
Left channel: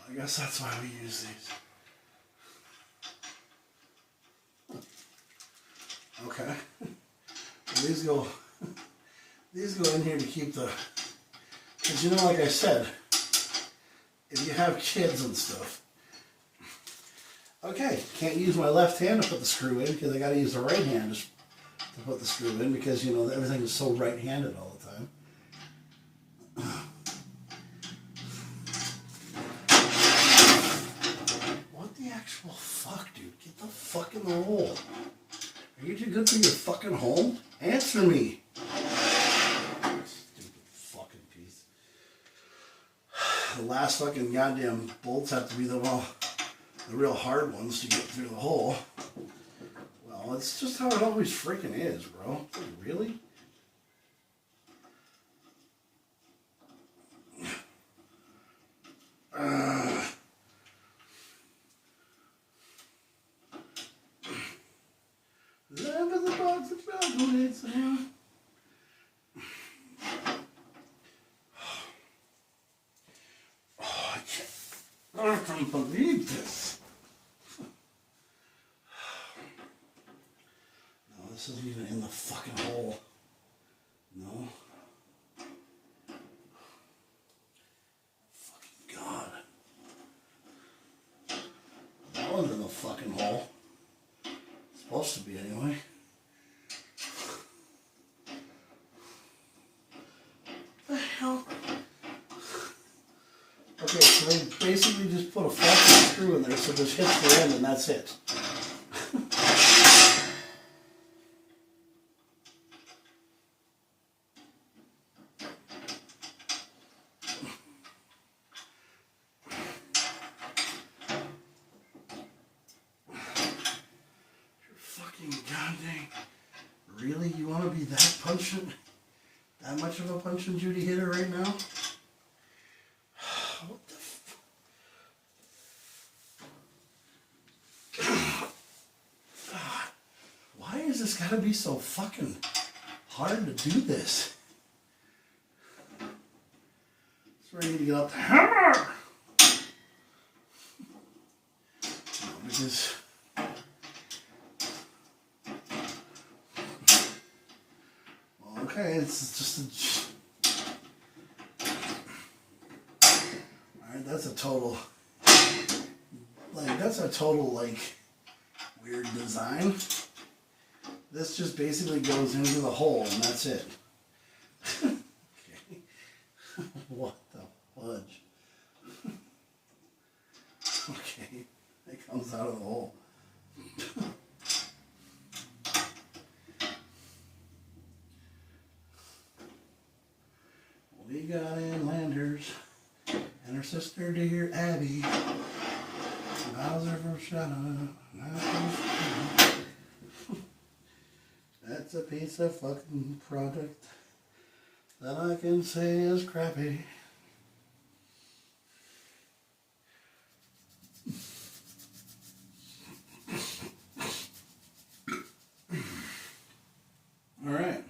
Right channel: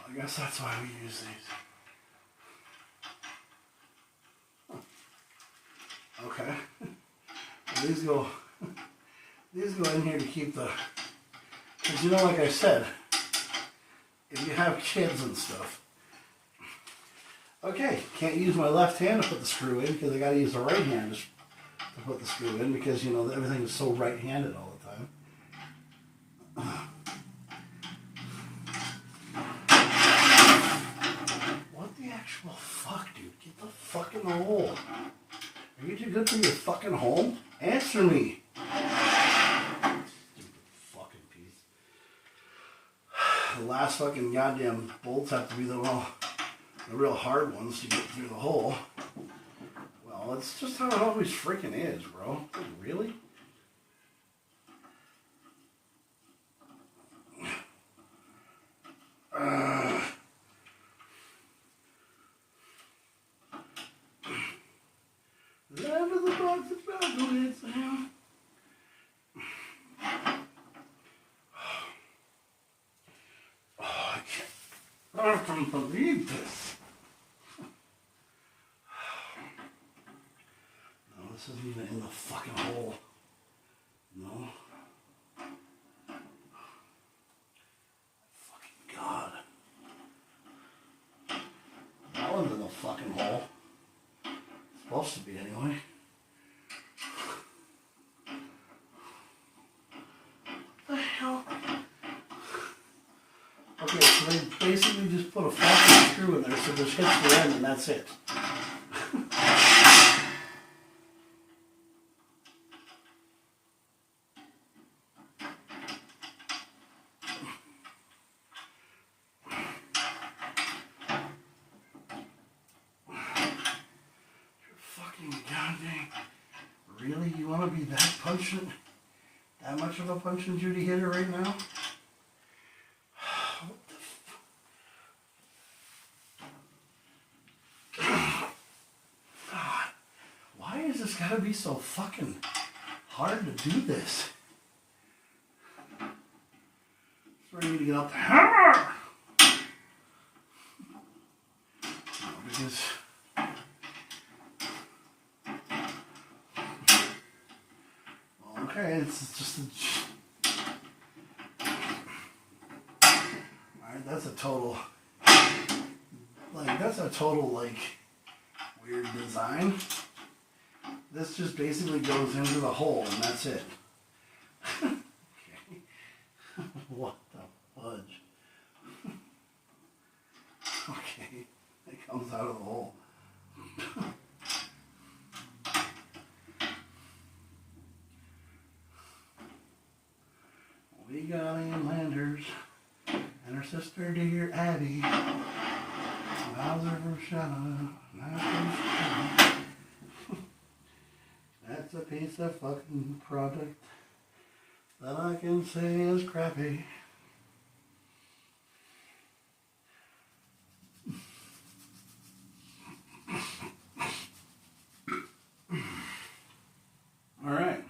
I guess that's why we use these. Okay. These go in here to keep the, because you know, like I said, if you have kids and stuff. Okay, can't use my left hand to put the screw in because I got to use the right hand to put the screw in because, you know, everything is so right-handed all the time. What the actual fuck, dude? Get the fuck in the hole. Are you too good for your fucking home? Answer me. Stupid fucking piece. The last fucking goddamn bolts have to be the real hard ones to get through the hole. Well, it's just how it always freaking is, bro. Really? Land of the box of chocolates. Oh, I can't believe this. No, this isn't even in the fucking hole. No. Fucking God. That one's in the fucking hole. Supposed to be anyway. What the hell? Okay, so they basically just put a fucking screw in there so this hits the end and that's it. Really? You want to be that punching? That much of a punching Judy hitter right now? What the God. Why is this gotta be so fucking hard to do this? That's where I need to get up the hammer! Because okay, it's just a... Alright, that's a total... like, weird design. This just basically goes into the hole, and that's it. Okay. What the fudge? Okay, it comes out of the hole. We got in Landers and her sister dear Abby. Bowser from Shadow. That's a piece of fucking product that I can say is crappy. All right.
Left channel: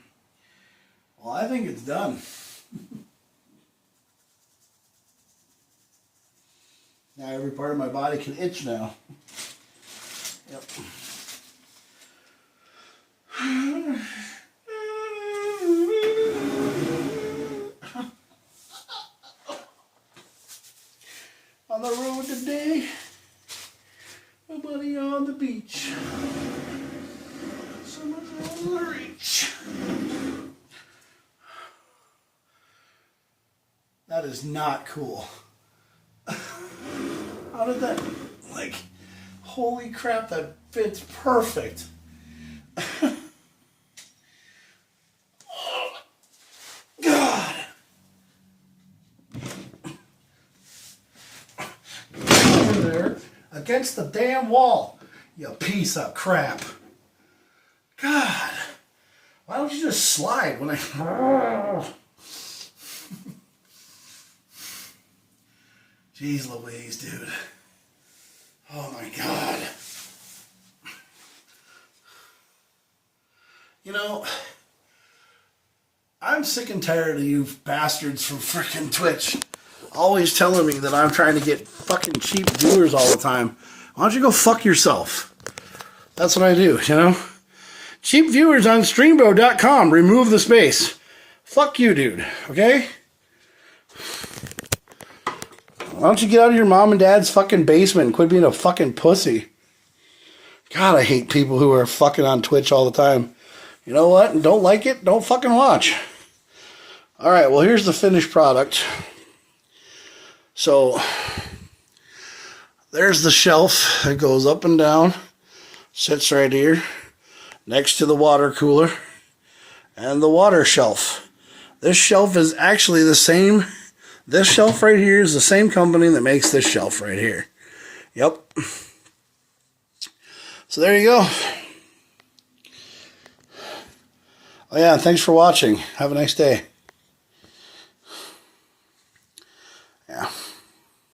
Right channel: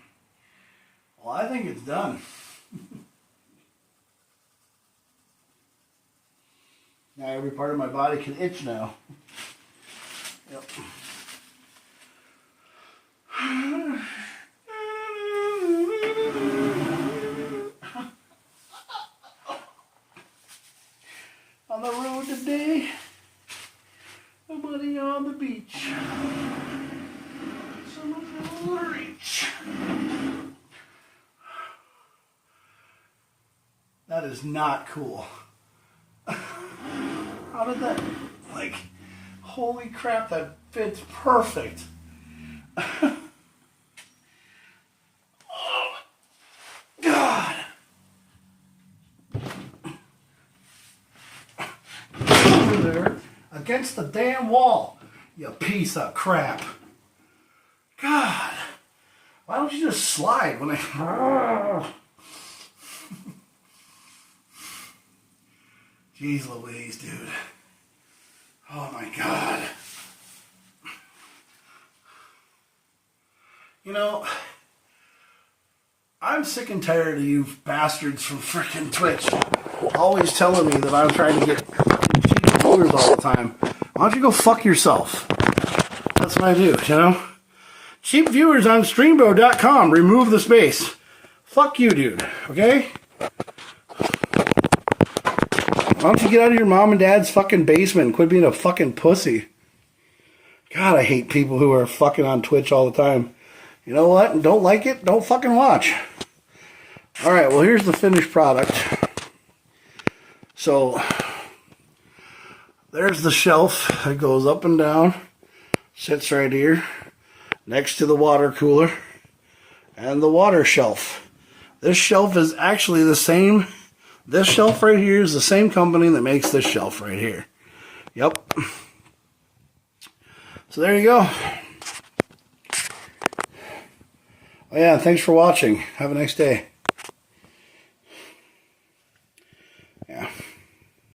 Well, I think it's done. Now every part of my body can itch now. Yep. On the road today, nobody on the beach. Someone's on the reach. That is not cool. How did that, like, holy crap, that fits perfect. Oh, God. against the damn wall. You piece of crap. God. Why don't you just slide when I... Jeez Louise, dude. Oh my God. You know, I'm sick and tired of you bastards from frickin' Twitch always telling me that I'm trying to get fucking cheap viewers all the time. Why don't you go fuck yourself? That's what I do, you know? Cheap viewers on streambo.com. Remove the space. Fuck you, dude. Okay? Why don't you get out of your mom and dad's fucking basement and quit being a fucking pussy? God, I hate people who are fucking on Twitch all the time. You know what? Don't like it? Don't fucking watch. Alright, well, here's the finished product. So, there's the shelf that goes up and down. Sits right here. Next to the water cooler. And the water shelf. This shelf is actually the same. This shelf right here is the same company that makes this shelf right here. Yep. So there you go. Oh yeah, thanks for watching. Have a nice day.